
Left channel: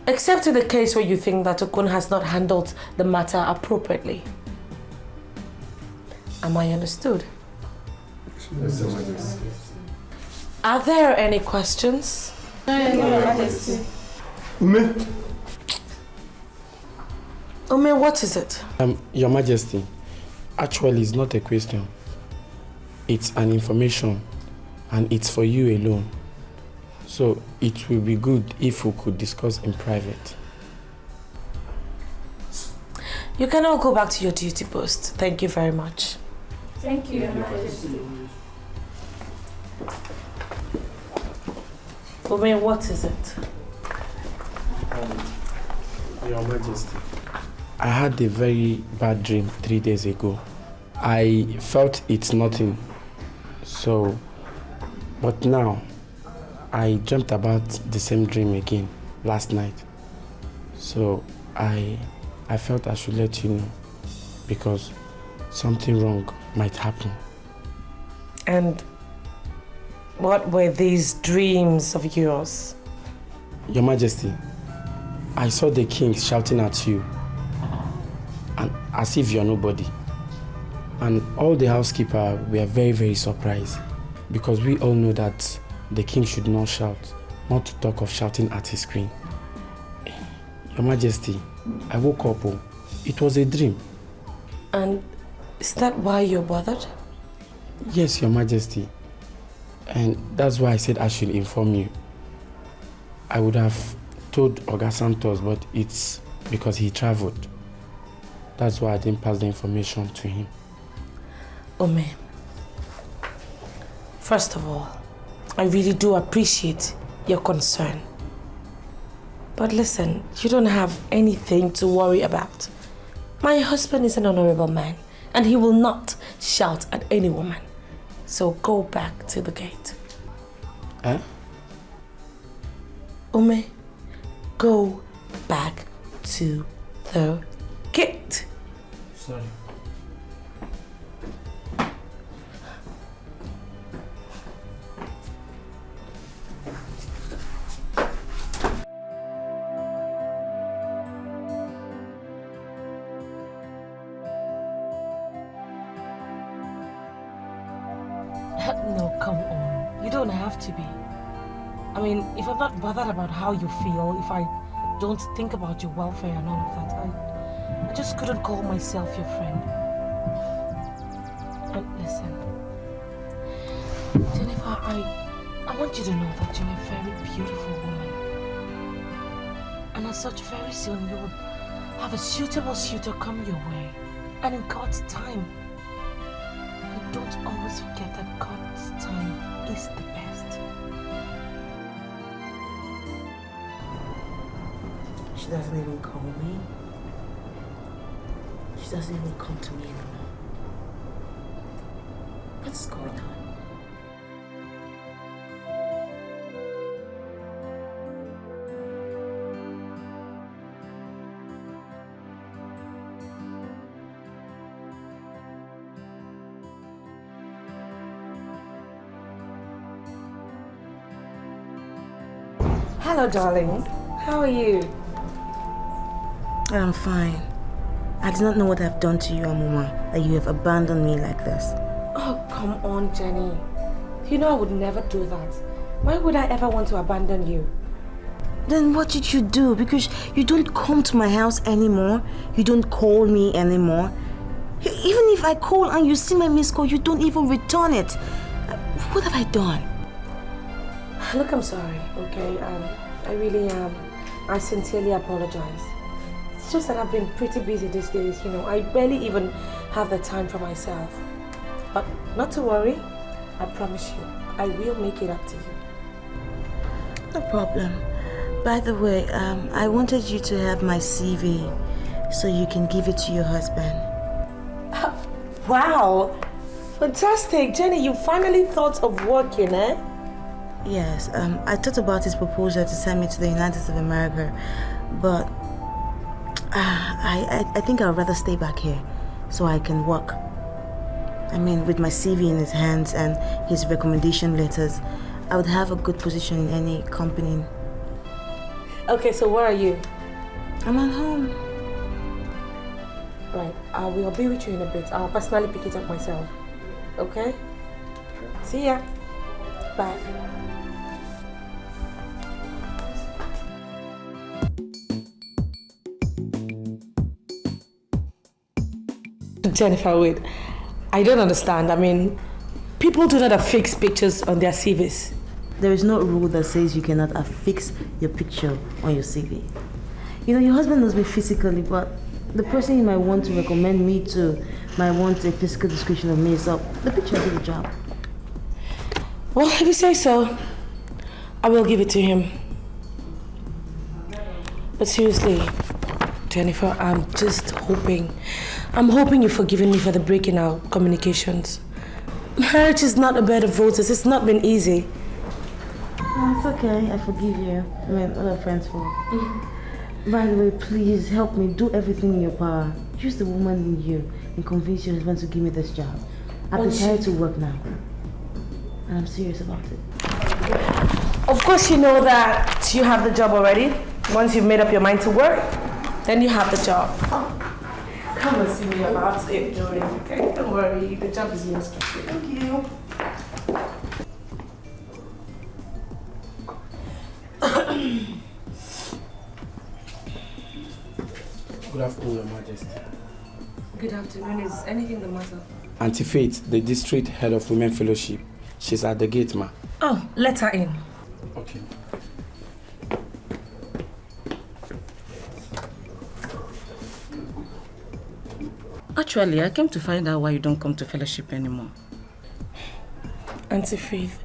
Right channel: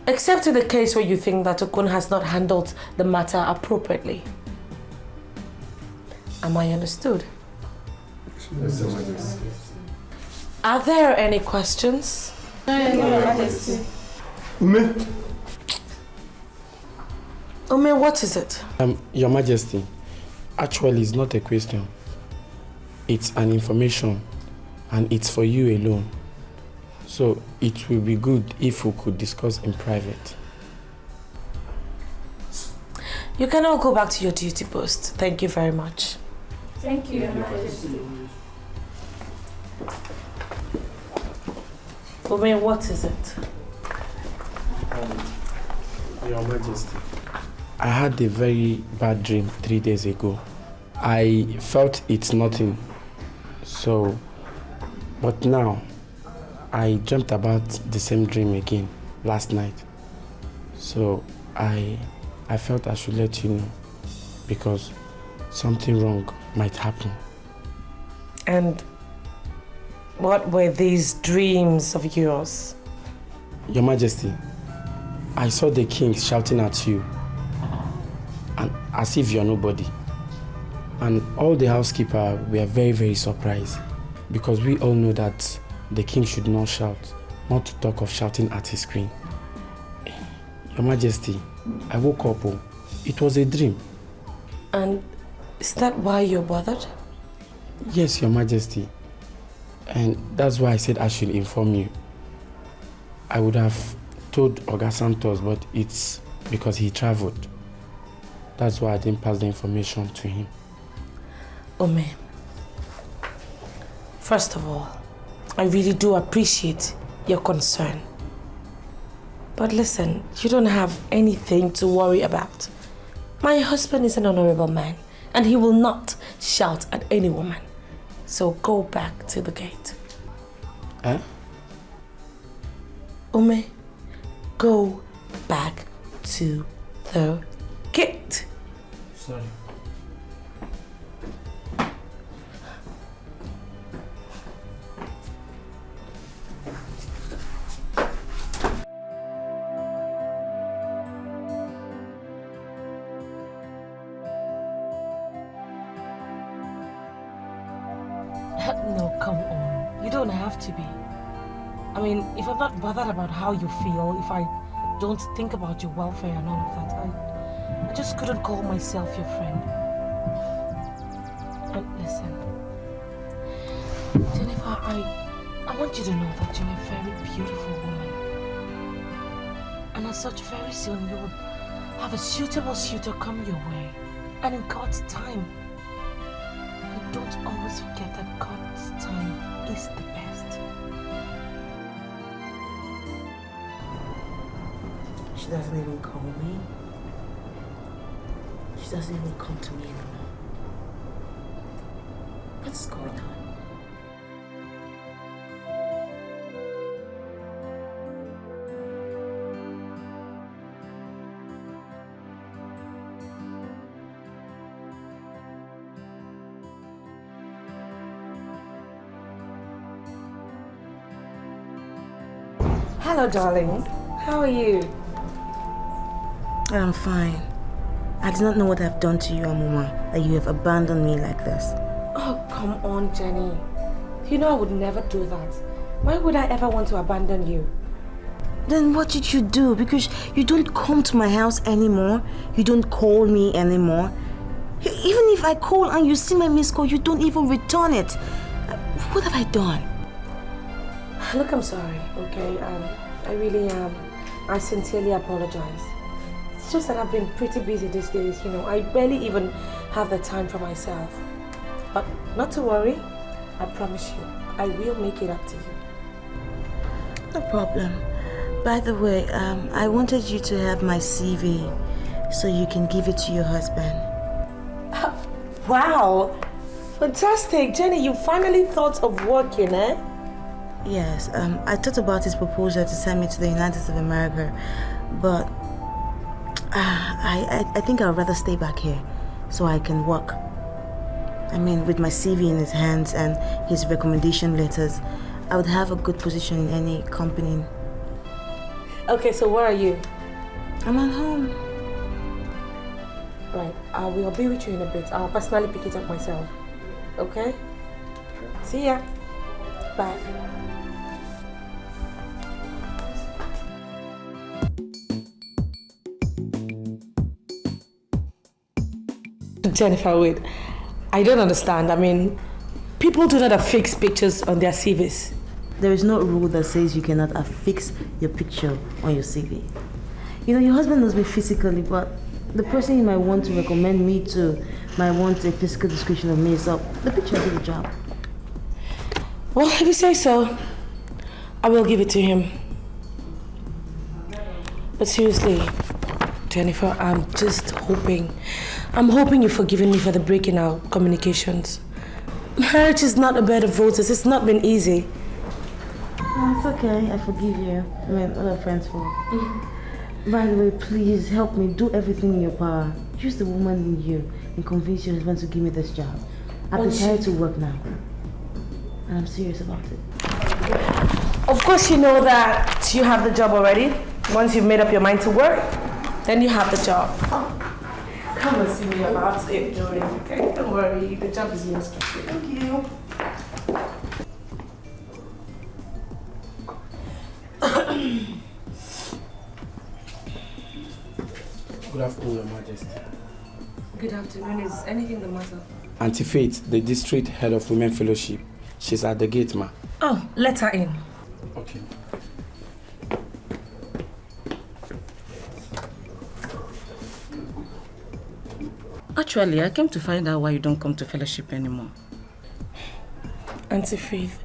Except in the case where you think that Okun has not handled the matter appropriately. Am I understood? Yes, Your Majesty. Are there any questions? No, Your Majesty. Ume, what is it? Your Majesty, actually it's not a question. It's an information, and it's for you alone. So it will be good if we could discuss in private. You can all go back to your duty post. Thank you very much. Thank you, Your Majesty. Ume, what is it? Your Majesty, I had a very bad dream 3 days ago. I felt it's nothing. So, but now, I dreamt about the same dream again last night. So, I felt I should let you know because something wrong might happen. And what were these dreams of yours? Your Majesty, I saw the king shouting at you, and as if you're nobody. And all the housekeepers were very, very surprised because we all know that the king should not shout, not to talk of shouting at his queen. Your Majesty, I woke up. Oh, it was a dream. And is that why you're bothered? Yes, Your Majesty. And that's why I said I should inform you. I would have told Oga Santos, but it's because he traveled. That's why I didn't pass the information to him. Ome, first of all, I really do appreciate your concern. But listen, you don't have anything to worry about. My husband is an honorable man, and he will not shout at any woman. So go back to the gate. Eh? Ume, go back to the gate. Sorry. No, come on. You don't have to be. I mean, if I'm not bothered about how you feel, if I don't think about your welfare and all of that, I just couldn't call myself your friend. And listen, Jennifer, I want you to know that you're a very beautiful woman. And as such, very soon you will have a suitable suitor come your way. And in God's time. And don't always forget that God's time is the best. She doesn't even call me. She doesn't even come to me anymore. what's going on. Hello, darling. How are you? I'm fine. I do not know what I've done to you, Amuma, that you have abandoned me like this. Oh, come on, Jenny. You know I would never do that. Why would I ever want to abandon you? Then what did you do? Because you don't come to my house anymore. You don't call me anymore. Even if I call and you see my missed call, you don't even return it. What have I done? Look, I'm sorry, okay? I really am. I sincerely apologize. It's just that I've been pretty busy these days, you know. I barely even have the time for myself. But not to worry. I promise you, I will make it up to you. No problem. By the way, I wanted you to have my CV so you can give it to your husband. Wow! Fantastic! Jenny, you finally thought of working, eh? Yes, I thought about his proposal to send me to the United States of America, but I think I'd rather stay back here so I can work. I mean, with my CV in his hands and his recommendation letters, I would have a good position in any company. Okay, so where are you? I'm at home. Right, I will be with you in a bit. I'll personally pick it up myself. Okay? See ya. Bye. Jennifer, wait. I don't understand. I mean, people do not affix pictures on their CVs. There is no rule that says you cannot affix your picture on your CV. You know, your husband knows me physically, but the person you might want to recommend me to might want a physical description of me, so the picture will do the job. Well, if you say so, I will give it to him. But seriously, Jennifer, I'm hoping you've forgiven me for the breaking our communications. Marriage is not a bed of roses. It's not been easy. No, it's okay. I forgive you. I mean, what are friends for? By the way, please help me. Do everything in your power. Use the woman in you and convince your husband to give me this job. I'm prepared to work now. And I'm serious about it. Of course you know that you have the job already. Once you've made up your mind to work, then you have the job. Come and see me about it, Joey. Okay, don't worry. The job is yours. Thank you. Good afternoon, Your Majesty. Good afternoon. Is anything the matter? Auntie Faith, the district head of Women Fellowship. She's at the gate, ma. Oh, let her in. Okay. Actually, I came to find out why you don't come to fellowship anymore. Auntie Faith,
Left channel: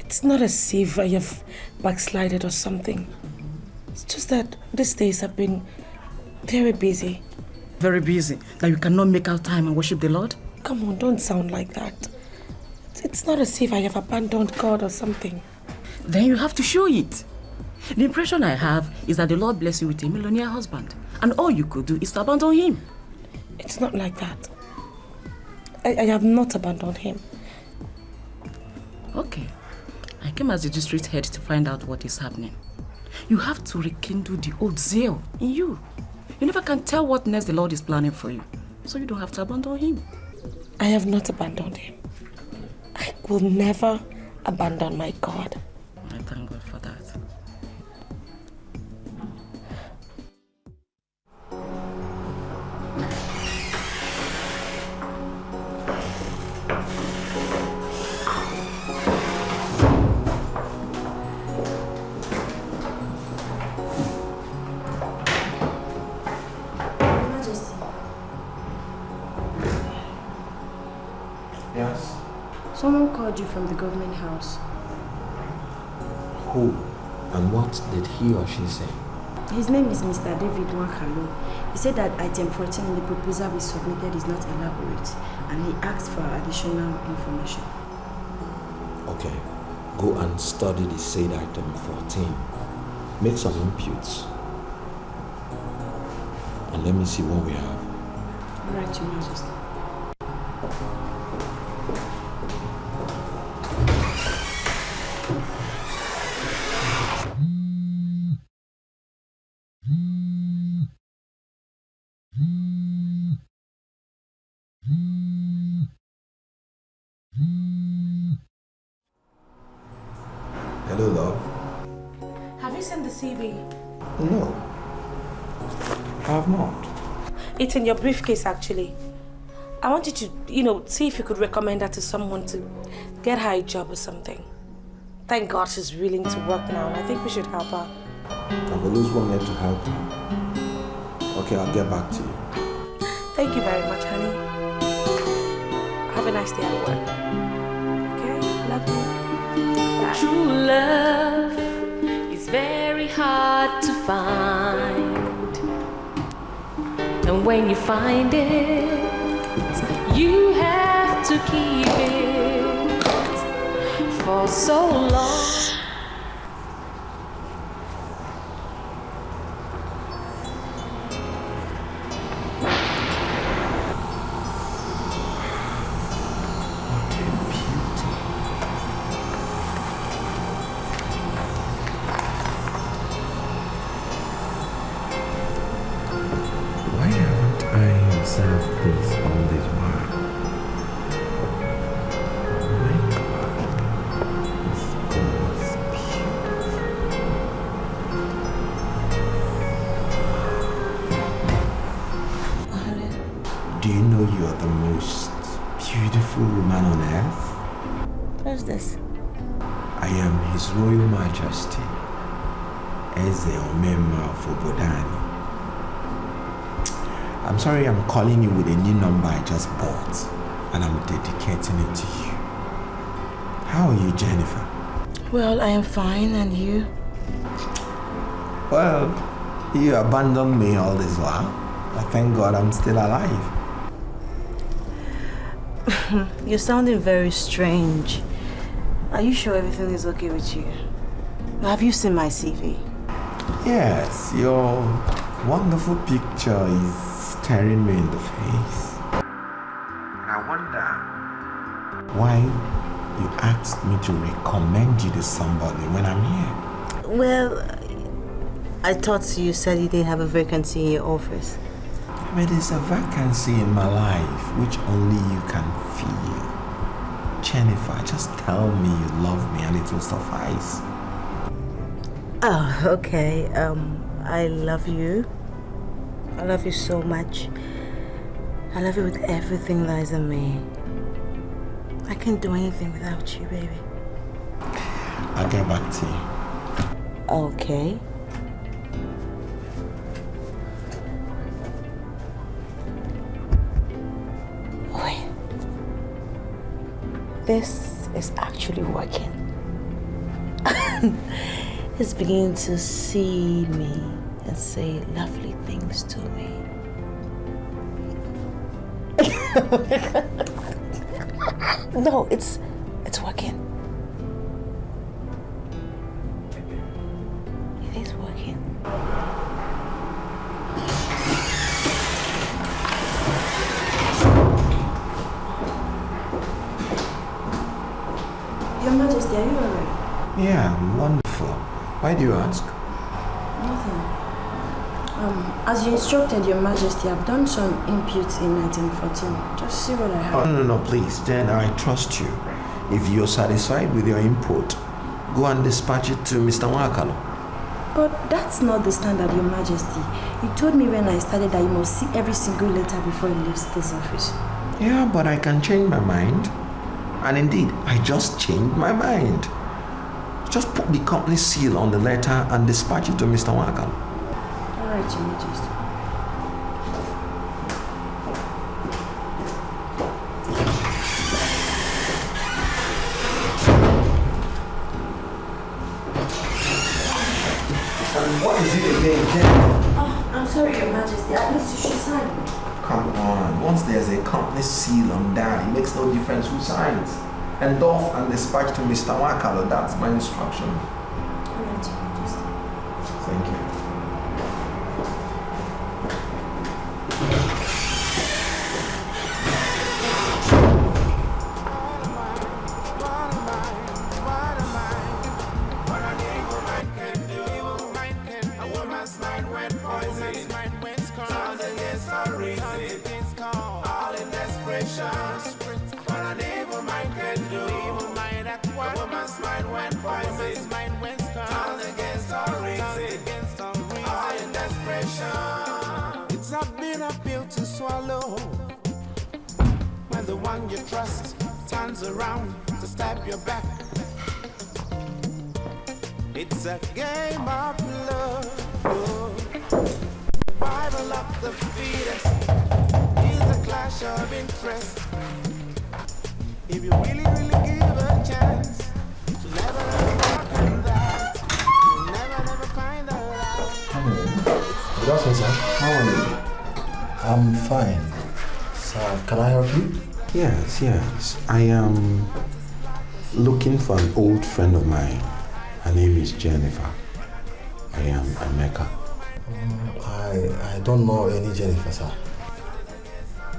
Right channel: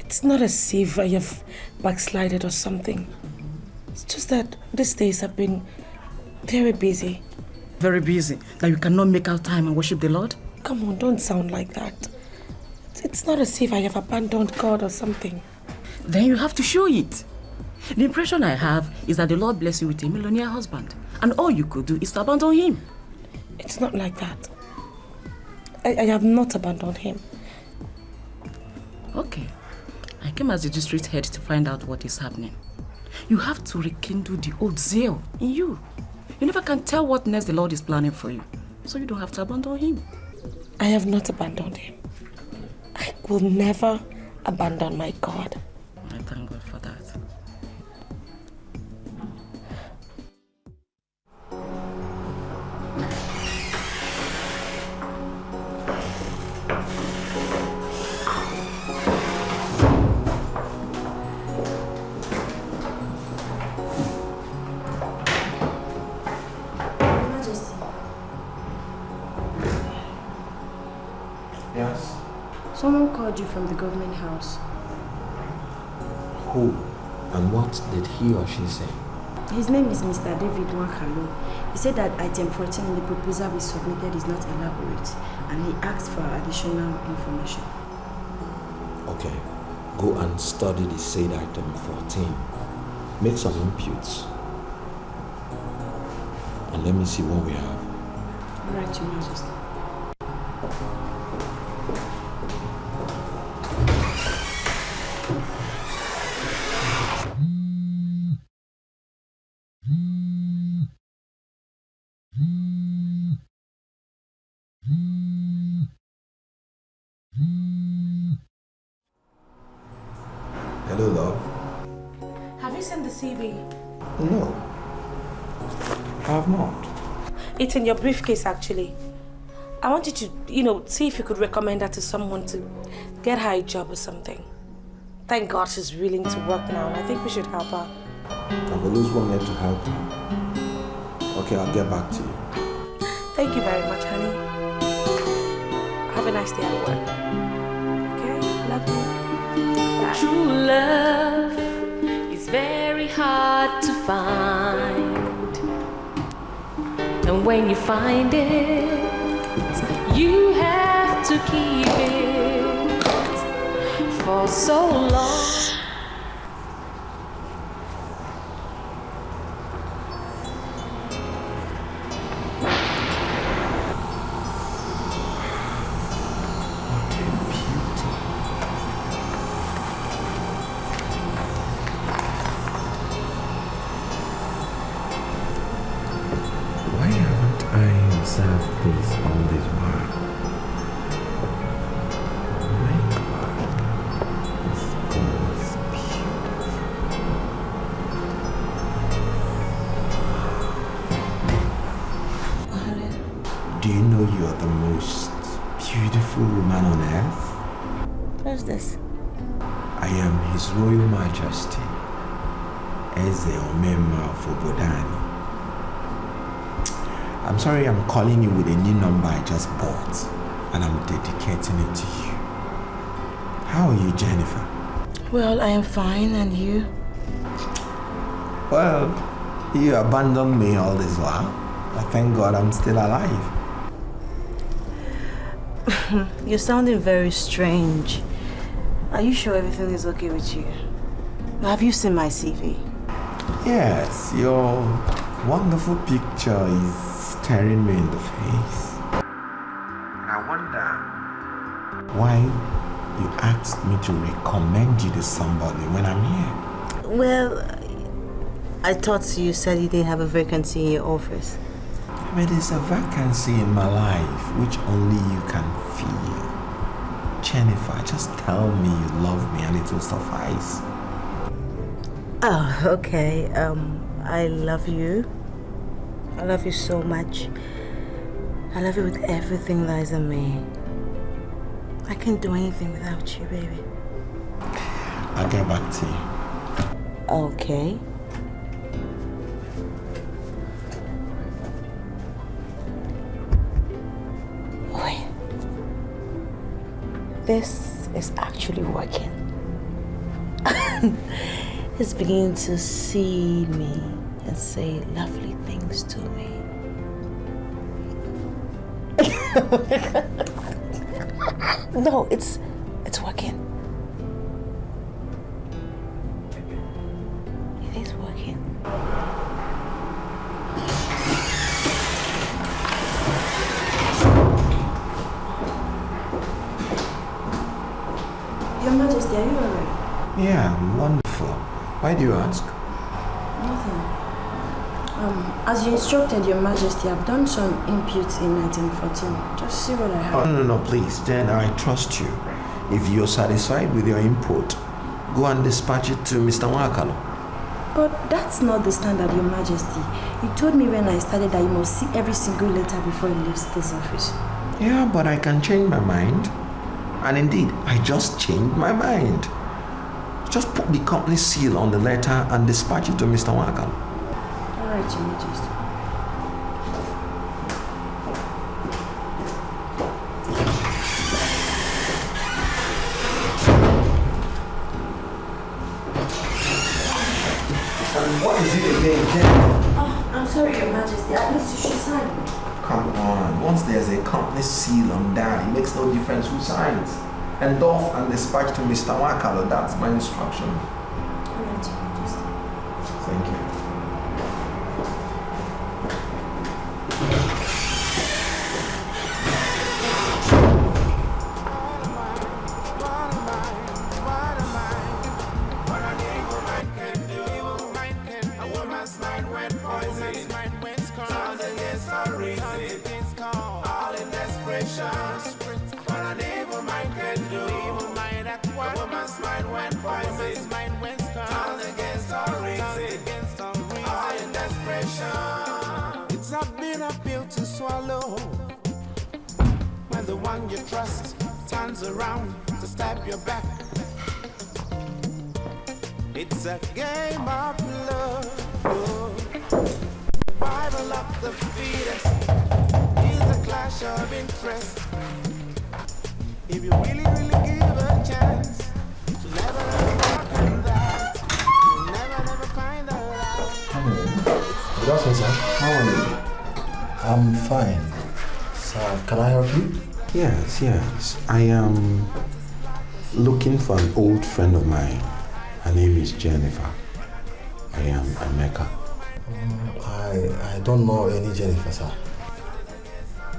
it's not as if I have backslided or something. It's just that these days have been very busy. Very busy? That you cannot make out time and worship the Lord? Come on, don't sound like that. It's not as if I have abandoned God or something. Then you have to show it. The impression I have is that the Lord bless you with a millionaire husband, and all you could do is to abandon him. It's not like that. I have not abandoned him. Okay. I came as the district head to find out what is happening. You have to rekindle the old zeal in you. You never can tell what next the Lord is planning for you, so you don't have to abandon him. I have not abandoned him. I will never abandon my God. I thank God for that. Yes? Someone called you from the government house. Who and what did he or she say? His name is Mr. David Wakalo. He said that item 14 in the proposal we submitted is not elaborate, and he asked for additional information. Okay, go and study the said item 14. Make some inputs. And let me see what we have. All right, Your Majesty. Hello, love. Have you sent the CV? No, I have not. It's in your briefcase, actually. I want you to, see if you could recommend her to someone to get her a job or something. Thank God she's willing to work now, and I think we should help her. I've always wanted to help you. Okay, I'll get back to you. Thank you very much, honey. Have a nice day at work. Okay? Love you. Bye. True love is very hard to find. And when you find it, you have to keep it for so long. This all this while. Oh my God, this girl is beautiful. Do you know you are the most beautiful woman on earth? Who's this? I am His Royal Majesty, Eze Omema of Obodani. I'm sorry I'm calling you with a new number I just bought, and I'm dedicating it to you. How are you, Jennifer? Well, I am fine, and you? Well, you abandoned me all this while. I thank God I'm still alive. You're sounding very strange. Are you sure everything is okay with you? Have you seen my CV? Yes, your wonderful picture is staring me in the face. And I wonder why you asked me to recommend you to somebody when I'm here. Well, I thought you said you didn't have a vacancy in your office. But there's a vacancy in my life which only you can feel. Jennifer, just tell me you love me and it will suffice. Oh, okay. I love you. I love you so much. I love you with everything that is in me. I can't do anything without you, baby. I'll get back to you. Okay. Wait. This is actually working. It's beginning to see me and say lovely things to me. No, it's working. It is working. Your Majesty, are you alright? Yeah, I'm wonderful. Why do you ask? Nothing. As you instructed, Your Majesty, I've done some inputs in item 14. Just see what I have. Oh, no, please. Then I trust you. If you're satisfied with your input, go and dispatch it to Mr. Wakalo. But that's not the standard, Your Majesty. You told me when I started that you must see every single letter before it leaves this office. Yeah, but I can change my mind. And indeed, I just changed my mind. Just put the company seal on the letter and dispatch it to Mr. Wakalo. All right, Your Majesty. And what is it Oh, I'm sorry, Your Majesty. At least you should sign. Come on. Once there's a company seal on that, it makes no difference who signs. Endorse and dispatch to Mr. Wakalo. That's my instruction. All right, Your Majesty. Thank you. It's a bitter pill to swallow when the one you trust turns around to stab your back. It's a game of love. Survival of the fittest is a clash of interest. If you really, really give a chance to never walk in that, you'll never find out. Good afternoon, sir. How are you? I'm fine. Sir, can I help you? Yes. I am looking for an old friend of mine. Her name is Jennifer. I am Emeka. I don't know any Jennifer, sir.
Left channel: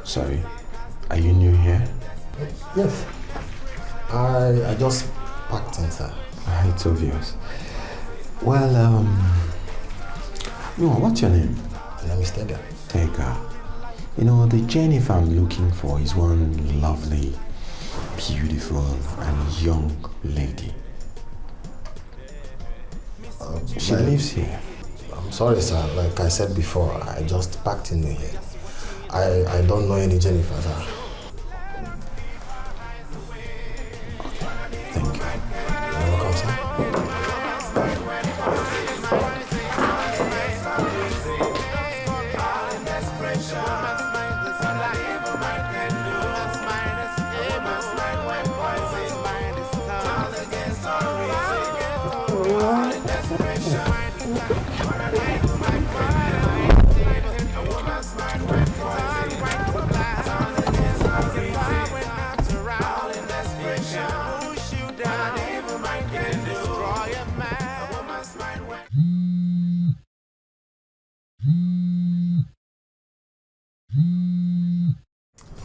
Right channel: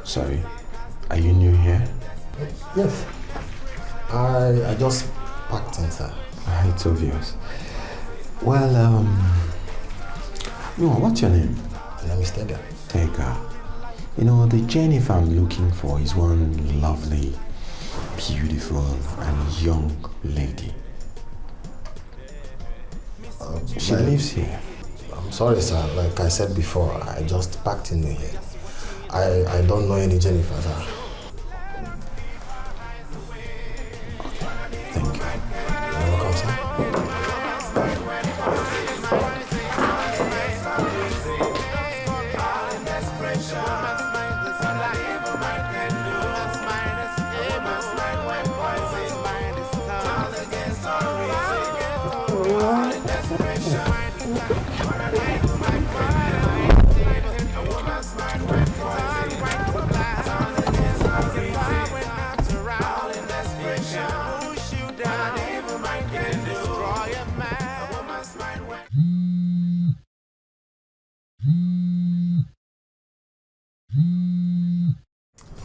Sorry, are you new here? Yes. I just packed in, sir. It's obvious. Well, what's your name? My name is Tega. Tega. You know, the Jennifer I'm looking for is one lovely, beautiful, and young lady. She lives here. I'm sorry, sir. Like I said before, I just packed in here. I don't know any Jennifer, sir. Thank you. You're welcome, sir.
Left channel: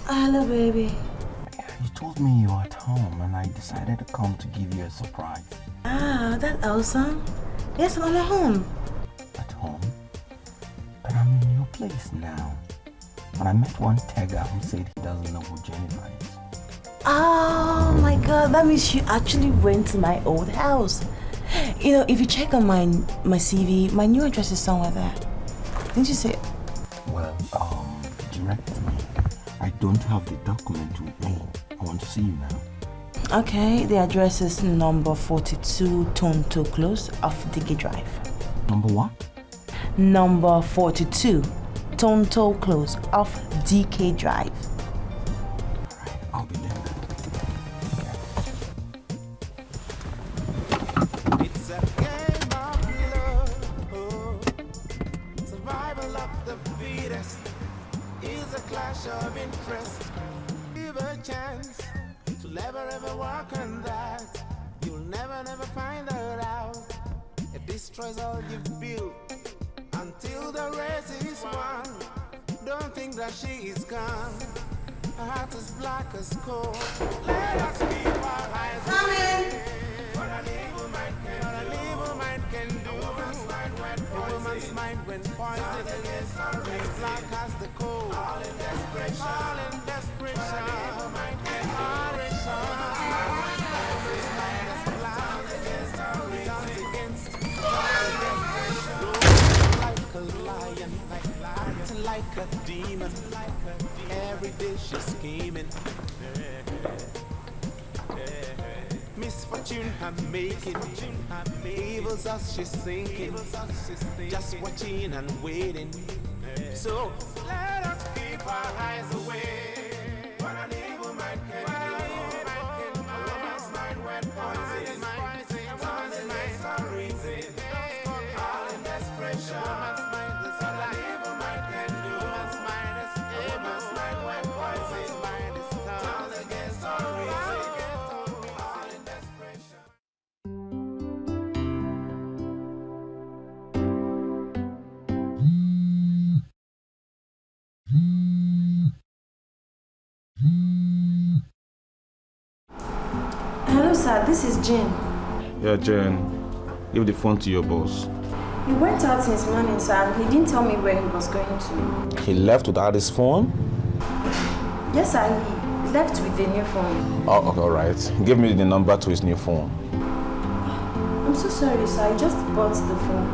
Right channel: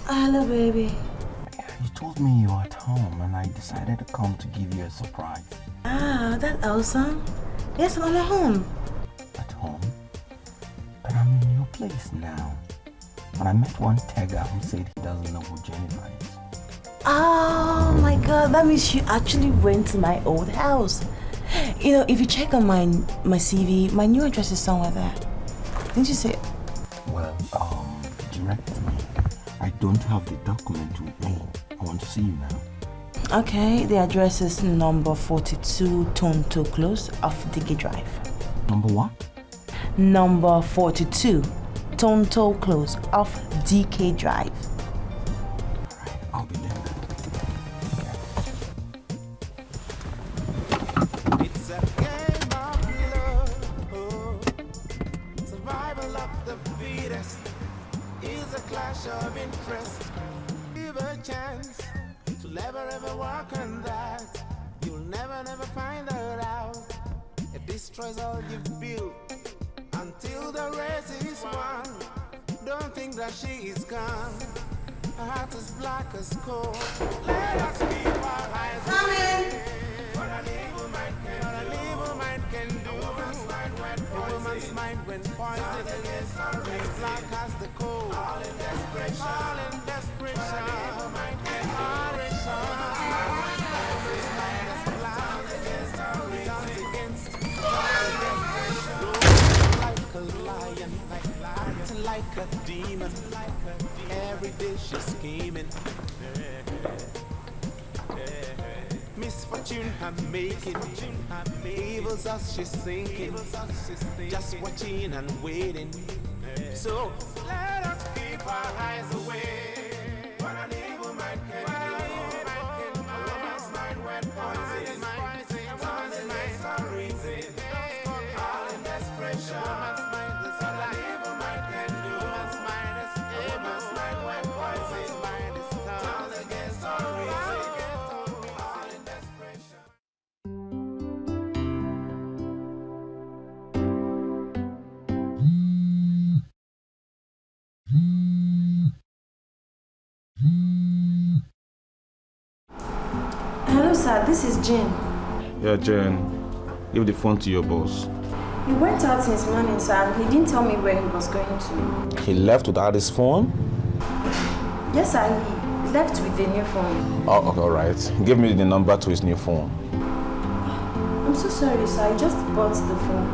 Hello, baby. You told me you were at home and I decided to come to give you a surprise. Ah, that's awesome. Yes, I'm at home. At home? But I'm in your place now. And I met one Tega who said he doesn't know who Jennifer is. Oh my god, that means you actually went to my old house. You know, if you check on my CV, my new address is somewhere there. Didn't you say it? Well, direct me. I don't have the document with me. I want to see you now. Okay, the address is number 42 Tonto Close off DK Drive. Number what? Number 42 Tonto Close off DK Drive. Alright, I'll be there. It's a game of love. Survival of the fittest is a clash of interest. Give a chance to never ever walk on that. You'll never find her out. It destroys all you've built until the race is won. Don't think that she is gone. Her heart is black as coal. Let us keep our eyes open. What an evil mind can do. A woman's mind when poisoned is black as the coal. All in desperation. Like a demon, every day she's scheming. Misfortune her making, evils us she's thinking, just watching and waiting. So let us keep our eyes away. What an evil mind can do. A woman's mind when poison, a woman's mind is a reason. All in desperation. sir, this is Jane. Yeah, Jen. Give the phone to your boss. He went out since morning, sir, and he didn't tell me where he was going to. He left without his phone? Yes, sir, he left with the new phone. Oh, okay, all right. Give me the number to his new phone. I'm so sorry, sir. I just bought the phone.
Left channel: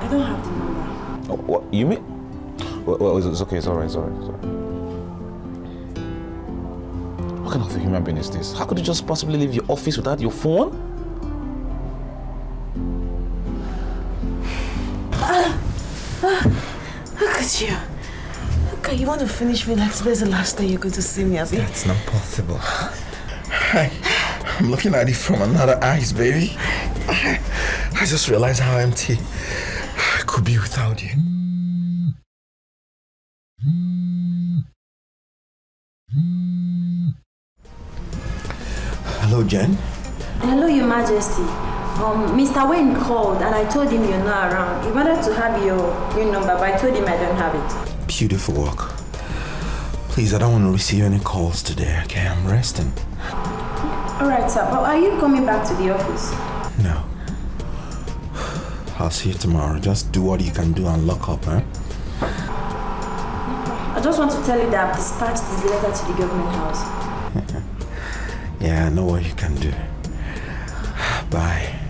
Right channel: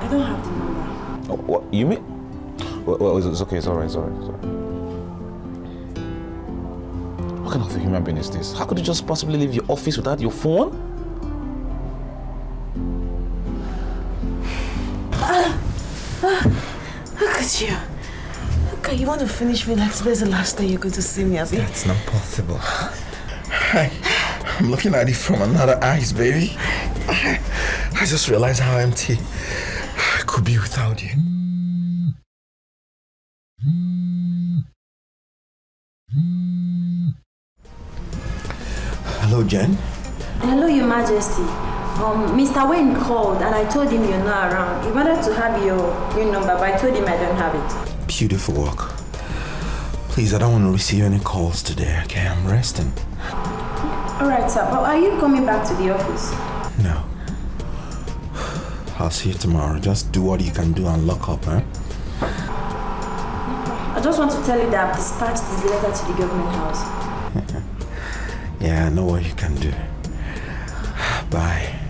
I don't have the number. Oh, what? You mean? Well, it's okay. It's all right. It's all right. It's all right. What kind of a human being is this? How could you just possibly leave your office without your phone? Look at you. Okay, you want to finish me like today's the last day you're going to see me, Abby? That's not possible. I'm looking at it from another eyes, baby. I just realized how empty I could be without you. Hello, Jen. Hello, Your Majesty. Mr. Wayne called and I told him you're not around. He wanted to have your new number, but I told him I don't have it. Beautiful work. Please, I don't want to receive any calls today, okay? I'm resting. Alright, sir, but are you coming back to the office? No. I'll see you tomorrow. Just do what you can do and lock up, huh? I just want to tell you that I've dispatched this letter to the government house. Yeah, I know what you can do. Bye.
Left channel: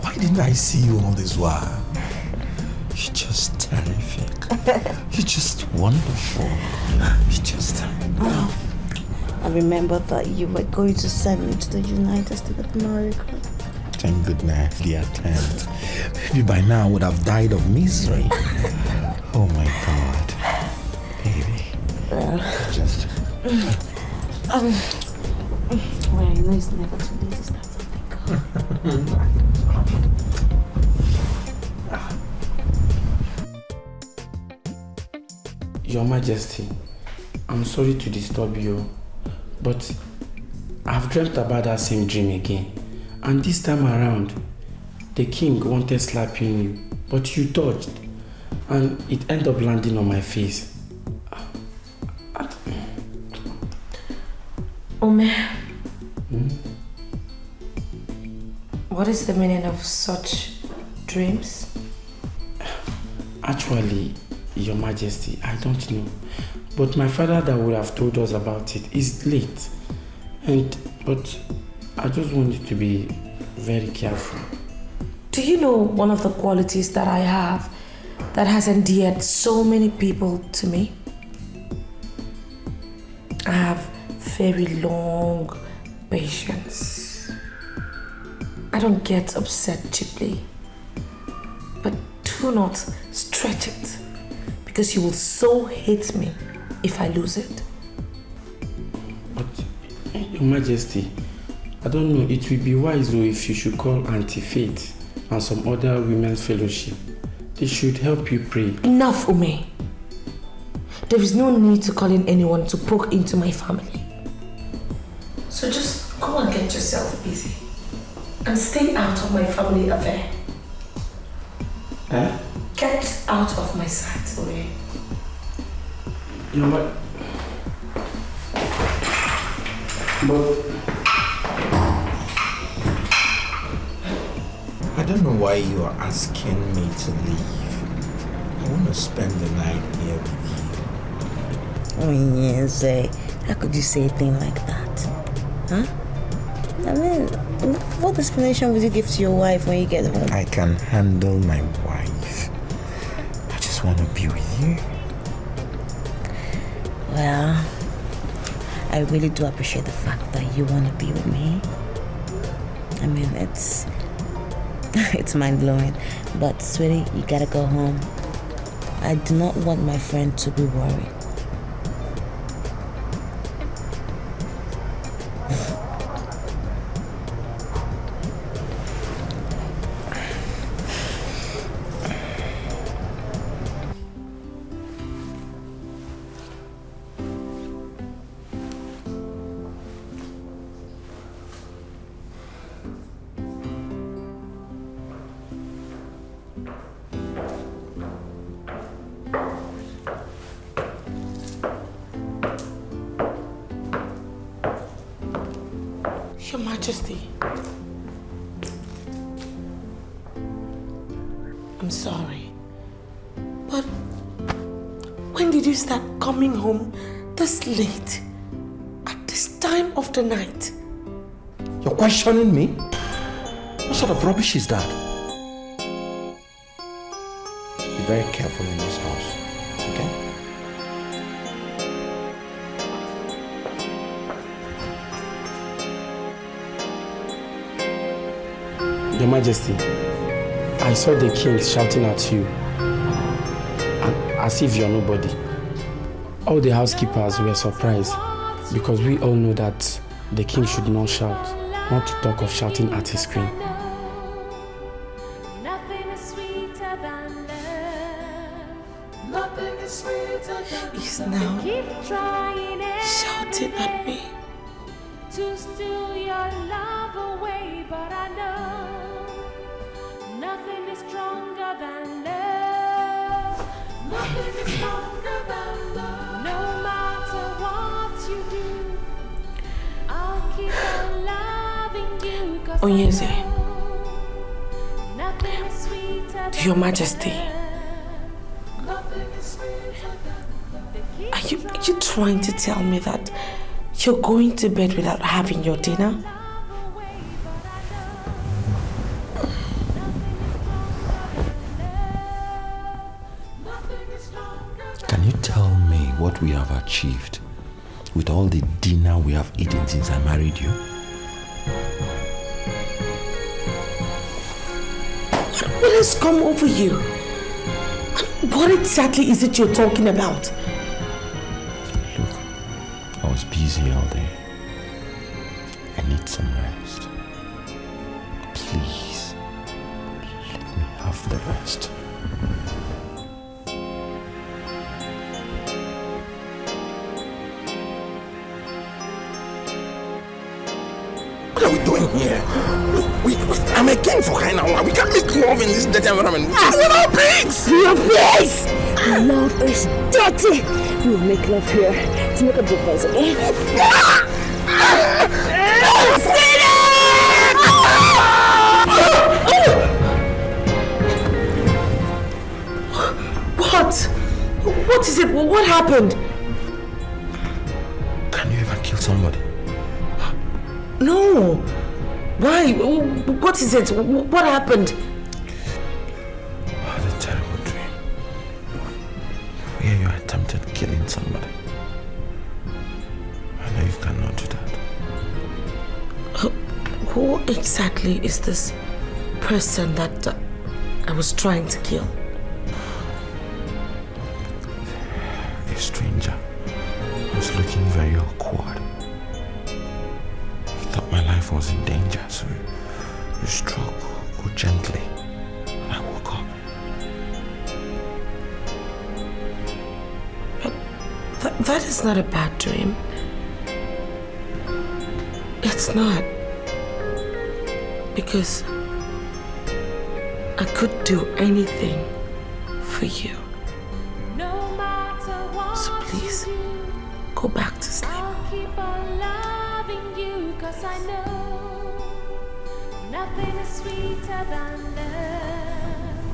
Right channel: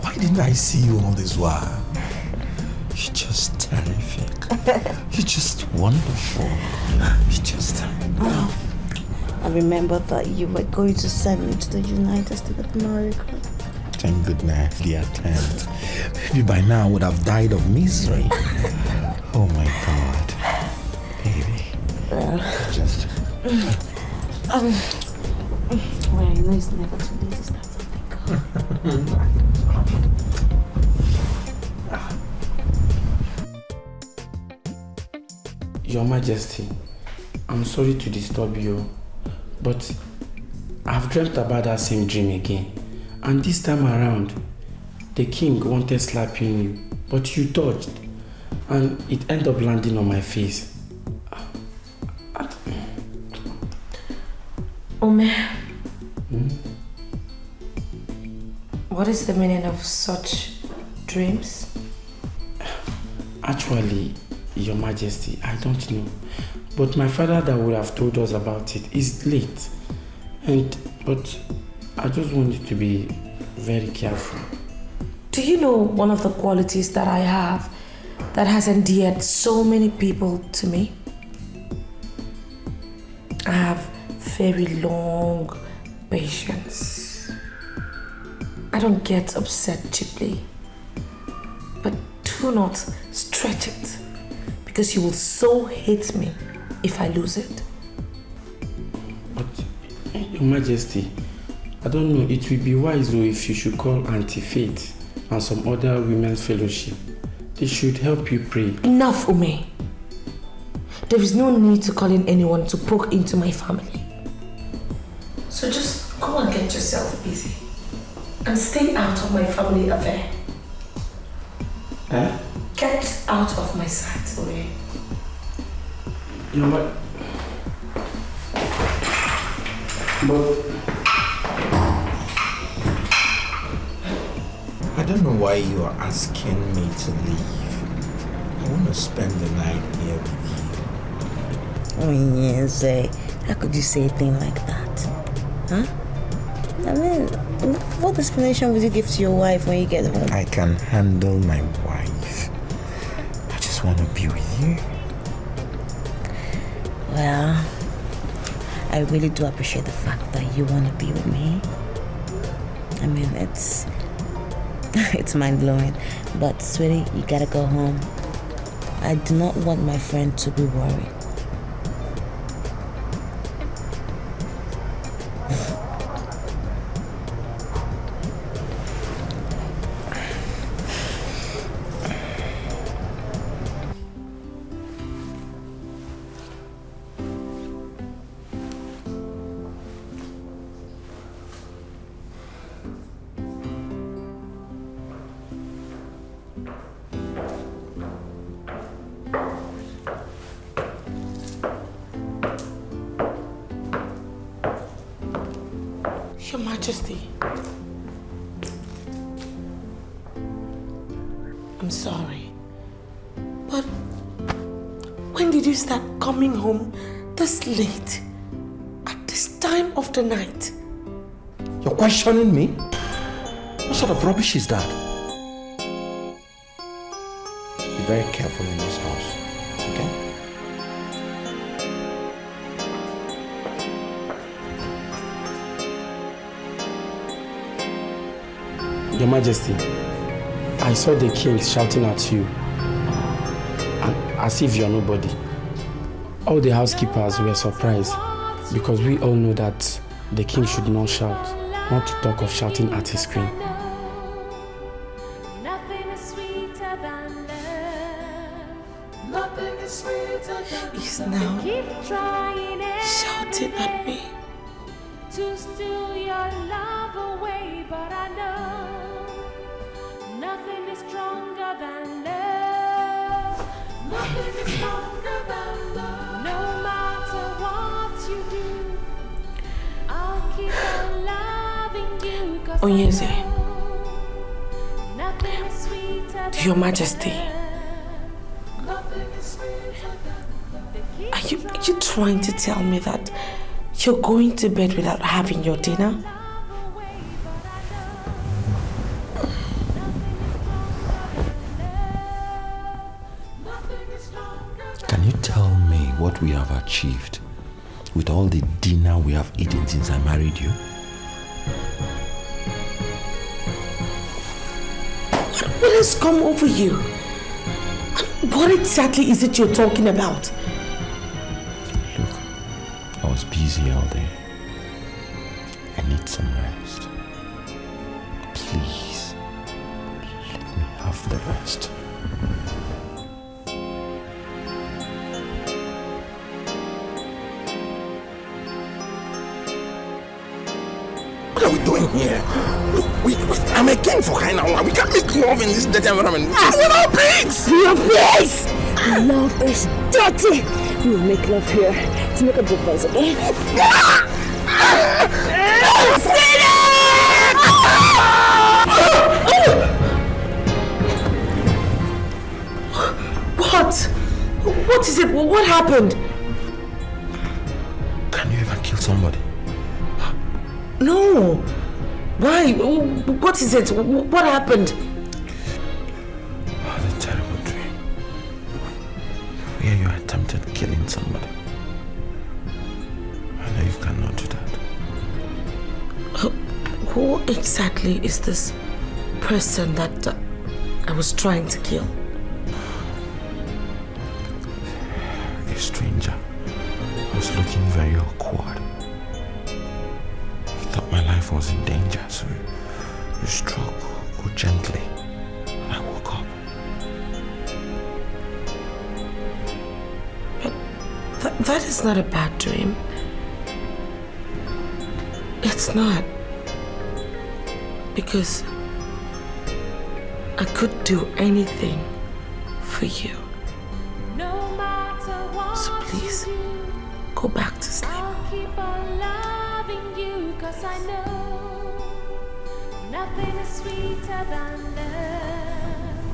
Why didn't I see you all this while? You're just terrific. You're just wonderful. You're just... I remember that you were going to send me to the United States of America. Thank goodness, dear attempt. Maybe by now I would have died of misery. Oh my God. Baby. Well, Just... well, you know it's never too late to start something. Your Majesty, I'm sorry to disturb you, but I've dreamt about that same dream again. And this time around, the king wanted slapping you, but you dodged, and it ended up landing on my face. Ome, what is the meaning of such dreams? Actually, Your Majesty, I don't know. But my father that would have told us about it is late. But I just want you to be very careful. Do you know one of the qualities that I have that has endeared so many people to me? I have very long patience. I don't get upset cheaply. But do not stretch it, because you will so hate me if I lose it. But, Your Majesty, I don't know, it will be wise though if you should call Auntie Faith and some other women's fellowship. They should help you pray. Enough, Ume. There is no need to call in anyone to poke into my family. So just go and get yourself busy and stay out of my family affair. Huh? Get out of my sight, Ume. You know what? But I don't know why you are asking me to leave. I want to spend the night here with you. Oh yes, how could you say a thing like that? Huh? I mean, what explanation would you give to your wife when you get home? I can handle my wife. I just want to be with you. Well, I really do appreciate the fact that you want to be with me. I mean, it's mind-blowing. But, sweetie, you gotta go home. I do not want my friend to be worried. Your Majesty. I'm sorry. But when did you start coming home this late? At this time of the night? You're questioning me? What sort of rubbish is that? Be very careful in this house, okay? Your Majesty, I saw the king shouting at you, and as if you're nobody. All the housekeepers were surprised because we all know that the king should not shout, not to talk of shouting at his queen. He's now shouting at me. To steal your love away, but I know nothing is stronger than love. Nothing is stronger than love. No matter what you do, I'll keep on loving you. Onyeze, Nothing is sweeter than Your Majesty, are you trying to tell me that you're going to bed without having your dinner? Can you tell me what we have achieved with all the dinner we have eaten since I married you? What has come over you? What exactly is it you're talking about? I was busy all day. I need some rest. Please, let me have the rest. What are we doing here? I'm a king for crying out loud. We can't make love in this dirty environment. We're not pigs! Your pigs! Love is dirty. We will make love here to make a difference, okay? What? What is it? What happened? Can you ever kill somebody? No. Why? What is it? What happened? I had a terrible dream where you attempted killing somebody. I know you cannot do that. Who exactly is this person that I was trying to kill? A stranger was looking very awkward. He thought my life was in danger, so you struck gently. And I woke up. But that is not a bad dream. It's not. Because I could do anything for you. So please, go back to sleep. I'll keep on loving you, 'cause I know nothing is sweeter than love.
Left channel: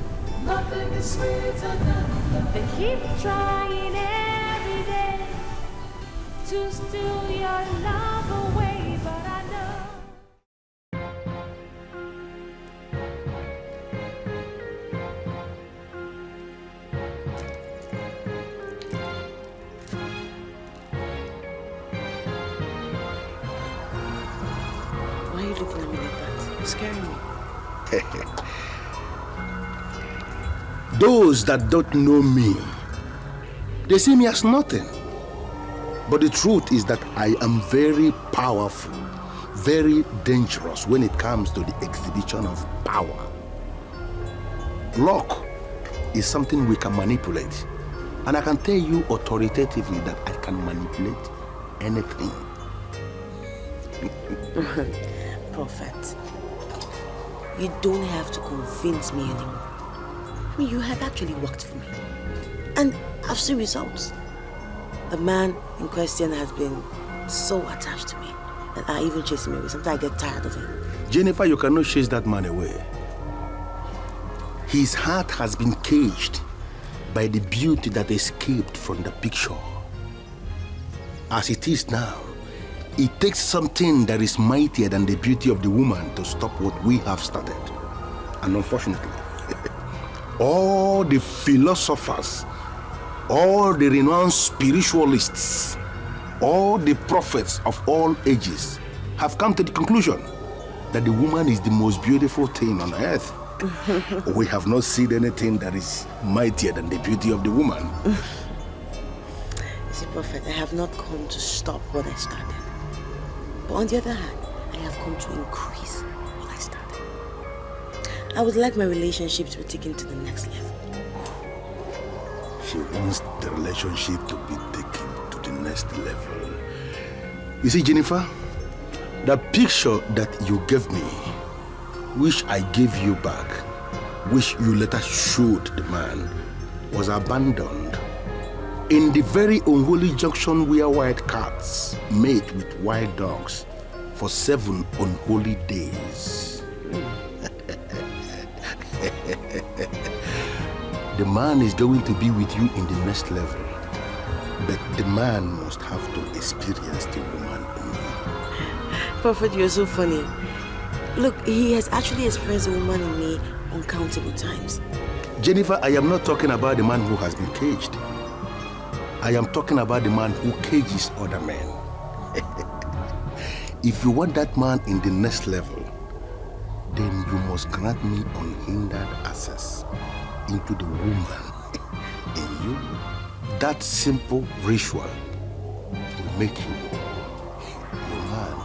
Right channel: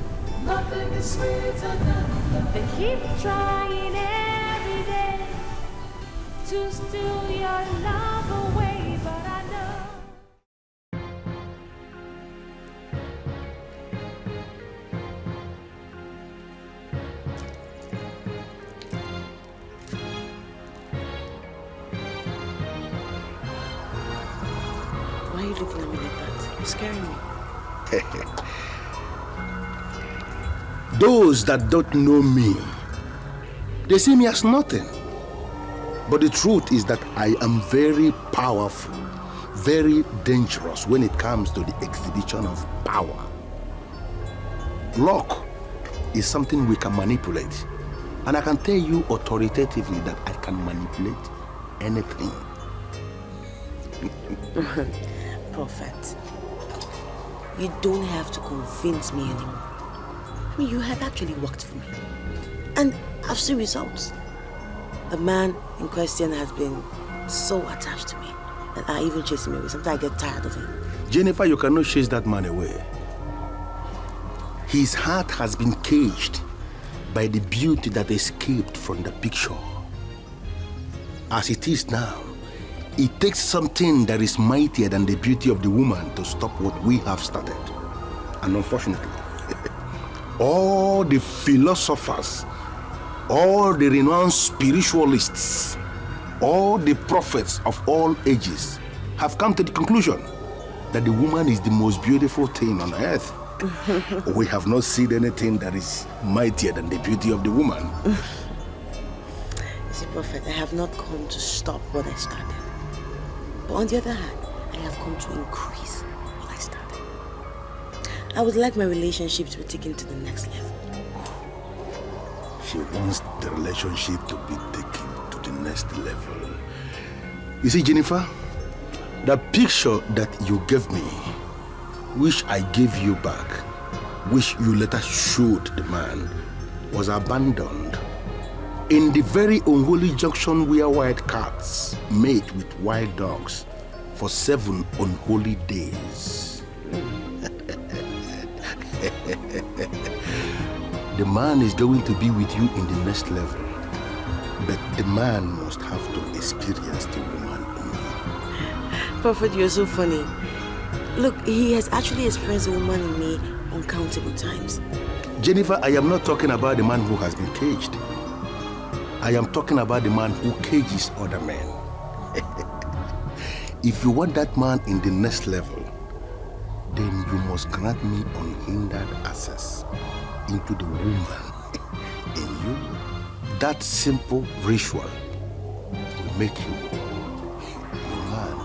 Nothing is sweeter than love. They keep trying every day to steal your love away, but I know. Why are you looking at me like that? You're scaring me. Those that don't know me, they see me as nothing. But the truth is that I am very powerful, very dangerous when it comes to the exhibition of power. Luck is something we can manipulate. And I can tell you authoritatively that I can manipulate anything. Prophet, you don't have to convince me anymore. I mean, you have actually worked for me. And I've seen results. The man in question has been so attached to me. that are even chasing me away. Sometimes I get tired of him. Jennifer, you cannot chase that man away. His heart has been caged by the beauty that escaped from the picture. As it is now, it takes something that is mightier than the beauty of the woman to stop what we have started. And unfortunately, all the philosophers, all the renowned spiritualists, all the prophets of all ages have come to the conclusion that the woman is the most beautiful thing on earth. We have not seen anything that is mightier than the beauty of the woman. You see, Prophet, I have not come to stop what I started. But on the other hand, I have come to increase what I started. I would like my relationship to be taken to the next level. She wants the relationship to be taken to the next level. You see, Jennifer, the picture that you gave me, which I gave you back, which you later showed the man, was abandoned in the very unholy junction where wild cats mate with wild dogs for 7 unholy days. The man is going to be with you in the next level, but the man must have to experience the woman in you. Prophet, you're so funny. Look, he has actually experienced a woman in me uncountable times. Jennifer, I am not talking about the man who has been caged. I am talking about the man who cages other men. If you want that man in the next level, then you must grant me unhindered access into the woman in you. That simple ritual will make you a man.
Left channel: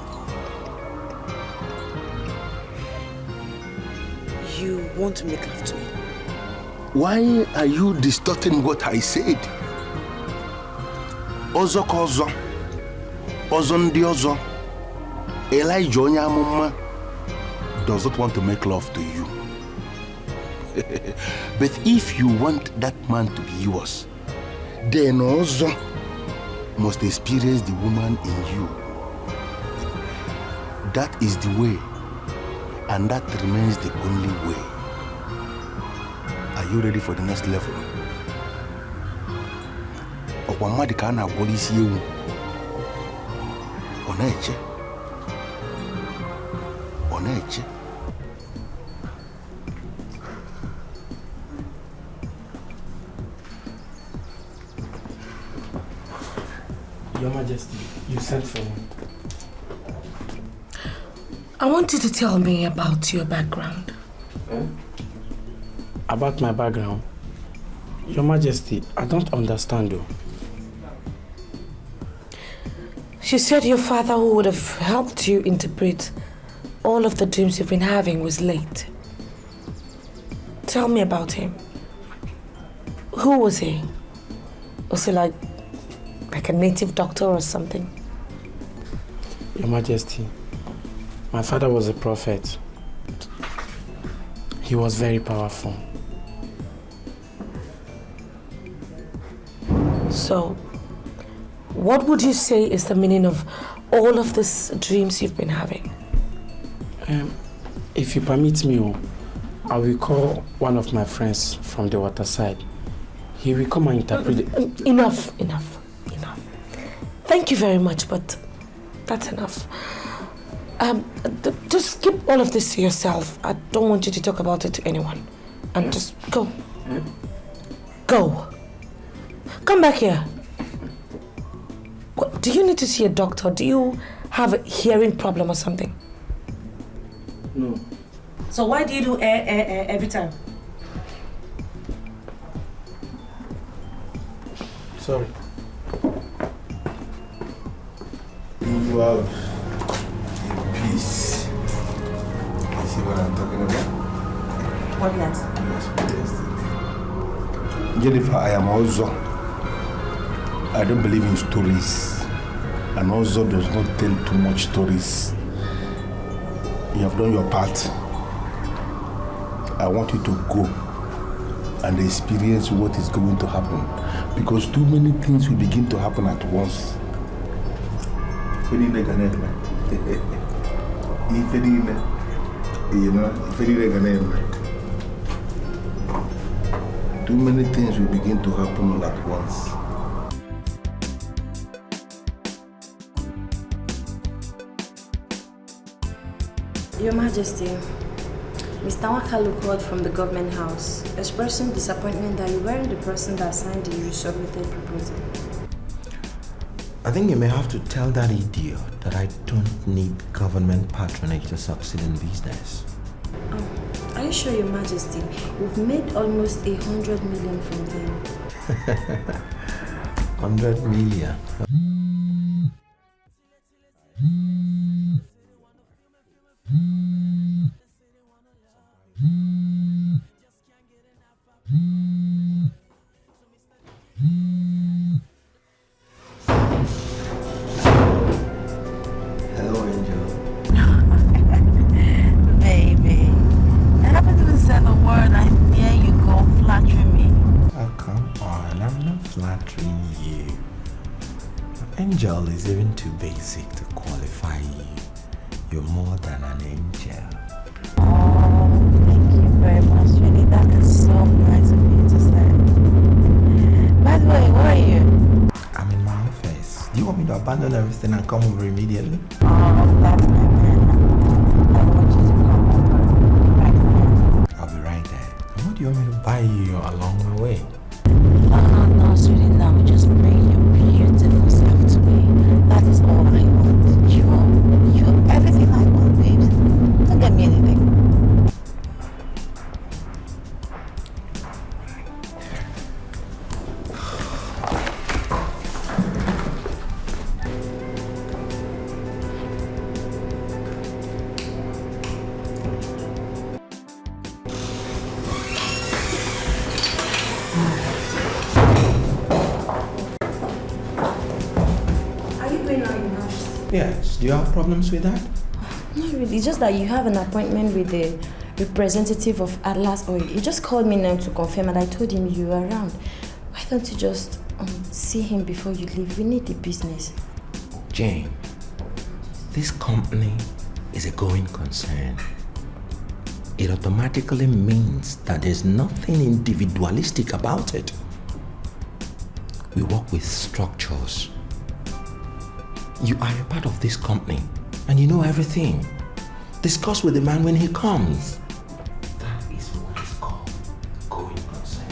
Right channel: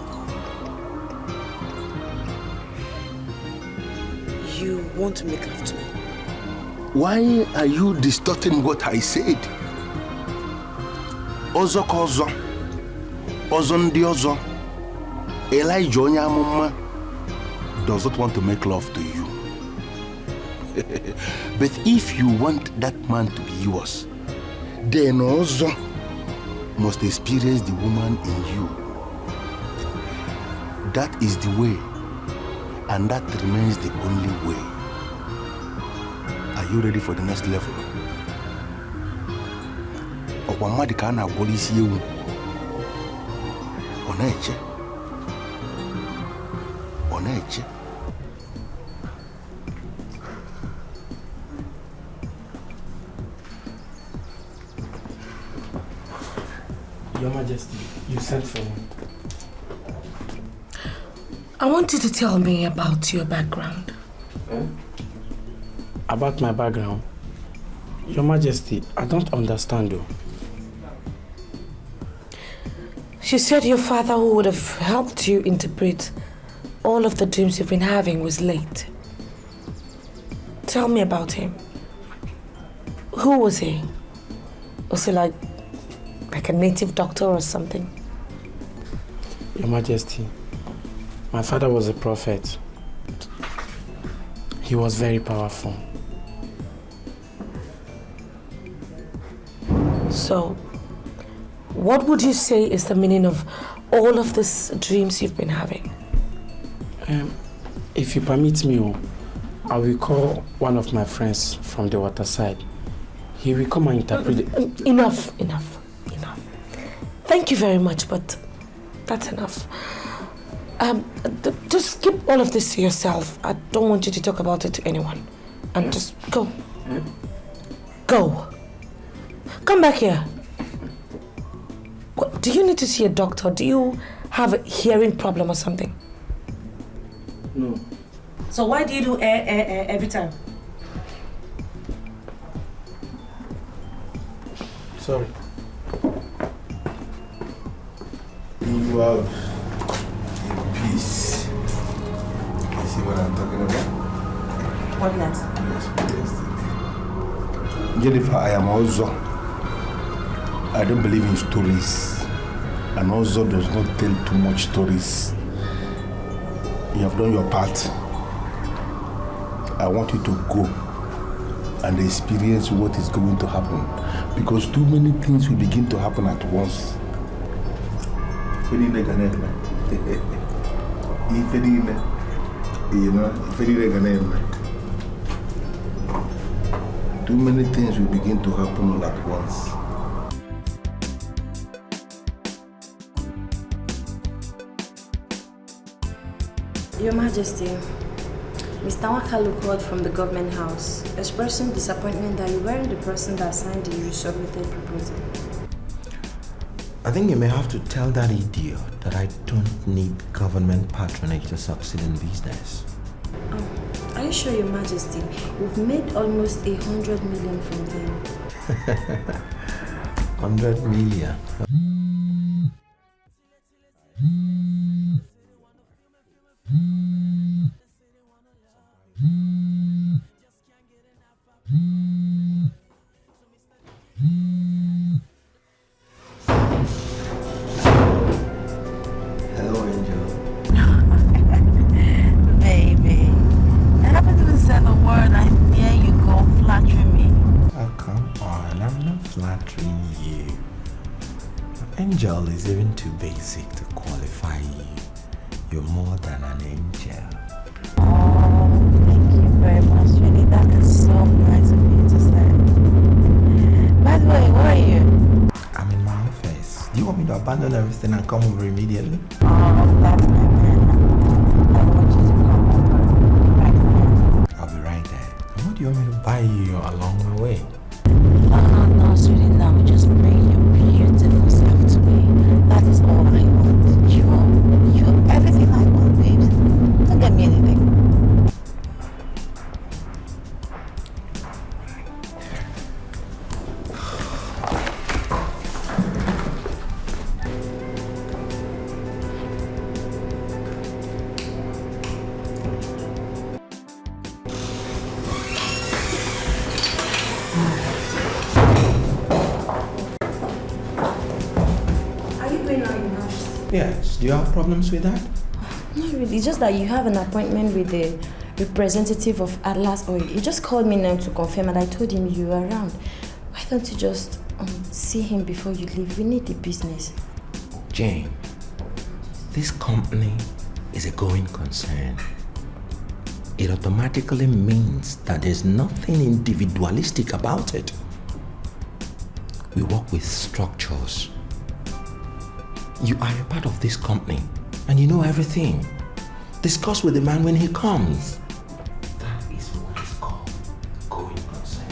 You want to make love to me? Why are you distorting what I said? Ozo kozo, ozo ndi ozo. Elijah onye amụma does not want to make love to you. But if you want that man to be yours, then also must experience the woman in you. That is the way, and that remains the only way. Are you ready for the next level? Okwamadika na polisi ewu. Oneche. Oneche. Your Majesty, you sent for me. I want you to tell me about your background. About my background? Your Majesty, I don't understand though. She said your father, who would have helped you interpret all of the dreams you've been having, was late. Tell me about him. Who was he? Was he like a native doctor or something? Your Majesty, my father was a prophet. He was very powerful. So, what would you say is the meaning of all of these dreams you've been having? If you permit me, I will call one of my friends from the water side. He will come and interpret it. Enough. Thank you very much, but that's enough. Just keep all of this to yourself. I don't want you to talk about it to anyone. And just go. Go. Come back here. What, do you need to see a doctor? Do you have a hearing problem or something? No. So why do you do every time? Sorry. You have a peace. You see what I'm talking about? What next? Yes. Jennifer, I am also. I don't believe in stories, and also does not tell too much stories. You have done your part. I want you to go and experience what is going to happen, because too many things will begin to happen at once. Too many things will begin to happen all at once. Your Majesty, Mr. Wakalu called from the government house, expressing disappointment that you weren't the person that signed the resubmitted proposal. I think you may have to tell that idiot that I don't need government patronage to succeed in business. Are you sure, Your Majesty? We've made almost 100 million from them. 100 million. Hello, Angel. Baby, I haven't even said a word and here you go flattering me. Oh, come on, I'm not flattering you. Angel is even too basic to qualify you. You're more than an angel. Oh, thank you very much, really. That is so nice of you to say. By the way, where are you? I'm in my office. Do you want me to abandon everything and come over immediately? Oh, that's my man. I want you to come over right now. I'll be right there. And what do you want me to buy you along the way? No, sweetie, no. Just bring your beautiful self to me. That is all I want. You're everything I want, babes. Don't get me anything. Are you going out, Your Majesty? Yes. Do you have problems with that? Not really. It's just that you have an appointment with the representative of Atlas Oil. He just called me now to confirm, and I told him you were around. Why don't you just see him before you leave? We need the business. Jane, this company is a going concern. It automatically means that there's nothing individualistic about it. We work with structures. You are a part of this company and you know everything. Discuss with the man when he comes. That is what is called going concern.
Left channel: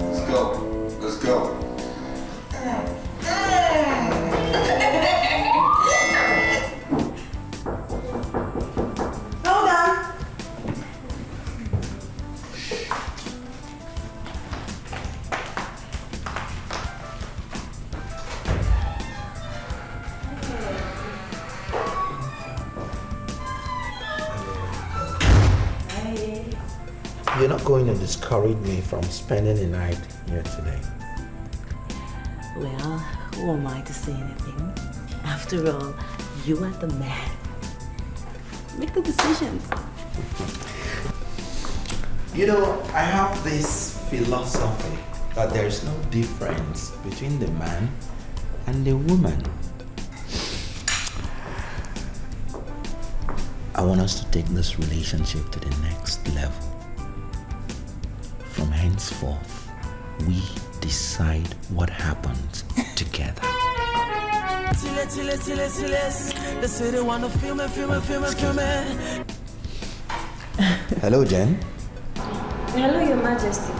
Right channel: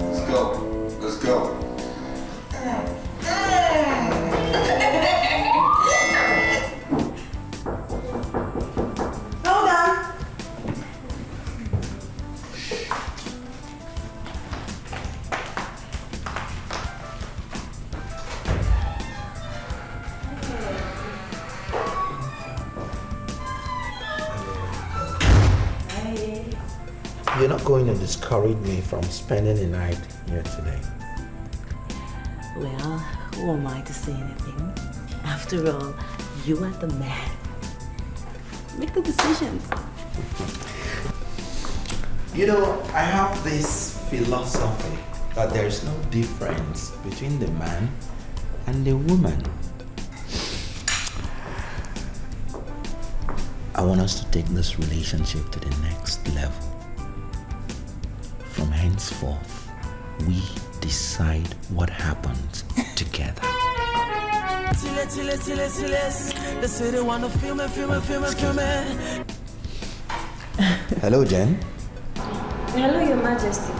Let's go. Let's go. Hold on. You're not going to discourage me from spending the night here today. Well, who am I to say anything? After all, you are the man. Make the decisions. You know, I have this philosophy that there is no difference between the man and the woman. I want us to take this relationship to the next level. From henceforth, we decide what happens together. Hello, Jen. Hello, Your Majesty.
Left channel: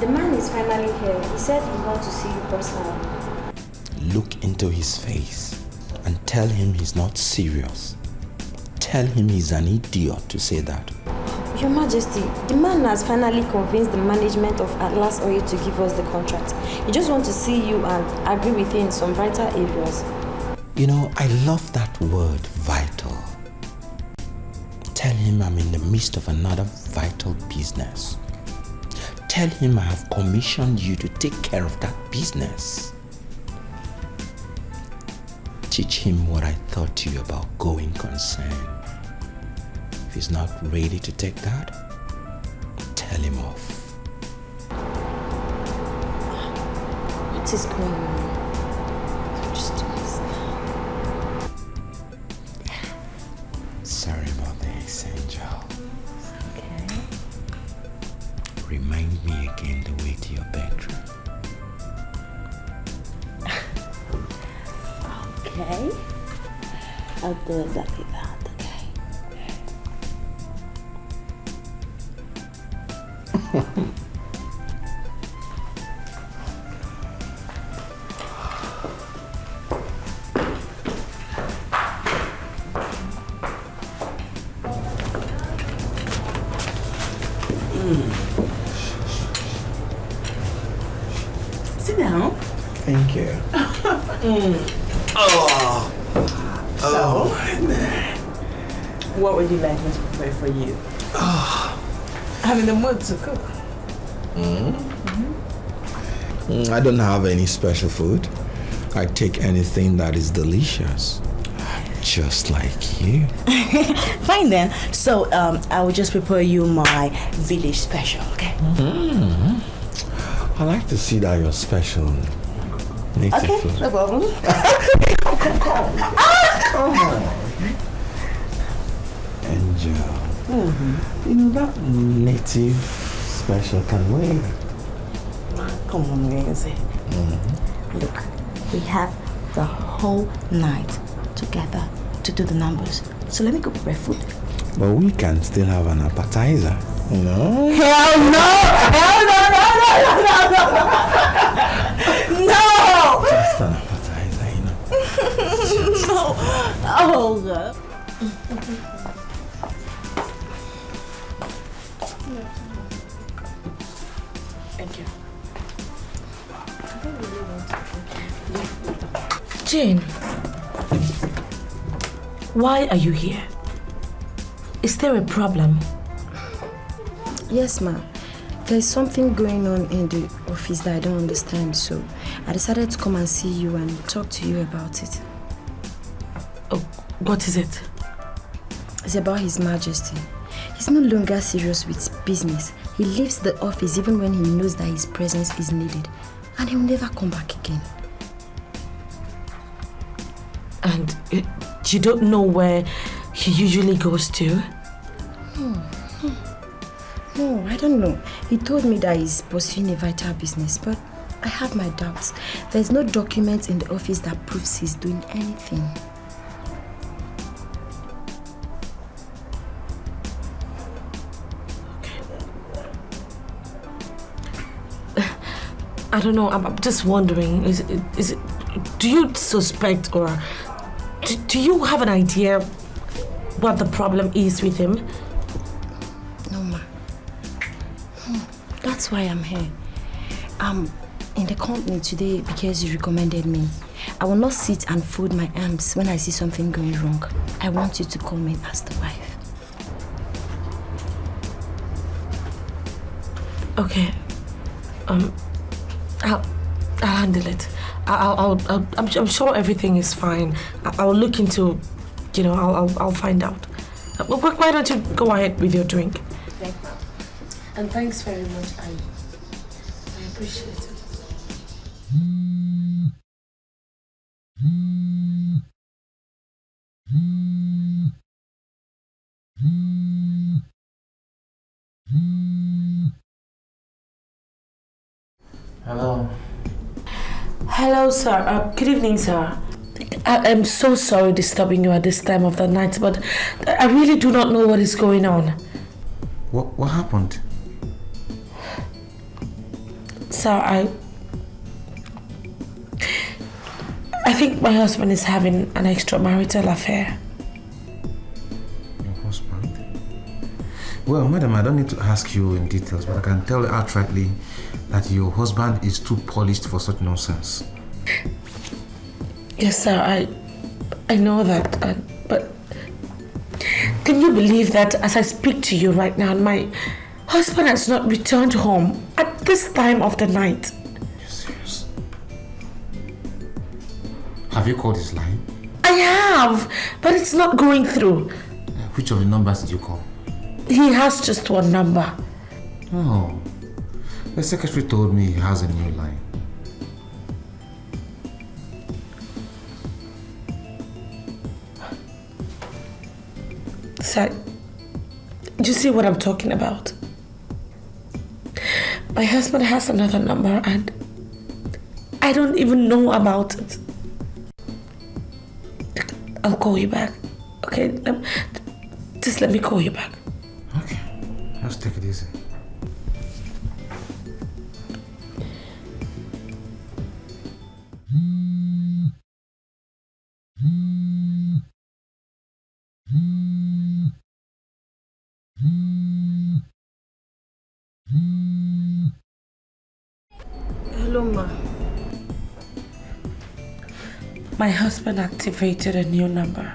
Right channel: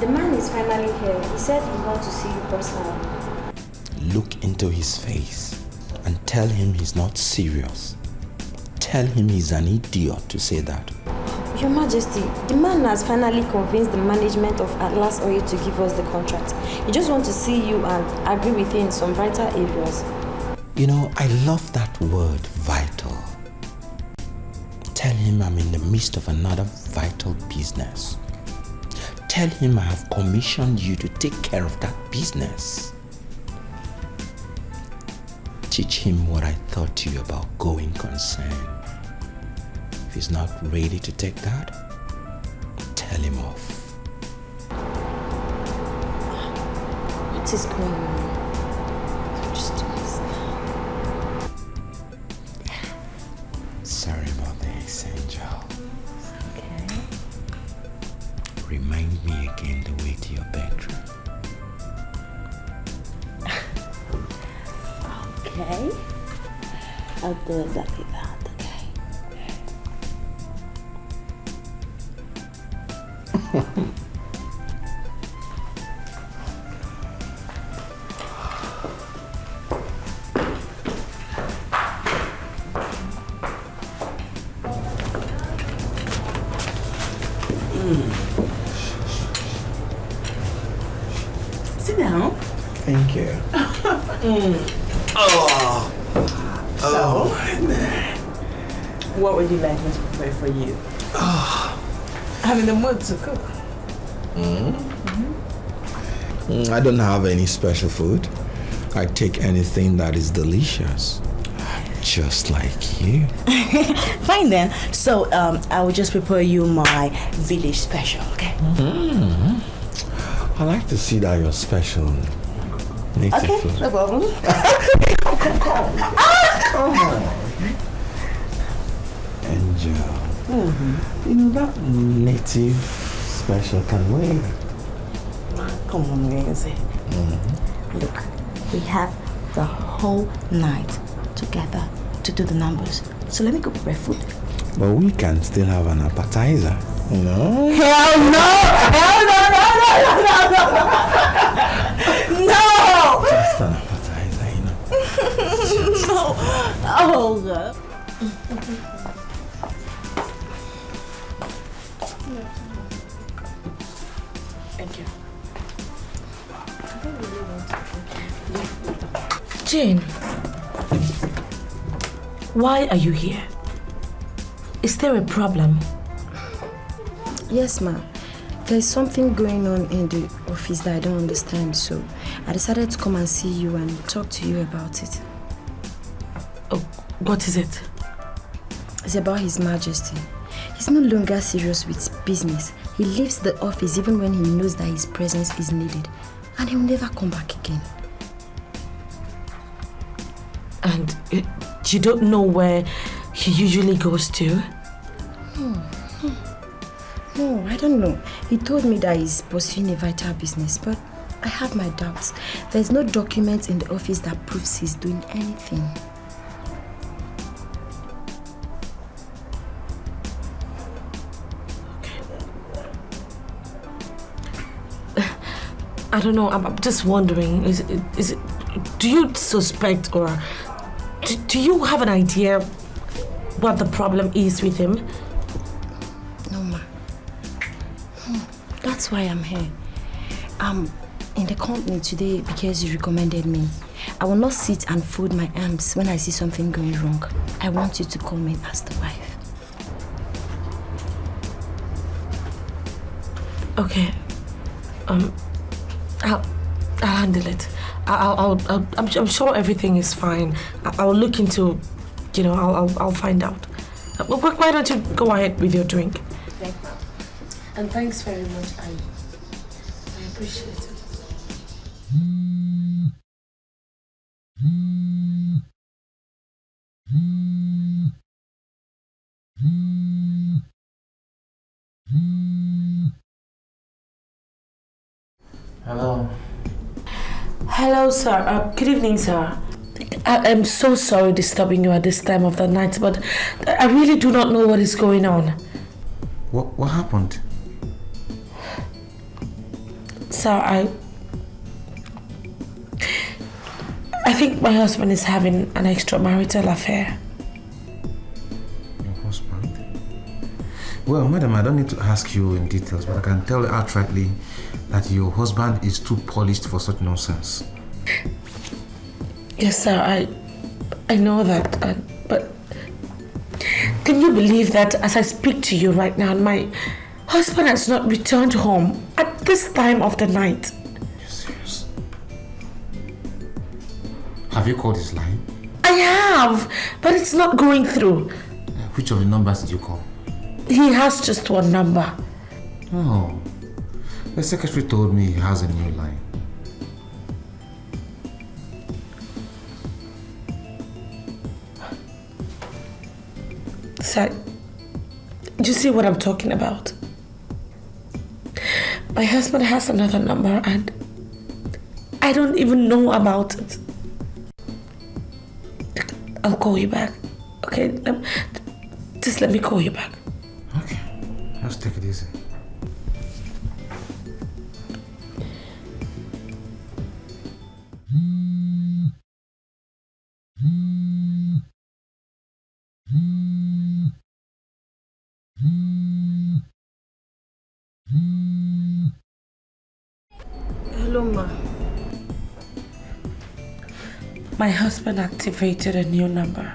The man is finally here. He said he wants to see you personally. Look into his face and tell him he's not serious. Tell him he's an idiot to say that. Your Majesty, the man has finally convinced the management of Atlas Oil to give us the contract. He just wants to see you and agree with you in some vital areas. You know, I love that word, vital. Tell him I'm in the midst of another vital business. Tell him I have commissioned you to take care of that business. teach him what I taught you about going concern. If he's not ready to take that, tell him off. What is going on? Sorry about this, Angel. Okay. Remind me again the way to your bedroom. Okay. I'll do exactly that, okay? Sit down. Thank you. What would you like me to prepare for you? I'm in the mood to cook. I don't have any special food. I take anything that is delicious. Just like you. Fine then. So I will just prepare you my village special, okay? I like to see that you're special. Native Okay, food. no problem. Angel. You know that native special can wait. Come on, Nancy. Look, we have the whole night together to do the numbers. So let me go prepare food. But we can still have an appetizer, you know? Hell no! Hell no! No! Just an appetizer, you know? No! Oh, God. Thank you. Jane, why are you here? Is there a problem? Yes, ma'am. There's something going on in the office that I don't understand, so I decided to come and see you and talk to you about it. Oh, what is it? It's about His Majesty. He's no longer serious with business. He leaves the office even when he knows that his presence is needed, and he'll never come back again. And you don't know where he usually goes to? No, I don't know. He told me that he's pursuing a vital business, but I have my doubts. There's no document in the office that proves he's doing anything. I don't know, I'm just wondering, is it, do you suspect or do you have an idea what the problem is with him? No, ma. That's why I'm here. I'm in the company today because you recommended me. I will not sit and fold my arms when I see something going wrong. I want you to come in as the wife. Okay. I'll handle it. I'm sure everything is fine. I'll look into, you know, I'll find out. Why don't you go ahead with your drink? Thank you. And thanks very much. I appreciate it. Hello. Hello, sir. Good evening, sir. I am so sorry disturbing you at this time of the night, but I really do not know what is going on. What happened? Sir, I think my husband is having an extramarital affair. Your husband? Well, madam, I don't need to ask you in details, but I can tell you outrightly that your husband is too polished for such nonsense. Yes, sir, I know that, but can you believe that as I speak to you right now, my husband has not returned home at this time of the night? You're serious? Have you called his line? have, but it's not going through. Which of the numbers did you call? He has just one number. Oh, the secretary told me he has a new line. Sir, do you see what I'm talking about? My husband has another number and I don't even know about it. I'll call you back. Okay? Just let me call you back. Okay. Just take it easy. Hello, Ma. My husband activated a new number.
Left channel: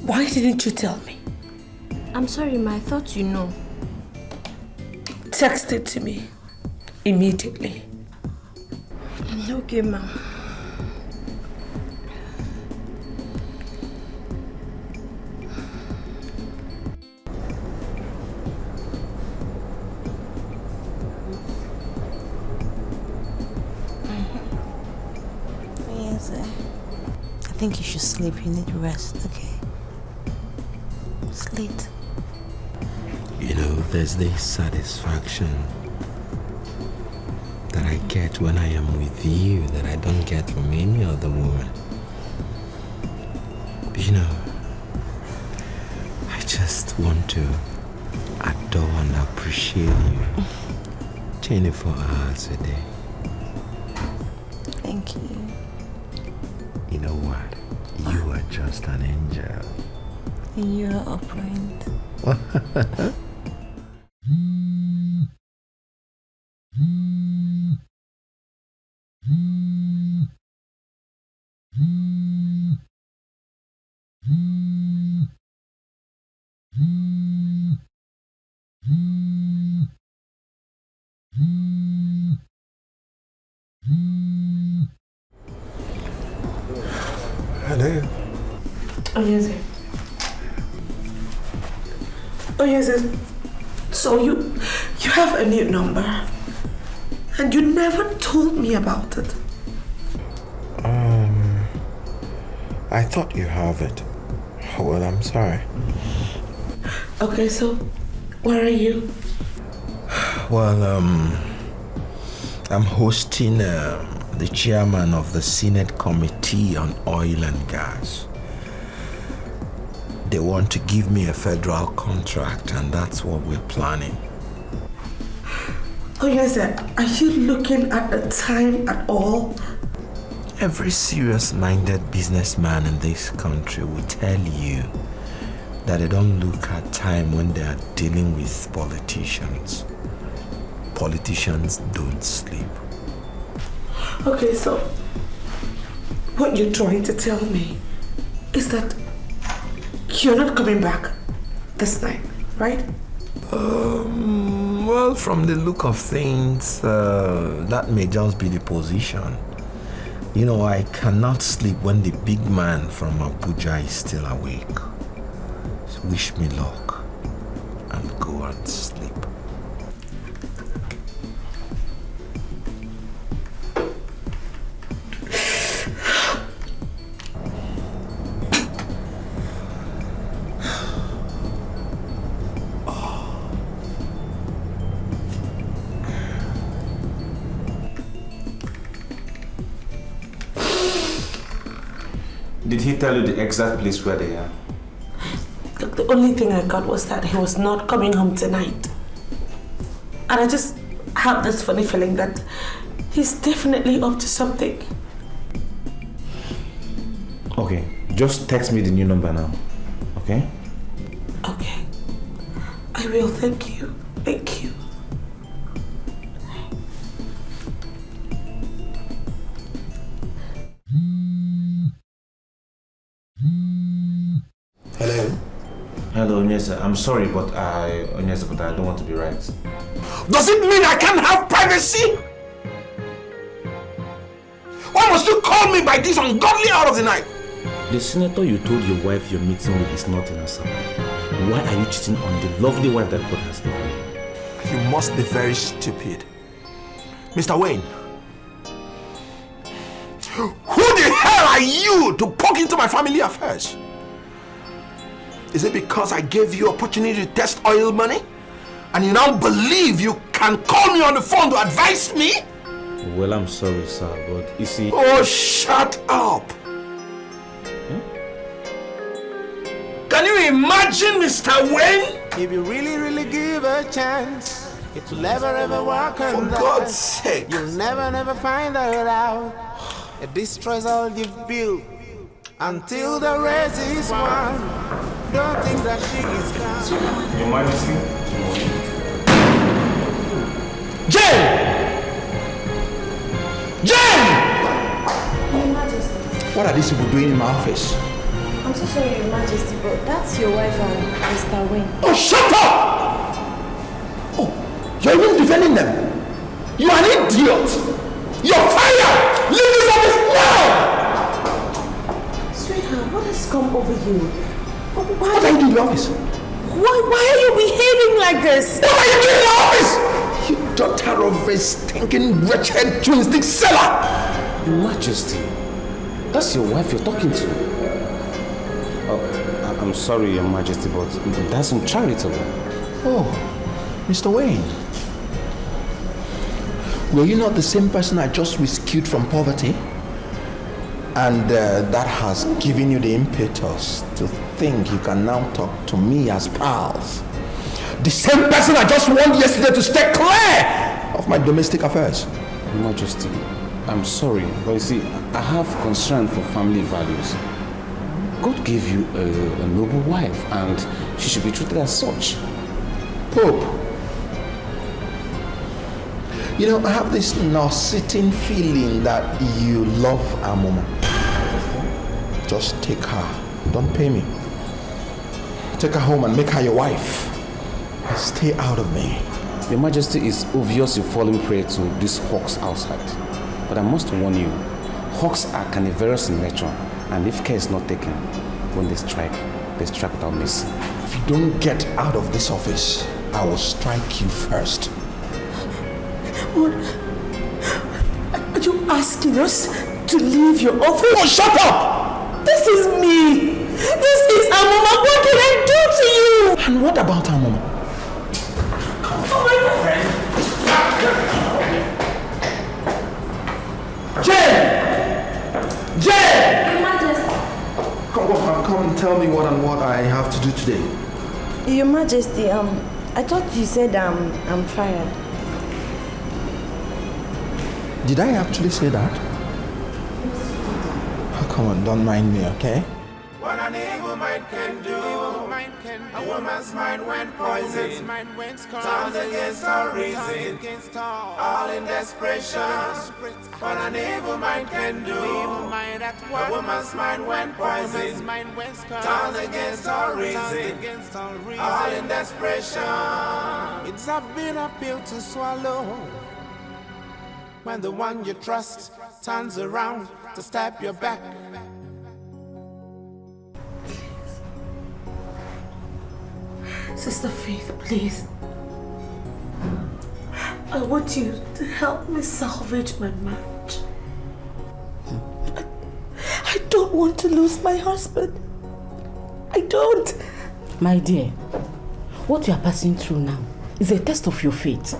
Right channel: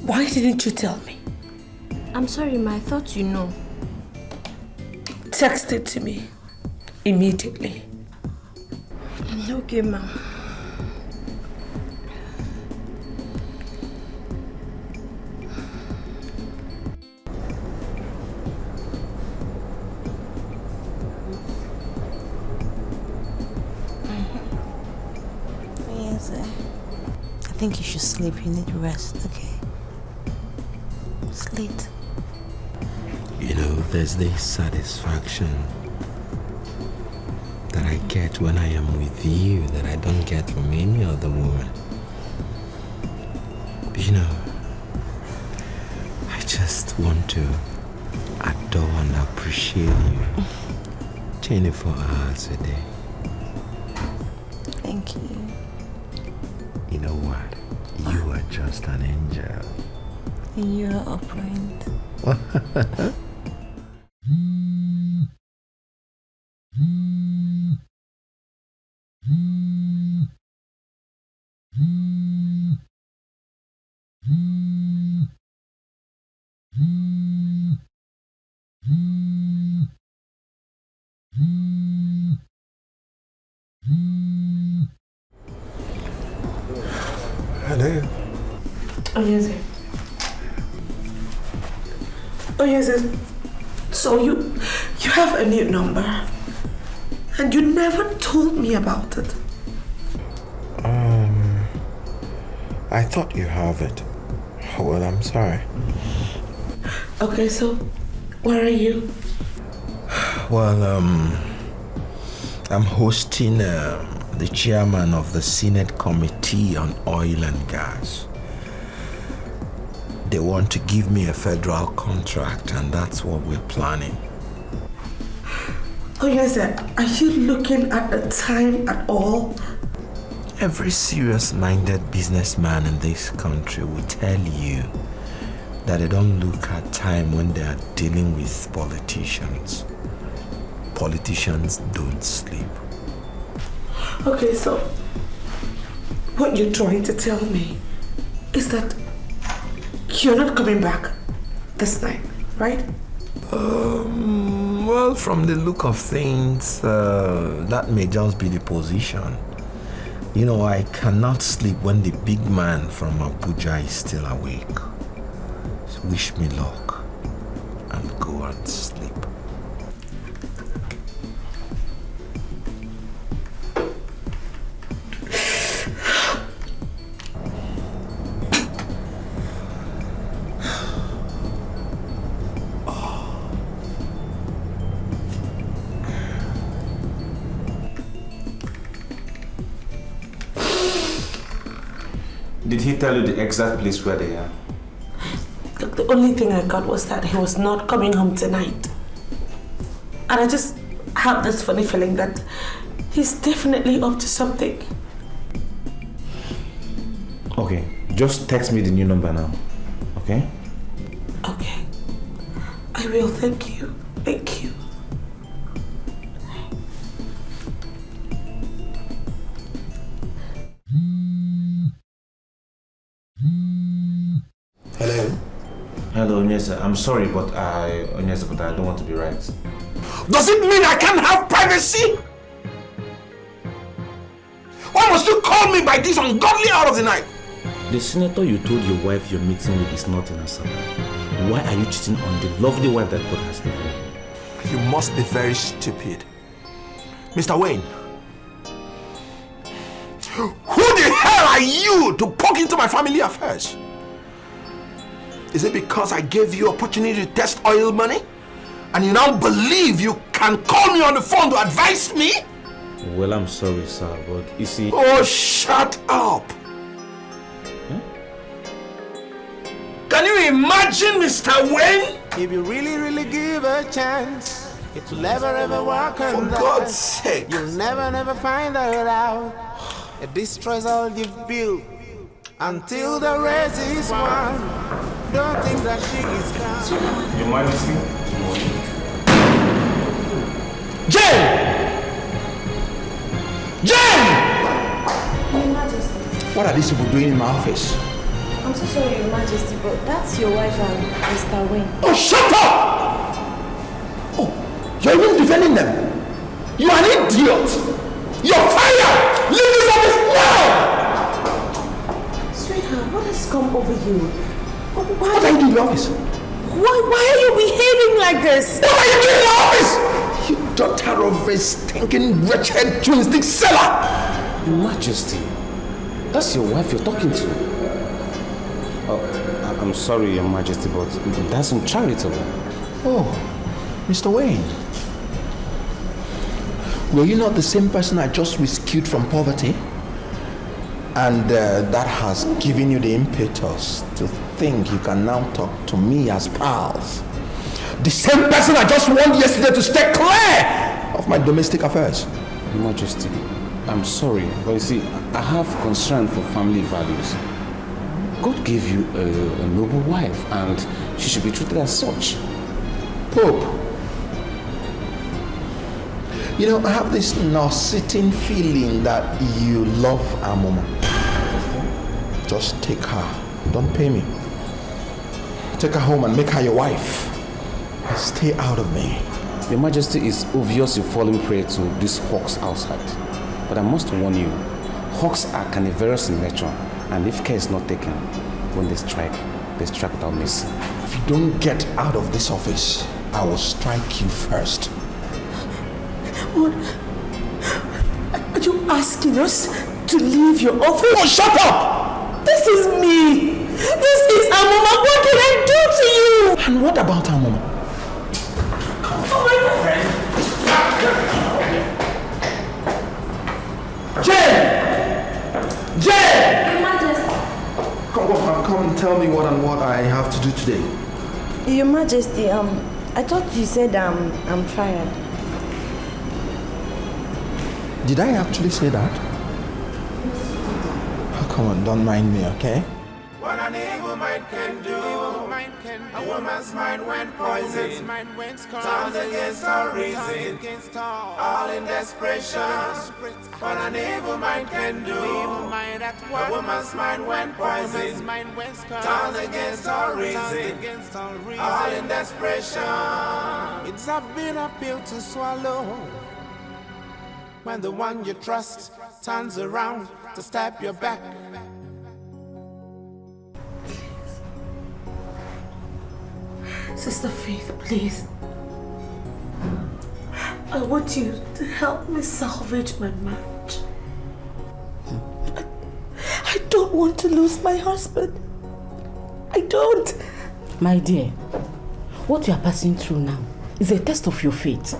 Why didn't you tell me? I'm sorry, Ma. I thought you know. Text it to me immediately. Okay, Ma. I think you should sleep. You need rest, okay? It's late. You know, there's this satisfaction that I get when I am with you that I don't get from any other woman. You know, I just want to adore and appreciate you 24 hours a day. Thank you. You know what? You are just an angel. You are a friend. Hello. Oh, yes, sir. Oh, yes, sir. So you have a new number and you never told me about it. I thought you have it. Well, I'm sorry. Okay, so where are you? Well, I'm hosting the chairman of the Senate Committee on Oil and Gas. They want to give me a federal contract, and that's what we're planning. Oh, yes, sir. Are you looking at the time at all? Every serious-minded businessman in this country will tell you that they don't look at time when they are dealing with politicians. Politicians don't sleep. Okay, so what you're trying to tell me is that you're not coming back this night, right? Well, from the look of things, that may just be the position. You know, I cannot sleep when the big man from Abuja is still awake. So wish me luck and go and sleep. Did he tell you the exact place where they are? Look, the only thing I got was that he was not coming home tonight. And I just have this funny feeling that he's definitely up to something. Okay, just text me the new number now, okay? Okay. I will, thank you. Thank you. Hello? Hello, Onyeza. I'm sorry, but I don't want to be right. Does it mean I can't have privacy? Why must must you call me by this ungodly hour of the night? The senator you told your wife you're meeting with is not in Assam. Why are you cheating on the lovely wife that God has given you? You must be very stupid. Mr. Wayne, who the hell are you to poke into my family affairs? Is it because I gave you opportunity to test oil money? And you now believe you can call me on the phone to advise me? Well, I'm sorry, sir, but you see... Oh, shut up! Can you imagine, Mr. Wayne? If you really give a chance, it will never ever work on that. For God's sake. You'll never find that out. It destroys all you've built until the race is won. Don't think that she is gone. Your Majesty? Jane! Jane! Your Majesty. What are these people doing in my office? I'm so sorry, Your Majesty, but that's your wife and Mr. Wayne. Oh, shut up! Oh, you're even defending them. You are an idiot. You're fired! Leave this office now! Sweetheart, what has come over you? What are you doing in the office? Why are you behaving like this? What are you doing in the office? You daughter of a stinking wretched twin-stick seller! Your Majesty, that's your wife you're talking to. Oh, I'm sorry, Your Majesty, but that's uncharitable. Oh, Mr. Wayne. Were you not the same person I just rescued from poverty? And that has given you the impetus to think you can now talk to me as pals. The same person I just warned yesterday to stay clear of my domestic affairs. Your Majesty, I'm sorry, but you see, I have concern for family values. God gave you a noble wife, and she should be treated as such. Pope, you know, I have this nausea feeling that you love Amoma. Just take her. Don't pay me. Take her home and make her your wife. And stay out of me. Your Majesty, is obvious you're falling prey to these hawks outside. But I must warn you, hawks are carnivorous in nature, and if care is not taken, when they strike without mercy. If you don't get out of this office, I will strike you first. What? Are you asking us to leave your office? Oh, shut up! This is me! This is Amoma! What did I do to you? And what about Amoma? Jane! Jane! Your Majesty. Come and tell me what I have to do today. Your Majesty, I thought you said I'm fired. Did I actually say that? Oh, come on, don't mind me, okay? What an evil mind can do. A woman's mind went poison. Turned against her reason. All in desperation. What an evil mind can do. A woman's mind went poison. Turned against her reason. All in desperation. It's a bitter pill to swallow. When the one you trust turns around to stab your back. Sister Faith, please. I want you to help me salvage my marriage. I don't want to lose my husband. I don't. My dear, what you are passing through now is a test of your faith.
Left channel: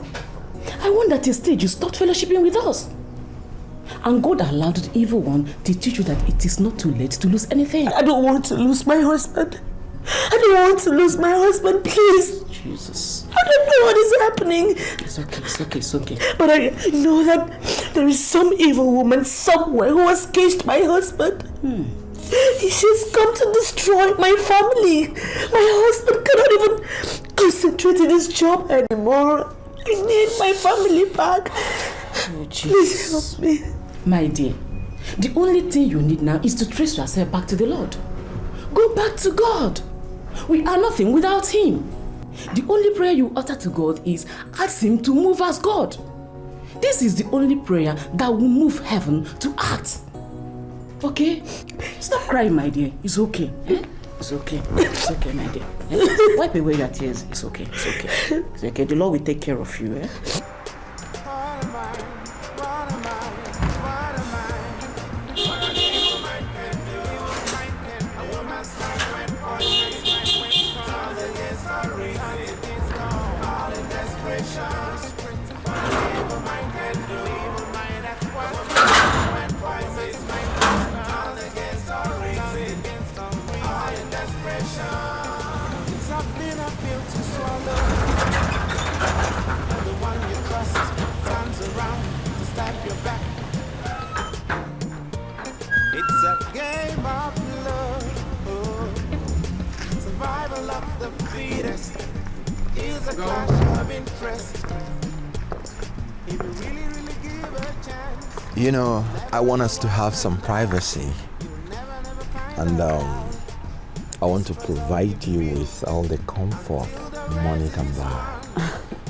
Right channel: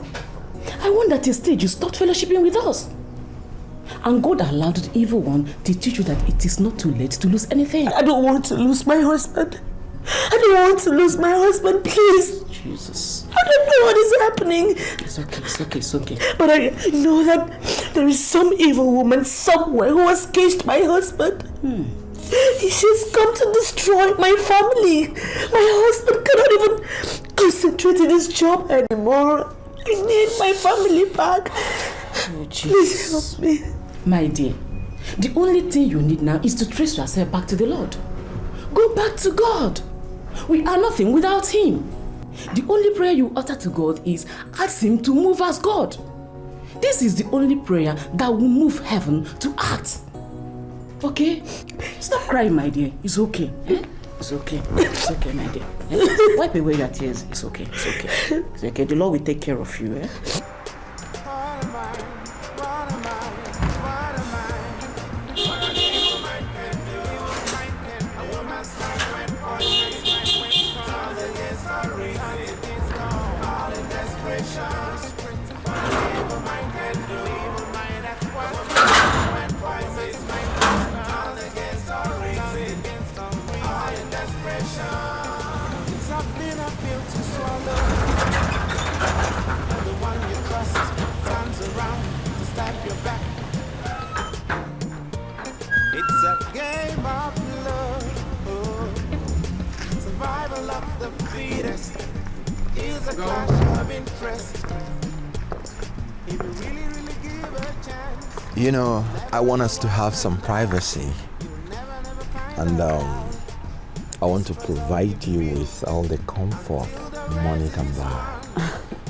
I want at a stage you stopped fellowshipping with us. And God allowed the evil one to teach you that it is not too late to lose anything. I don't want to lose my husband. I don't want to lose my husband, please. Jesus. I don't know what is happening. It's okay. But I know that there is some evil woman somewhere who has caged my husband. She's come to destroy my family. My husband cannot even concentrate in his job anymore. I need my family back. Oh, please help me. My dear, the only thing you need now is to trace yourself back to the Lord. Go back to God. We are nothing without Him. The only prayer you utter to God is ask Him to move as God. This is the only prayer that will move heaven to act. Okay? Stop crying, my dear. It's okay. Eh? It's okay. It's okay, my dear. Eh? Wipe away your tears. It's okay. It's okay. It's okay. The Lord will take care of you. Eh? It's a game of love. Survival of the fittest is a clash of interest. If you really give a chance. You know, I want us to have some privacy. And I want to provide you with all the comfort money can buy.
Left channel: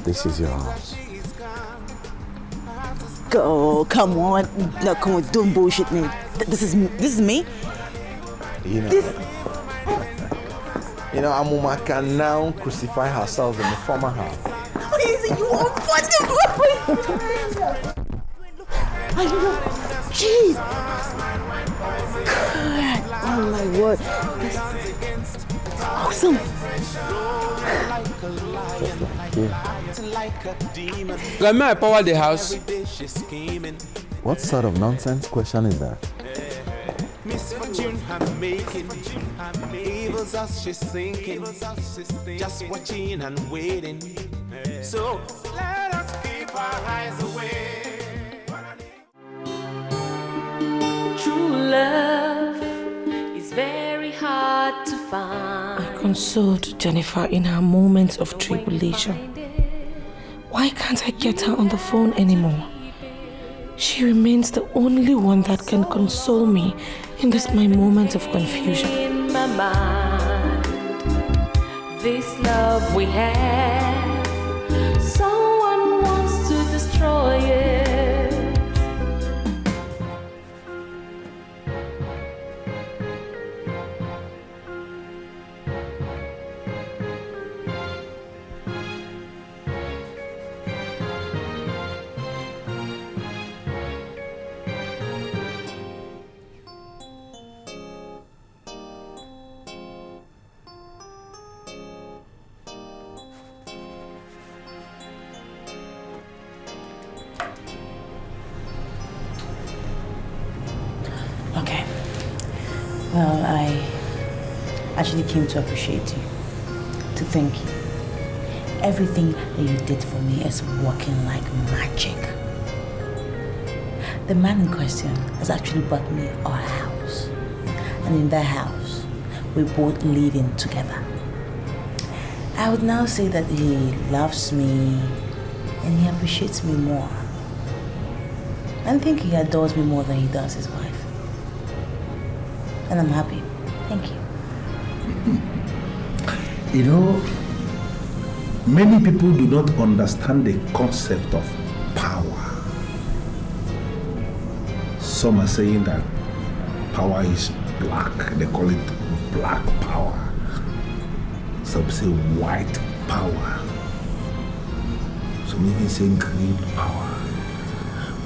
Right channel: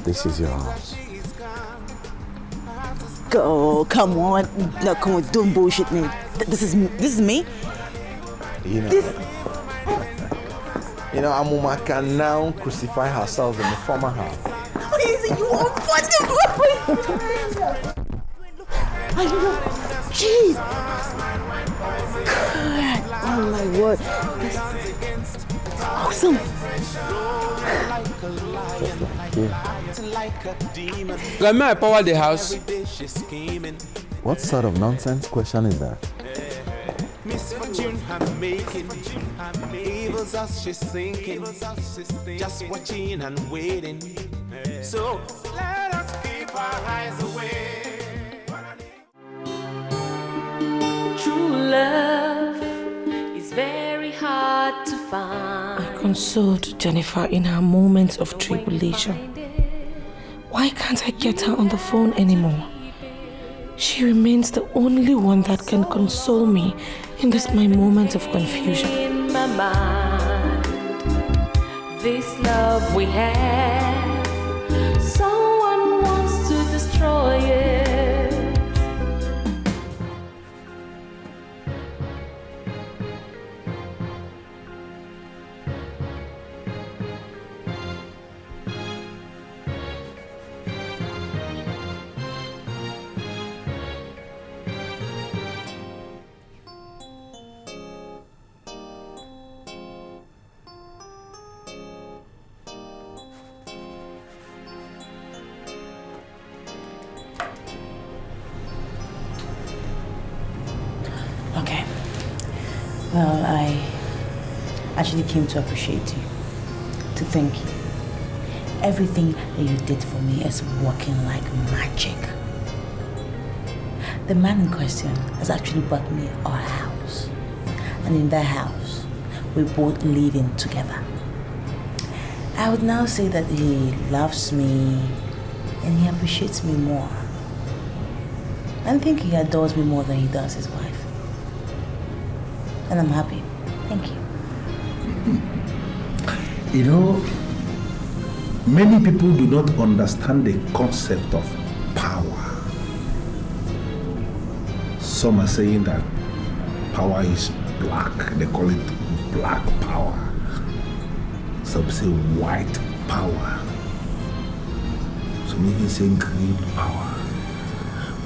This is your house. Oh, come on. No, come on, don't bullshit me. This is me? You know, Amuma can now crucify herself in the former house. You are funny. I know. Jeez. God. Oh my word. This is awesome. May I power the house? What sort of nonsense question is that? Misfortune I'm making, evils us she's thinking, just watching and waiting. So let us keep our eyes away. True love is very hard to find. I consoled Jennifer in her moments of tribulation. Why can't I get her on the phone anymore? She remains the only one that can console me in this my moment of confusion. In my mind, this love we have, someone wants to destroy it. Okay. Well, I actually came to appreciate you, to thank you. Everything that you did for me is working like magic. The man in question has actually bought me our house. And in that house, we both live in together. I would now say that he loves me and he appreciates me more. I think he adores me more than he does his wife. And I'm happy. Thank you. You know, many people do not understand the concept of power. Some are saying that power is black. They call it black power. Some say white power. Some even say green power.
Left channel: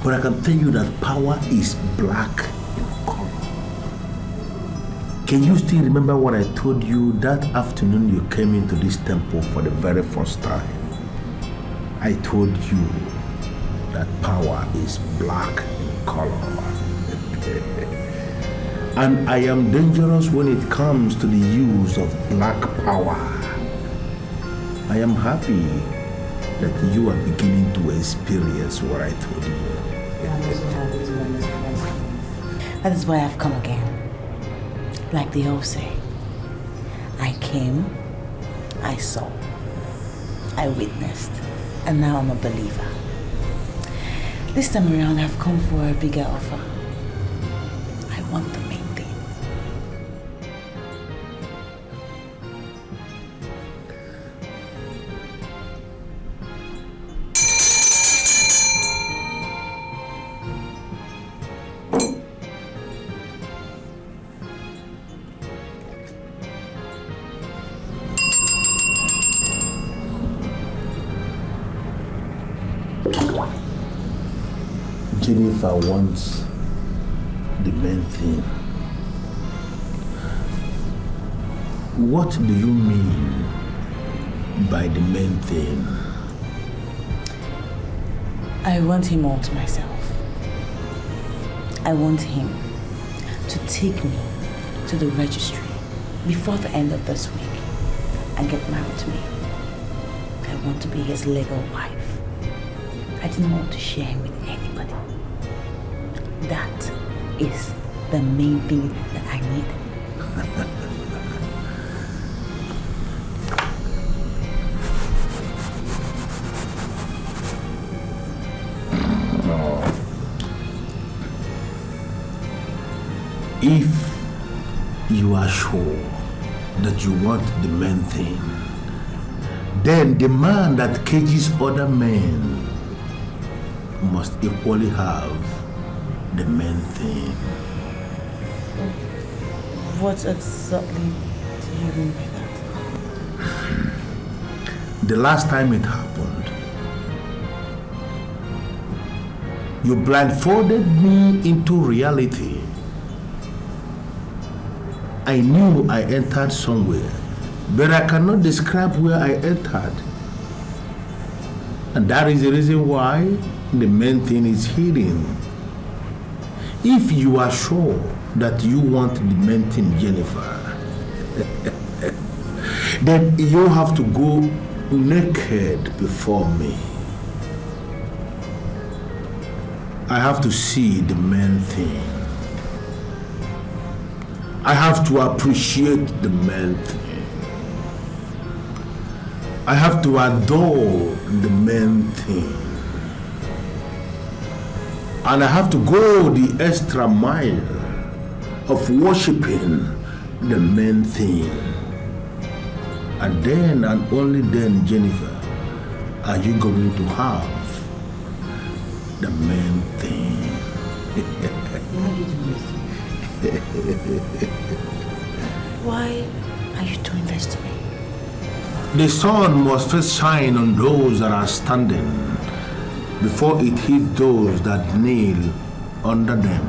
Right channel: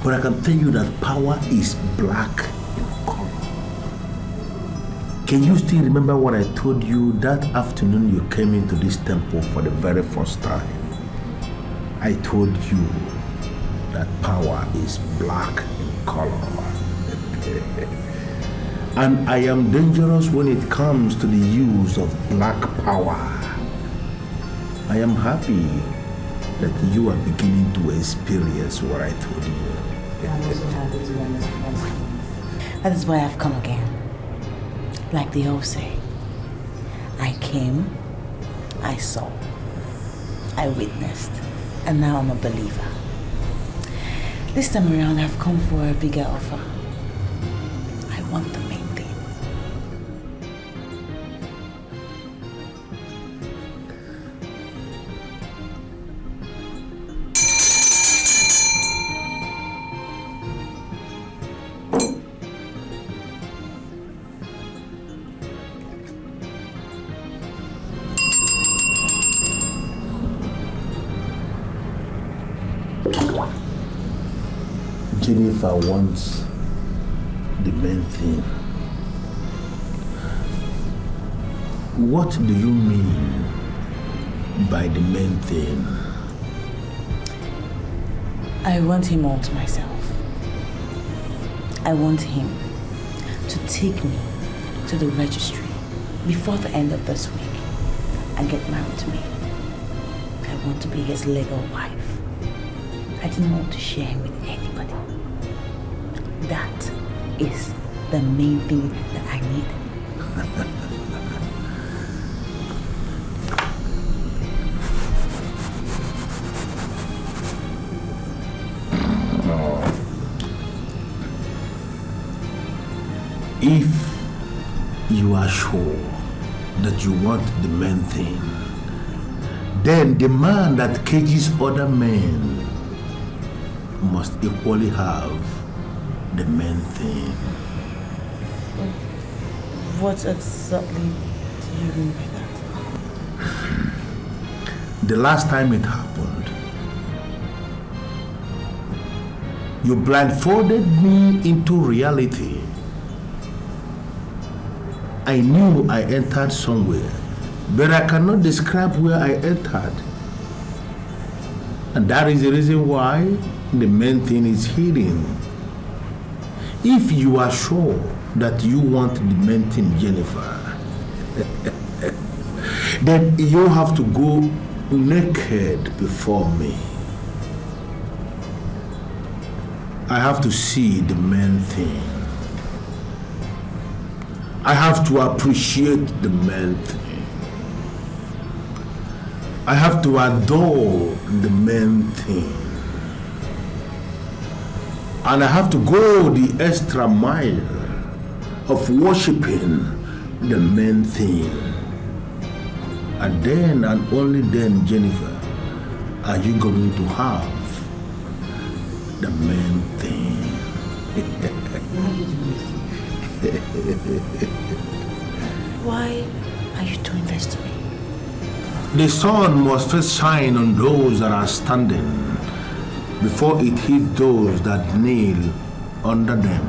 But I can tell you that power is black in color. Can you still remember what I told you that afternoon you came into this temple for the very first time? I told you that power is black in color. And I am dangerous when it comes to the use of black power. I am happy that you are beginning to experience what I told you. I'm also happy to understand. That is why I've come again. Like they all say, I came, I saw, I witnessed, and now I'm a believer. This time around, I've come for a bigger offer. I want the main thing. Jennifer wants the main thing. What do you mean by the main thing? I want him all to myself. I want him to take me to the registry before the end of this week and get married to me. I want to be his legal wife. I didn't want to share him with anybody. That is the main thing that I need. If you are sure that you want the main thing, then the man that cages other men must equally have the main thing. What exactly do you mean by that? The last time it happened, you blindfolded me into reality. I knew I entered somewhere, but I cannot describe where I entered. And that is the reason why the main thing is hidden. If you are sure that you want the main thing, Jennifer, then you have to go naked before me. I have to see the main thing. I have to appreciate the main thing. I have to adore the main thing. And I have to go the extra mile of worshiping the main thing. And then and only then, Jennifer, are you going to have the main thing. Why are you doing this to me? The sun must first shine on those that are standing before it hits those that kneel under them.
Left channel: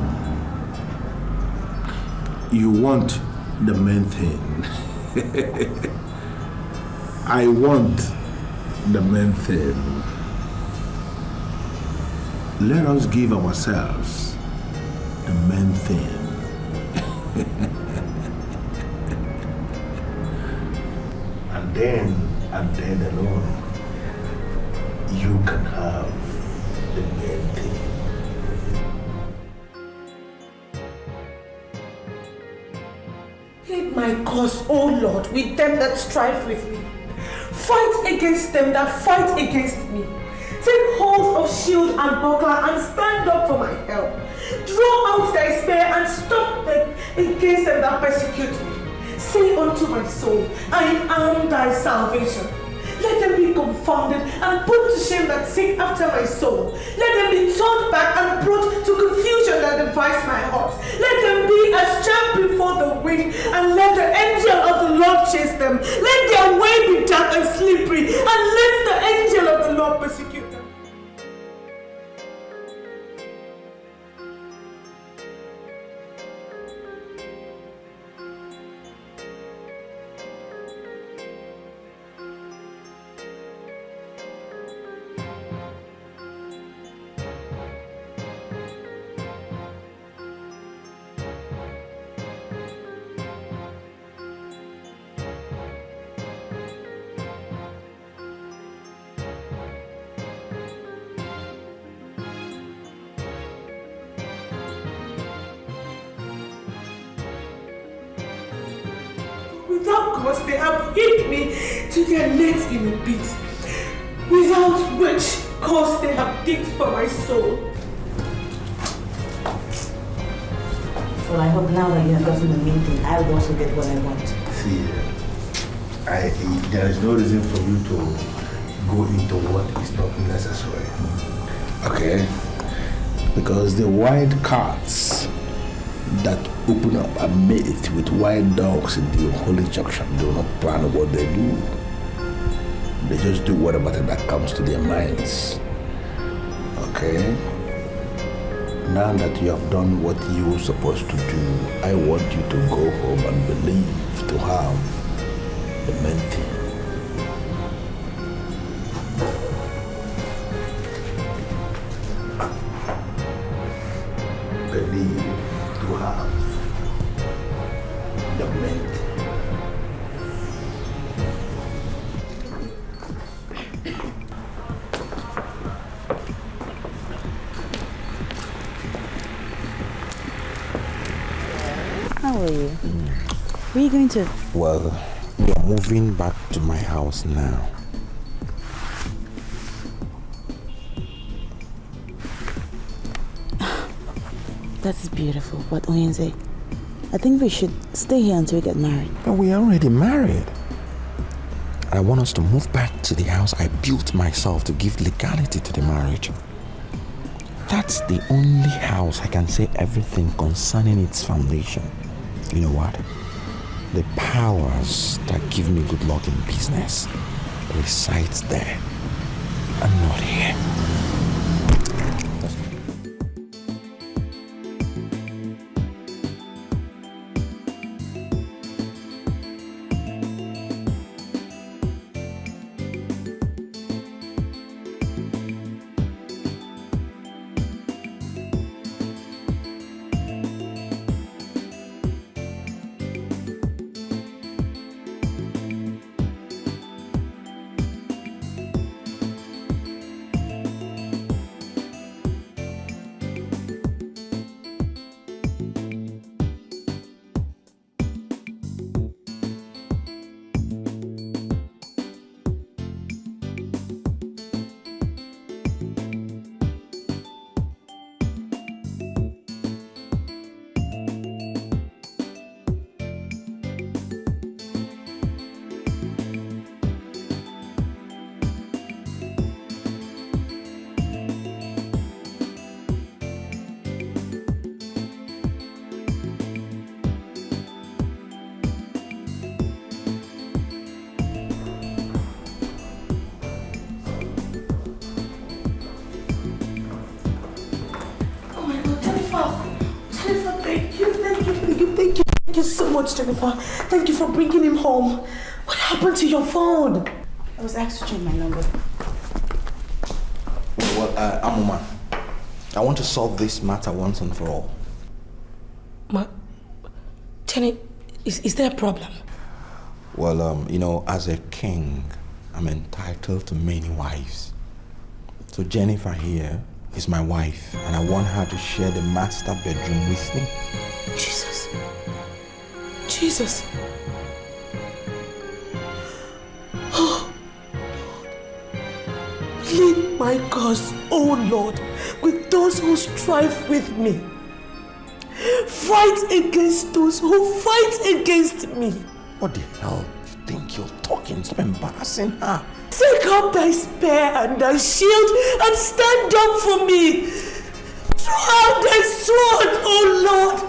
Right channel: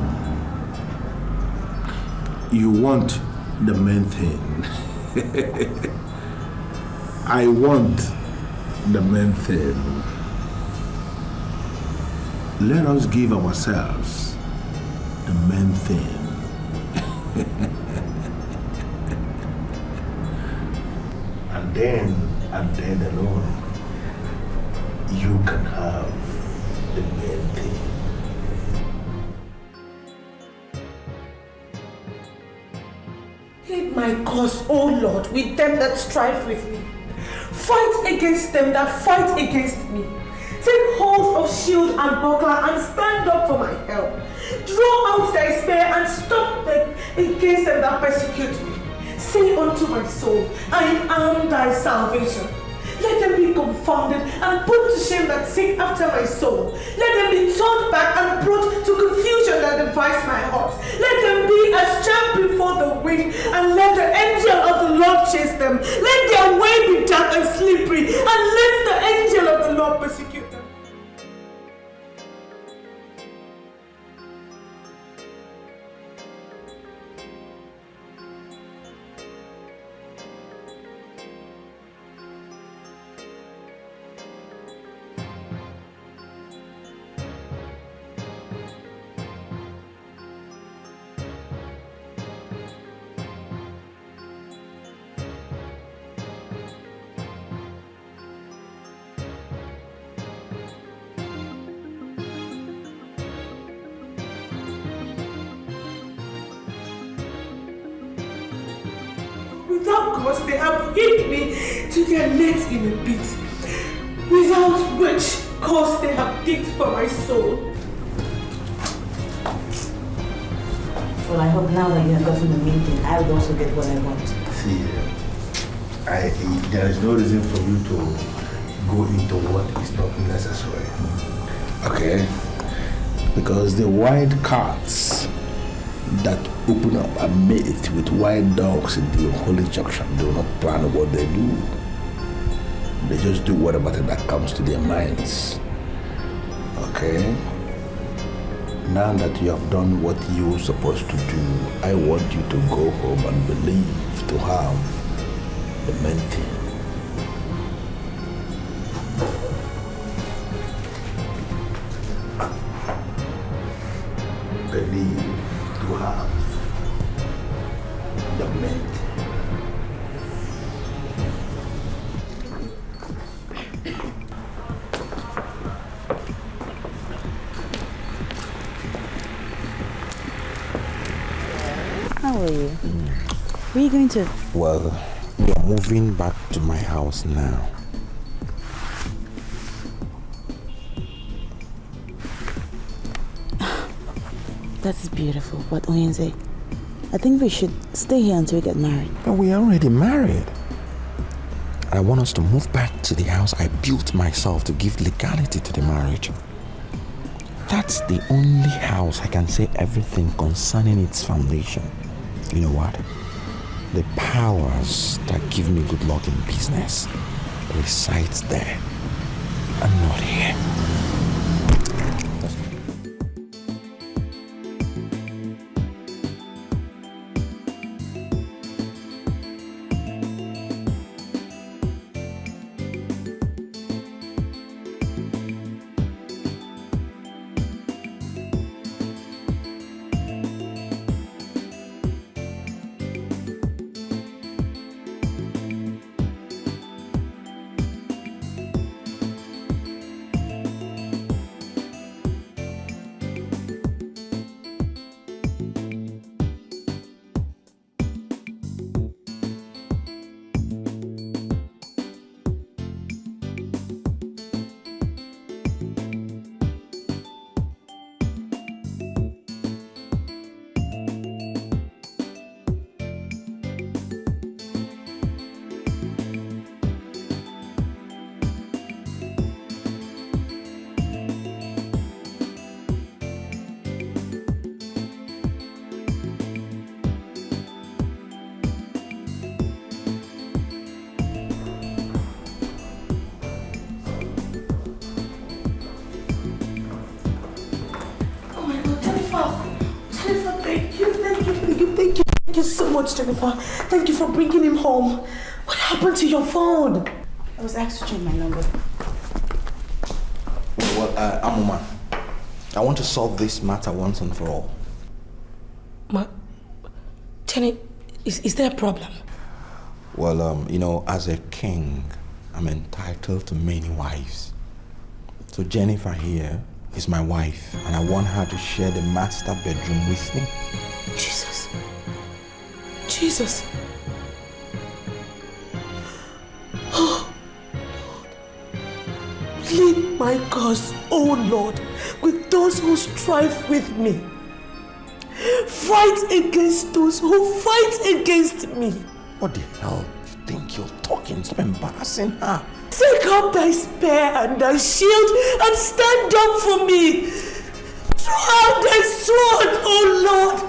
You want the main thing. I want the main thing. Let us give ourselves the main thing. And then alone, you can have the main thing. Plead my cause, O Lord, with them that strive with me. Fight against them that fight against me. Take hold of shield and buckler and stand up for my help. Draw out thy spear and stop them against them that persecute me. Say unto my soul, I am thy salvation. Let them be confounded and put to shame that seek after my soul. Let them be turned back and brought to confusion that devise my heart. Let them be as chaff before the wind, and let the angel of the Lord chase them. Let their way be dark and slippery, and let the angel of the Lord persecute them. Without cause, they have hid me to their nets in a pit, without which cause they have digged for my soul. Well, I hope now that you have gotten the main thing, I will also get what I want. See, there is no reason for you to go into what is not necessary. Okay? Because the wild cats that open up a mate with wild dogs in the holy junction do not plan what they do. They just do whatever that comes to their minds. Okay? Now that you have done what you were supposed to do, I want you to go home and believe to have the main thing. Believe to have the main thing. How are you? Where are you going to? Well, we are moving back to my house now. That is beautiful, but Oyenze, I think we should stay here until we get married. But we are already married. I want us to move back to the house I built myself to give legality to the marriage. That's the only house I can say everything concerning its foundation. You know what? The powers that give me good luck in business resides there and not here. Thank you so much, Jennifer. Thank you for bringing him home. What happened to your phone? I was asked to change my number. Well, Amuma, I want to solve this matter once and for all. Jenny, is there a problem? Well, you know, as a king, I'm entitled to many wives. So Jennifer here is my wife, and I want her to share the master bedroom with me. Jesus. Oh, Lord. Lead my cause, oh Lord, with those who strive with me. Fight against those who fight against me. What the hell do you think you're talking? Stop embarrassing her. Take up thy spear and thy shield and stand up for me. Throw out thy sword, oh Lord,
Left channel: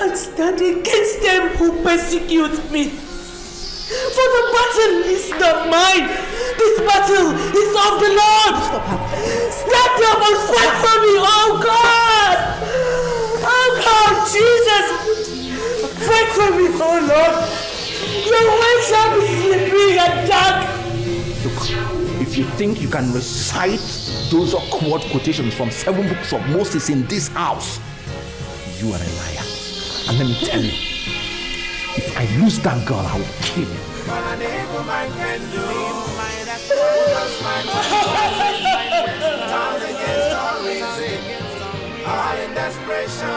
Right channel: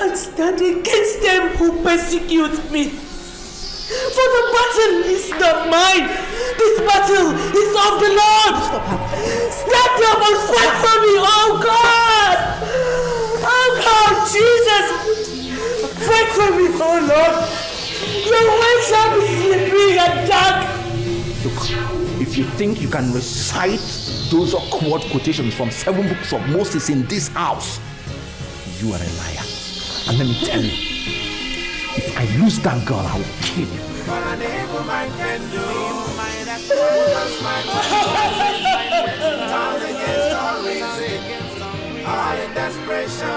and stand against them who persecute me. For the battle is not mine. This battle is of the Lord. Stand up and fight for me, oh God. Oh God, Jesus. Fight for me, oh Lord. Your way shall be slippery and dark. Look, if you think you can recite those awkward quotations from 7 books of Moses in this house, you are a liar. And let me tell you, if I lose that girl, I will kill you. But an evil man can do that turn against all reason, all in desperation.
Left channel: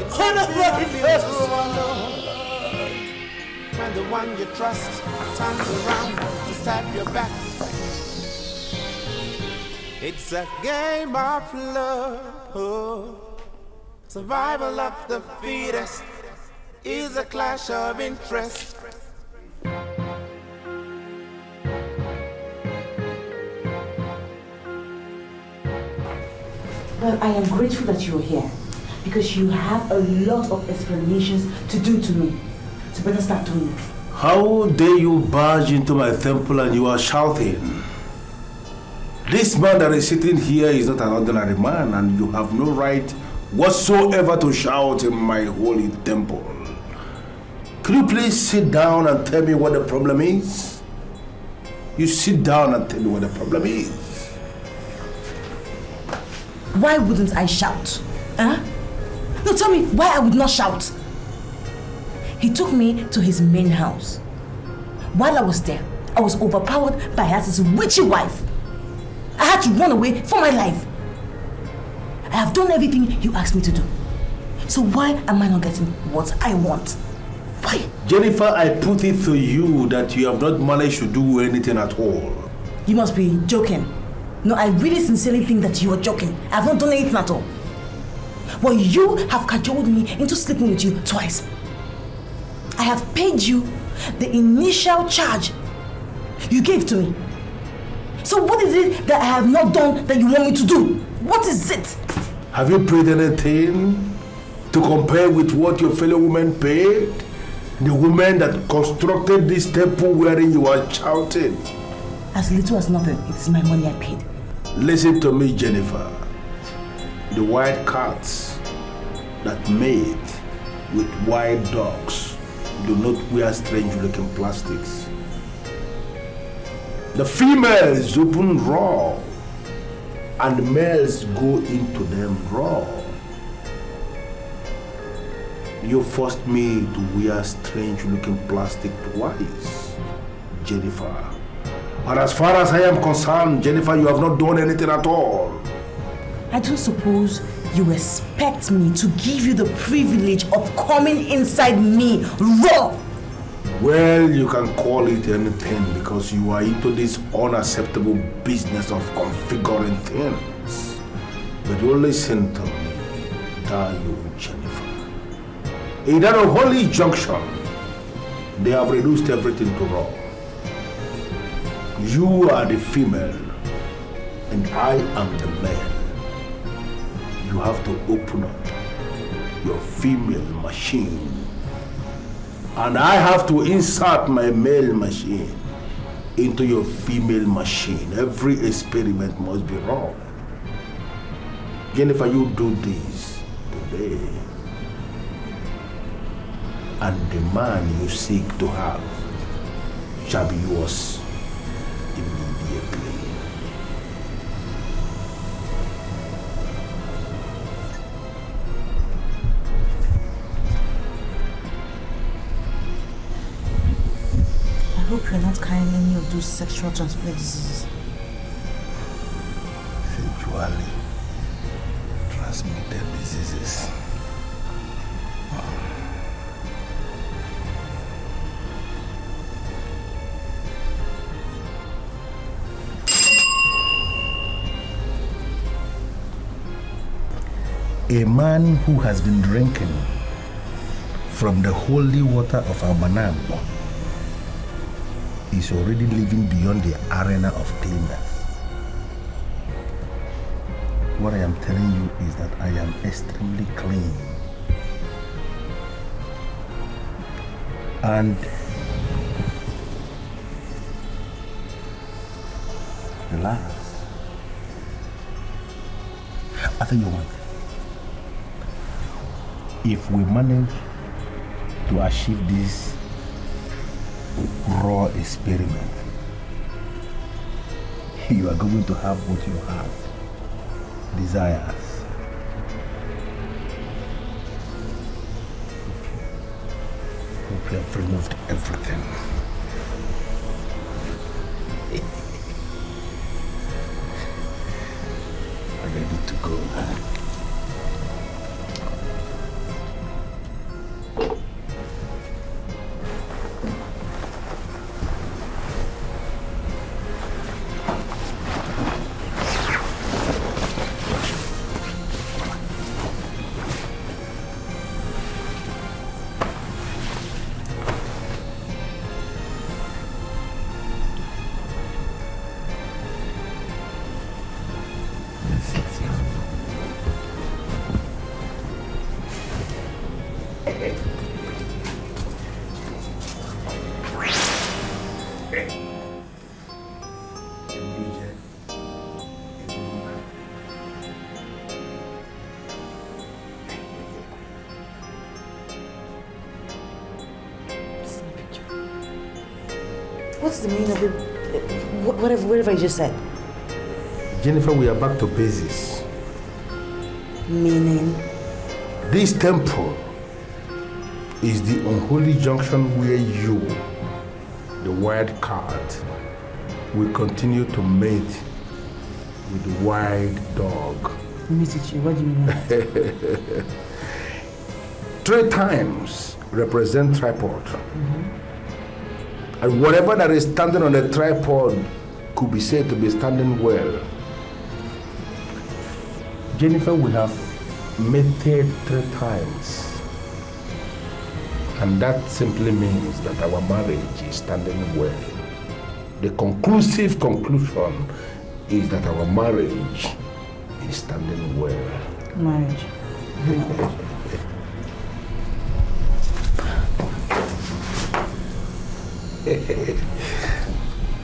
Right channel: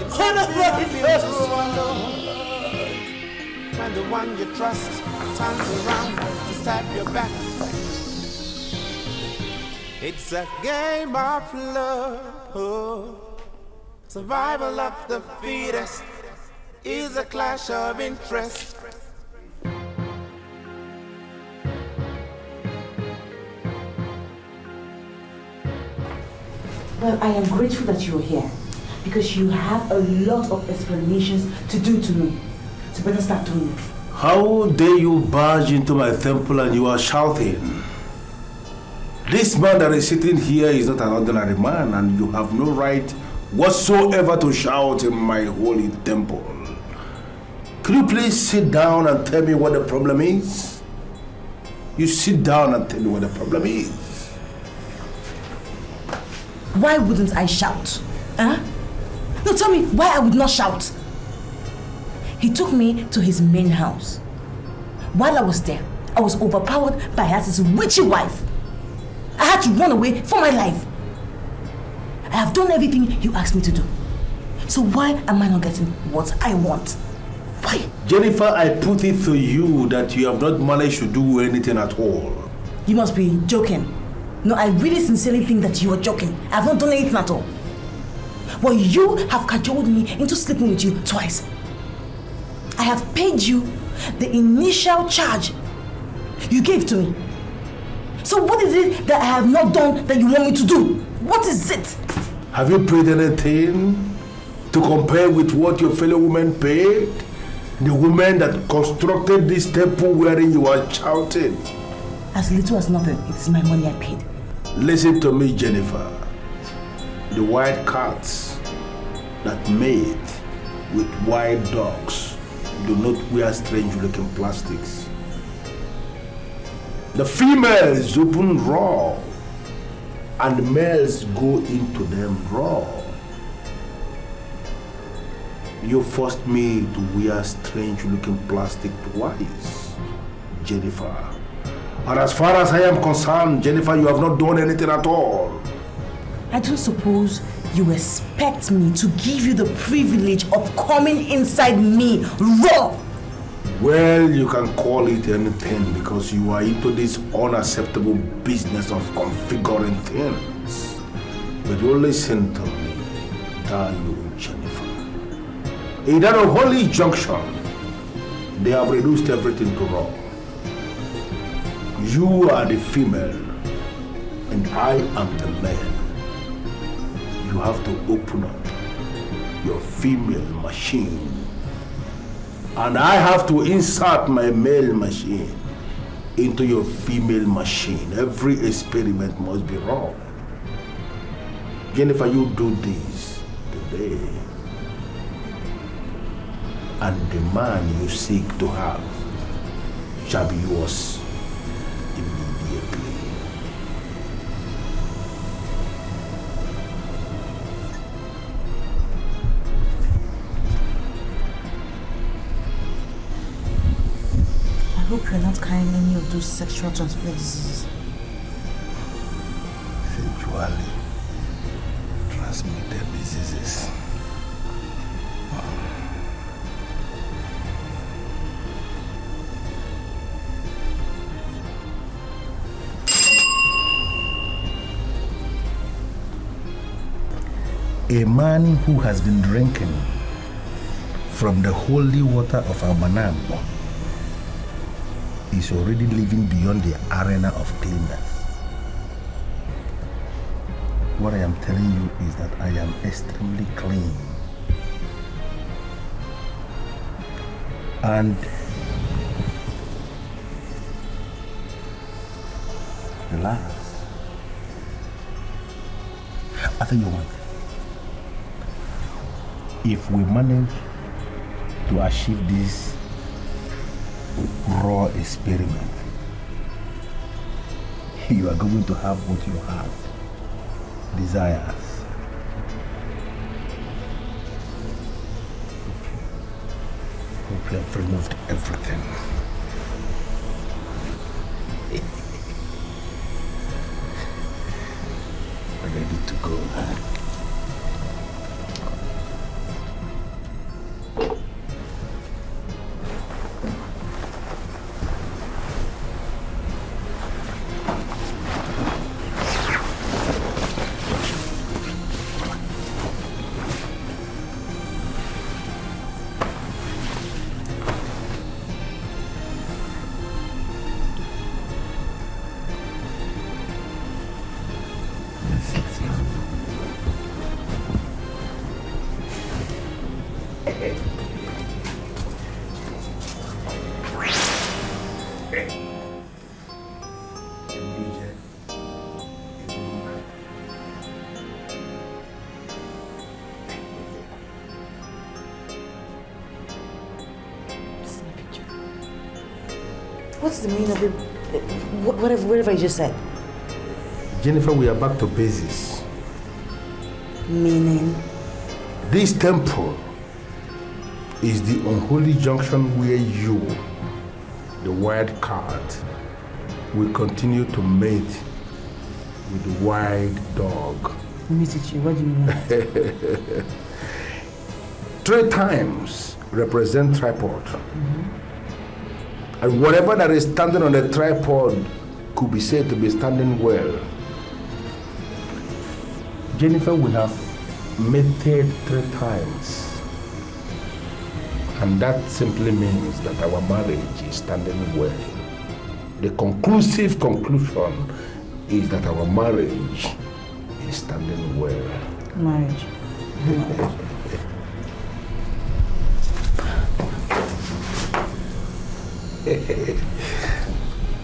It's to swallow. When the one you trust turns around to stab your back. It's a game of love. Survival of the fittest is a clash of interest. Well, I am grateful that you're here because you have a lot of explanations to do to me. So better start doing it. How dare you barge into my temple and you are shouting? This man that is sitting here is not an ordinary man, and you have no right whatsoever to shout in my holy temple. Could you please sit down and tell me what the problem is? You sit down and tell me what the problem is. Why wouldn't I shout? Huh? No, tell me why I would not shout. He took me to his main house. While I was there, I was overpowered by his witchy wife. I had to run away for my life. I have done everything you asked me to do. So why am I not getting what I want? Why? Jennifer, I put it to you that you have not managed to do anything at all. You must be joking. No, I really sincerely think that you are joking. I have not done anything at all. Well, you have cajoled me into sleeping with you twice. I have paid you the initial charge you gave to me. So what is it that I have not done that you want me to do? What is it? Have you paid anything to compare with what your fellow women paid? The woman that constructed this temple wherein you are shouting. As little as nothing, it's my money I paid. Listen to me, Jennifer. The white cats that mate with white dogs do not wear strange-looking plastics. The females open raw, and the males go into them raw. You forced me to wear strange-looking plastic twice, Jennifer. And as far as I am concerned, Jennifer, you have not done anything at all. I don't suppose you expect me to give you the privilege of coming inside me raw. Well, you can call it anything because you are into this unacceptable business of configuring things. But you listen to me, darling Jennifer. In that holy junction, they have reduced everything to raw. You are the female, and I am the man. You have to open up your female machine, and I have to insert my male machine into your female machine. Every experiment must be raw. Jennifer, you do this today, and the man you seek to have shall be yours immediately. I hope you're not carrying any of those sexual transmitted diseases. Sexually transmitted diseases. A man who has been drinking from the holy water of our Manam is already living beyond the arena of cleanness. What I am telling you is that I am extremely clean. And relax. I tell you what. If we manage to achieve this raw experiment, you are going to have what you have, desires. Hope you have removed everything. Ready to go. What's the meaning of it? Whatever you just said. Jennifer, we are back to basics. Meaning? This temple is the unholy junction where you, the wild card, will continue to mate with the wild dog. Mitichi, what do you mean? 3 times represent tripod. And whatever that is standing on the tripod could be said to be standing well. Jennifer will have mated 3 times. And that simply means that our marriage is standing well. The conclusive conclusion is that our marriage is standing well. Marriage.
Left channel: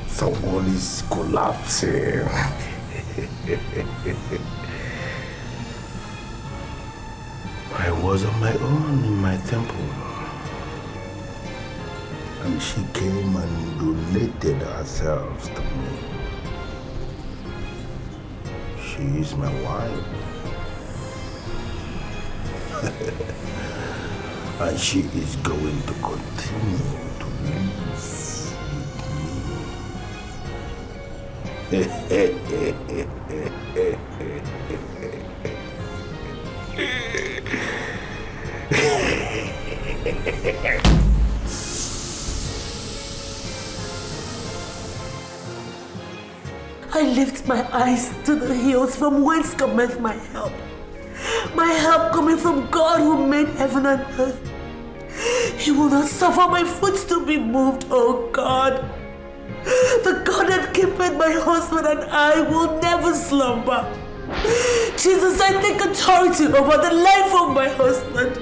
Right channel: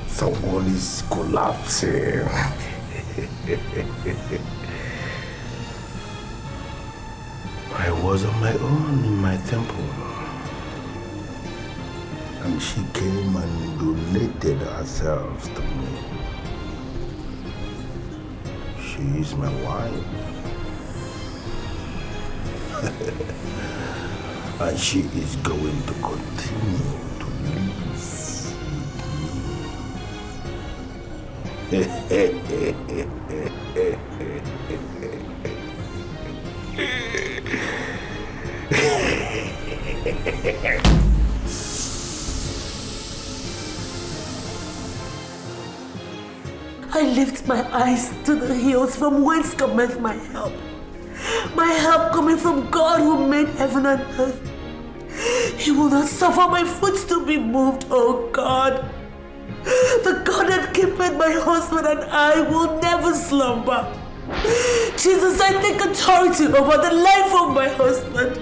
Someone is collapsing. I was on my own in my temple. And she came and donated herself to me. She is my wife. And she is going to continue to live I lift my eyes to the hills from whence cometh my help. My help coming from God who made heaven and earth. He will not suffer my foot to be moved, oh God. The God that keepeth my husband and I will never slumber. Jesus, I take authority over the life of my husband.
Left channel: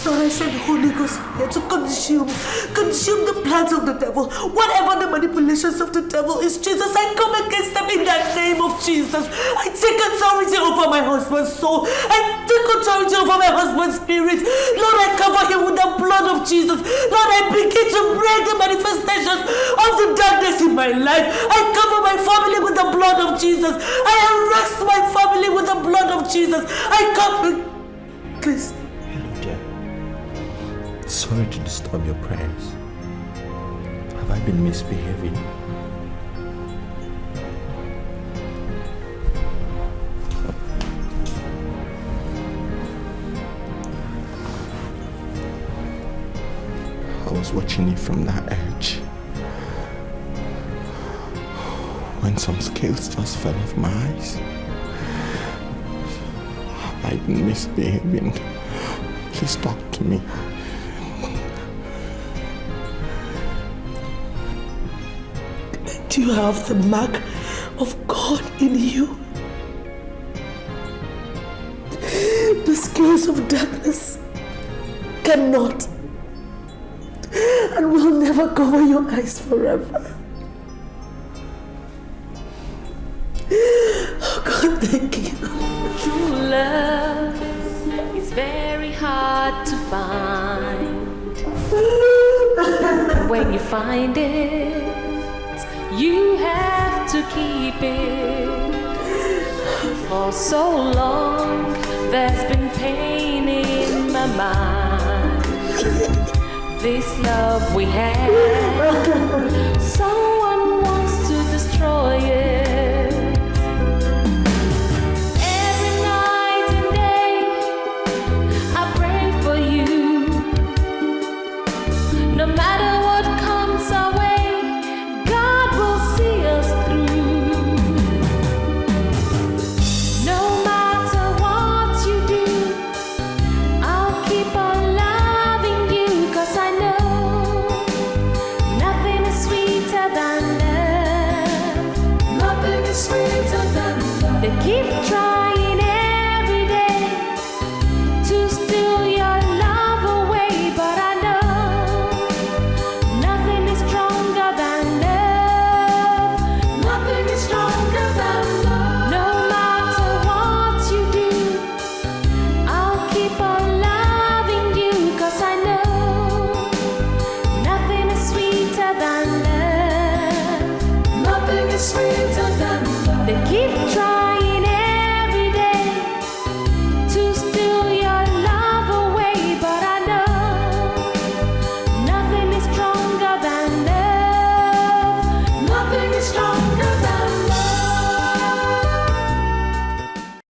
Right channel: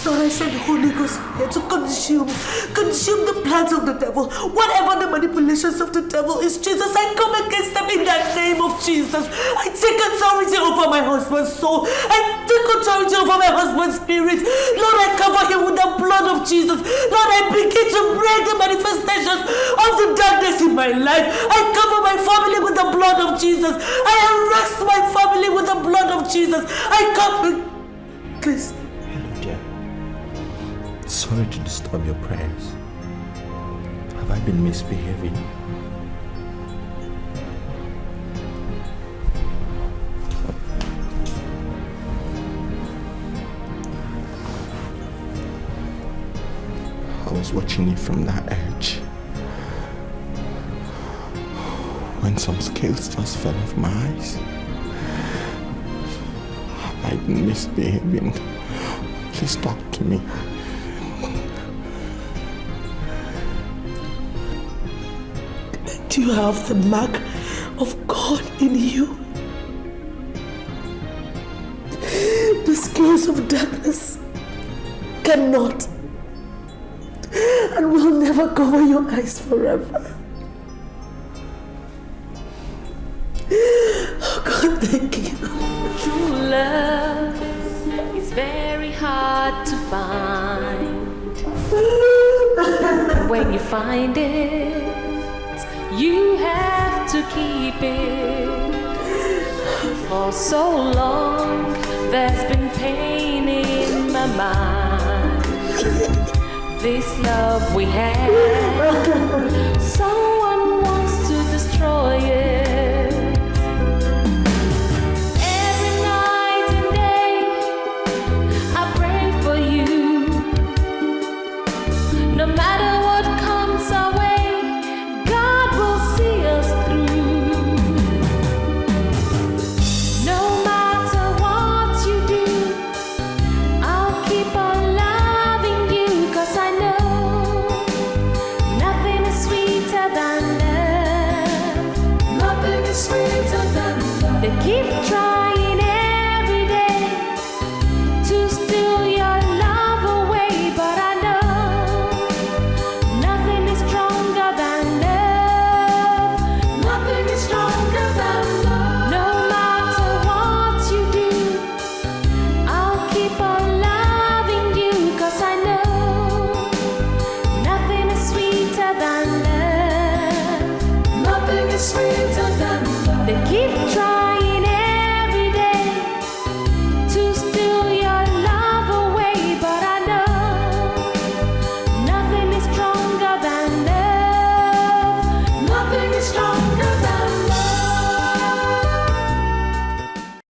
Lord, I send Holy Ghost here to consume the plans of the devil. Whatever the manipulations of the devil is, Jesus, I come against them in the name of Jesus. I take authority over my husband's soul. I take authority over my husband's spirit. Lord, I cover him with the blood of Jesus. Lord, I begin to break the manifestations of the darkness in my life. I cover my family with the blood of Jesus. I arrest my family with the blood of Jesus. I come... Please. Sorry to disturb your prayers. Have I been misbehaving? I was watching you from that edge when some scales just fell off my eyes. Have I been misbehaving? Please talk to me. Do you have the mark of God in you? The scales of darkness cannot and will never cover your eyes forever. Oh God, thank you. True love is very hard to find. When you find it, you have to keep it. For so long, there's been pain in my mind. This love we have, someone wants to destroy it. Every night and day, I pray for you. No matter what comes our way, Love is sweeter than